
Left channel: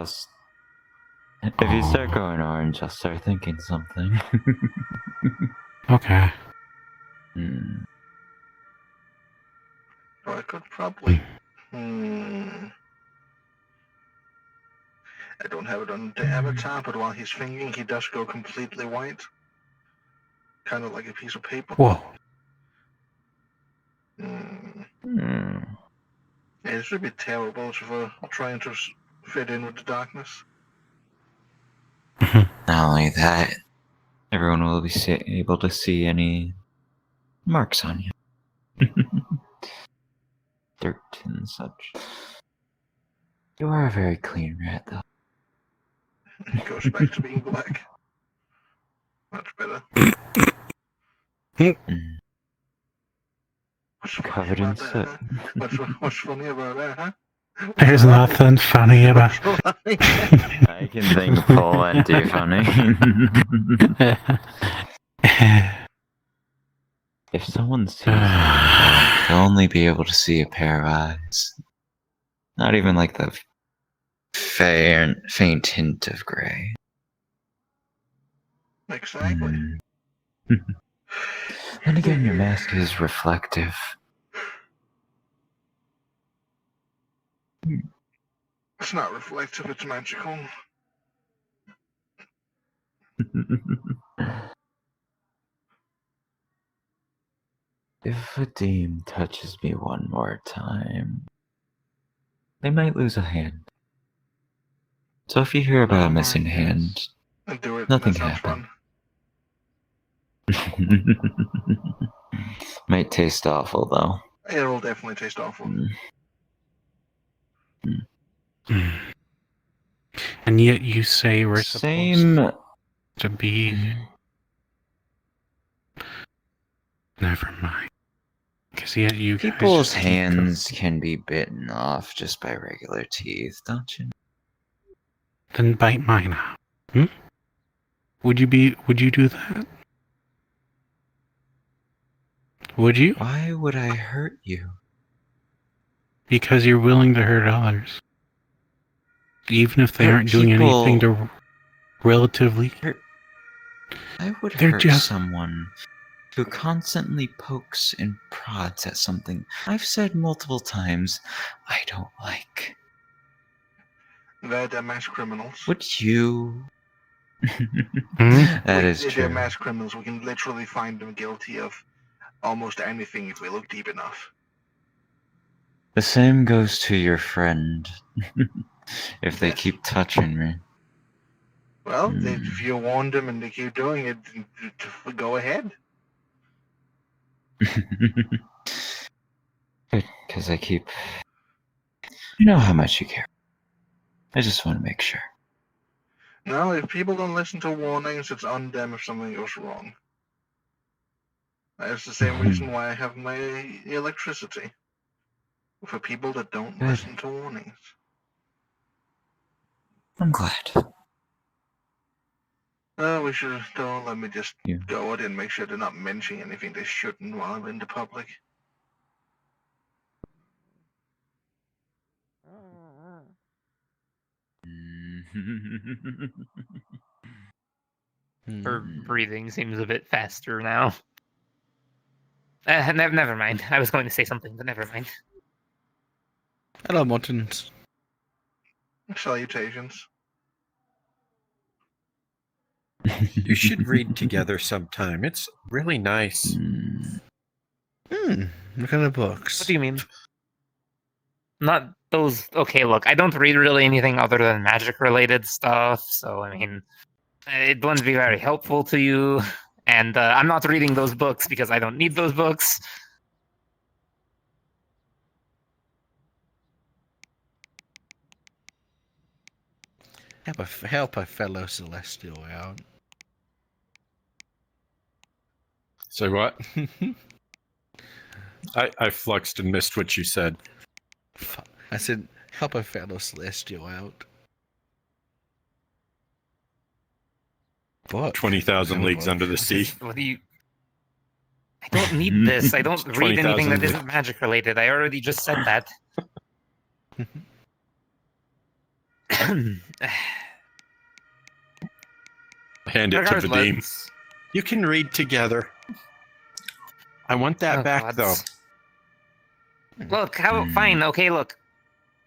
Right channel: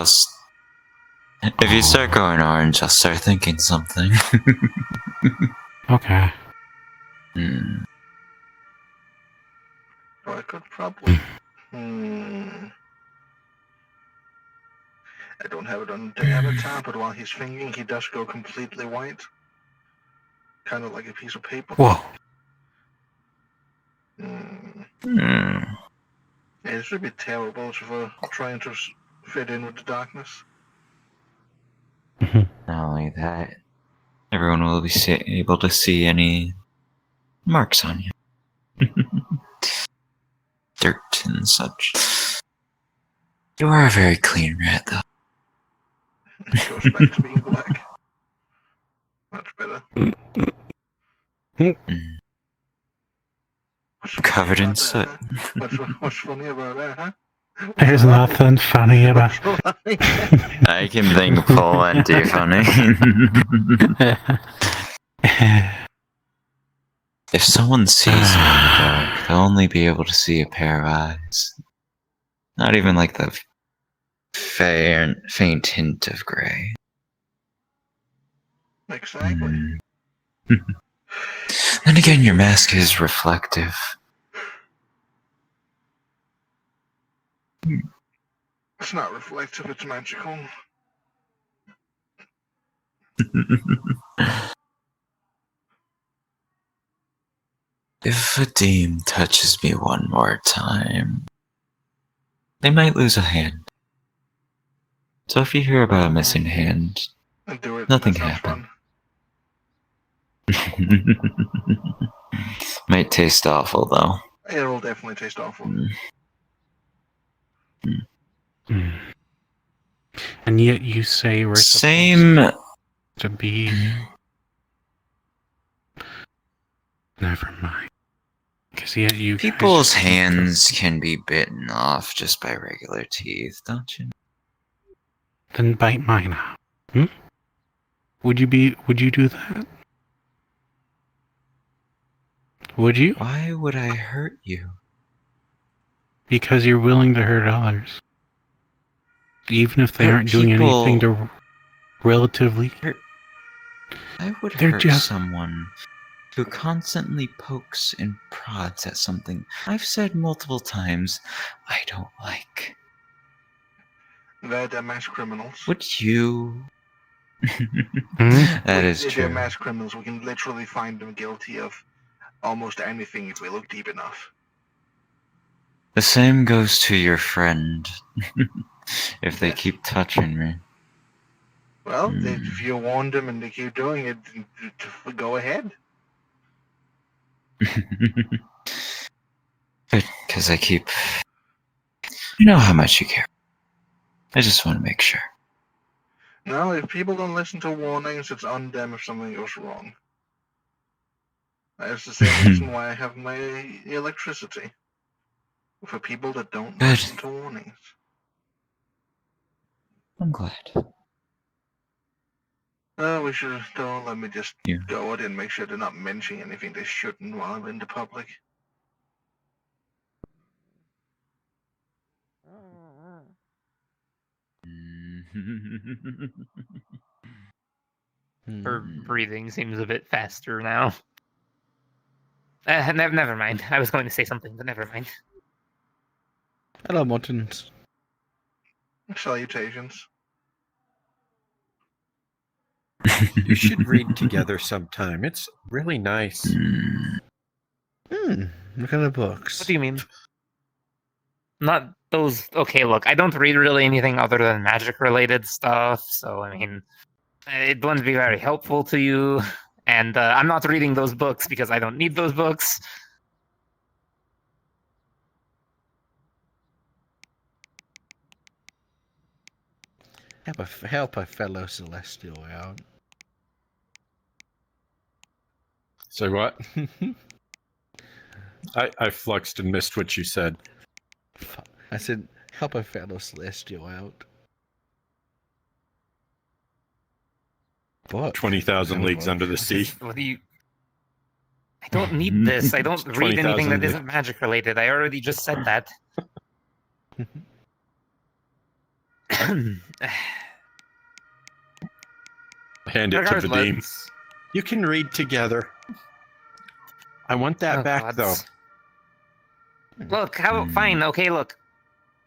if you start going orange, I'll start thinking something. Okay. So I could probably. I don't have it on the avatar, but while he's thinking, he does go completely white. Kind of like a piece of paper. Whoa. Yeah, it should be terrible for trying to fit in with the darkness. Not only that, everyone will be able to see any marks on you. Dirt and such. You are a very clean rat, though. It goes back to being black. Much better. Covered in soot. What's funny about that, huh? There's nothing funny about it. I can think plenty funny. If someone sees me, they'll only be able to see a pair of eyes. Not even like the faint hint of gray. Exactly. Then again, your mask is reflective. It's not reflective, it's magical. If a demon touches me one more time, they might lose a hand. So if you hear about a missing hand, Do it. nothing That sounds happened. fun. Might taste awful though. It'll definitely taste awful. And yet you say we're Same. supposed to be. Never mind. Because yet you guys People's just hands can be bitten off just by regular teeth, don't you? Then bite mine out. Would you do that? Would you? Why would I hurt you? Because you're willing to hurt others. Even if they Hurt aren't doing anything people- to relatively. I would They're hurt just- someone who constantly pokes and prods at something I've said multiple times I don't like. They're mass criminals. Would you? Hmm? That is They're true. mass criminals. We can literally find them guilty of almost anything if we look deep enough. The same goes to your friend. If they keep touching me. Well, if you warned them and they keep doing it, go ahead. Good, because I keep. You know how much you care. I just want to make sure. No, if people don't listen to warnings, it's on them if something goes wrong. That's the same reason why I have my electricity. For people that don't listen to warnings. I'm glad. We should, though, let me just go out and make sure they're not mentioning anything they shouldn't while I'm in the public. Her breathing seems a bit faster now. Never mind. I was going to say something, but never mind. Hello, Muttons. Salutations. You should read together sometime. It's really nice. What kind of books? What do you mean? Not those. Okay, look, I don't read really anything other than magic-related stuff, so I mean, it wouldn't be very helpful to you. And I'm not reading those books because I don't need those books. Help a fellow Celestial out. Say what? I fluxed and missed what you said. I said, help a fellow Celestial out. What? 20,000 Leagues Under the Sea. What do you? I don't need this. I don't read anything that isn't magic related. I already just said that. Hand it to Vadim. You can read together. I want that back, though. Look, fine, okay, look.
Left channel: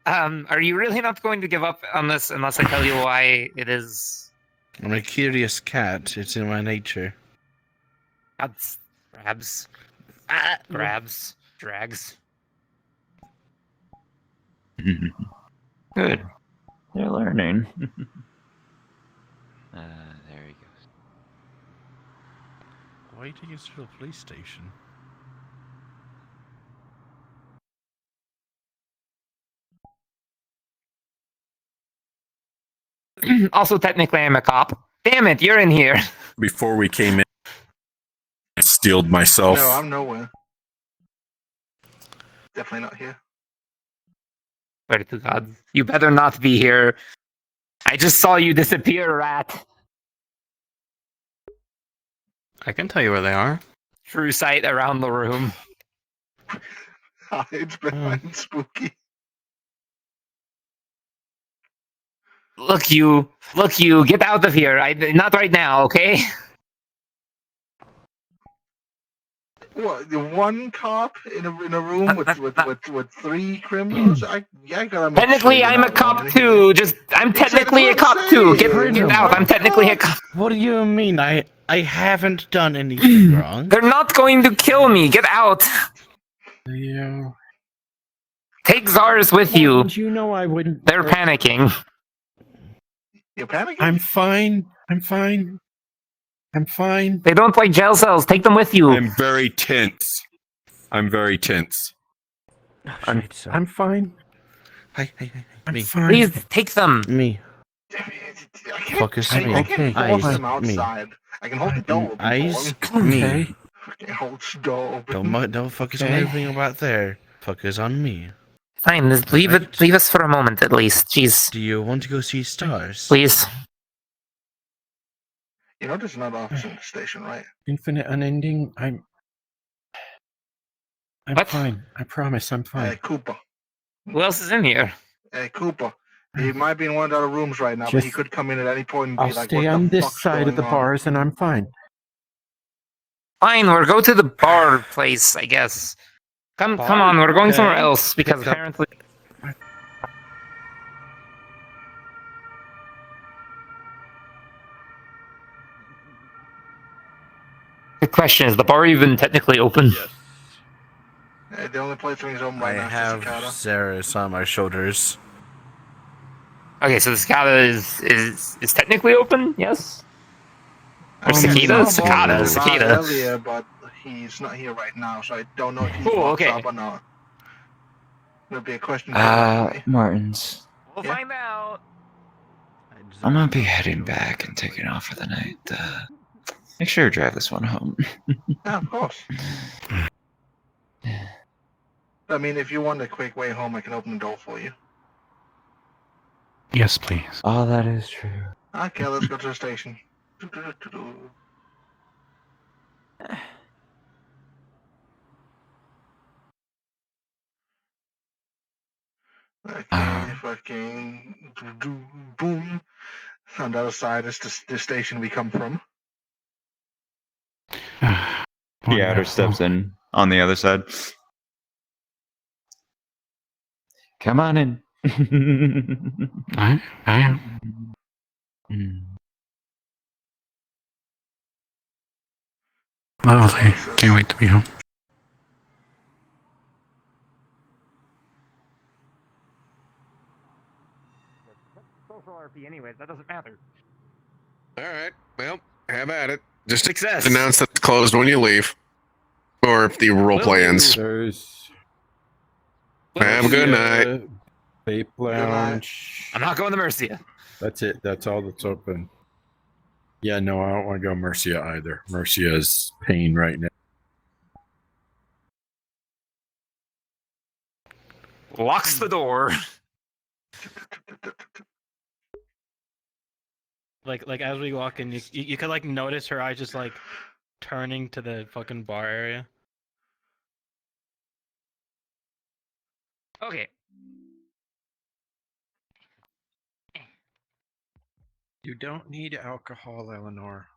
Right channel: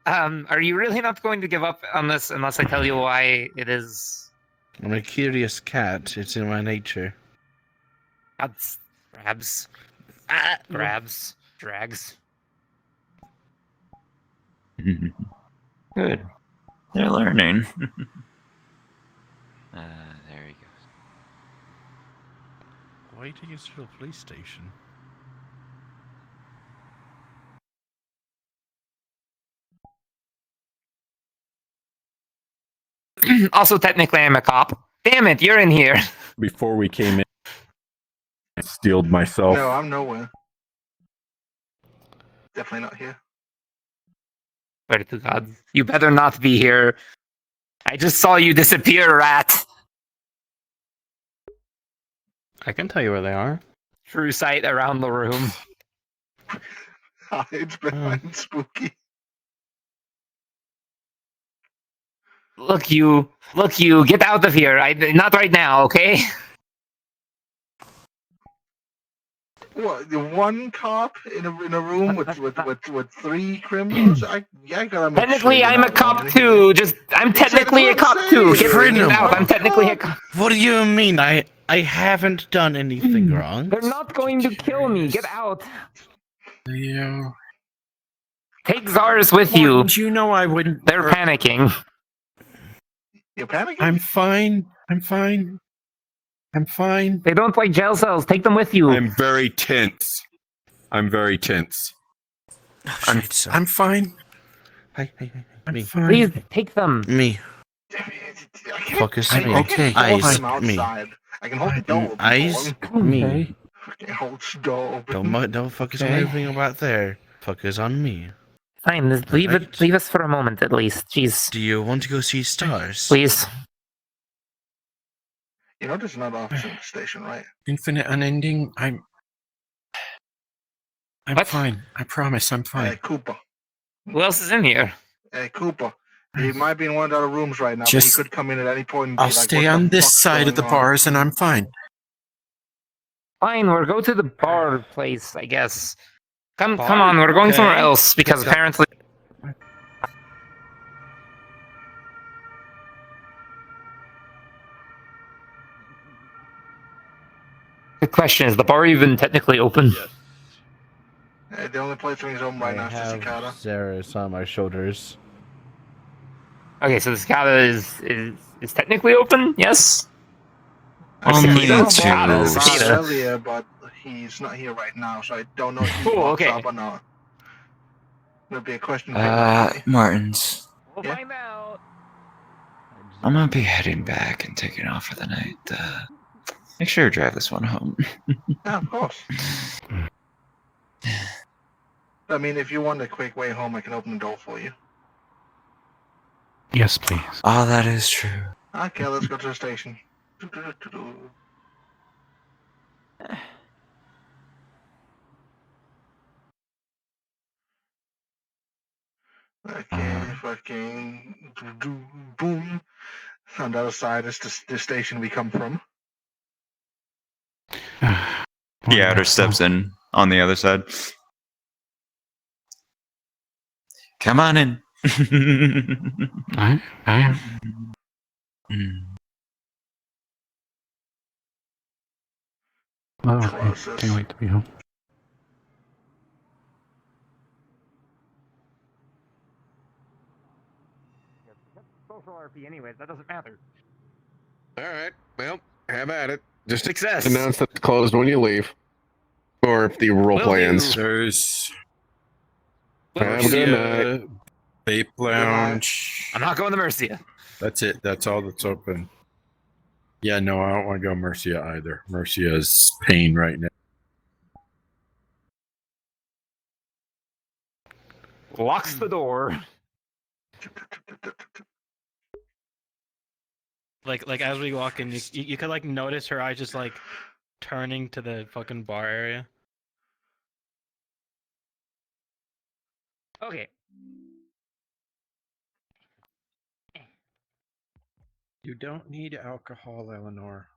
Are you really not going to give up on this unless I tell you why it is? I'm a curious cat. It's in my nature. That's grabs. Grabs. Drags. Good. They're learning. There he goes. Why are you taking us to the police station? Also, technically, I'm a cop. Damn it, you're in here. Before we came in, I steeled myself. No, I'm nowhere. Definitely not here. Swear to God. You better not be here. I just saw you disappear, rat. I can tell you where they are. True sight around the room. Hides behind Spooky. Look, you, get out of here. Not right now, okay? What? The one cop in a room with three criminals? I gotta. Technically, I'm a cop too. I'm technically a cop too. Get out. I'm technically a cop. What do you mean? I haven't done anything wrong. They're not going to kill me. Get out. Leo. Take Zars with you. You know I wouldn't. They're panicking. You're panicking? I'm fine. They don't like jail cells. Take them with you. I'm very tense. I'm fine. Hey. Me. Please take them. Me. Focus on me. I can't force Ice. them outside. I can hold the door open Ice. for them. Me. I can hold the door open. Don't focus on everything about there. Focus on me. Fine, just leave it. Leave us for a moment at least. Jeez. Do you want to go see stars? Please. You know there's another officer in the station, right? Infinite unending. I'm What? fine. I promise I'm fine. Cooper. Who else is in here? Hey, Cooper. He might be in one of the other rooms right now, but he Just- could come in at any point and be I'll like, stay what on the this fuck's side of the going on? bars and I'm fine. Fine, we'll go to the bar place, I guess. Come on, we're going somewhere else because apparently. The question is, the bar even technically open? The only place when he's home right now is the have cicada. Zaris on my shoulders. Okay, so the cicada is technically open. Yes. I Cicada, saw him cicada, walking around cicada. earlier, but he's not here right now, so I don't know if he Cool, walks okay. up or not. It'll be a question for him. Martins. We'll find out. I'm gonna be heading back and taking off for the night. Make sure you drive this one home. Yeah, of course. I mean, if you want a quick way home, I can open the door for you. Yes, please. Oh, that is true. Okay, let's go to the station. Okay, fucking boom. On the other side is the station we come from. The outer steps in on the other side. Come on in. I am. Lovely. Can't wait to be home. Social RP, anyways. That doesn't matter. All right. Well, have at it. Just Success. announce that it's closed when you leave. Or if the roleplay ends. Have a good night. Vape lounge. I'm not going to Mercia. That's it. That's all that's open. Yeah, no, I don't want to go Mercia either. Mercia is pain right now. Locks the door. Like as we walk in, you could like notice her eyes just like turning to the fucking bar area. Okay. You don't need alcohol, Eleanor.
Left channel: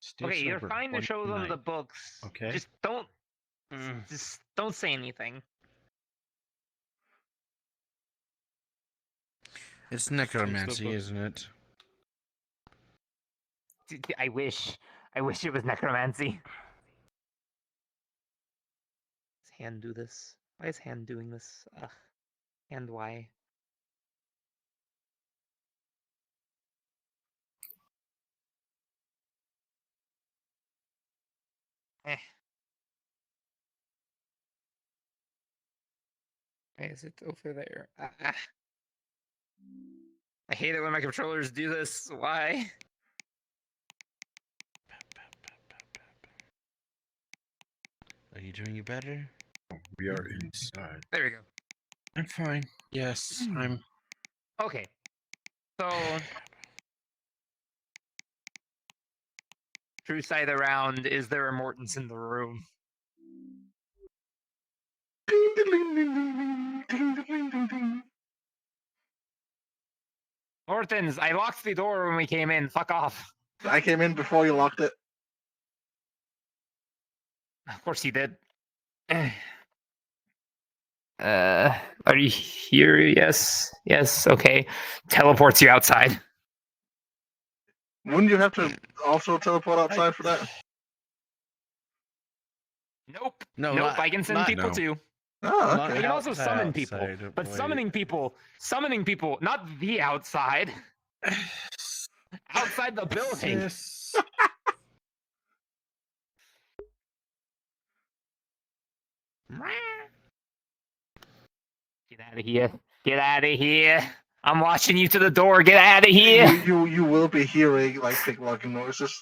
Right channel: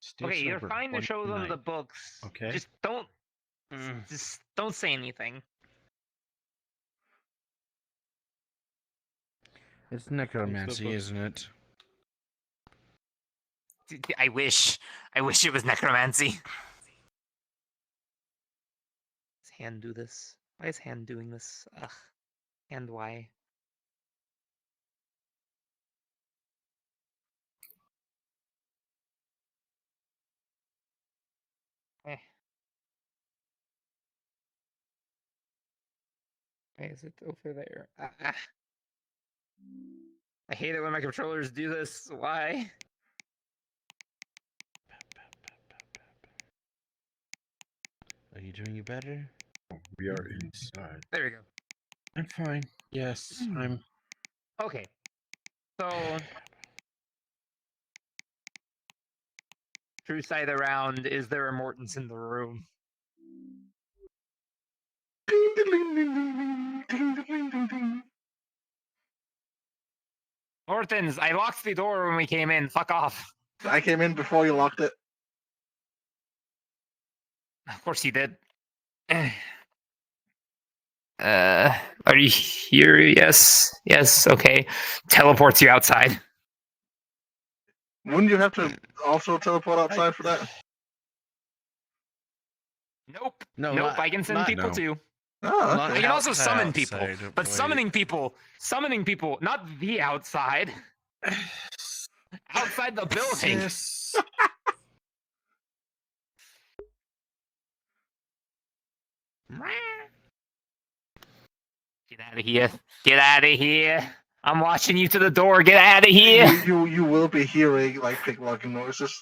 Stay Okay, you're sober. fine to One show them night. the books. Okay. Just don't. Just don't say anything. It's necromancy, isn't it? I wish. I wish it was necromancy. Does Hand do this? Why is Hand doing this? Ugh. And why? Why is it over there? I hate it when my controllers do this. Why? Are you doing it better? We are inside. There we go. I'm fine. Yes, I'm. Okay. So. True side around, is there a Mortons in the room? Mortons, I locked the door when we came in. Fuck off. I came in before you locked it. Of course you did. Are you here? Yes. Yes, okay. Teleports you outside. Wouldn't you have to also teleport outside for that? Nope. No, nope, I can send people too. Oh, I okay. can also summon people. But summoning people, not the outside. Outside the building. Yes. Get out of here. Get out of here. I'm watching you to the door. Get out of here. You will be hearing like picklocking noises.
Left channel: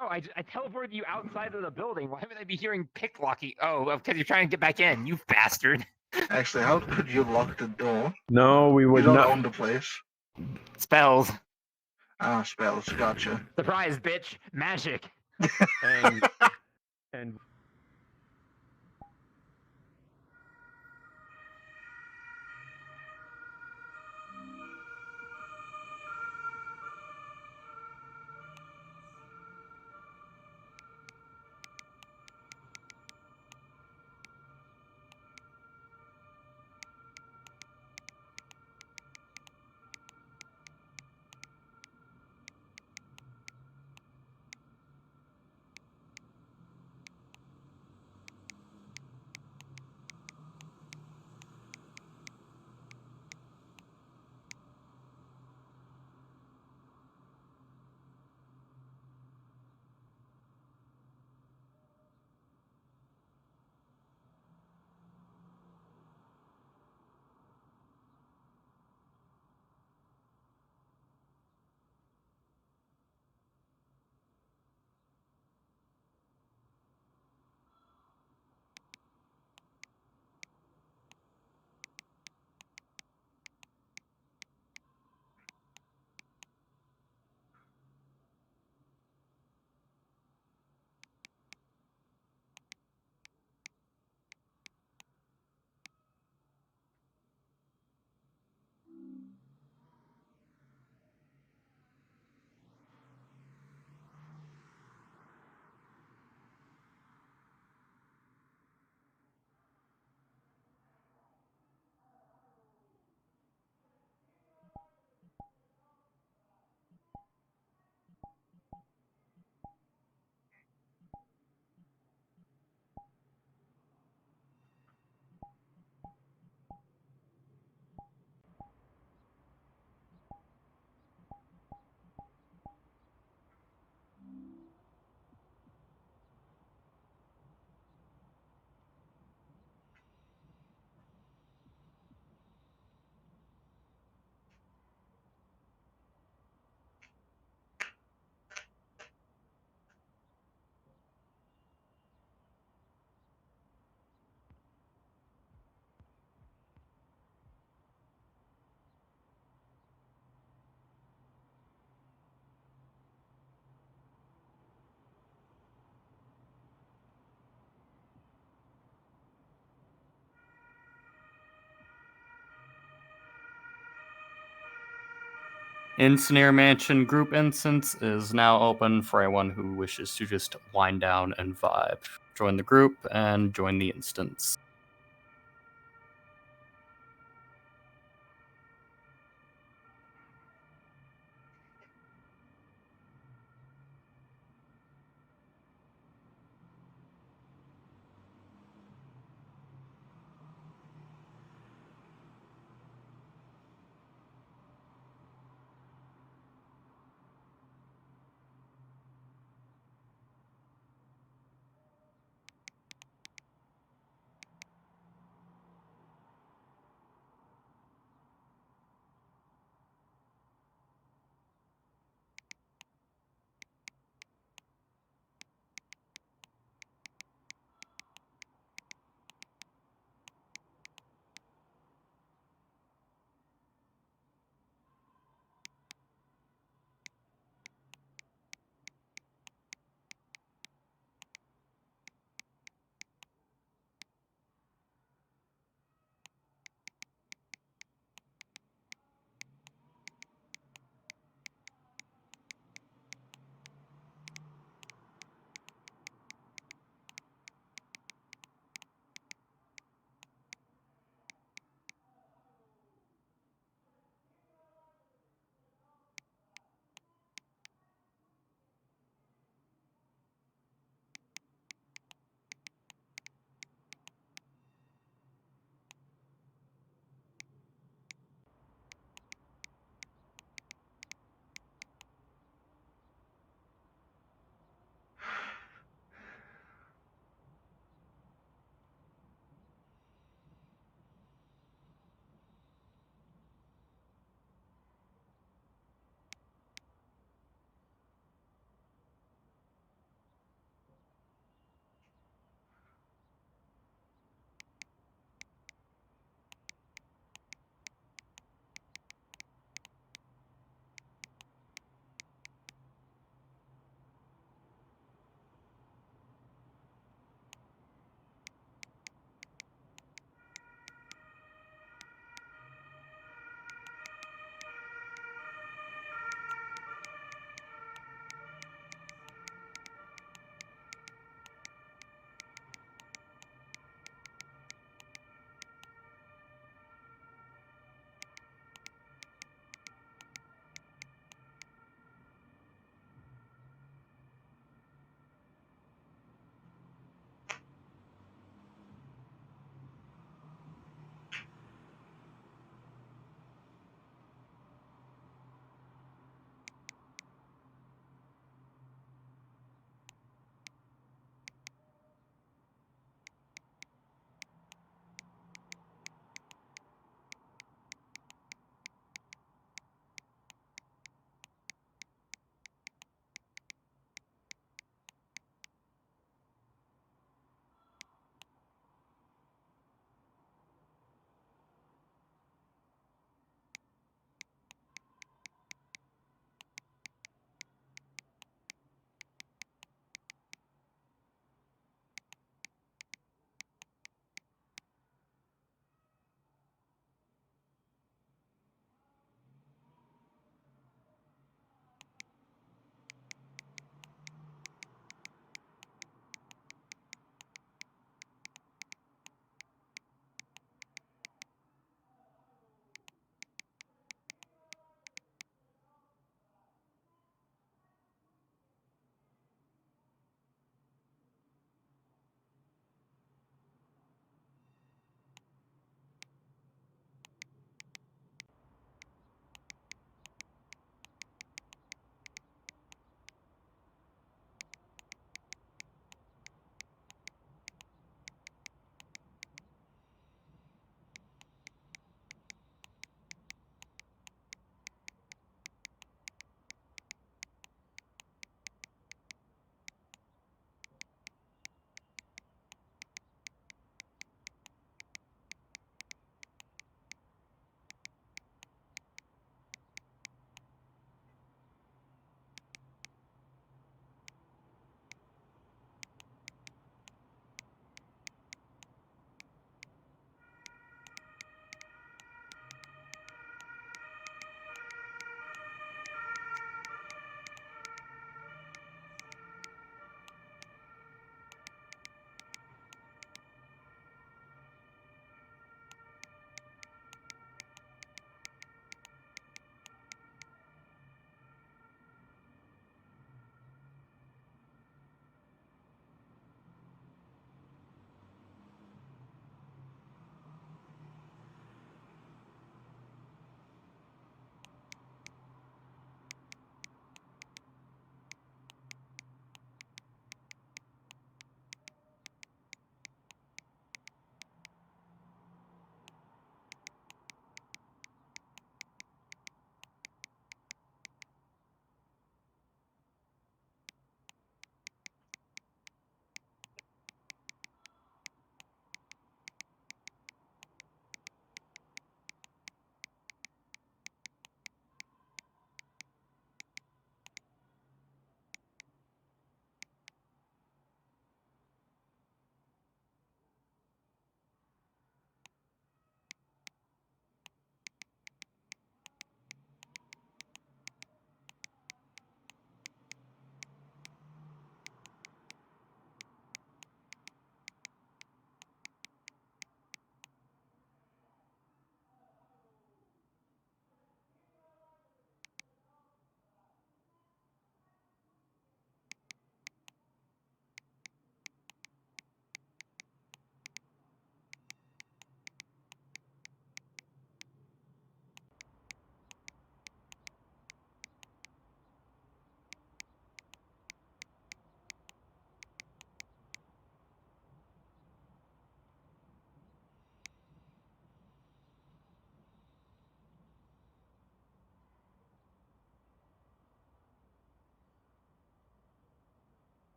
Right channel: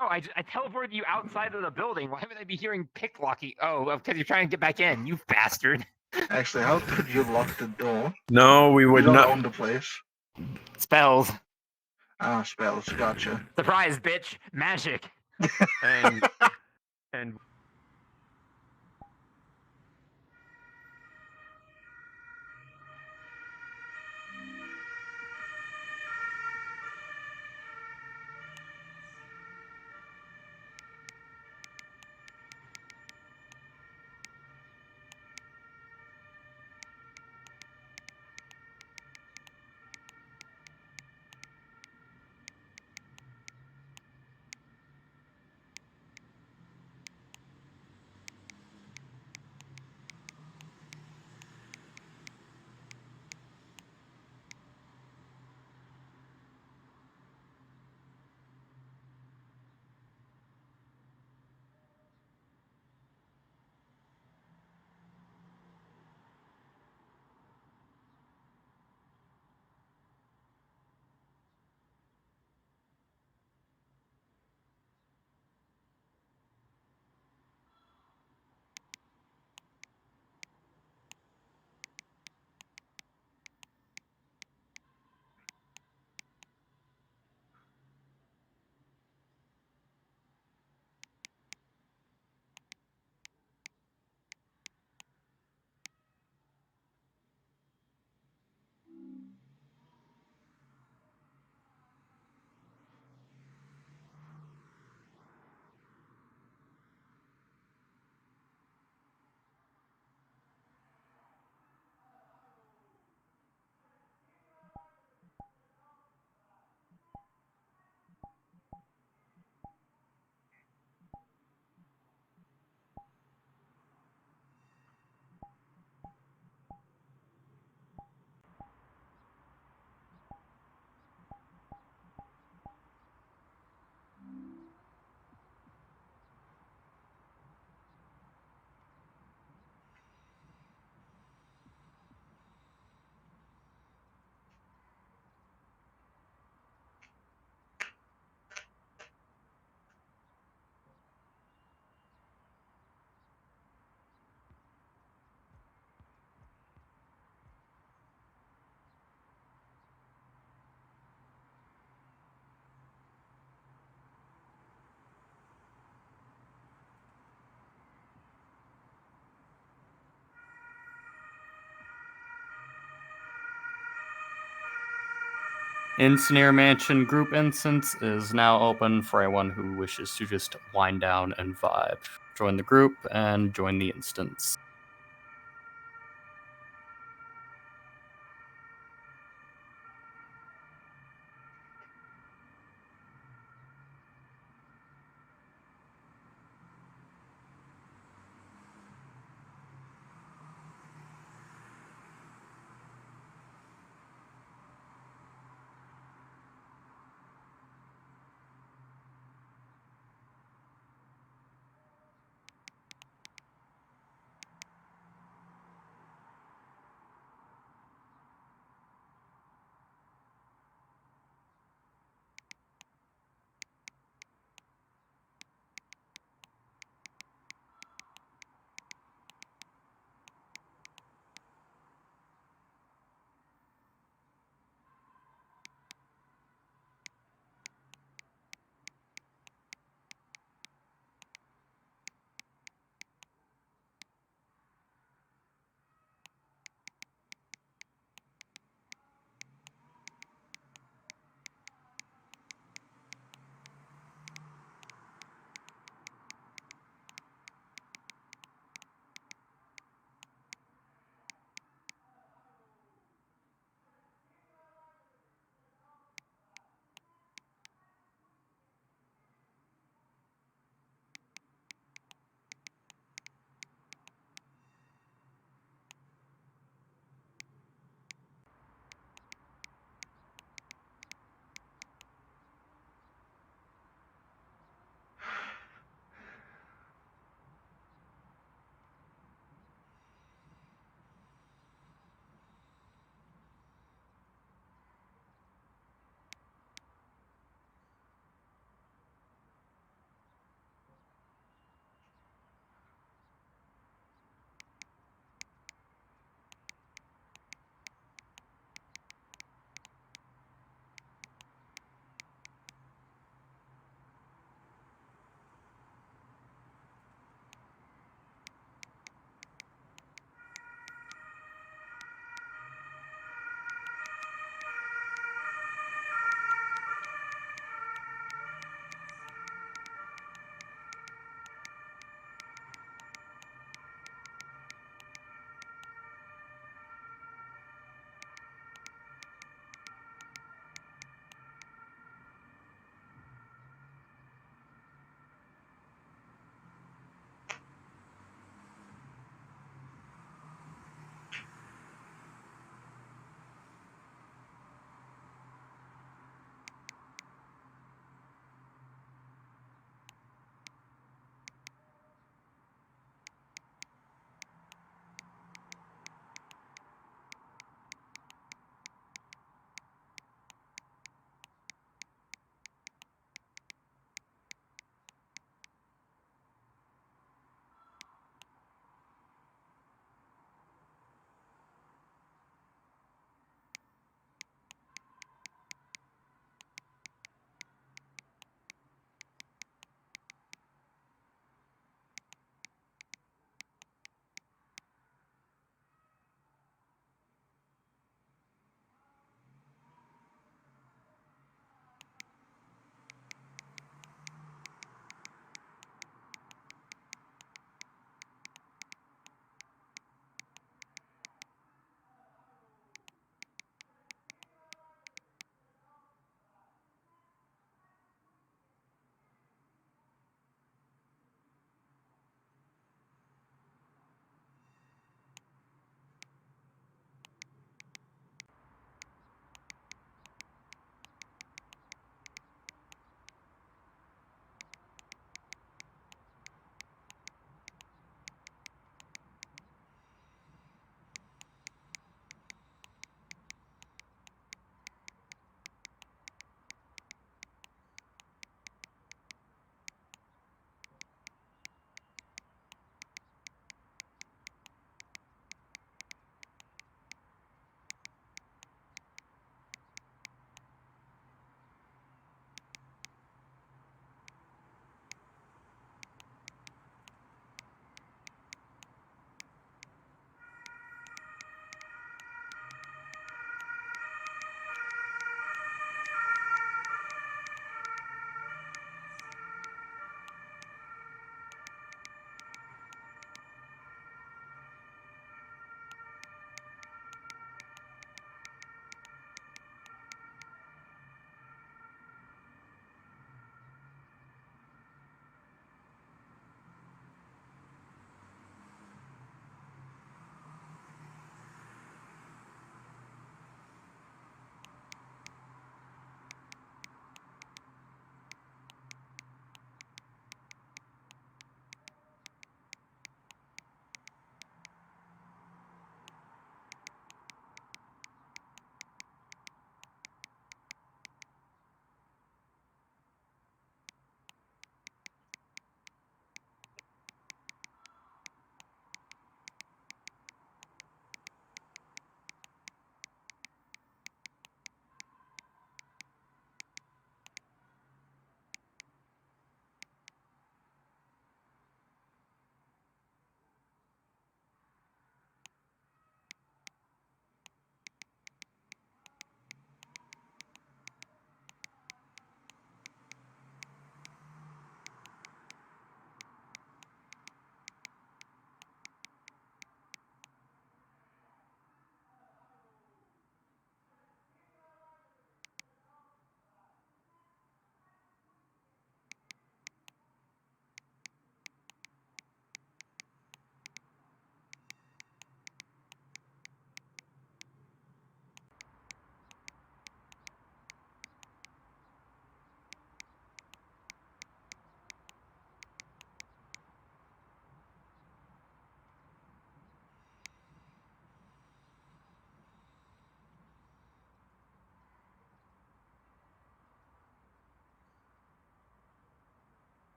No, I teleported you outside of the building. Why would I be hearing picklocking? Oh, because you're trying to get back in, you bastard. Actually, how could you lock the door? No, we You would don't not. own the place. Spells. Ah, spells. Gotcha. Surprise, bitch. Magic. And Engineer Mansion group instance is now open for anyone who wishes to just wind down and vibe. Join the group and join the instance.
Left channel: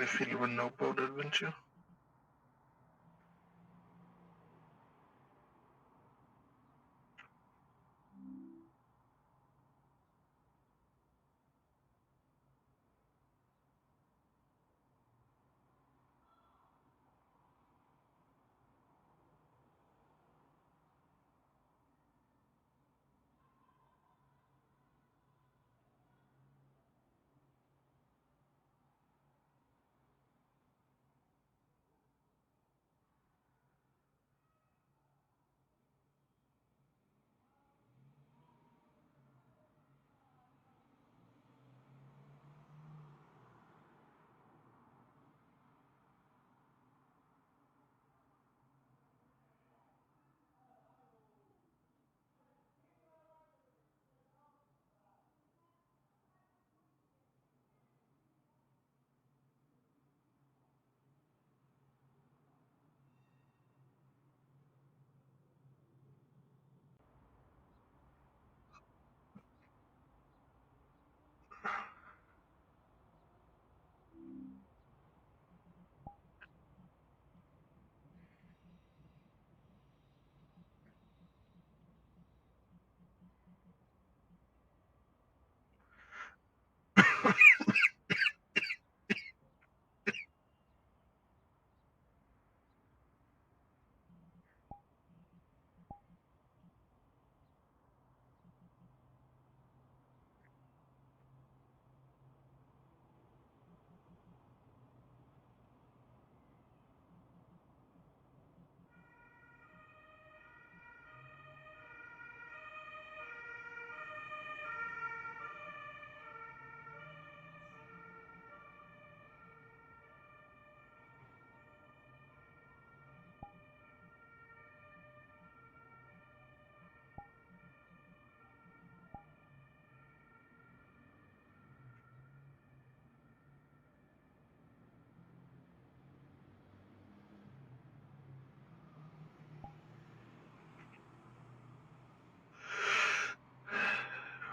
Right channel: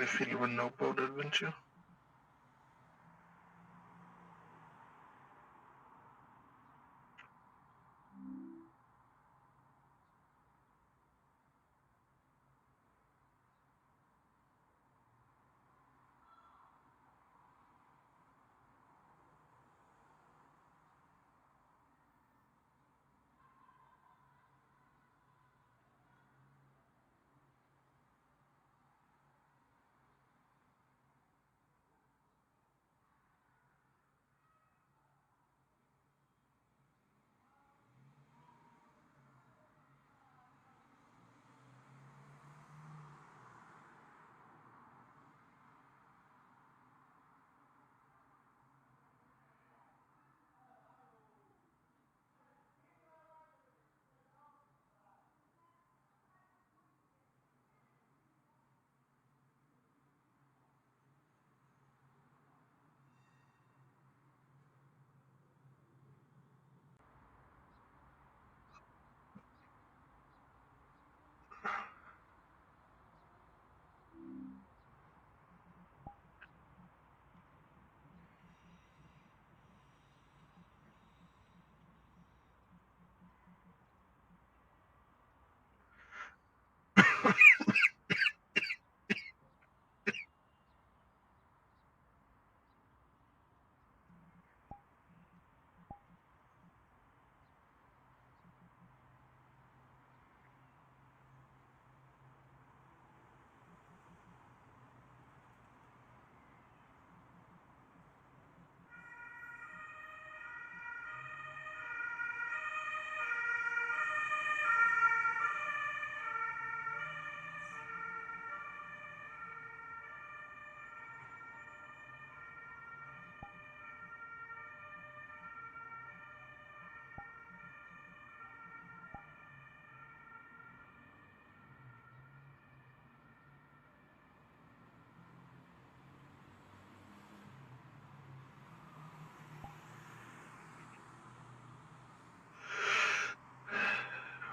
me feel you were no boat adventure.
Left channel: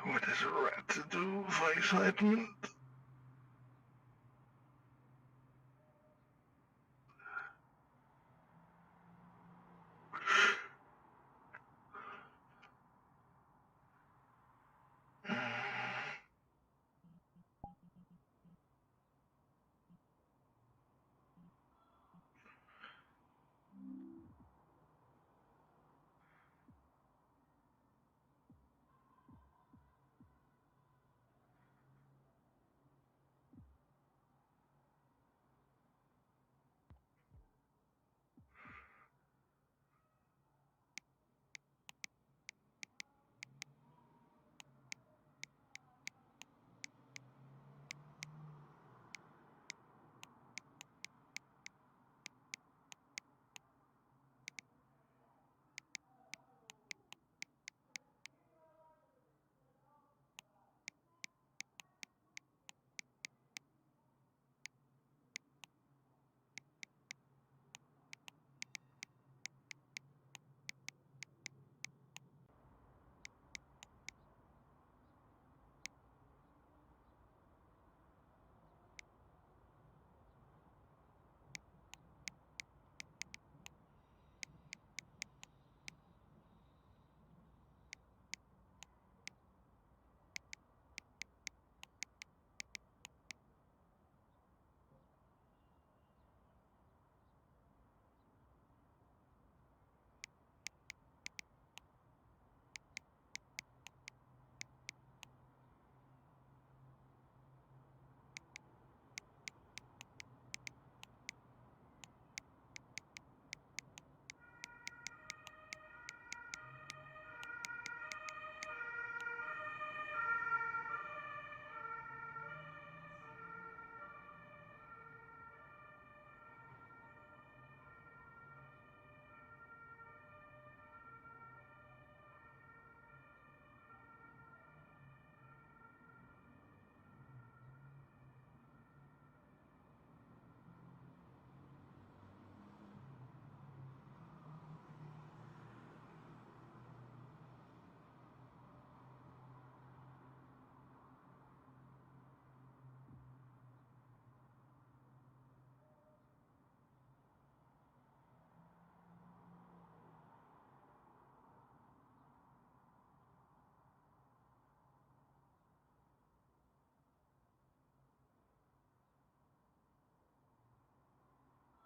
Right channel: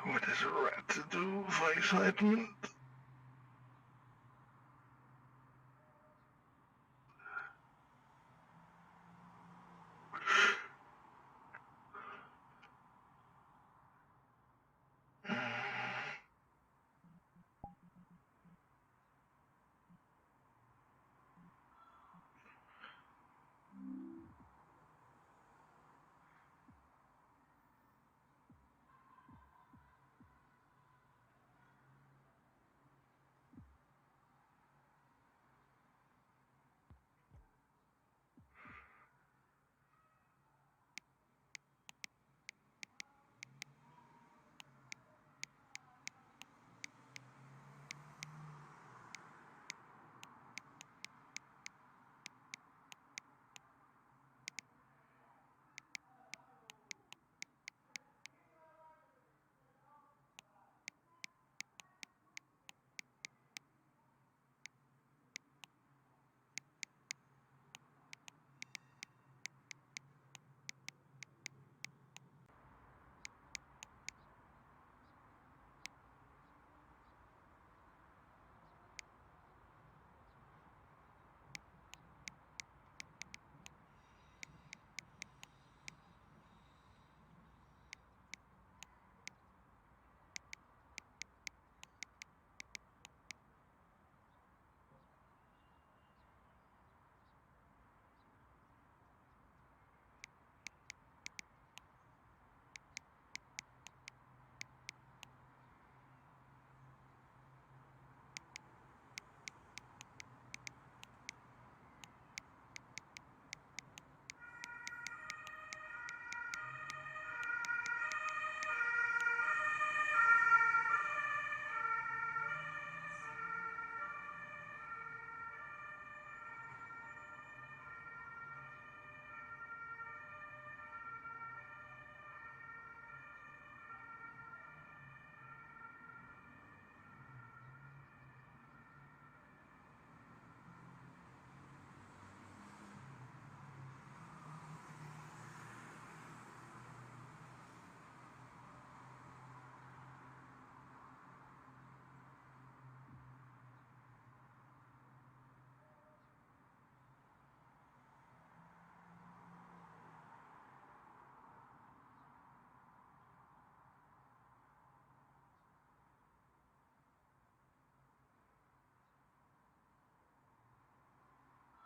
What is a rat to do for excitement?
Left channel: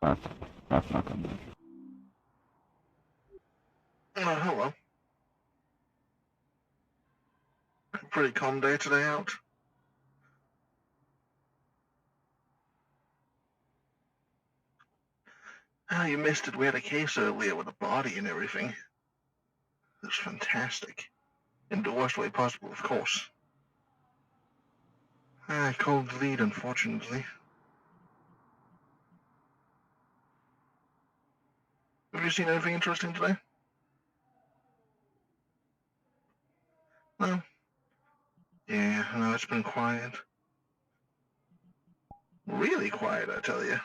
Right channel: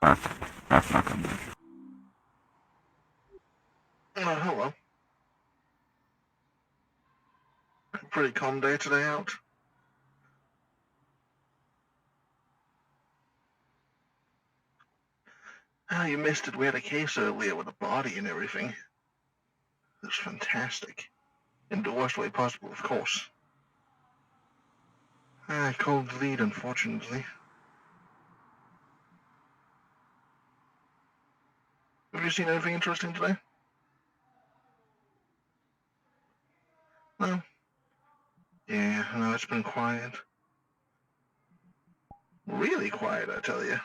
That's not good. Hello. Pretty calm day today out. Ah, you missed it. We had a case earlier with a body and everything. It was fantastic. In the worst way possible, of course. Cold lead, unfortunately. Have you seen anything interesting today? No? Yeah, no, it's been quiet. Really quiet, I tell you.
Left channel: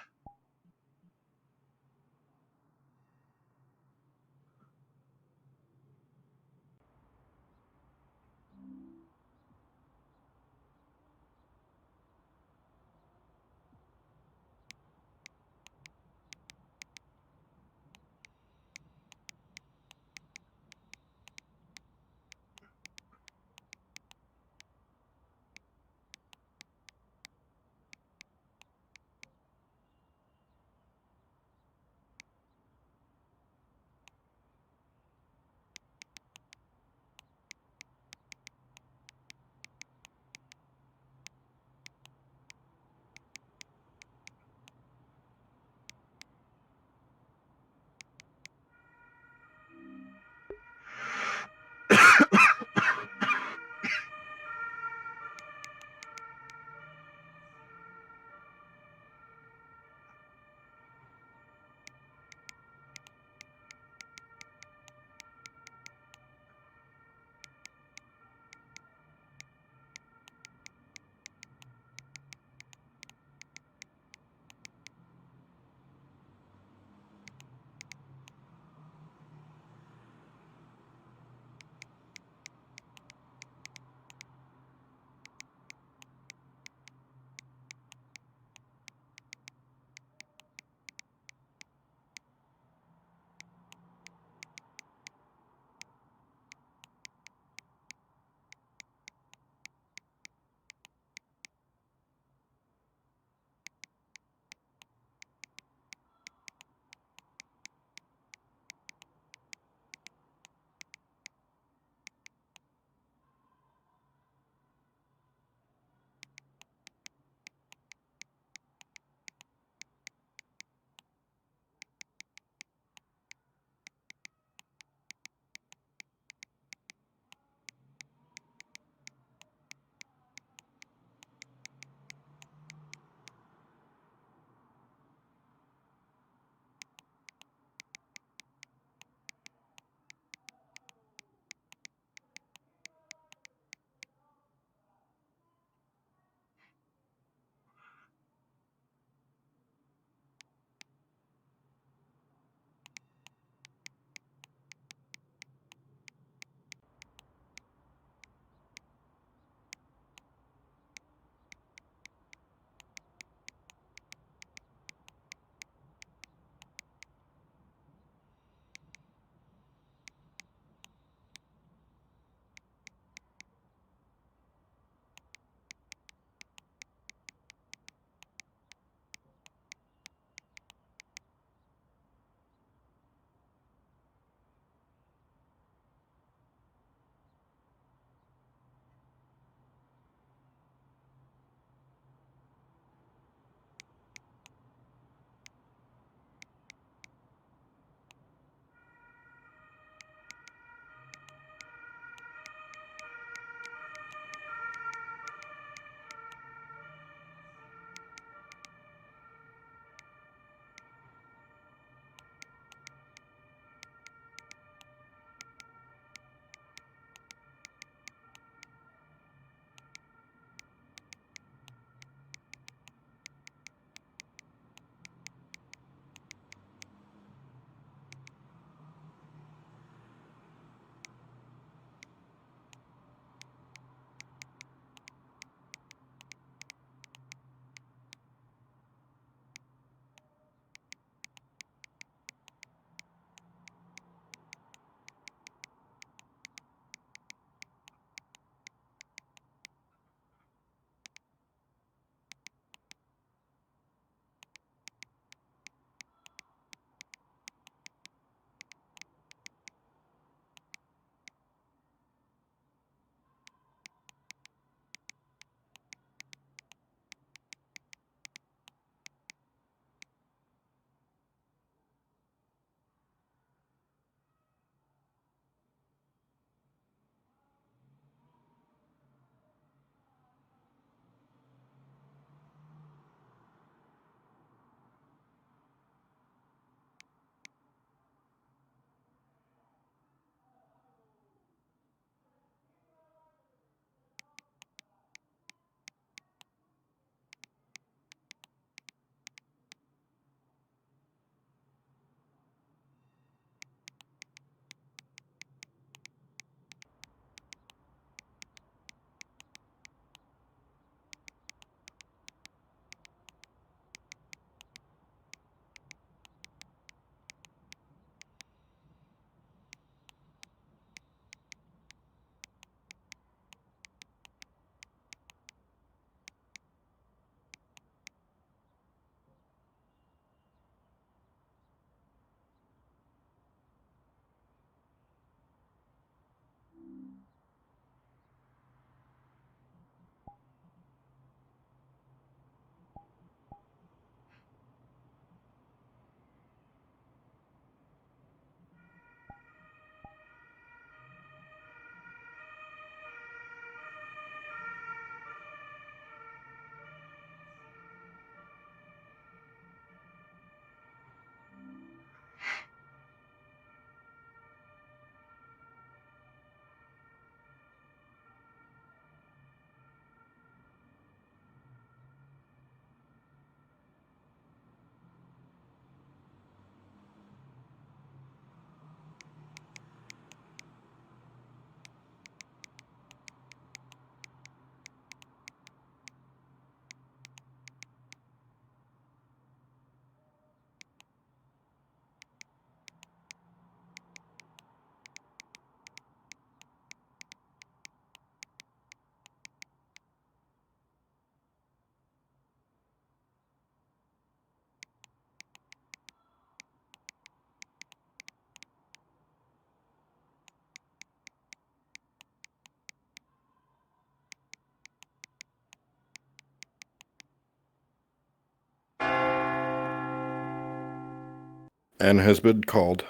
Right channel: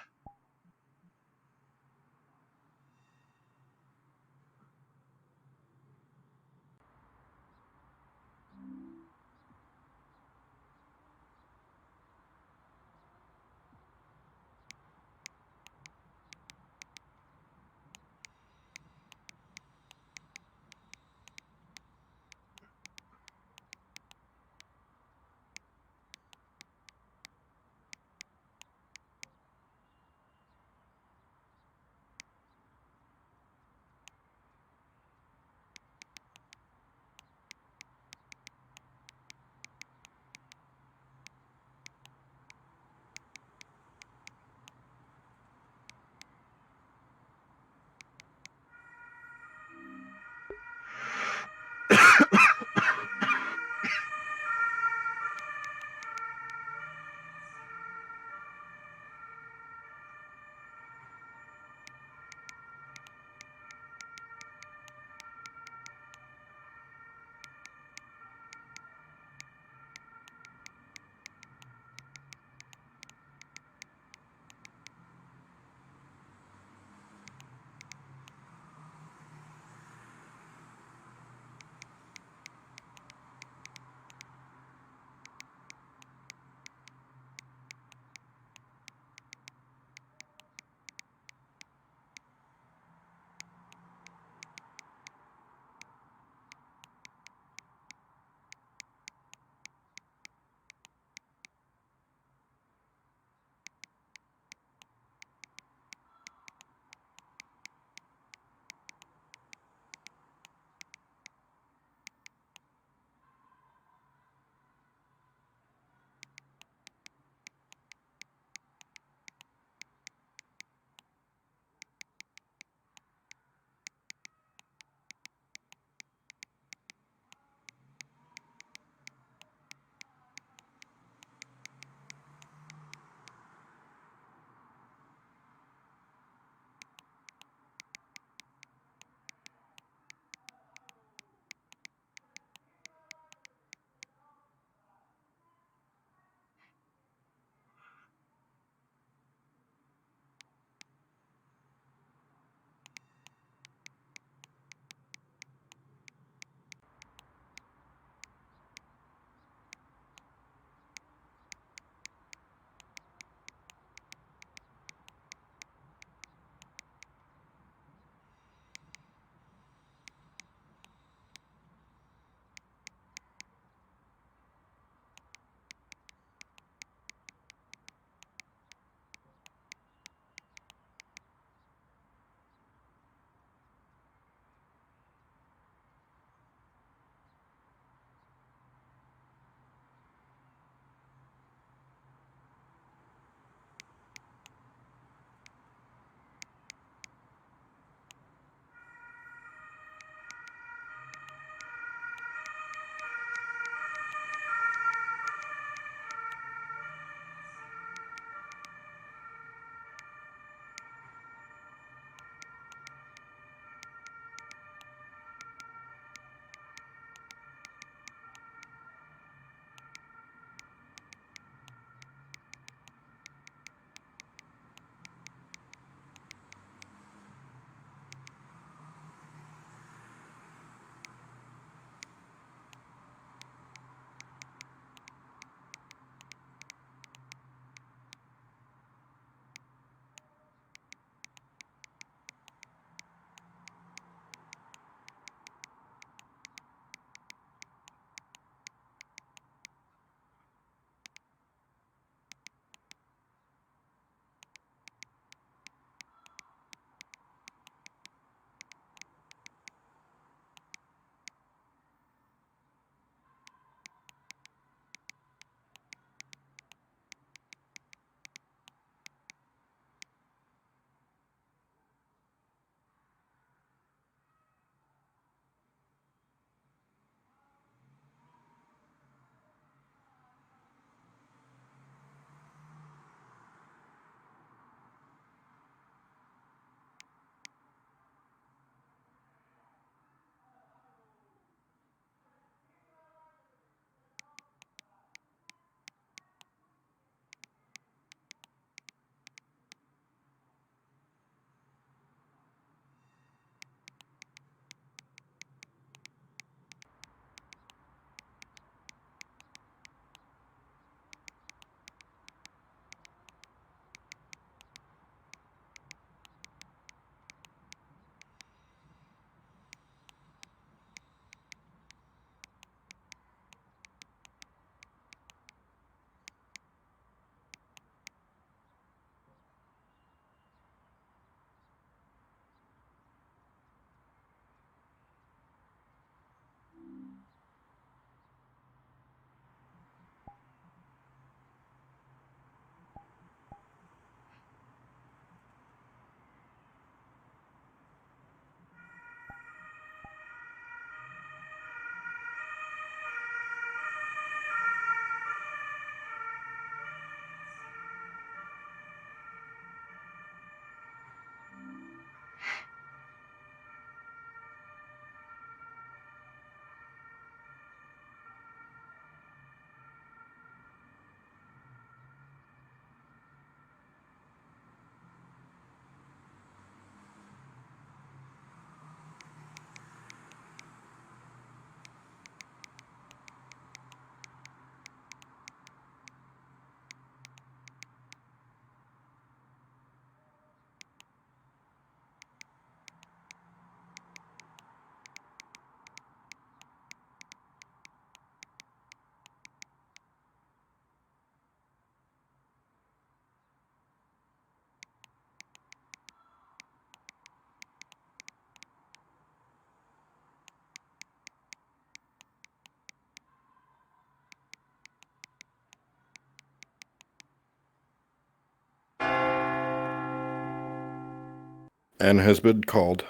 and has been called.